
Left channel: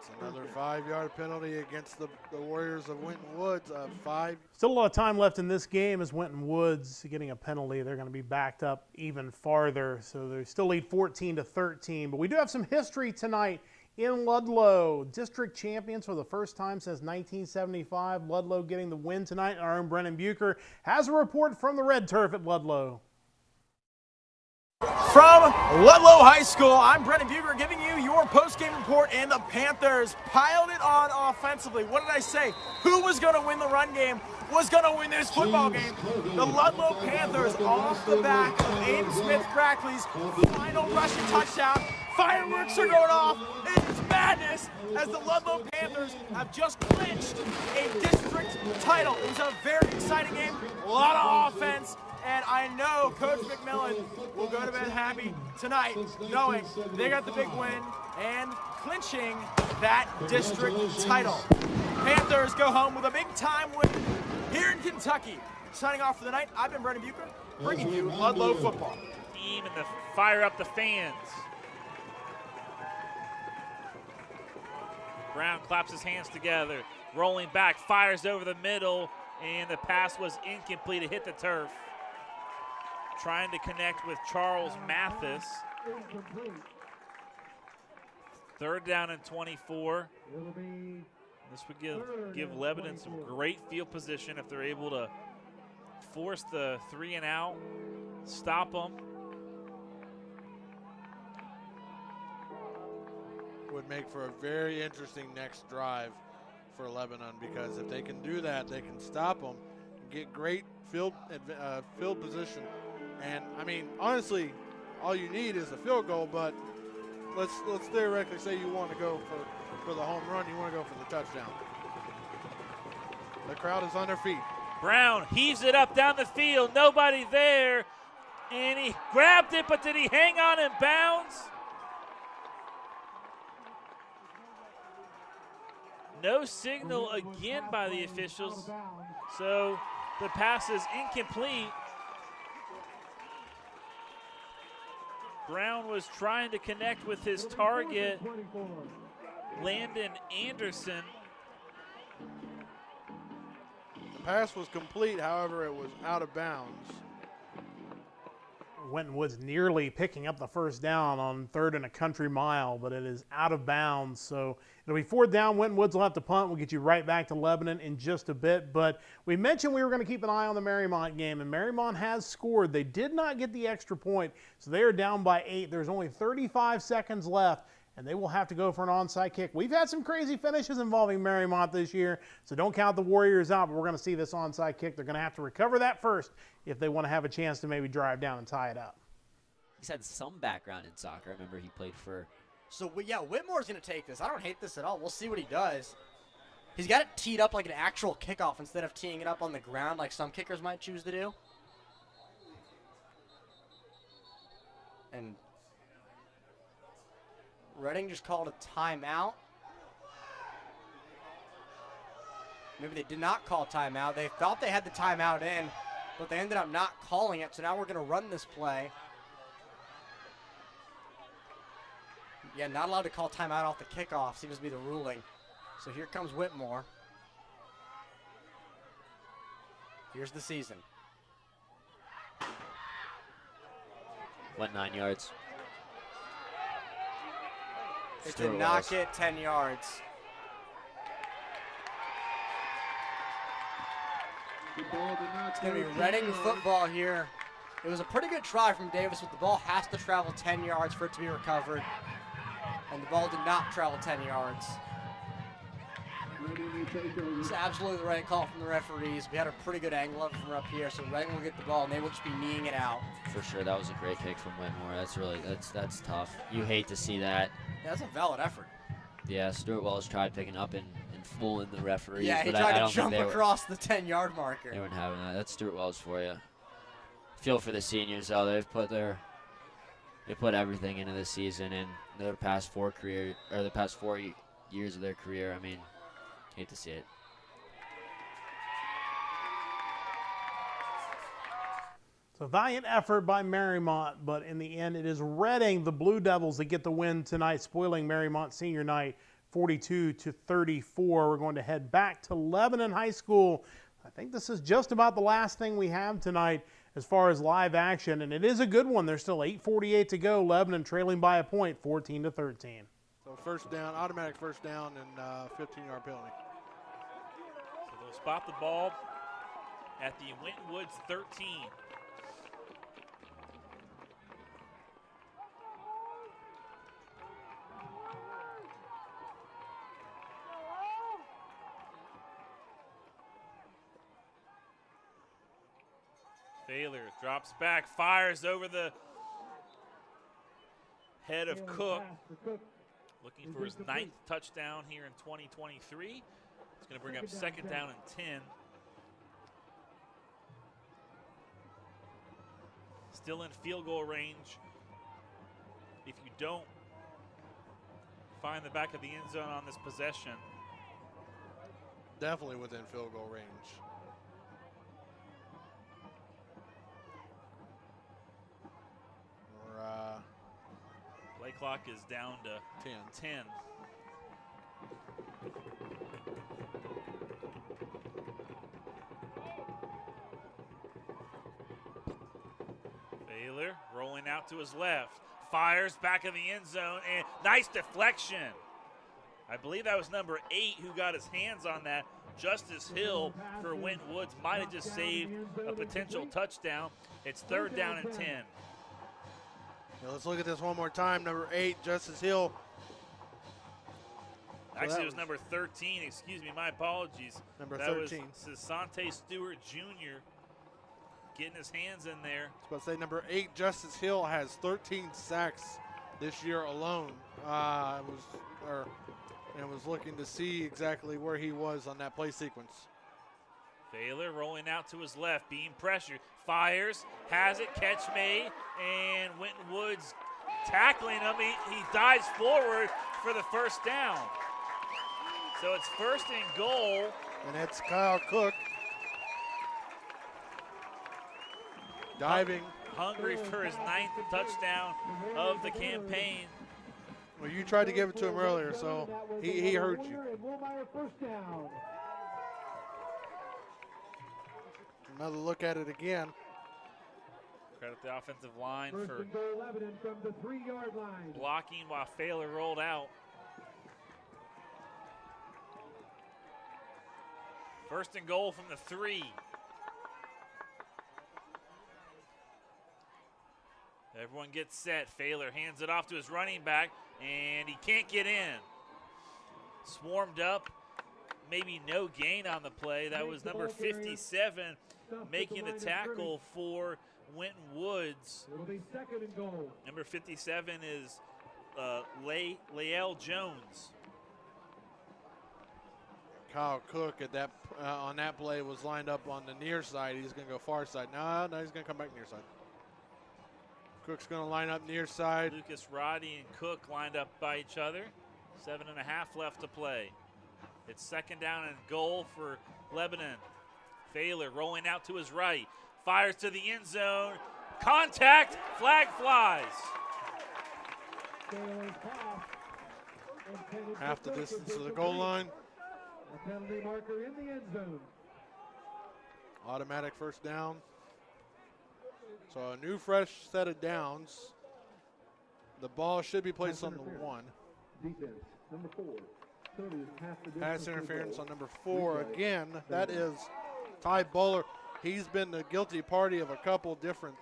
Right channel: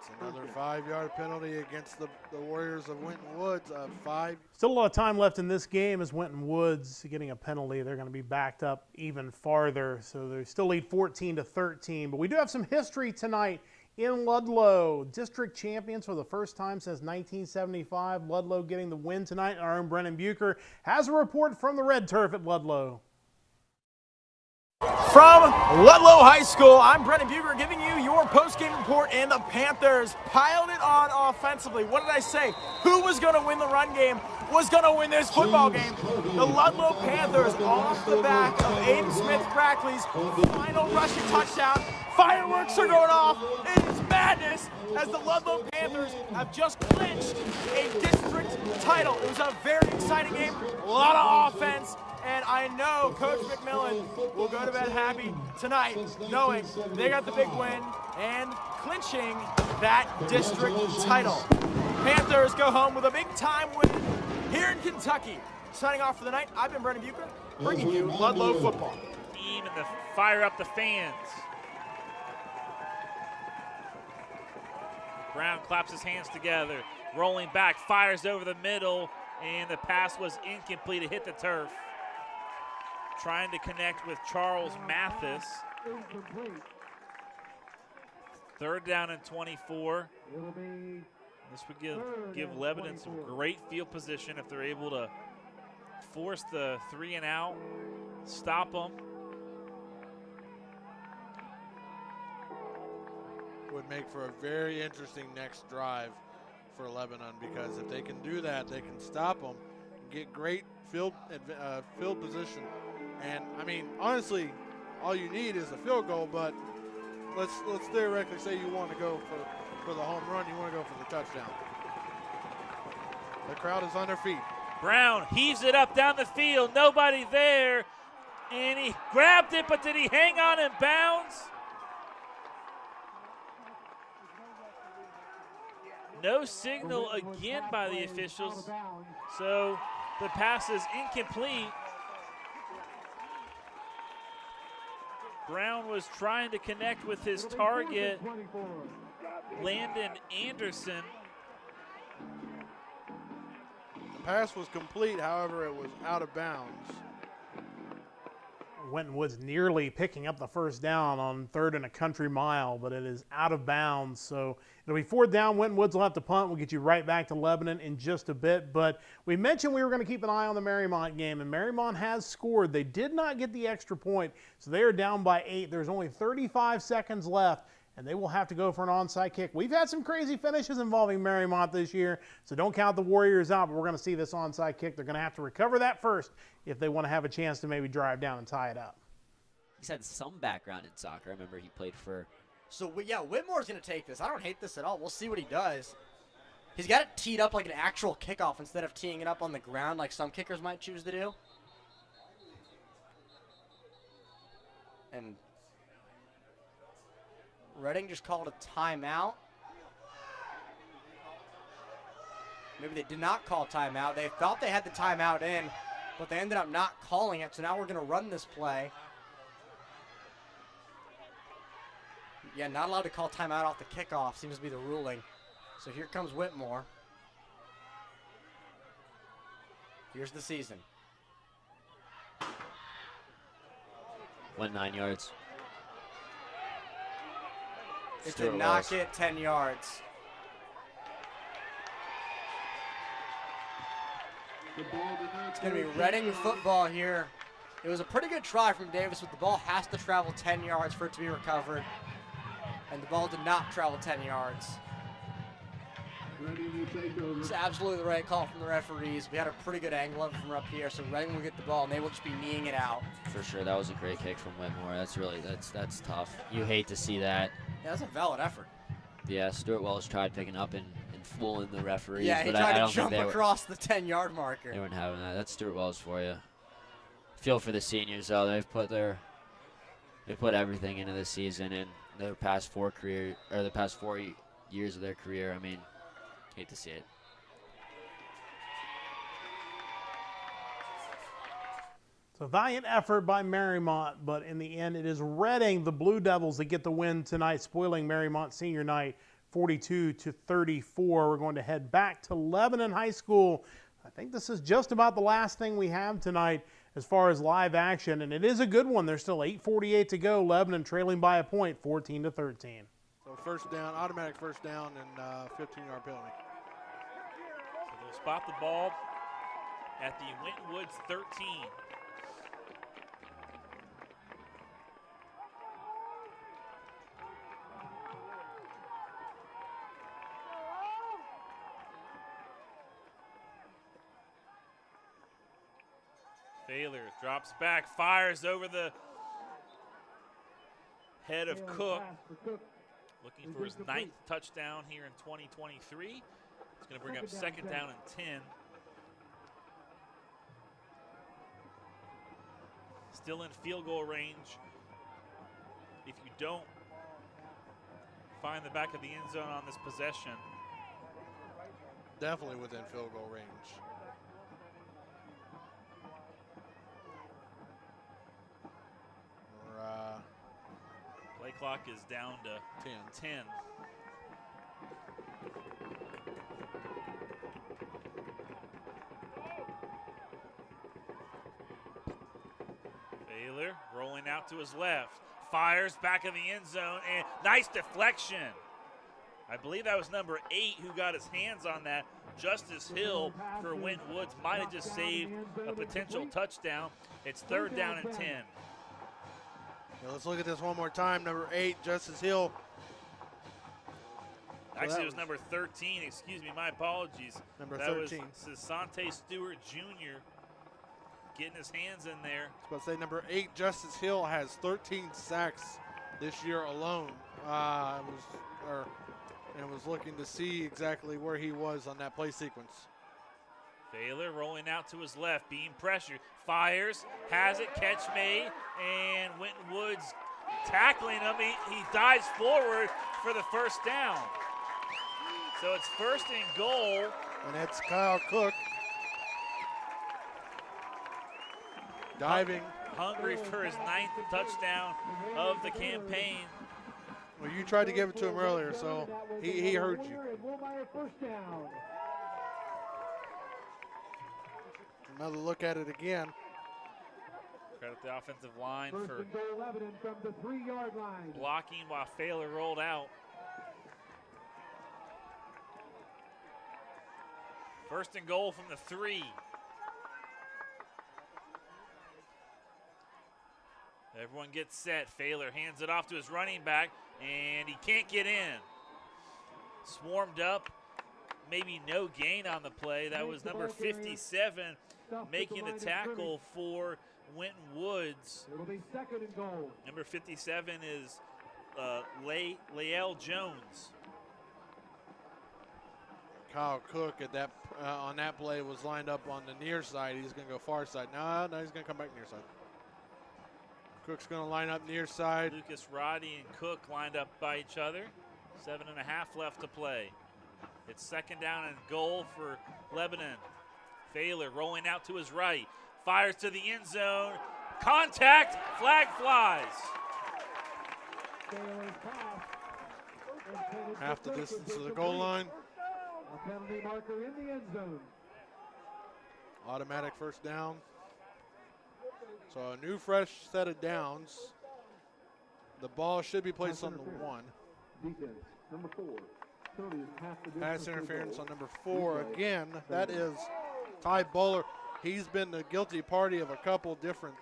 It's another 5-yard penalty against the Warriors of Winton Woods. 5. Still a lot of time left in this game as Winton Woods getting a penalty. They're going to be backed up even farther, so they still lead 14-13. But we do have some history tonight in Ludlow. District champions for the first time since 1975. Ludlow getting the win tonight. Our own Brennan Bucher has a report from the red turf at Ludlow. From Ludlow High School, I'm Brendan Buger giving you your post-game report, and the Panthers piled it on offensively. What did I say? Who was going to win the run game was going to win this football game? The Ludlow Panthers, off the back of Aiden Smith-Brackley's final rushing touchdown. Fireworks are going off. It's madness as the Ludlow Panthers have just clinched a district title. It was a very exciting game, a lot of offense. And I know Coach McMillan will go to bed happy tonight, knowing they got the big win and clinching that district title. Panthers go home with a big-time win here in Kentucky. Signing off for the night, I've been Brendan Bucher, bringing you Ludlow football. Team and the fire up the fans. Brown claps his hands together, rolling back, fires over the middle, and the pass was incomplete. It hit the turf. Trying to connect with Charles Mathis. 3rd down and 24. This would give Lebanon some great field position if they're able to force the 3 and out, stop them. Would make for a very interesting next drive for Lebanon, because if they can do that, they can stop them, get great field position. And I mean, honestly, all you need is a field goal, but let's theoretically say you want to go for the home run, you want to go for the touchdown. The crowd is on their feet. Brown heaves it up down the field, nobody there, and he grabbed it, but did he hang on in bounds? No signal again by the officials, so the pass is incomplete. Brown was trying to connect with his target, Landon Anderson. The pass was complete, however, it was out of bounds. Winton Woods nearly picking up the first down on 3rd and a country mile, but it is out of bounds. So it'll be 4th down. Winton Woods will have to punt. We'll get you right back to Lebanon in just a bit. But we mentioned we were going to keep an eye on the Marymount game, and Marymount has scored. They did not get the extra point, so they are down by 8. There's only 35 seconds left, and they will have to go for an onside kick. We've had some crazy finishes involving Marymount this year, so don't count the Warriors out, but we're going to see this onside kick. They're going to have to recover that first if they want to have a chance to maybe drive down and tie it up. He's had some background in soccer. I remember he played for. So, yeah, Whitmore's going to take this. I don't hate this at all. We'll see what he does. He's got it teed up like an actual kickoff instead of teeing it up on the ground like some kickers might choose to do. And Reading just called a timeout. Maybe they did not call timeout. They thought they had the timeout in, but they ended up not calling it, so now we're going to run this play. Yeah, not allowed to call timeout off the kickoff seems to be the ruling. So here comes Whitmore. Here's the season. Went 9 yards. It did not get 10 yards. It's going to be Reading football here. It was a pretty good try from Davis, but the ball has to travel 10 yards for it to be recovered. And the ball did not travel 10 yards. It's absolutely the right call from the referees. We had a pretty good angle of it from up here, so Reading will get the ball, and they will just be kneeing it out. For sure, that was a great kick from Whitmore. That's tough. You hate to see that. Yeah, that's a valid effort. Yeah, Stuart Wells tried picking up and fooling the referees. Yeah, he but tried I to don't jump think across the 10-yard marker. They weren't having that. That's Stuart Wells for you. Feel for the seniors, though. They put everything into this season, and the past 4 years of their career. I mean, hate to see it. So valiant effort by Marymount, but in the end, it is Reading, the Blue Devils, that get the win tonight, spoiling Marymount senior night 42-34. We're going to head back to Lebanon High School. I think this is just about the last thing we have tonight as far as live action, and it is a good one. There's still 8:48 to go. Lebanon trailing by a point, 14-13. So first down, automatic first down, and 15-yard penalty. So they'll spot the ball at the Winton Woods 13. Baylor drops back, fires over the head of Cook. Looking for his 9th touchdown here in 2023. It's going to bring up 2nd down and 10. Still in field goal range. If you don't find the back of the end zone on this possession. Definitely within field goal range. Play clock is down to 10. Baylor rolling out to his left. Fires back in the end zone, and nice deflection. I believe that was number 8 who got his hands on that. Justice Hill for Winton Woods might have just saved a potential touchdown. It's 3rd down and 10. Now let's look at this one more time. Number 8, Justice Hill. Actually, it was number 13. Excuse me, my apologies. Number that 13. Was Sasante Stewart Jr. getting his hands in there. I was about to say number 8, Justice Hill, has 13 sacks this year alone. I was looking to see exactly where he was on that play sequence. Baylor rolling out to his left, being pressured. Fires, has it, catch made, and Winton Woods tackling him. He dives forward for the 1st down. So it's 1st and goal. And it's Kyle Cook diving. Hungry for his 9th touchdown of the campaign. Well, you tried to give it to him earlier, so he heard you. Another look at it again. Credit the offensive line for blocking while Baylor rolled out. 1st and goal from the 3. Everyone gets set. Baylor hands it off to his running back, and he can't get in. Swarmed up. Maybe no gain on the play. That was number 57 making the tackle for Winton Woods. It'll be 2nd and goal. Number 57 is Lael Jones. Kyle Cook at that on that play was lined up on the near side. He's going to go far side. No, he's going to come back near side. Cook's going to line up near side. Lucas Roddy and Cook lined up by each other. 7.5 left to play. It's 2nd down and goal for Lebanon. Baylor rolling out to his right. Fires to the end zone. Contact. Flag flies. Half the distance to the goal line. A penalty marker in the end zone. Automatic 1st down. So a new fresh set of downs. The ball should be placed on the 1. Defense, number 4. Pass interference on number 4. Again, that is Ty Bowler. He's been the guilty party of a couple different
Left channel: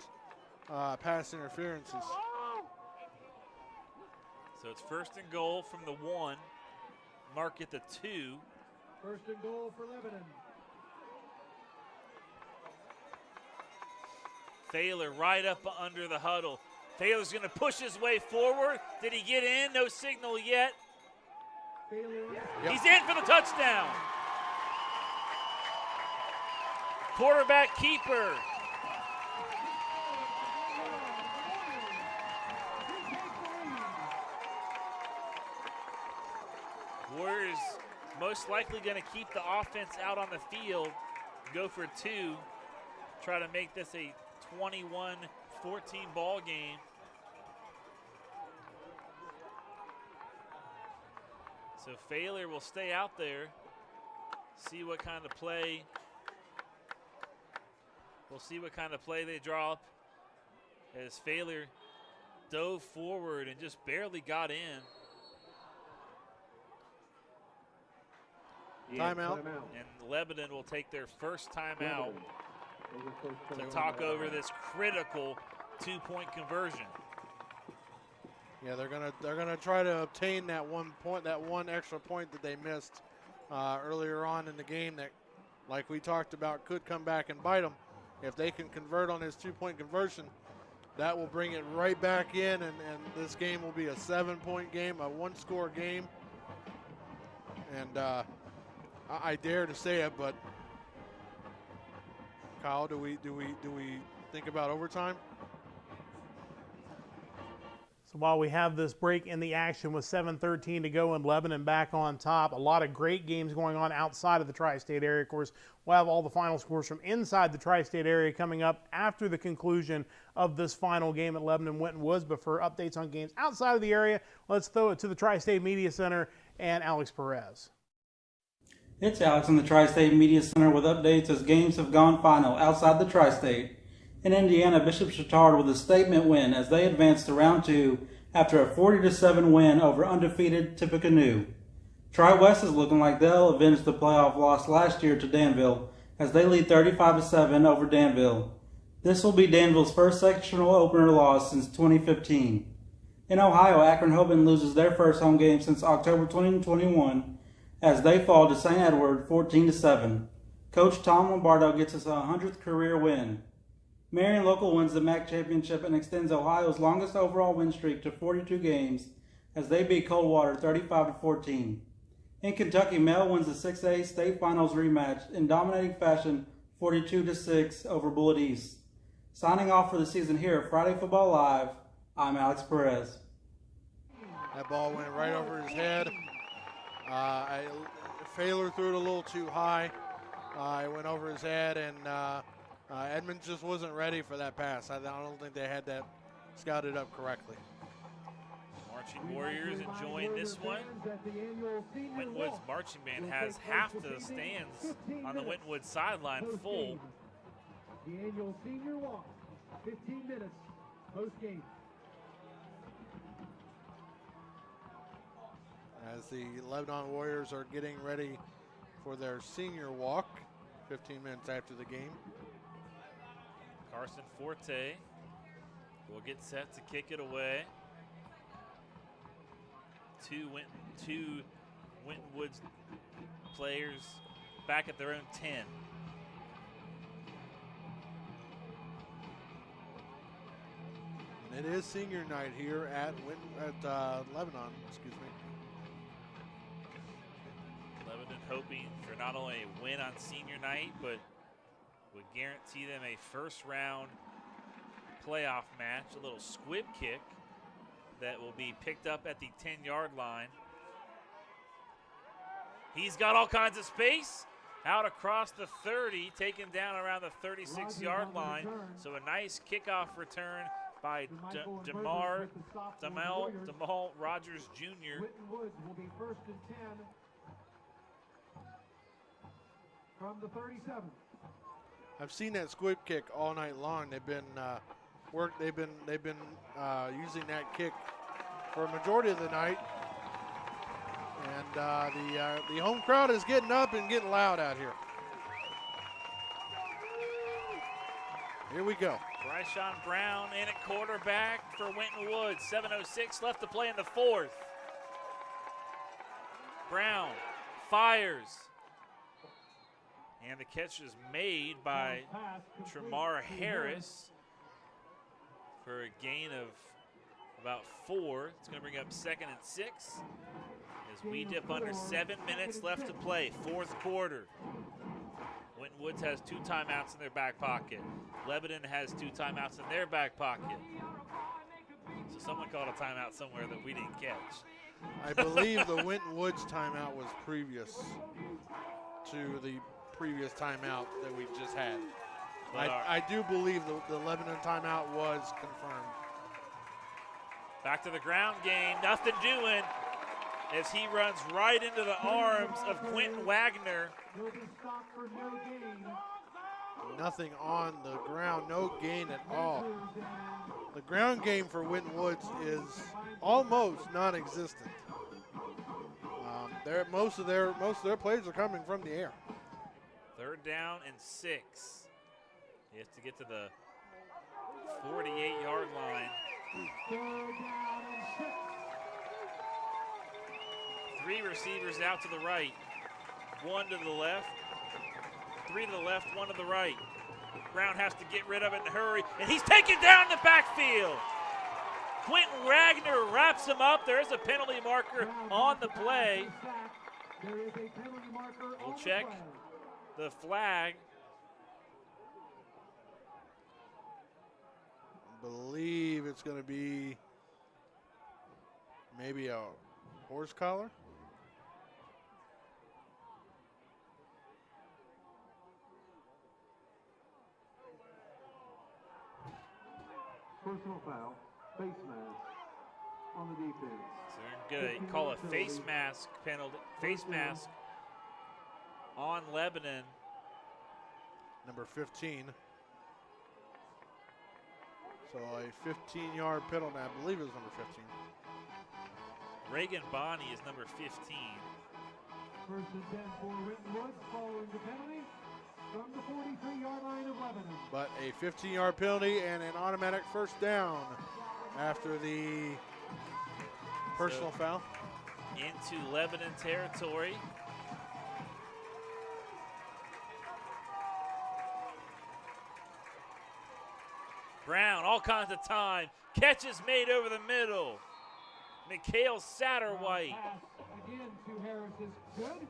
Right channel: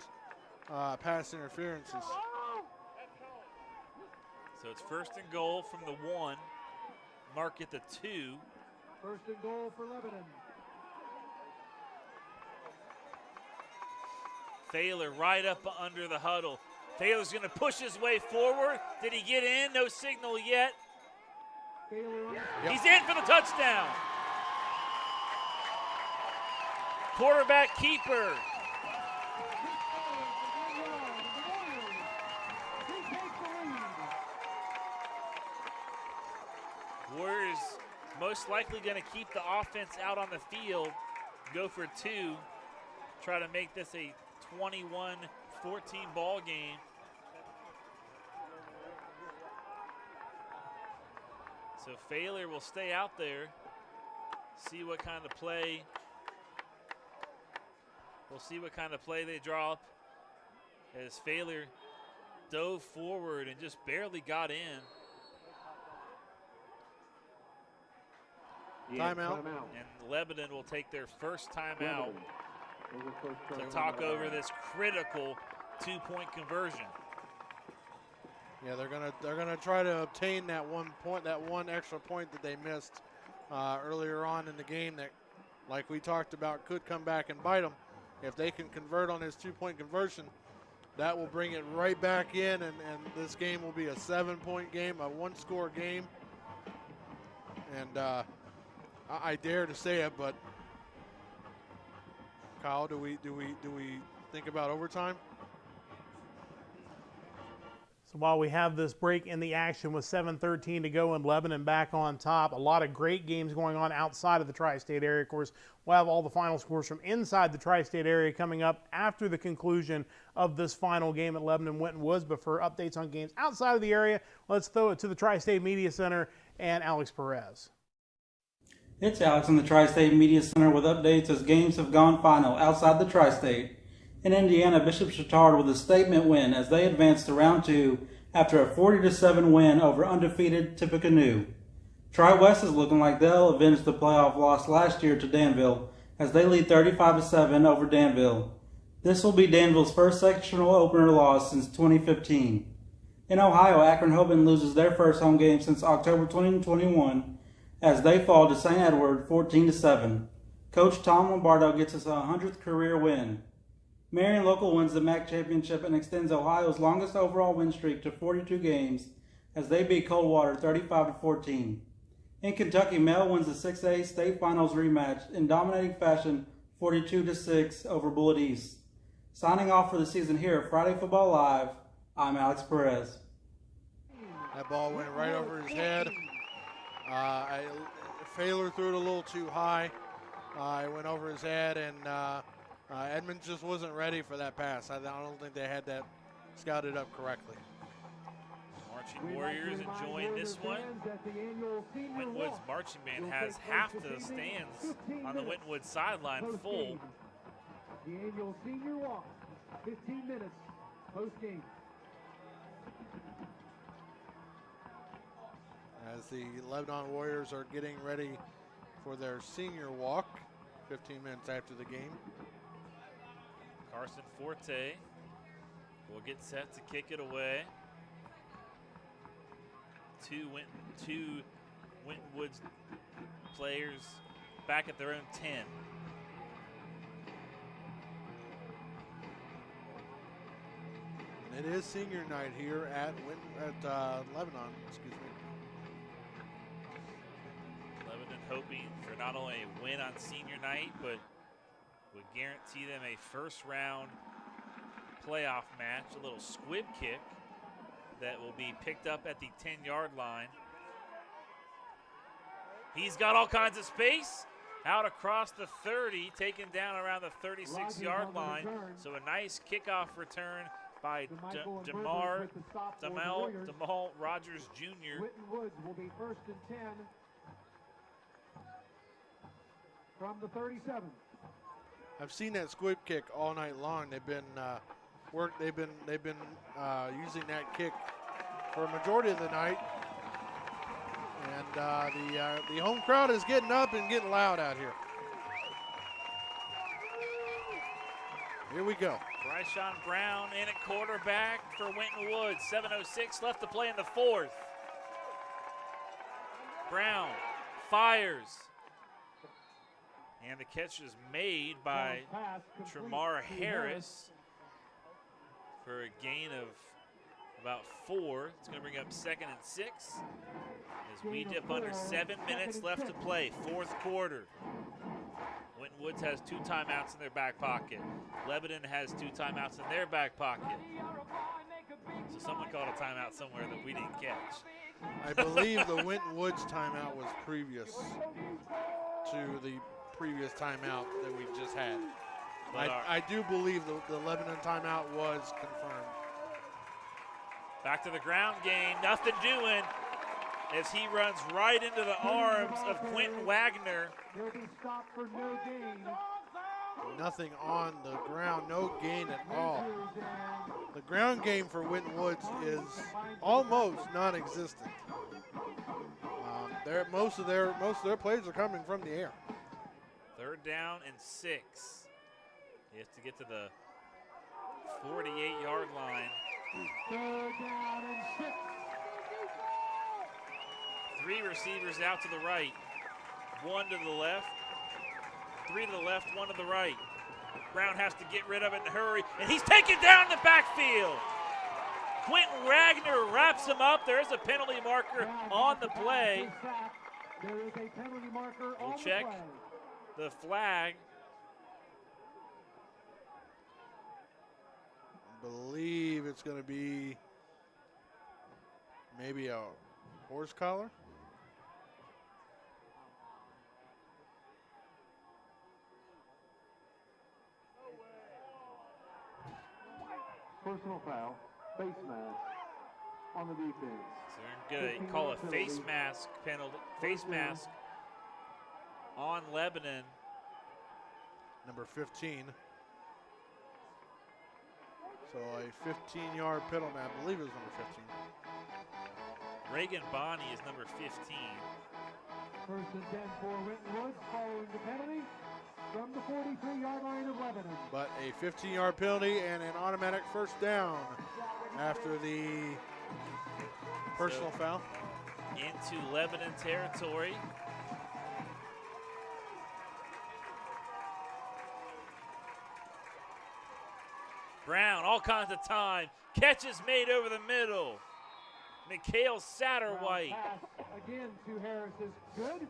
pass interferences. So it's 1st and goal from the 1. Mark at the 2. 1st and goal for Lebanon. Baylor right up under the huddle. Baylor's going to push his way forward. Did he get in? No signal yet. He's in for the touchdown. Quarterback keeper. Warriors most likely going to keep the offense out on the field, go for 2, try to make this a 21-14 ball game. So Baylor will stay out there, see what kind of play. We'll see what kind of play they draw up as Baylor dove forward and just barely got in. Timeout. And Lebanon will take their 1st timeout to talk over this critical 2-point conversion. Yeah, they're gonna try to obtain that 1 point, that 1 extra point that they missed earlier on in the game. That, like we talked about, could come back and bite them. If they can convert on his 2-point conversion, that will bring it right back in, and this game will be a 7-point game, a 1-score game. And I dare to say it, but Kyle, do we think about overtime? So while we have this break in the action with 7:13 to go and Lebanon back on top, a lot of great games going on outside of the tri-state area. Of course, we'll have all the final scores from inside the tri-state area coming up after the conclusion of this final game at Lebanon Winton Woods. But for updates on games outside of the area, let's throw it to the Tri-State Media Center and Alex Perez. It's Alex in the Tri-State Media Center with updates as games have gone final outside the Tri-State. In Indiana, Bishop Chatard with a statement win as they advanced to round 2 after a 40-7 win over undefeated Tippecanoe. Tri-West is looking like they'll avenge the playoff loss last year to Danville as they lead 35-7 over Danville. This will be Danville's first sectional opener loss since 2015. In Ohio, Akron-Hoban loses their first home game since October 2021 as they fall to St. Edward 14-7. Coach Tom Lombardo gets his 100th career win. Marion Local wins the MAC championship and extends Ohio's longest overall win streak to 42 games as they beat Coldwater 35-14. In Kentucky, Male wins the 6A state finals rematch in dominating fashion 42-6 over Bullitt East. Signing off for the season here at Friday Football Live, I'm Alex Perez. That ball went right over his head. Failer threw it a little too high. It went over his head, and Edmonds just wasn't ready for that pass. I don't think they had that scouted up correctly. Marching Warriors enjoying this one. Winton Woods Marching Band has half the stands on the Winton Woods sideline full. The annual senior walk, 15 minutes post-game. As the Lebanon Warriors are getting ready for their senior walk, 15 minutes after the game. Carson Forte will get set to kick it away. Two Winton Woods players back at their own 10. And it is senior night here at Lebanon, excuse me. Lebanon hoping for not only a win on senior night, but would guarantee them a first-round playoff match, a little squib kick that will be picked up at the 10-yard line. He's got all kinds of space out across the 30, taken down around the 36-yard line. So a nice kickoff return by Jamal Rogers Jr. Winton Woods will be first and 10 from the 37. I've seen that squib kick all night long. They've been using that kick for a majority of the night, and the home crowd is getting up and getting loud out here. Here we go. Bryshawn Brown in at quarterback for Winton Woods. 7:06 left to play in the fourth. Brown fires. And the catch is made by Tremar Harris for a gain of about 4. It's going to bring up 2nd and 6 as we dip under 7 minutes left to play, fourth quarter. Winton Woods has 2 timeouts in their back pocket. Lebanon has 2 timeouts in their back pocket. So someone called a timeout somewhere that we didn't catch. I believe the Winton Woods timeout was previous to the previous timeout that we just had. I do believe the Lebanon timeout was confirmed. Back to the ground game, nothing doing as he runs right into the arms of Quentin Wagner. Nothing on the ground, no gain at all. The ground game for Winton Woods is almost non-existent. Most of their plays are coming from the air. 3rd down and 6. He has to get to the 48-yard line. 3 receivers out to the right. 1 to the left. 3 to the left, 1 to the right. Brown has to get rid of it in a hurry, and he's taken down in the backfield. Quentin Wagner wraps him up. There's a penalty marker on the play. We'll check the flag. I believe it's going to be maybe a horse collar. Personal foul, face mask on the defense. So they're going to call a face mask penalty, face mask on Lebanon. Number 15. So a 15-yard penalty, I believe it was number 15. Reagan Bonney is number 15. First and 10 for Winton Woods following the penalty from the 43-yard line of Lebanon. But a 15-yard penalty and an automatic first down after the personal foul. Into Lebanon territory. Brown, all kinds of time. Catches made over the middle. Mikhail Satterwhite. Again to Harris is good.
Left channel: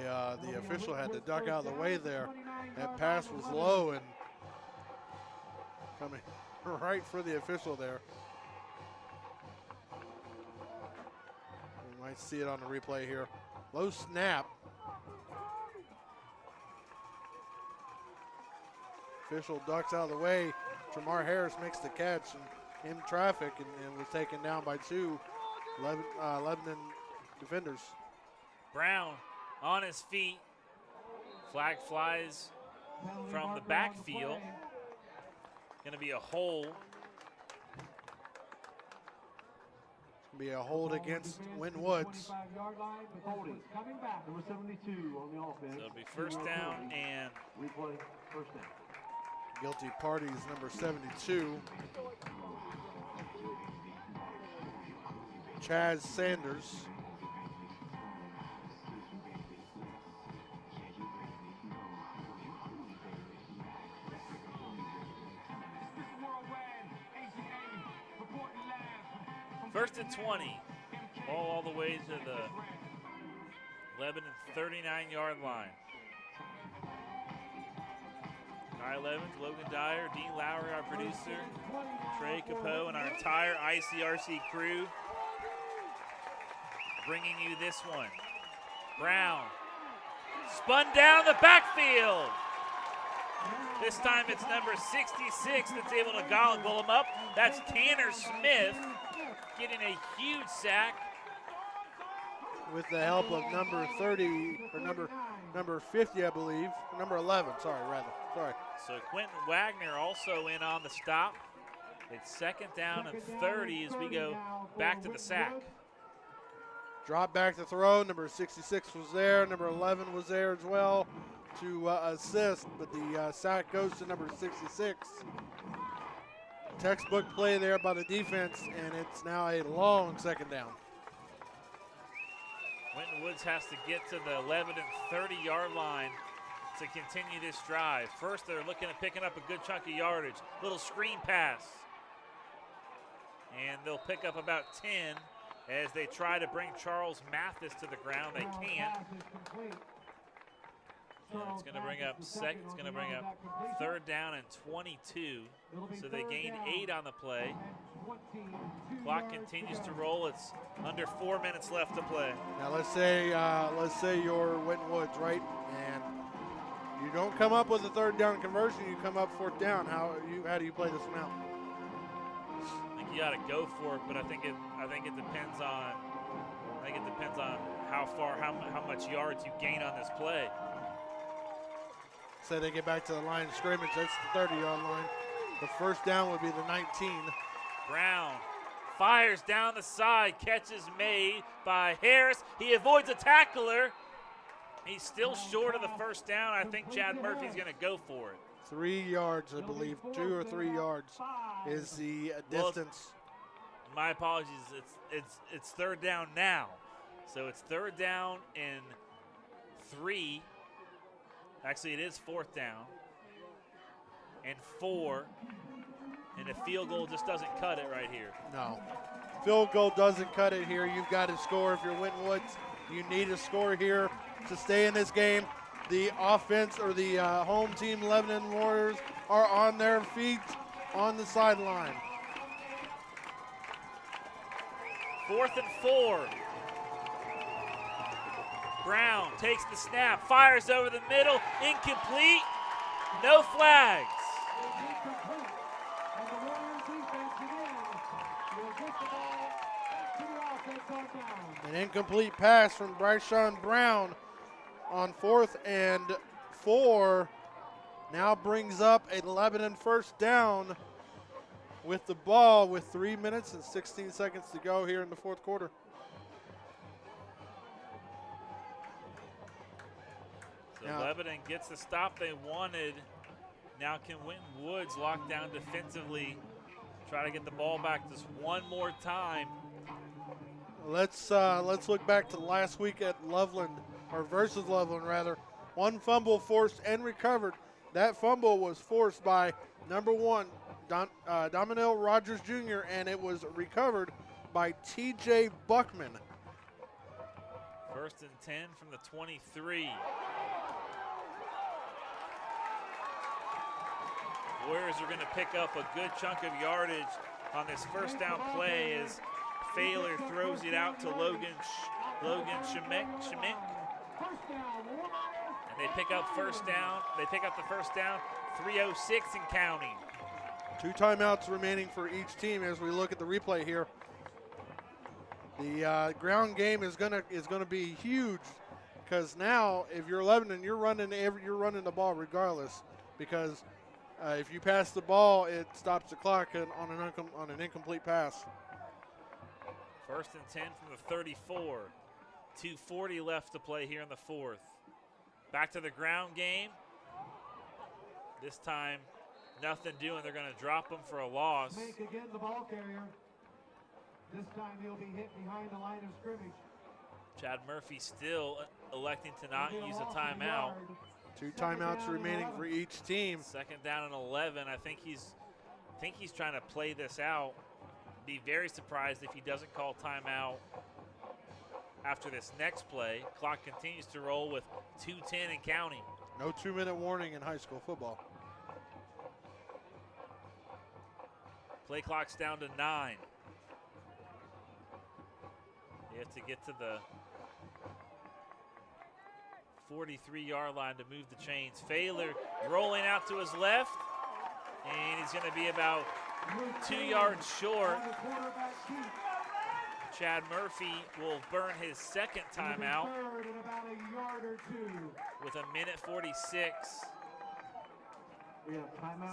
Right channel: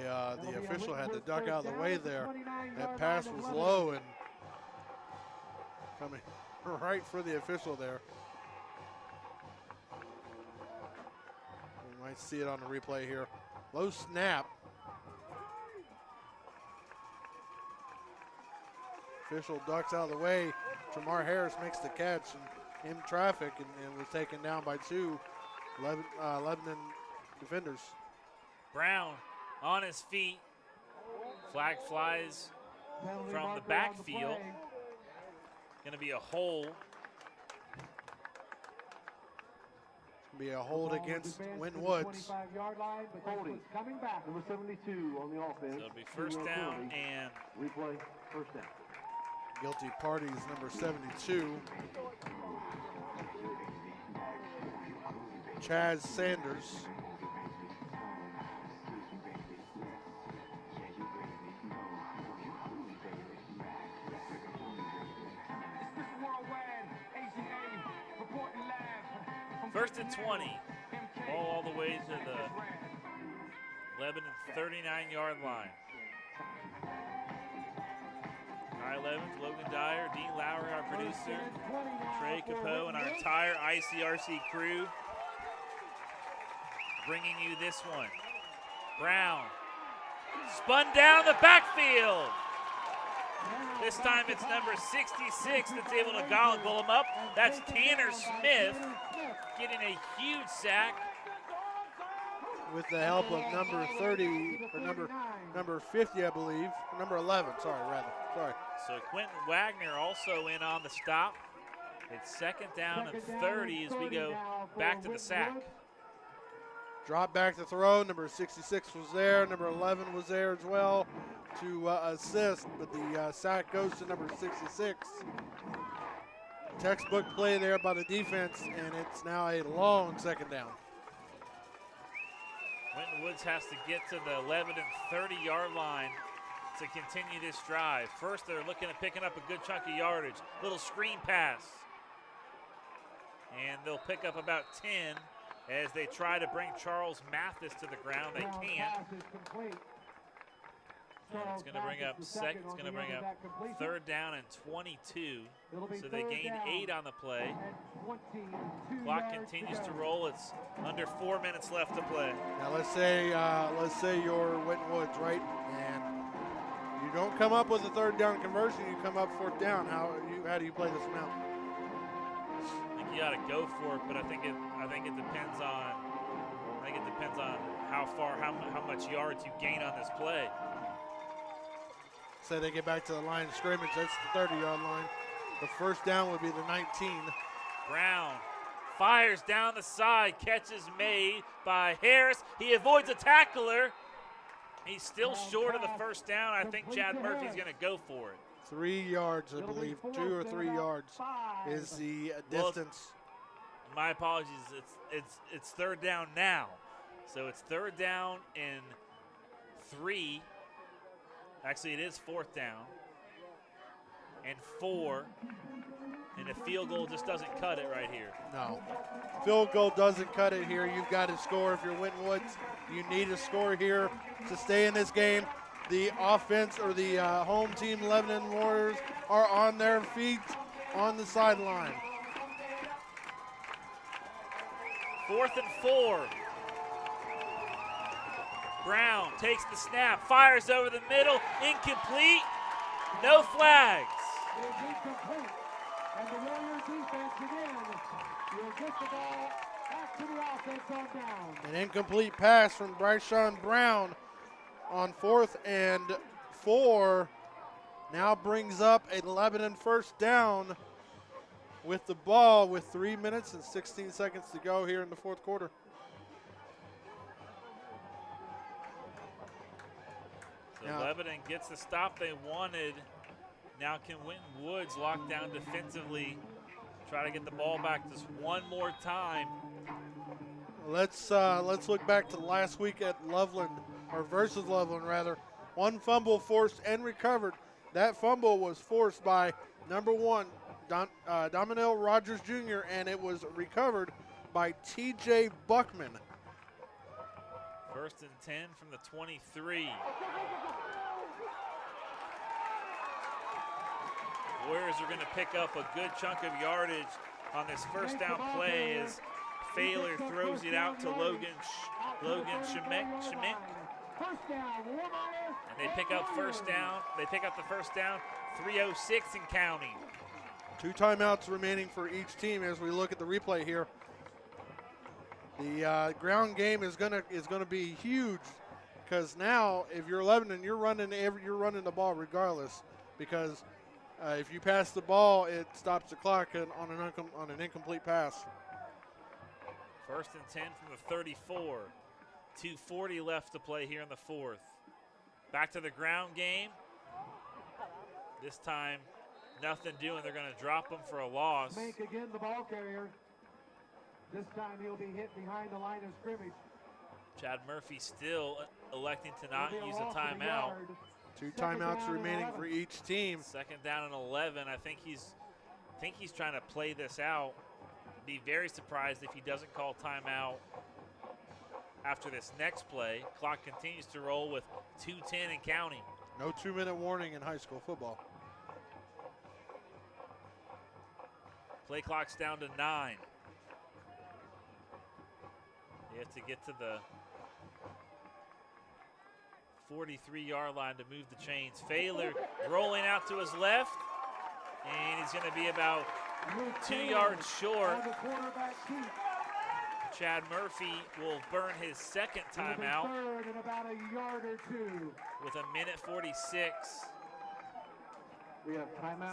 Yeah, the official had to duck out of the way there. That pass was low and coming right for the official there. We might see it on the replay here. Low snap. Official ducks out of the way. Jamar Harris makes the catch and in traffic and was taken down by two Lebanon defenders. Brown on his feet. Flag flies from the backfield. Going to be a hold. Be a hold against Winton Woods. Coming back, number 72 on the offense. So it'll be first down and replay first down. Guilty party is number 72. Chaz Sanders. First and 20. Ball all the way to the Lebanon 39-yard line. Kyle Evans, Logan Dyer, Dean Lowry, our producer, Trey Capo, and our entire ICRC crew bringing you this one. Brown spun down the backfield. This time it's number 66 that's able to gobble him up. That's Tanner Smith getting a huge sack. With the help of number 30, or number 50, I believe. Number 11, sorry. So Quentin Wagner also in on the stop. It's second down and 30 as we go back to the sack. Drop back to throw. Number 66 was there. Number 11 was there as well to assist, but the sack goes to number 66. Textbook play there by the defense, and it's now a long second down. Winton Woods has to get to the Lebanon 30-yard line to continue this drive. First, they're looking at picking up a good chunk of yardage. Little screen pass. And they'll pick up about 10 as they try to bring Charles Mathis to the ground. They can't. And it's going to bring up third down and 22. So they gained 8 on the play. Clock continues to roll. It's under 4 minutes left to play. Now let's say you're Winton Woods, right? And you don't come up with a third down conversion. You come up fourth down. How do you play this one out? I think you got to go for it, but I think it depends on how much yards you gain on this play. Say they get back to the line of scrimmage. That's the 30-yard line. The first down would be the 19. Brown fires down the side. Catch is made by Harris. He avoids a tackler. He's still short of the first down. I think Chad Murphy's going to go for it. 3 yards, I believe. 2 or 3 yards is the distance. My apologies. It's third down now. So it's third down and 3. Actually, it is fourth down. and 4. And a field goal just doesn't cut it right here. No. Field goal doesn't cut it here. You've got to score if you're Winton Woods. You need a score here to stay in this game. The offense or the home team Lebanon Warriors are on their feet on the sideline. 4th and 4. Brown takes the snap, fires over the middle, incomplete, no flags. An incomplete pass from Bryshawn Brown on 4th and 4 now brings up a Lebanon first down with the ball with 3 minutes and 16 seconds to go here in the 4th quarter. So Lebanon gets the stop they wanted. Now can Winton Woods lock down defensively, try to get the ball back just one more time. Let's look back to last week at Loveland, or versus Loveland rather. One fumble forced and recovered. That fumble was forced by number 1, Dominell Rogers Jr., and it was recovered by T.J. Buckman. 1st and 10 from the 23. Warriors are going to pick up a good chunk of yardage on this first down play as Failer throws it out to Logan Schmick. And they pick up first down. They pick up the first down, 3:06 and counting. 2 timeouts remaining for each team as we look at the replay here. The ground game is gonna be huge because now if you're Lebanon, you're running the ball regardless because if you pass the ball, it stops the clock on an incomplete pass. 1st and 10 from the 34. 2:40 left to play here in the 4th. Back to the ground game. This time, nothing doing. They're going to drop him for a loss. Make again the ball carrier. This time he'll be hit behind the line of scrimmage. Chad Murphy still electing to not use a timeout. 2 timeouts remaining for each team. 2nd down and 11. I think he's trying to play this out. Be very surprised if he doesn't call timeout after this next play. Clock continues to roll with 2:10 and counting. No 2-minute warning in high school football. Play clock's down to 9. You have to get to the 43-yard line to move the chains. Failer rolling out to his left, and he's going to be about 2 yards short. Chad Murphy will burn his 2nd timeout with 1:46.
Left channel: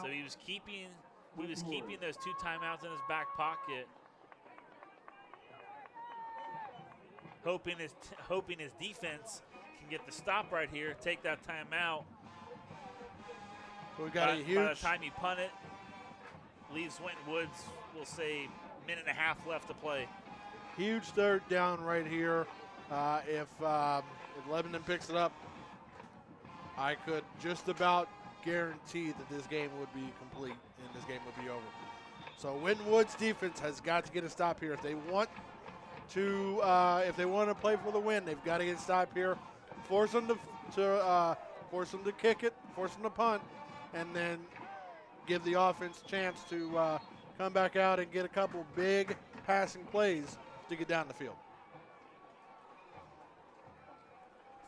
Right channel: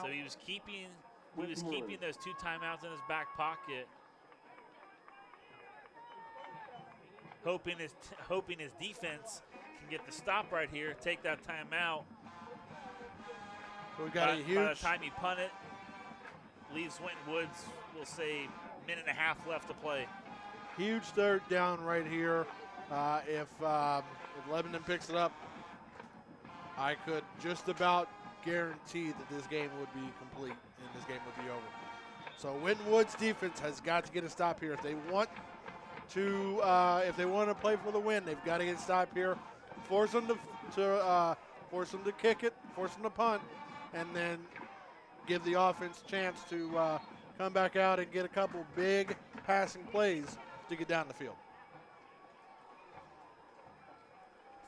So he was keeping those 2 timeouts in his back pocket, hoping his defense can get the stop right here, take that timeout. So we got by a huge. By the time you punt it, leaves Winton Woods, we'll say, 1.5 minutes left to play. Huge 3rd down right here. If Lebanon picks it up, I could just about guarantee that this game would be complete and this game would be over. So Winton Woods defense has got to get a stop here. If they want to play for the win, they've got to get a stop here. Force them to kick it, force them to punt, and then give the offense a chance to come back out and get a couple big passing plays to get down the field.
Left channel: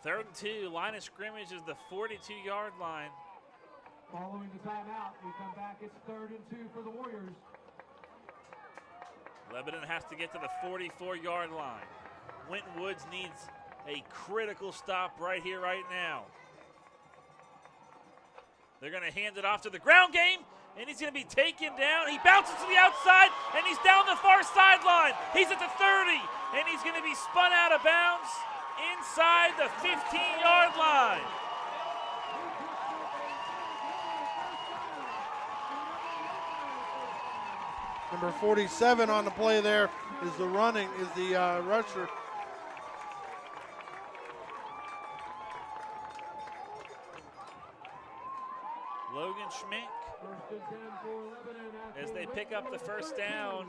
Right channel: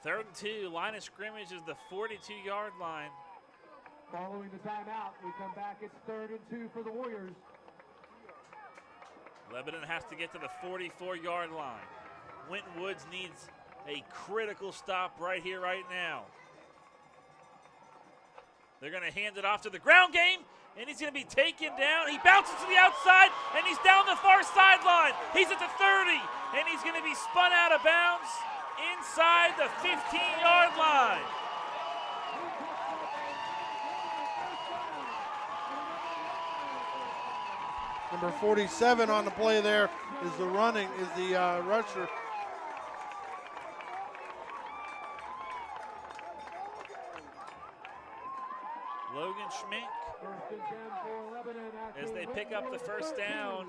3rd and 2, line of scrimmage is the 42-yard line. Following the timeout, we come back. It's 3rd and 2 for the Warriors. Lebanon has to get to the 44-yard line. Winton Woods needs a critical stop right here, right now. They're going to hand it off to the ground game, and he's going to be taken down. He bounces to the outside, and he's down the far sideline. He's at the 30, and he's going to be spun out of bounds inside the 15-yard line. Number 47 on the play there is the rusher. Logan Schmink as they pick up the first down.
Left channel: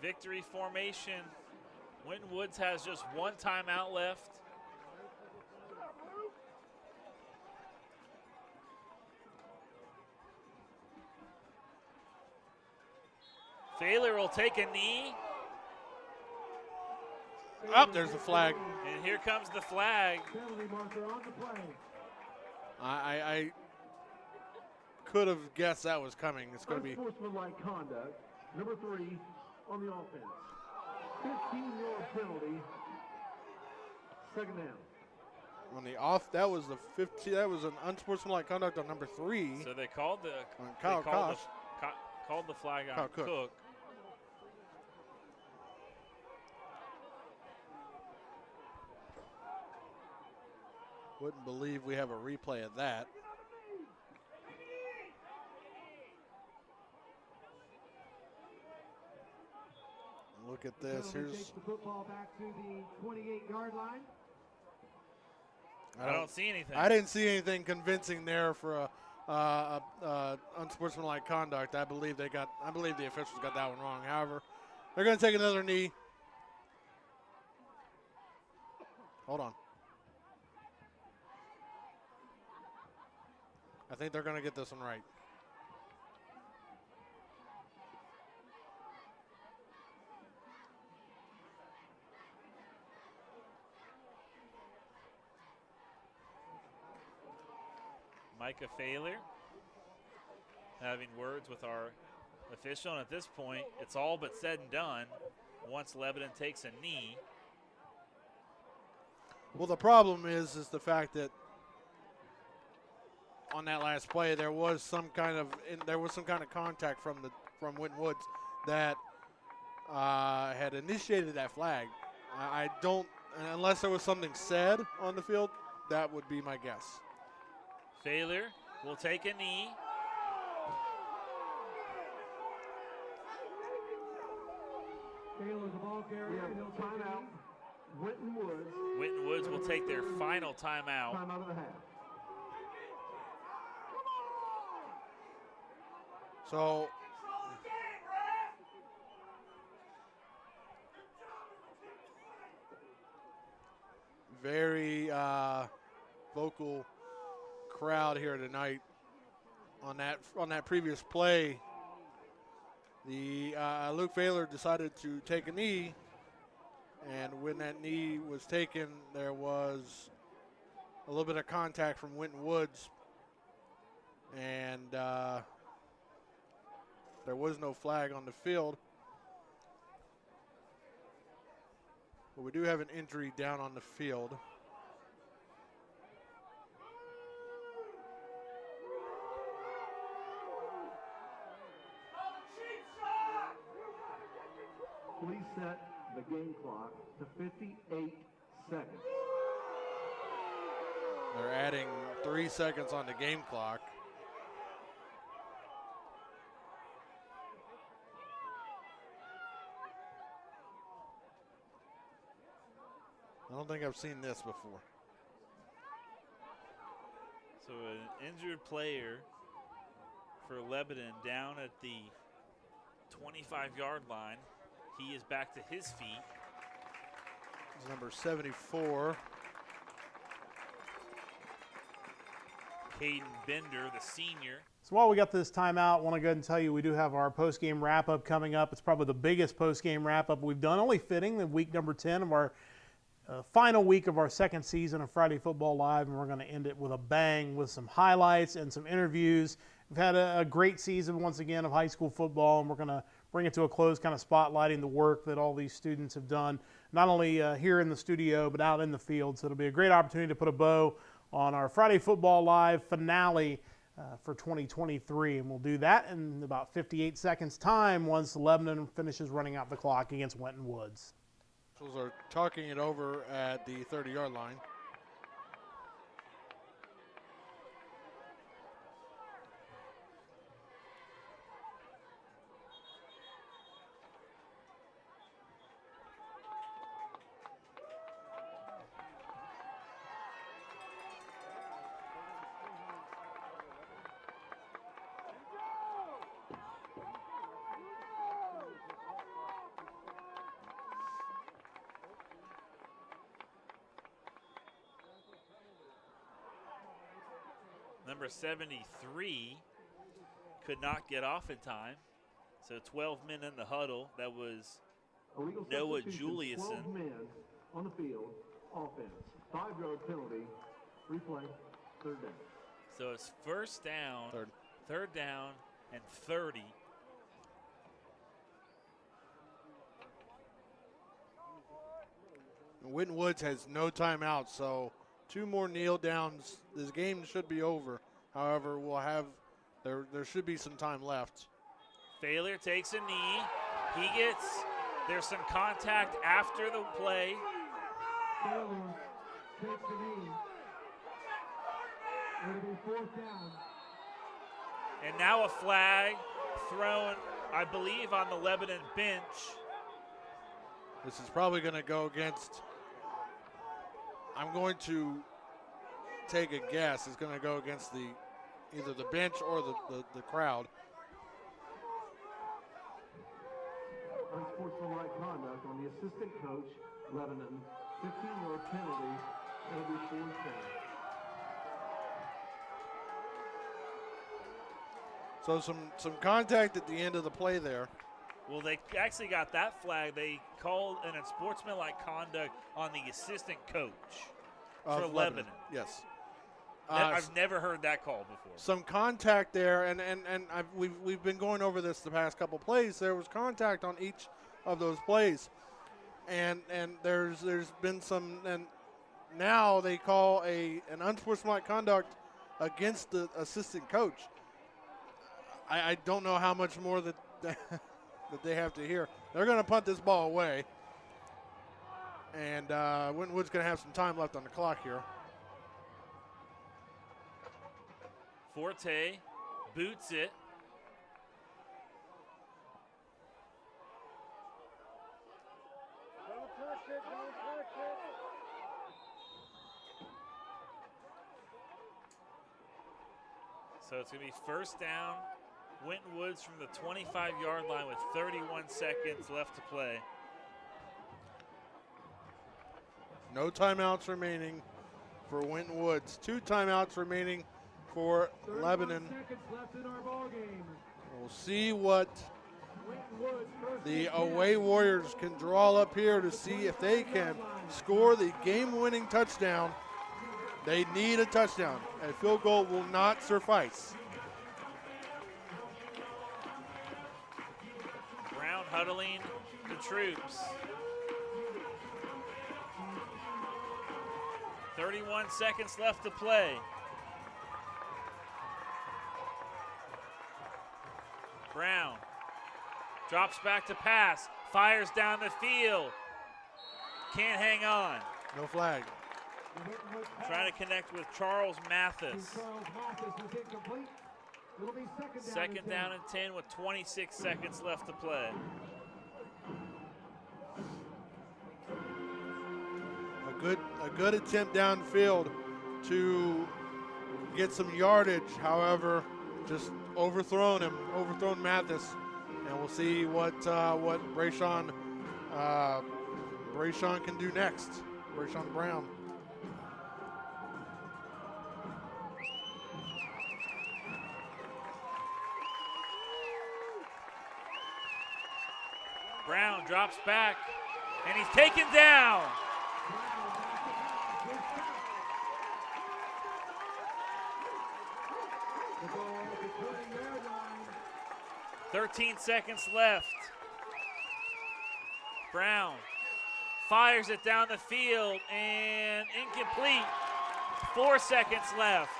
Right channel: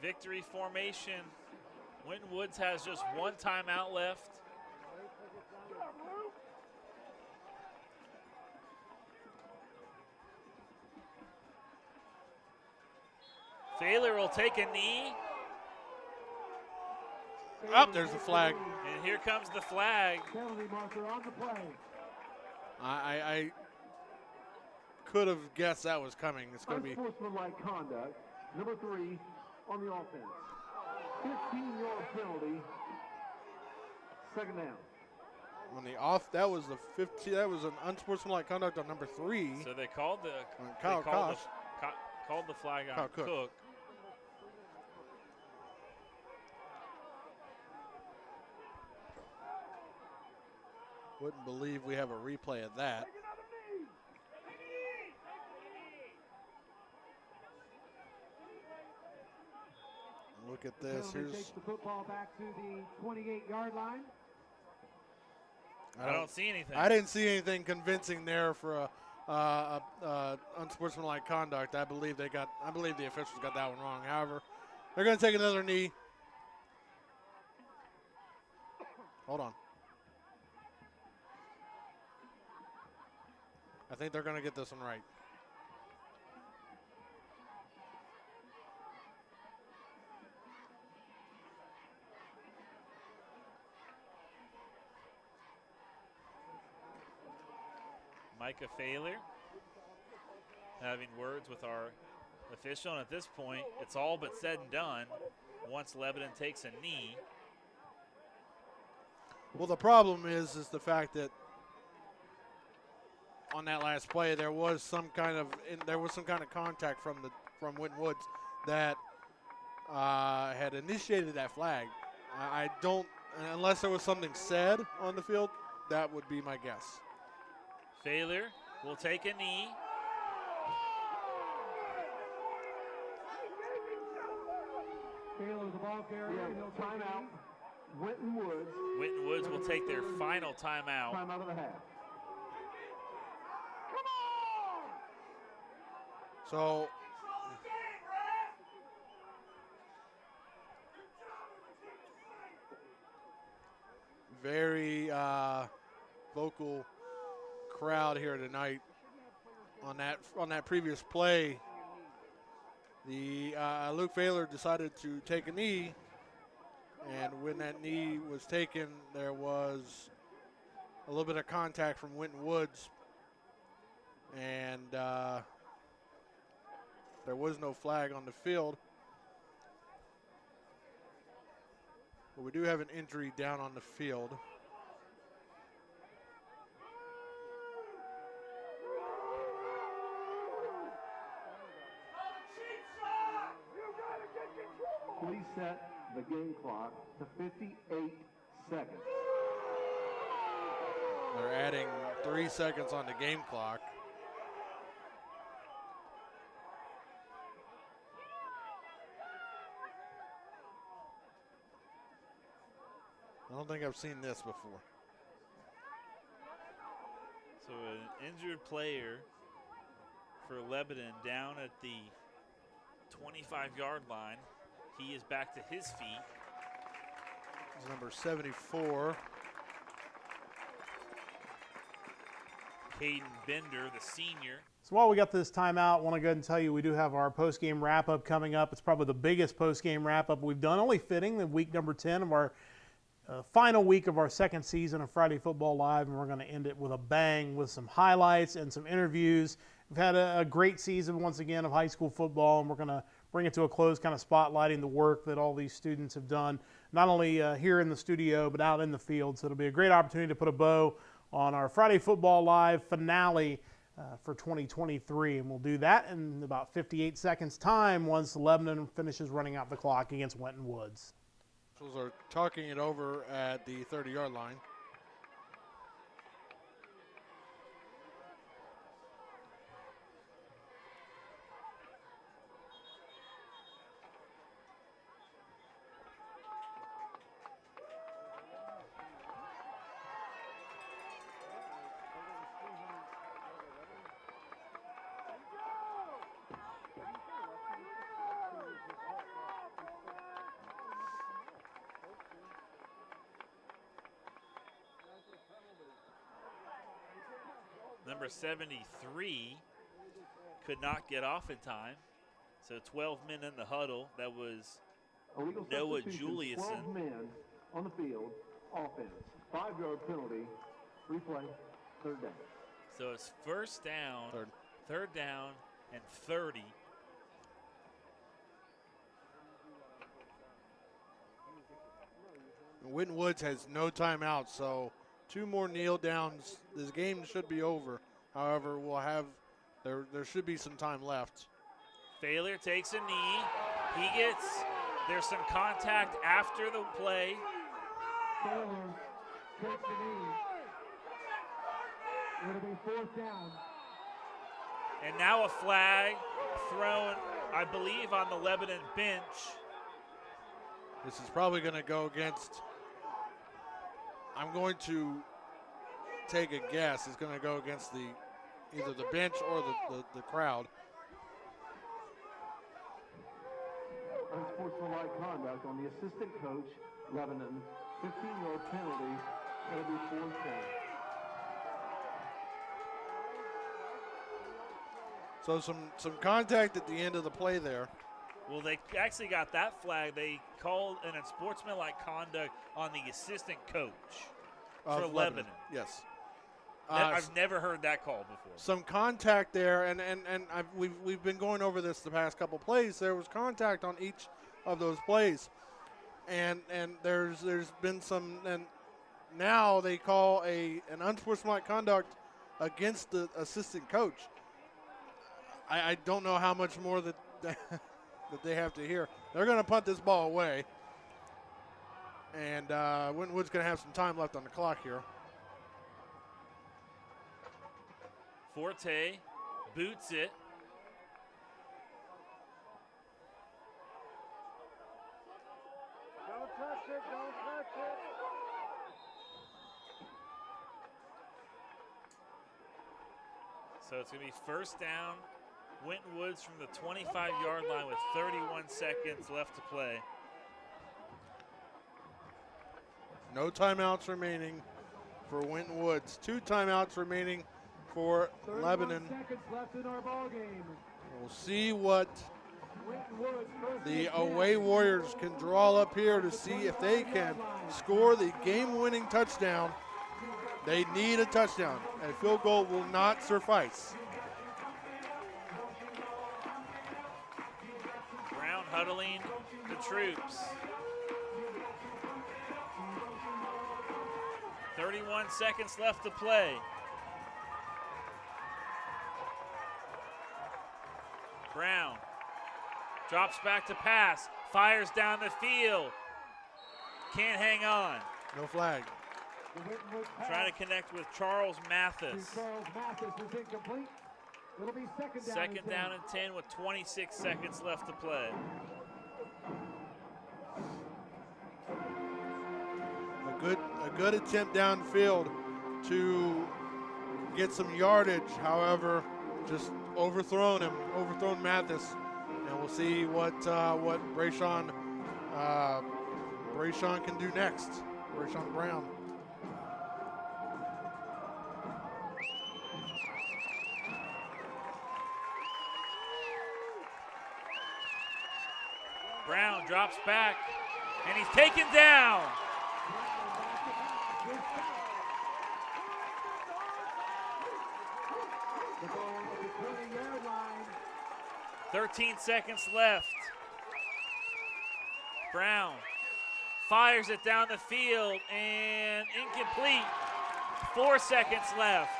Victory formation. Winton Woods has just one timeout left. Thaler will take a knee. Up, there's the flag. And here comes the flag. I could have guessed that was coming. It's going to be. Unsportsmanlike conduct, number 3 on the offense. 15-yard penalty. Second down. On the off, that was the 15. That was an unsportsmanlike conduct on number 3. So they called the Kyle Koch. Called the flag on Kyle Cook. Cook. Wouldn't believe we have a replay of that. Look at this. Here's takes the football back to the 28-yard line. I don't see anything. I didn't see anything convincing there for a unsportsmanlike conduct. I believe the officials got that one wrong. However, they're going to take another knee. Hold on. I think they're going to get this one right. Micah Thaler having words with our official, and at this point, it's all but said and done once Lebanon takes a knee. Well, the problem is the fact that on that last play there was some kind of contact from Winton Woods that had initiated that flag. I don't, unless there was something said on the field, that would be my guess. Thaler will take a knee. Taylor's the ball carrier. He'll time out. Winton Woods. Winton Woods will take their final timeout. Timeout of the half. So very vocal crowd here tonight on that previous play. The Luke Thaler decided to take a knee, and when that knee was taken, there was a little bit of contact from Winton Woods, and there was no flag on the field. But we do have an injury down on the field. Please set the game clock to 58 seconds. They're adding 3 seconds on the game clock. I don't think I've seen this before. So an injured player for Lebanon down at the 25-yard line. He is back to his feet. It's number 74. Caden Bender, the senior. So while we got this timeout, I want to go ahead and tell you we do have our post-game wrap-up coming up. It's probably the biggest post-game wrap-up we've done, only fitting the week number 10 of our final week of our second season of Friday Football Live, and we're going to end it with a bang with some highlights and some interviews. We've had a great season once again of high school football, and we're going to bring it to a close, kind of spotlighting the work that all these students have done, not only here in the studio, but out in the field. So it'll be a great opportunity to put a bow on our Friday Football Live finale for 2023. And we'll do that in about 58 seconds time once Lebanon finishes running out the clock against Winton Woods. Those are talking it over at the 30-yard line. Number 73 could not get off in time. So 12 men in the huddle. That was Noah Juliuson. 12 men on the field, offense. 5-yard penalty, replay, third down. So it's first down, third down, and 30. Winton Woods has no timeout, so 2 more kneel downs. This game should be over. However, we'll have there should be some time left. Thaler takes a knee. There's some contact after the play. Taylor takes the knee. It'll be fourth down. And now a flag thrown, I believe, on the Lebanon bench. This is probably going to go against, I'm going to take a guess, it's going to go against either the bench or the crowd. Unsportsmanlike conduct on the assistant coach, Lebanon. 15-yard penalty. It'll be fourth down. So some contact at the end of the play there. Well, they actually got that flag. They called an unsportsmanlike conduct on the assistant coach for Lebanon. Yes. I've never heard that call before. Some contact there, and we've been going over this the past couple plays. There was contact on each of those plays, and there's been some, and now they call an unsportsmanlike conduct against the assistant coach. I don't know how much more that that they have to hear. They're going to punt this ball away, and Winton Woods going to have some time left on the clock here. Forte boots it. So it's going to be first down. Winton Woods from the 25-yard line with 31 seconds left to play. No timeouts remaining for Winton Woods. 2 timeouts remaining for Lebanon. We'll see what the away Warriors can draw up here to see if they can score the game-winning touchdown. They need a touchdown. A field goal will not suffice. Brown huddling the troops. 31 seconds left to play. Brown drops back to pass, fires down the field. Can't hang on. No flag. Trying to connect with Charles Mathis. Second down and 10 with 26 seconds left to play. A good attempt downfield to get some yardage. However, just overthrown Mathis, and we'll see what Brayshawn can do next. Brayshawn Brown. Brown drops back, and he's taken down. "13 seconds left. Brown fires it down the field and incomplete. 4 seconds left.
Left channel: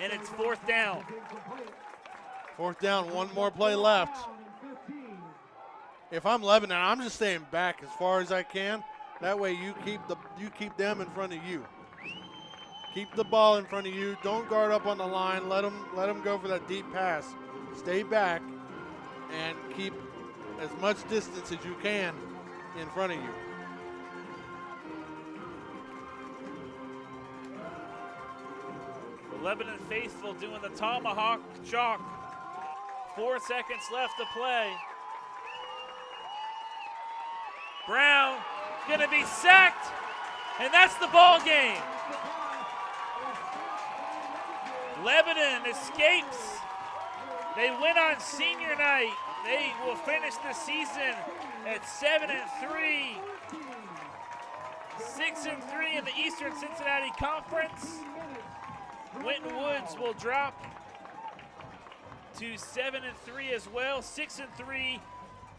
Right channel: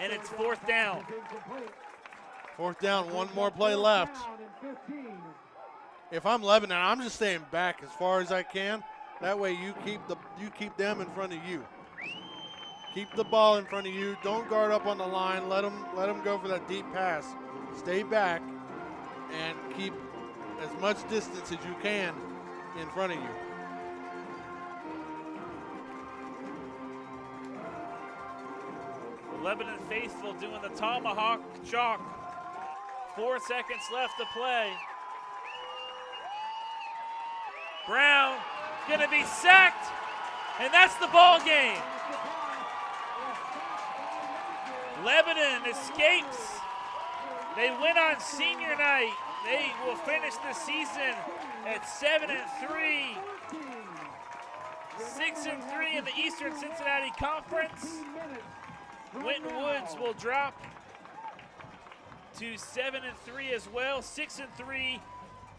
And it's fourth down. Fourth down, 1 more play left. If I'm Lebanon, I'm just staying back as far as I can. That way you keep them in front of you. Keep the ball in front of you. Don't guard up on the line. Let them go for that deep pass. Stay back and keep as much distance as you can in front of you. The Lebanon faithful doing the tomahawk chalk. 4 seconds left to play. Brown gonna be sacked, and that's the ball game. Lebanon escapes. They win on senior night. They will finish the season at 7-3. 6-3 in the Eastern Cincinnati Conference. Winton Woods will drop to 7-3 as well, 6-3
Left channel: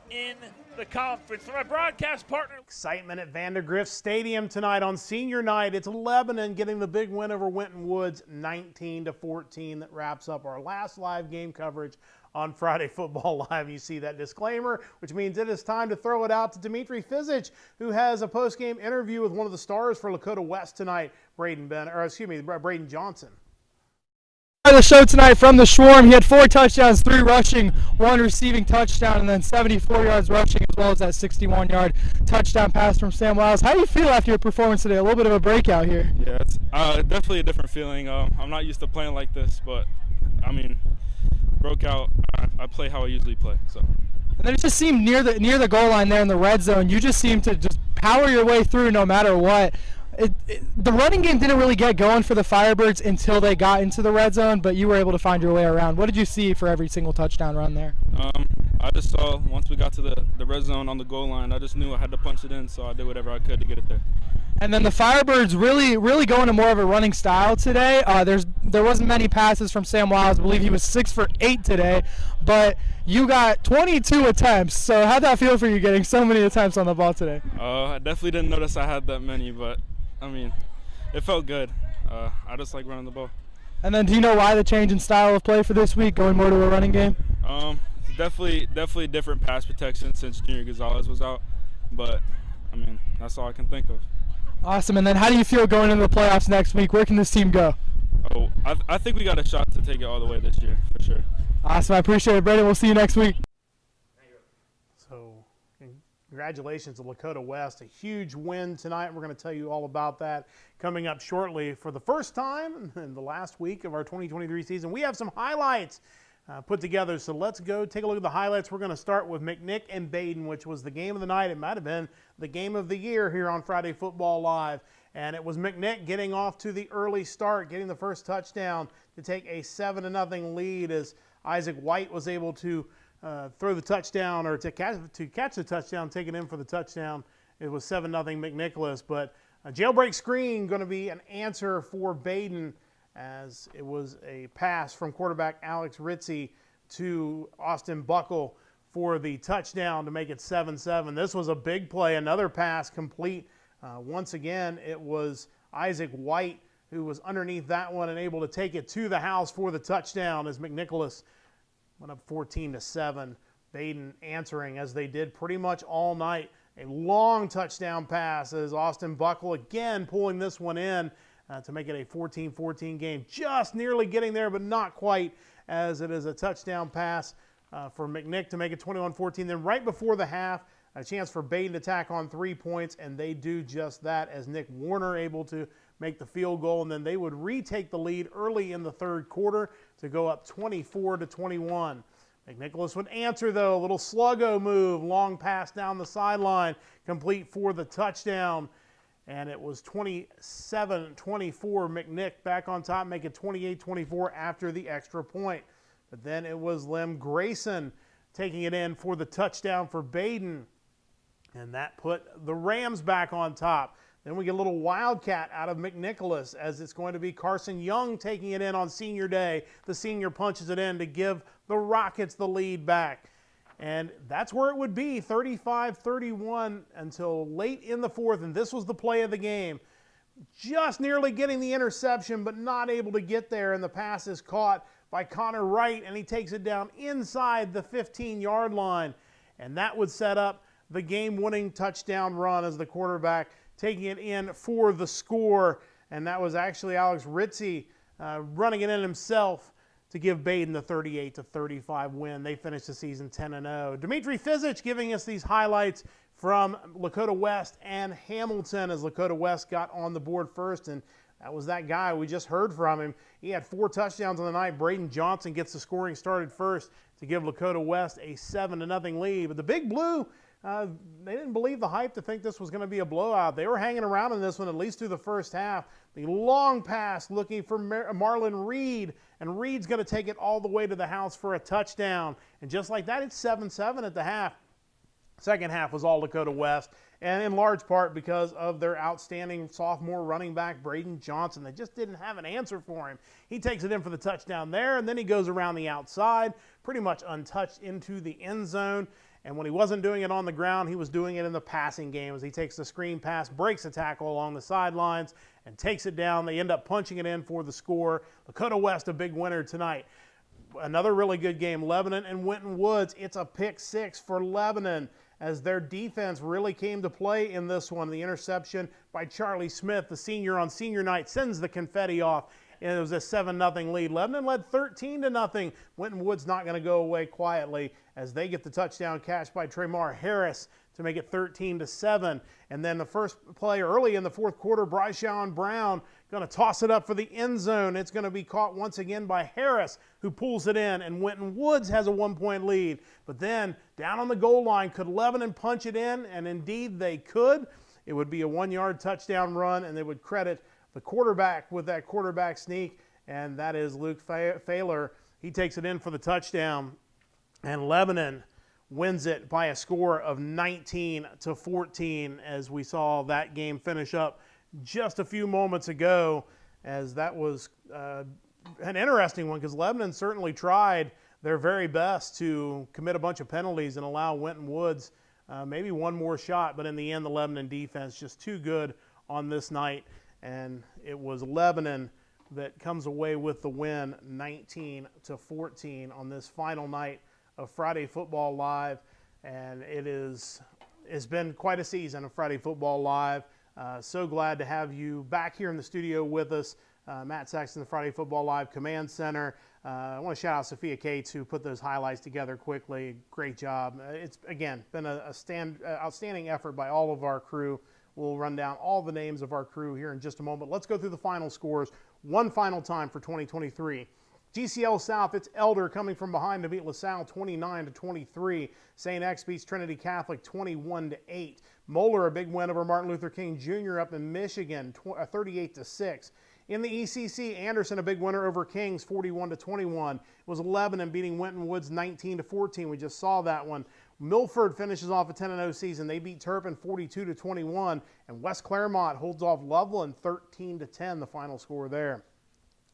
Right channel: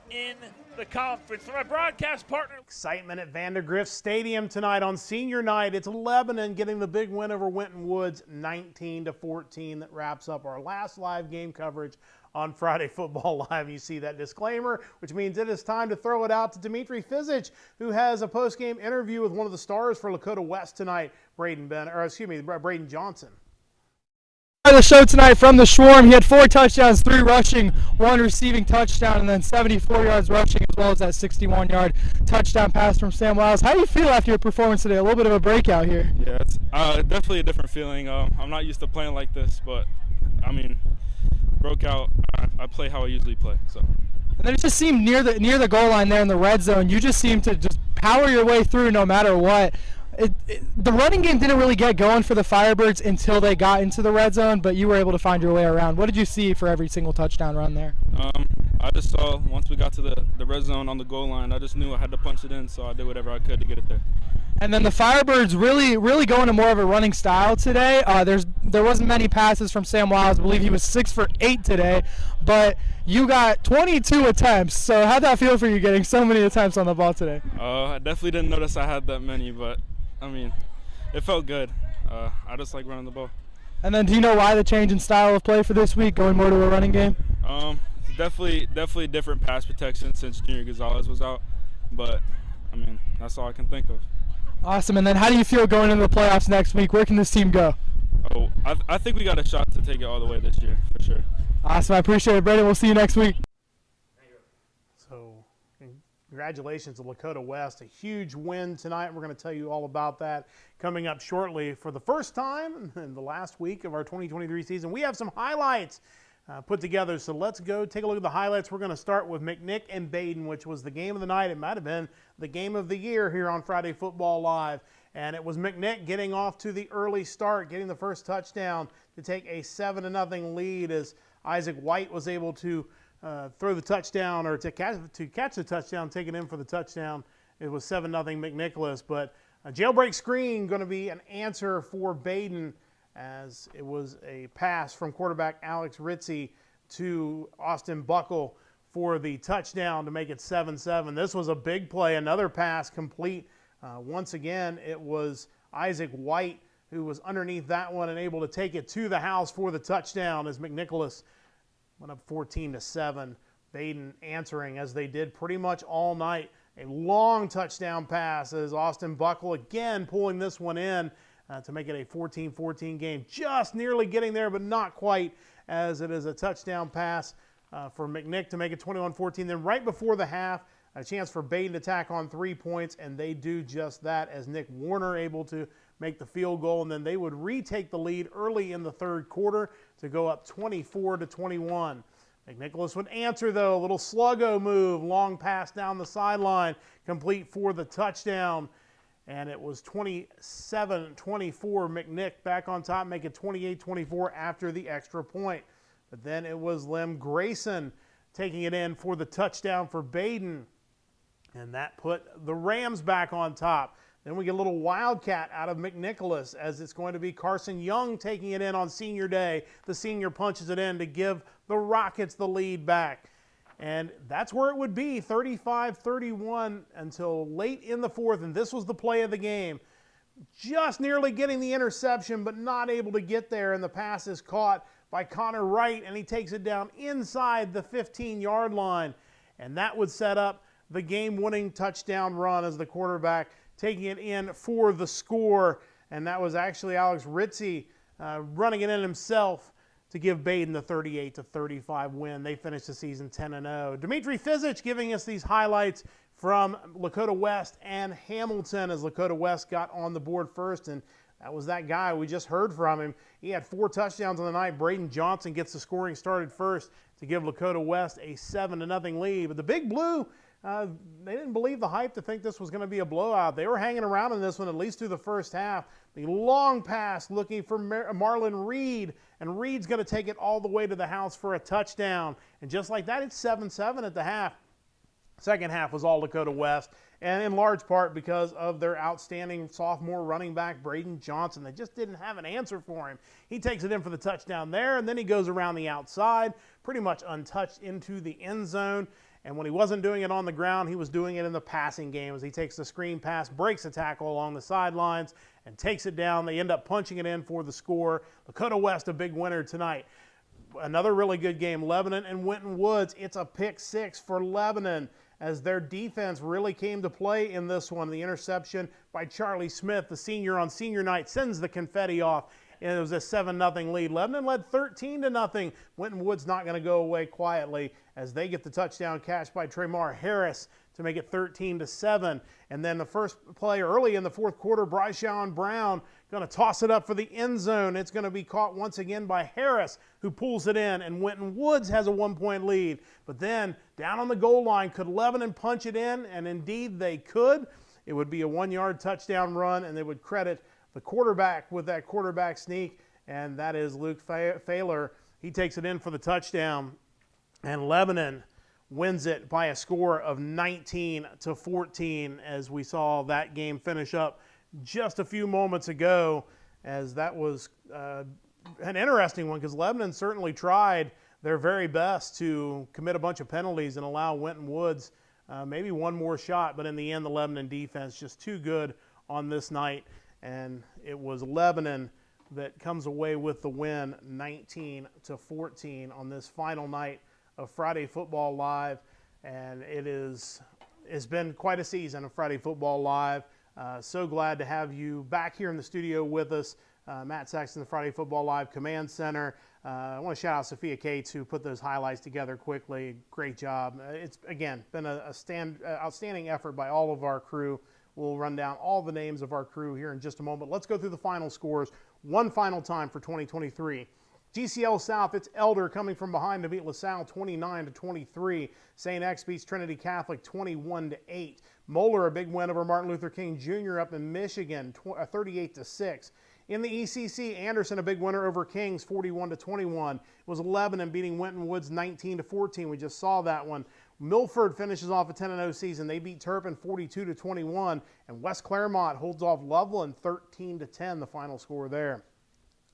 in the conference. For my broadcast partner. Excitement at Vandergrift Stadium tonight on senior night. It's Lebanon getting the big win over Winton Woods, 19-14. That wraps up our last live game coverage on Friday Football Live. You see that disclaimer, which means it is time to throw it out to Dimitri Fizich, who has a post-game interview with one of the stars for Lakota West tonight, Braden Johnson. The show tonight from the Swarm. He had 4 touchdowns, 3 rushing, 1 receiving touchdown, and then 74 yards rushing, as well as that 61-yard touchdown pass from Sam Wiles. How do you feel after your performance today? A little bit of a breakout here. Yeah, it's definitely a different feeling. I'm not used to playing like this, but I mean, broke out. I play how I usually play. So. And then it just seemed near the goal line there in the red zone. You just seemed to just power your way through no matter what. The running game didn't really get going for the Firebirds until they got into the red zone, but you were able to find your way around. What did you see for every single touchdown run there? I just saw once we got to the red zone on the goal line, I just knew I had to punch it in, so I did whatever I could to get it there. And then the Firebirds really going to more of a running style today. There wasn't many passes from Sam Wiles. I believe he was 6 for 8 today, but you got 22 attempts. So how'd that feel for you getting so many attempts on the ball today? I definitely didn't notice I had that many, but I mean, it felt good. I just like running the ball. And then do you know why the change in style of play for this week, going more to a running game? Definitely different pass protection since Junior Gonzalez was out, but I mean, that's all I can think of. Awesome. And then how do you feel going into the playoffs next week? Where can this team go? Oh, I think we got a shot to take it all the way this year, for sure. Awesome. I appreciate it, Brandon. We'll see you next week. So congratulations to Lakota West. A huge win tonight. We're going to tell you all about that coming up shortly. For the first time in the last week of our 2023 season, we have some highlights put together. So let's go take a look at the highlights. We're going to start with McNick and Baden, which was the game of the night. It might have been the game of the year here on Friday Football Live. And it was McNick getting off to the early start, getting the first touchdown to take a 7-0 lead as Isaac White was able to throw the touchdown, or to catch the touchdown, take it in for the touchdown. It was 7-0 McNicholas. But a jailbreak screen going to be an answer for Baden, as it was a pass from quarterback Alex Ritzie to Austin Buckle for the touchdown to make it 7-7. This was a big play, another pass complete. Once again, it was Isaac White who was underneath that one and able to take it to the house for the touchdown as McNicholas went up 14-7. Baden answering, as they did pretty much all night. A long touchdown pass as Austin Buckle again pulling this one in to make it a 14-14 game. Just nearly getting there, but not quite, as it is a touchdown pass for McNick to make it 21-14. Then right before the half, a chance for Baden to tack on 3 points, and they do just that as Nick Warner able to make the field goal, and then they would retake the lead early in the third quarter to go up 24-21. McNicholas would answer, though, a little sluggo move, long pass down the sideline, complete for the touchdown, and it was 27-24. McNick back on top, make it 28-24 after the extra point. But then it was Lem Grayson taking it in for the touchdown for Baden, and that put the Rams back on top. Then we get a little wildcat out of McNicholas, as it's going to be Carson Young taking it in on senior day. The senior punches it in to give the Rockets the lead back. And that's where it would be, 35-31 until late in the fourth, and this was the play of the game. Just nearly getting the interception, but not able to get there, and the pass is caught by Connor Wright, and he takes it down inside the 15-yard line. And that would set up the game-winning touchdown run as the quarterback taking it in for the score. And that was actually Alex Ritzie running it in himself to give Baden the 38-35 win. They finished the season 10-0. Dimitri Fizich giving us these highlights from Lakota West and Hamilton, as Lakota West got on the board first, and that was that guy. We just heard from him. He had 4 touchdowns on the night. Braden Johnson gets the scoring started first to give Lakota West a 7-0 lead. But the Big Blue they didn't believe the hype to think this was going to be a blowout. They were hanging around in this one at least through the first half. The long pass looking for Marlon Reed, and Reed's going to take it all the way to the house for a touchdown. And just like that, it's 7-7 at the half. Second half was all Dakota West, and in large part because of their outstanding sophomore running back, Braden Johnson. They just didn't have an answer for him. He takes it in for the touchdown there, and then he goes around the outside, pretty much untouched into the end zone. And when he wasn't doing it on the ground, he was doing it in the passing game as he takes the screen pass, breaks a tackle along the sidelines, and takes it down. They end up punching it in for the score. Dakota West, a big winner tonight. Another really good game, Lebanon and Winton Woods. It's a pick 6 for Lebanon as their defense really came to play in this one. The interception by Charlie Smith, the senior on senior night, sends the confetti off. And it was a 7-0 lead. Lebanon led 13-0. Winton Woods not going to go away quietly as they get the touchdown catch by Tremar Harris to make it 13-7. And then the first play early in the fourth quarter, Bryshawn Brown going to toss it up for the end zone. It's going to be caught once again by Harris, who pulls it in, and Winton Woods has a 1-point lead. But then down on the goal line, could Lebanon punch it in? And indeed they could. It would be a 1-yard touchdown run, and they would credit the quarterback with that quarterback sneak, and that is Luke Failer. He takes it in for the touchdown, and Lebanon wins it by a score of 19-14 as we saw that game finish up just a few moments ago, as that was an interesting one because Lebanon certainly tried their very best to commit a bunch of penalties and allow Winton Woods maybe one more shot, but in the end the Lebanon defense just too good on this night. And it was Lebanon that comes away with the win, 19-14 on this final night of Friday Football Live. And it's been quite a season of Friday Football Live. So glad to have you back here in the studio with us. Matt Saxton, the Friday Football Live Command Center. I want to shout out Sophia Cates, who put those highlights together quickly. Great job. It's, again, been an outstanding effort by all of our crew. We'll run down all the names of our crew here in just a moment. Let's go through the final scores one final time for 2023. GCL South, it's Elder coming from behind to beat LaSalle 29-23. St. X beats Trinity Catholic 21-8. Moeller, a big win over Martin Luther King Jr. up in Michigan, 38-6. In the ECC, Anderson, a big winner over Kings, 41-21. It was Lebanon beating Winton Woods 19-14. We just saw that one. Milford finishes off a 10-0 season. They beat Turpin 42-21, and West Claremont holds off Loveland 13-10, the final score there.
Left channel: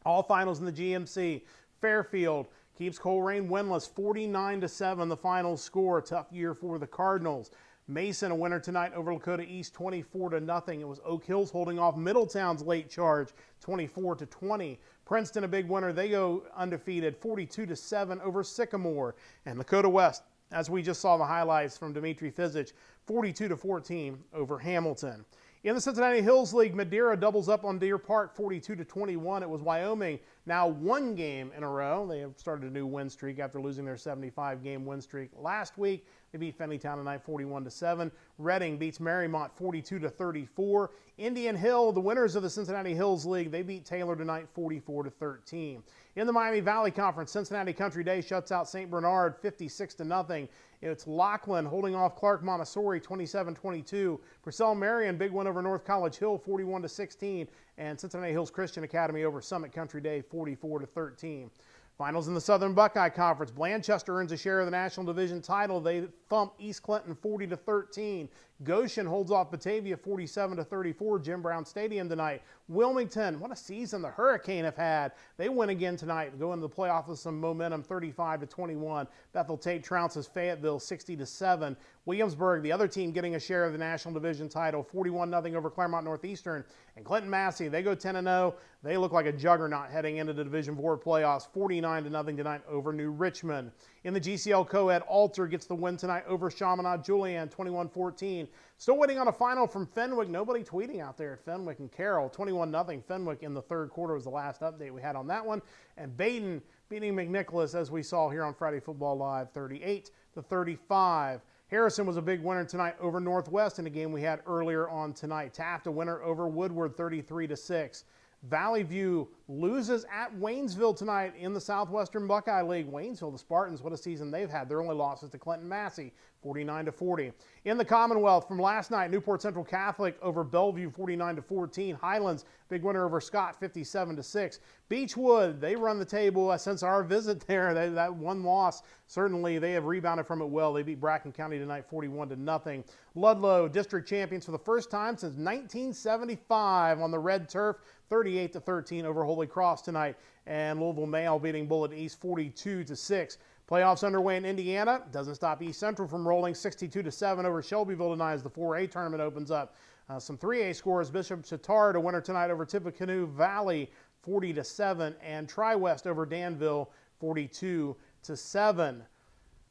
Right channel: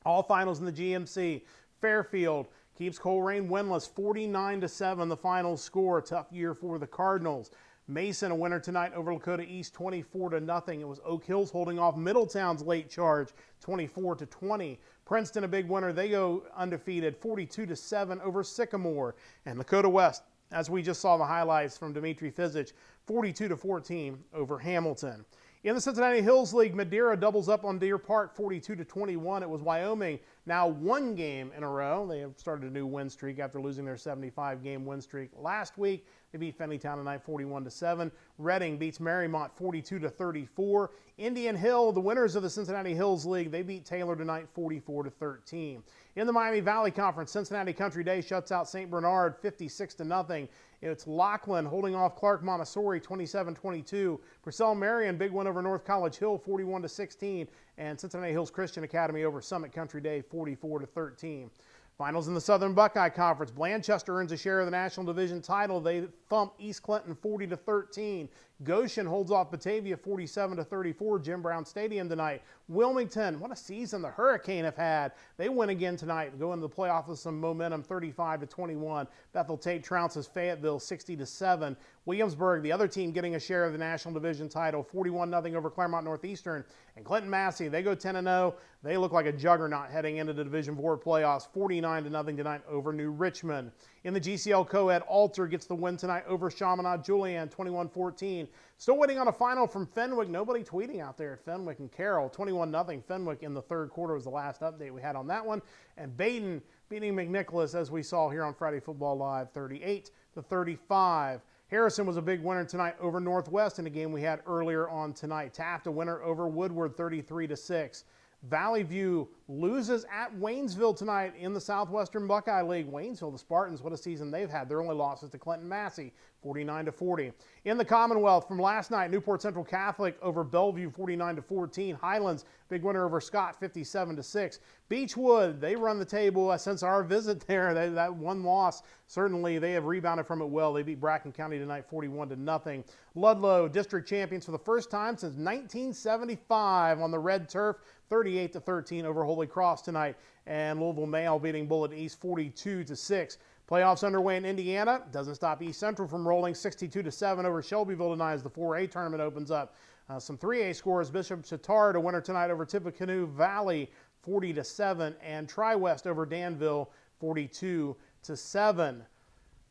All finals in the GMC. Fairfield keeps Coleraine winless, 49-7, the final score. Tough year for the Cardinals. Mason, a winner tonight over Lakota East, 24-0. It was Oak Hills holding off Middletown's late charge, 24-20. Princeton, a big winner. They go undefeated, 42-7 over Sycamore. And Lakota West, as we just saw the highlights from Dimitri Fizich, 42-14 over Hamilton. In the Cincinnati Hills League, Madeira doubles up on Deer Park, 42-21. It was Wyoming, now one game in a row. They have started a new win streak after losing their 75-game win streak last week. They beat Fennytown tonight 41-7. Reading beats Marymount 42-34. Indian Hill, the winners of the Cincinnati Hills League, they beat Taylor tonight 44-13. In the Miami Valley Conference, Cincinnati Country Day shuts out St. Bernard 56-0. It's Lachlan holding off Clark Montessori 27-22. Purcell Marion, big win over North College Hill 41-16. And Cincinnati Hills Christian Academy over Summit Country Day 44-13. Finals in the Southern Buckeye Conference. Blanchester earns a share of the National Division title. They thump East Clinton 40-13. Goshen holds off Batavia 47-34. Jim Brown Stadium tonight. Wilmington, what a season the Hurricane have had. They win again tonight, go into the playoffs with some momentum, 35-21. Bethel Tate trounces Fayetteville 60-7. Williamsburg, the other team, getting a share of the National Division title, 41-0 over Claremont Northeastern. And Clinton Massey, they go 10-0. They look like a juggernaut heading into the Division IV playoffs, 49-0 tonight over New Richmond. In the GCL Co-Ed, Alter gets the win tonight over Chaminade Julian, 21-14. Still waiting on a final from Fenwick. Nobody tweeting out there at Fenwick and Carroll. 21-0 Fenwick in the third quarter was the last update we had on that one. And Baden beating McNicholas, as we saw here on Friday Football Live, 38-35. Harrison was a big winner tonight over Northwest in a game we had earlier on tonight. Taft a winner over Woodward, 33-6. Valley View loses at Waynesville tonight in the Southwestern Buckeye League. Waynesville, the Spartans, what a season they've had. Their only losses to Clinton Massey, 49-40. In the Commonwealth from last night, Newport Central Catholic over Bellevue, 49-14. Highlands, big winner over Scott, 57-6. Beechwood, they run the table since our visit there. That one loss, certainly they have rebounded from it well. They beat Bracken County tonight, 41-0. Ludlow, district champions for the first time since 1975 on the red turf, 38-13 over Holy Cross tonight. And Louisville Male beating Bullitt East 42-6. Playoffs underway in Indiana. Doesn't stop East Central from rolling 62-7 over Shelbyville tonight as the 4A tournament opens up. Some 3A scores. Bishop Chatard a winner tonight over Tippecanoe Valley 40-7, and Tri-West over Danville 42-7.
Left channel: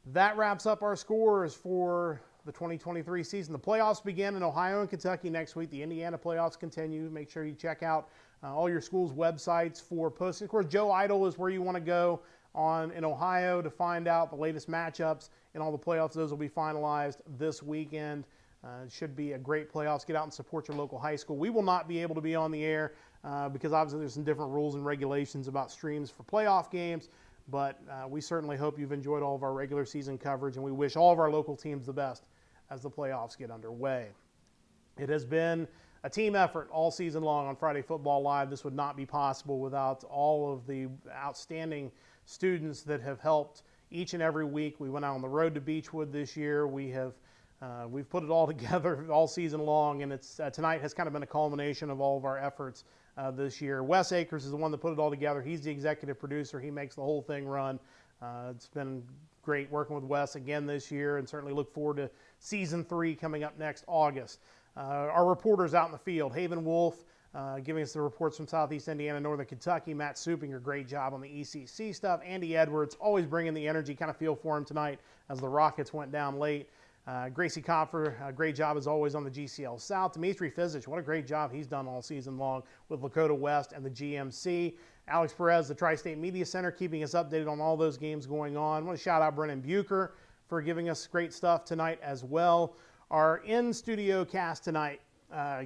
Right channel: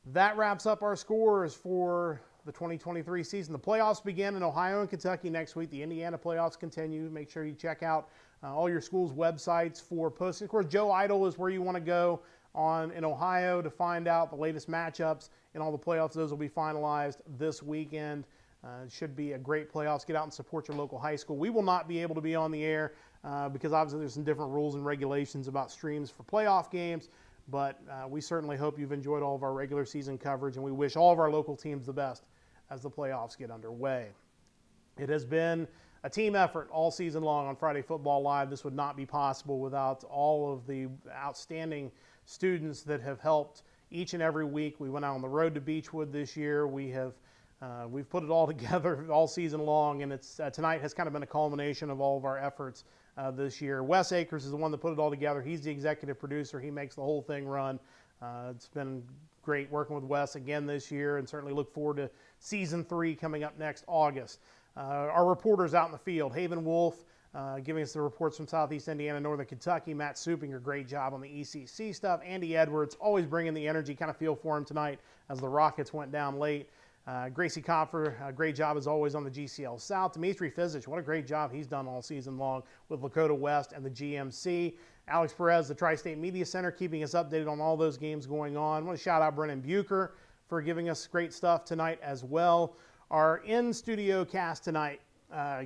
That wraps up our scores for the 2023 season. The playoffs begin in Ohio and Kentucky next week. The Indiana playoffs continue. Make sure you check out all your schools' websites for posting. Of course, Joe Idle is where you want to go in Ohio to find out the latest matchups and all the playoffs. Those will be finalized this weekend. It should be a great playoffs. Get out and support your local high school. We will not be able to be on the air because obviously there's some different rules and regulations about streams for playoff games, but we certainly hope you've enjoyed all of our regular season coverage, and we wish all of our local teams the best as the playoffs get underway. It has been a team effort all season long on Friday Football Live. This would not be possible without all of the outstanding students that have helped each and every week. We went out on the road to Beechwood this year. We've put it all together all season long, and it's tonight has kind of been a culmination of all of our efforts this year. Wes Akers is the one that put it all together. He's the executive producer. He makes the whole thing run. It's been great working with Wes again this year, and certainly look forward to Season 3 coming up next August. Our reporters out in the field, Haven Wolf, giving us the reports from Southeast Indiana, Northern Kentucky. Matt Supinger, great job on the ECC stuff. Andy Edwards, always bringing the energy, kind of feel for him tonight as the Rockets went down late. Gracie Kopfer, great job as always on the GCL South. Dimitri Fizich, what a great job he's done all season long with Lakota West and the GMC. Alex Perez, the Tri-State Media Center, keeping us updated on all those games going on. I want to shout out Brennan Bucher for giving us great stuff tonight as well. Our in-studio cast tonight,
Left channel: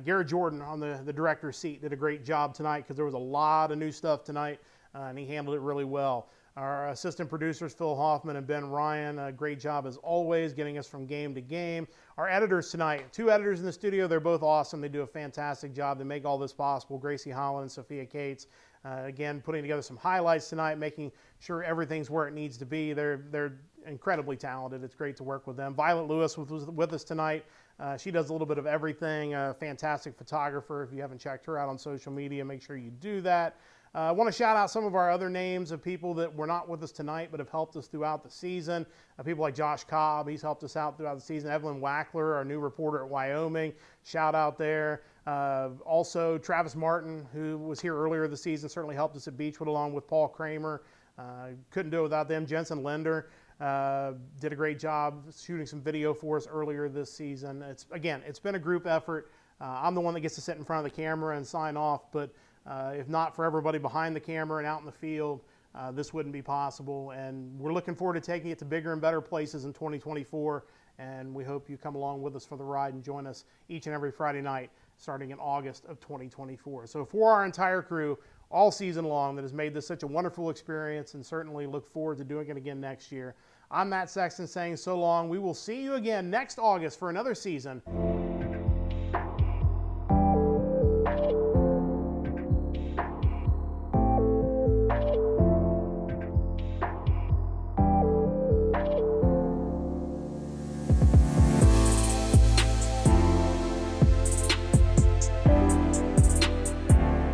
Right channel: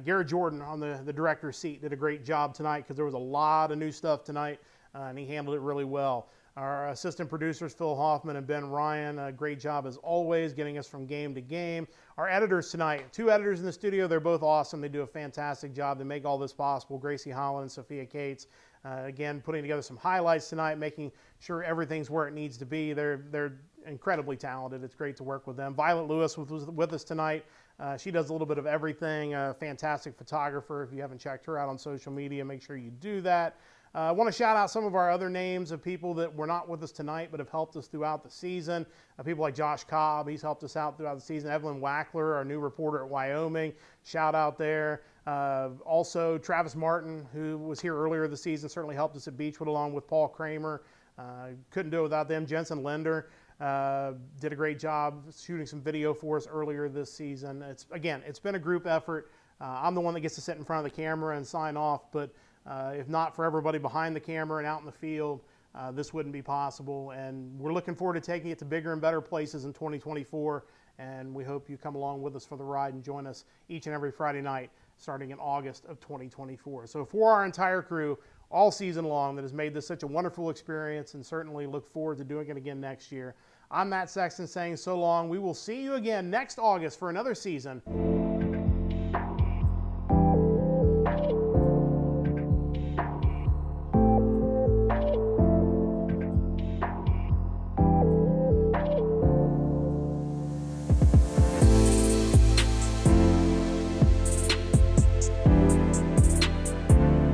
Garrett Jordan on the director's seat did a great job tonight because there was a lot of new stuff tonight, and he handled it really well. Our assistant producers, Phil Hoffman and Ben Ryan, a great job as always, getting us from game to game. Our editors tonight, 2 editors in the studio. They're both awesome. They do a fantastic job. They make all this possible. Gracie Holland and Sophia Cates, again, putting together some highlights tonight, making sure everything's where it needs to be. They're incredibly talented. It's great to work with them. Violet Lewis was with us tonight. She does a little bit of everything. A fantastic photographer. If you haven't checked her out on social media, make sure you do that. I want to shout out some of our other names of people that were not with us tonight but have helped us throughout the season. People like Josh Cobb, he's helped us out throughout the season. Evelyn Wackler, our new reporter at Wyoming, shout out there. Also, Travis Martin, who was here earlier this season, certainly helped us at Beechwood along with Paul Kramer. Couldn't do it without them. Jensen Linder did a great job shooting some video for us earlier this season. It's been a group effort. I'm the one that gets to sit in front of the camera and sign off, but if not for everybody behind the camera and out in the field, this wouldn't be possible. And we're looking forward to taking it to bigger and better places in 2024. And we hope you come along with us for the ride and join us each and every Friday night starting in August of 2024. So for our entire crew, all season long, that has made this such a wonderful experience, and certainly look forward to doing it again next year, I'm Matt Sexton saying so long. We will see you again next August for another season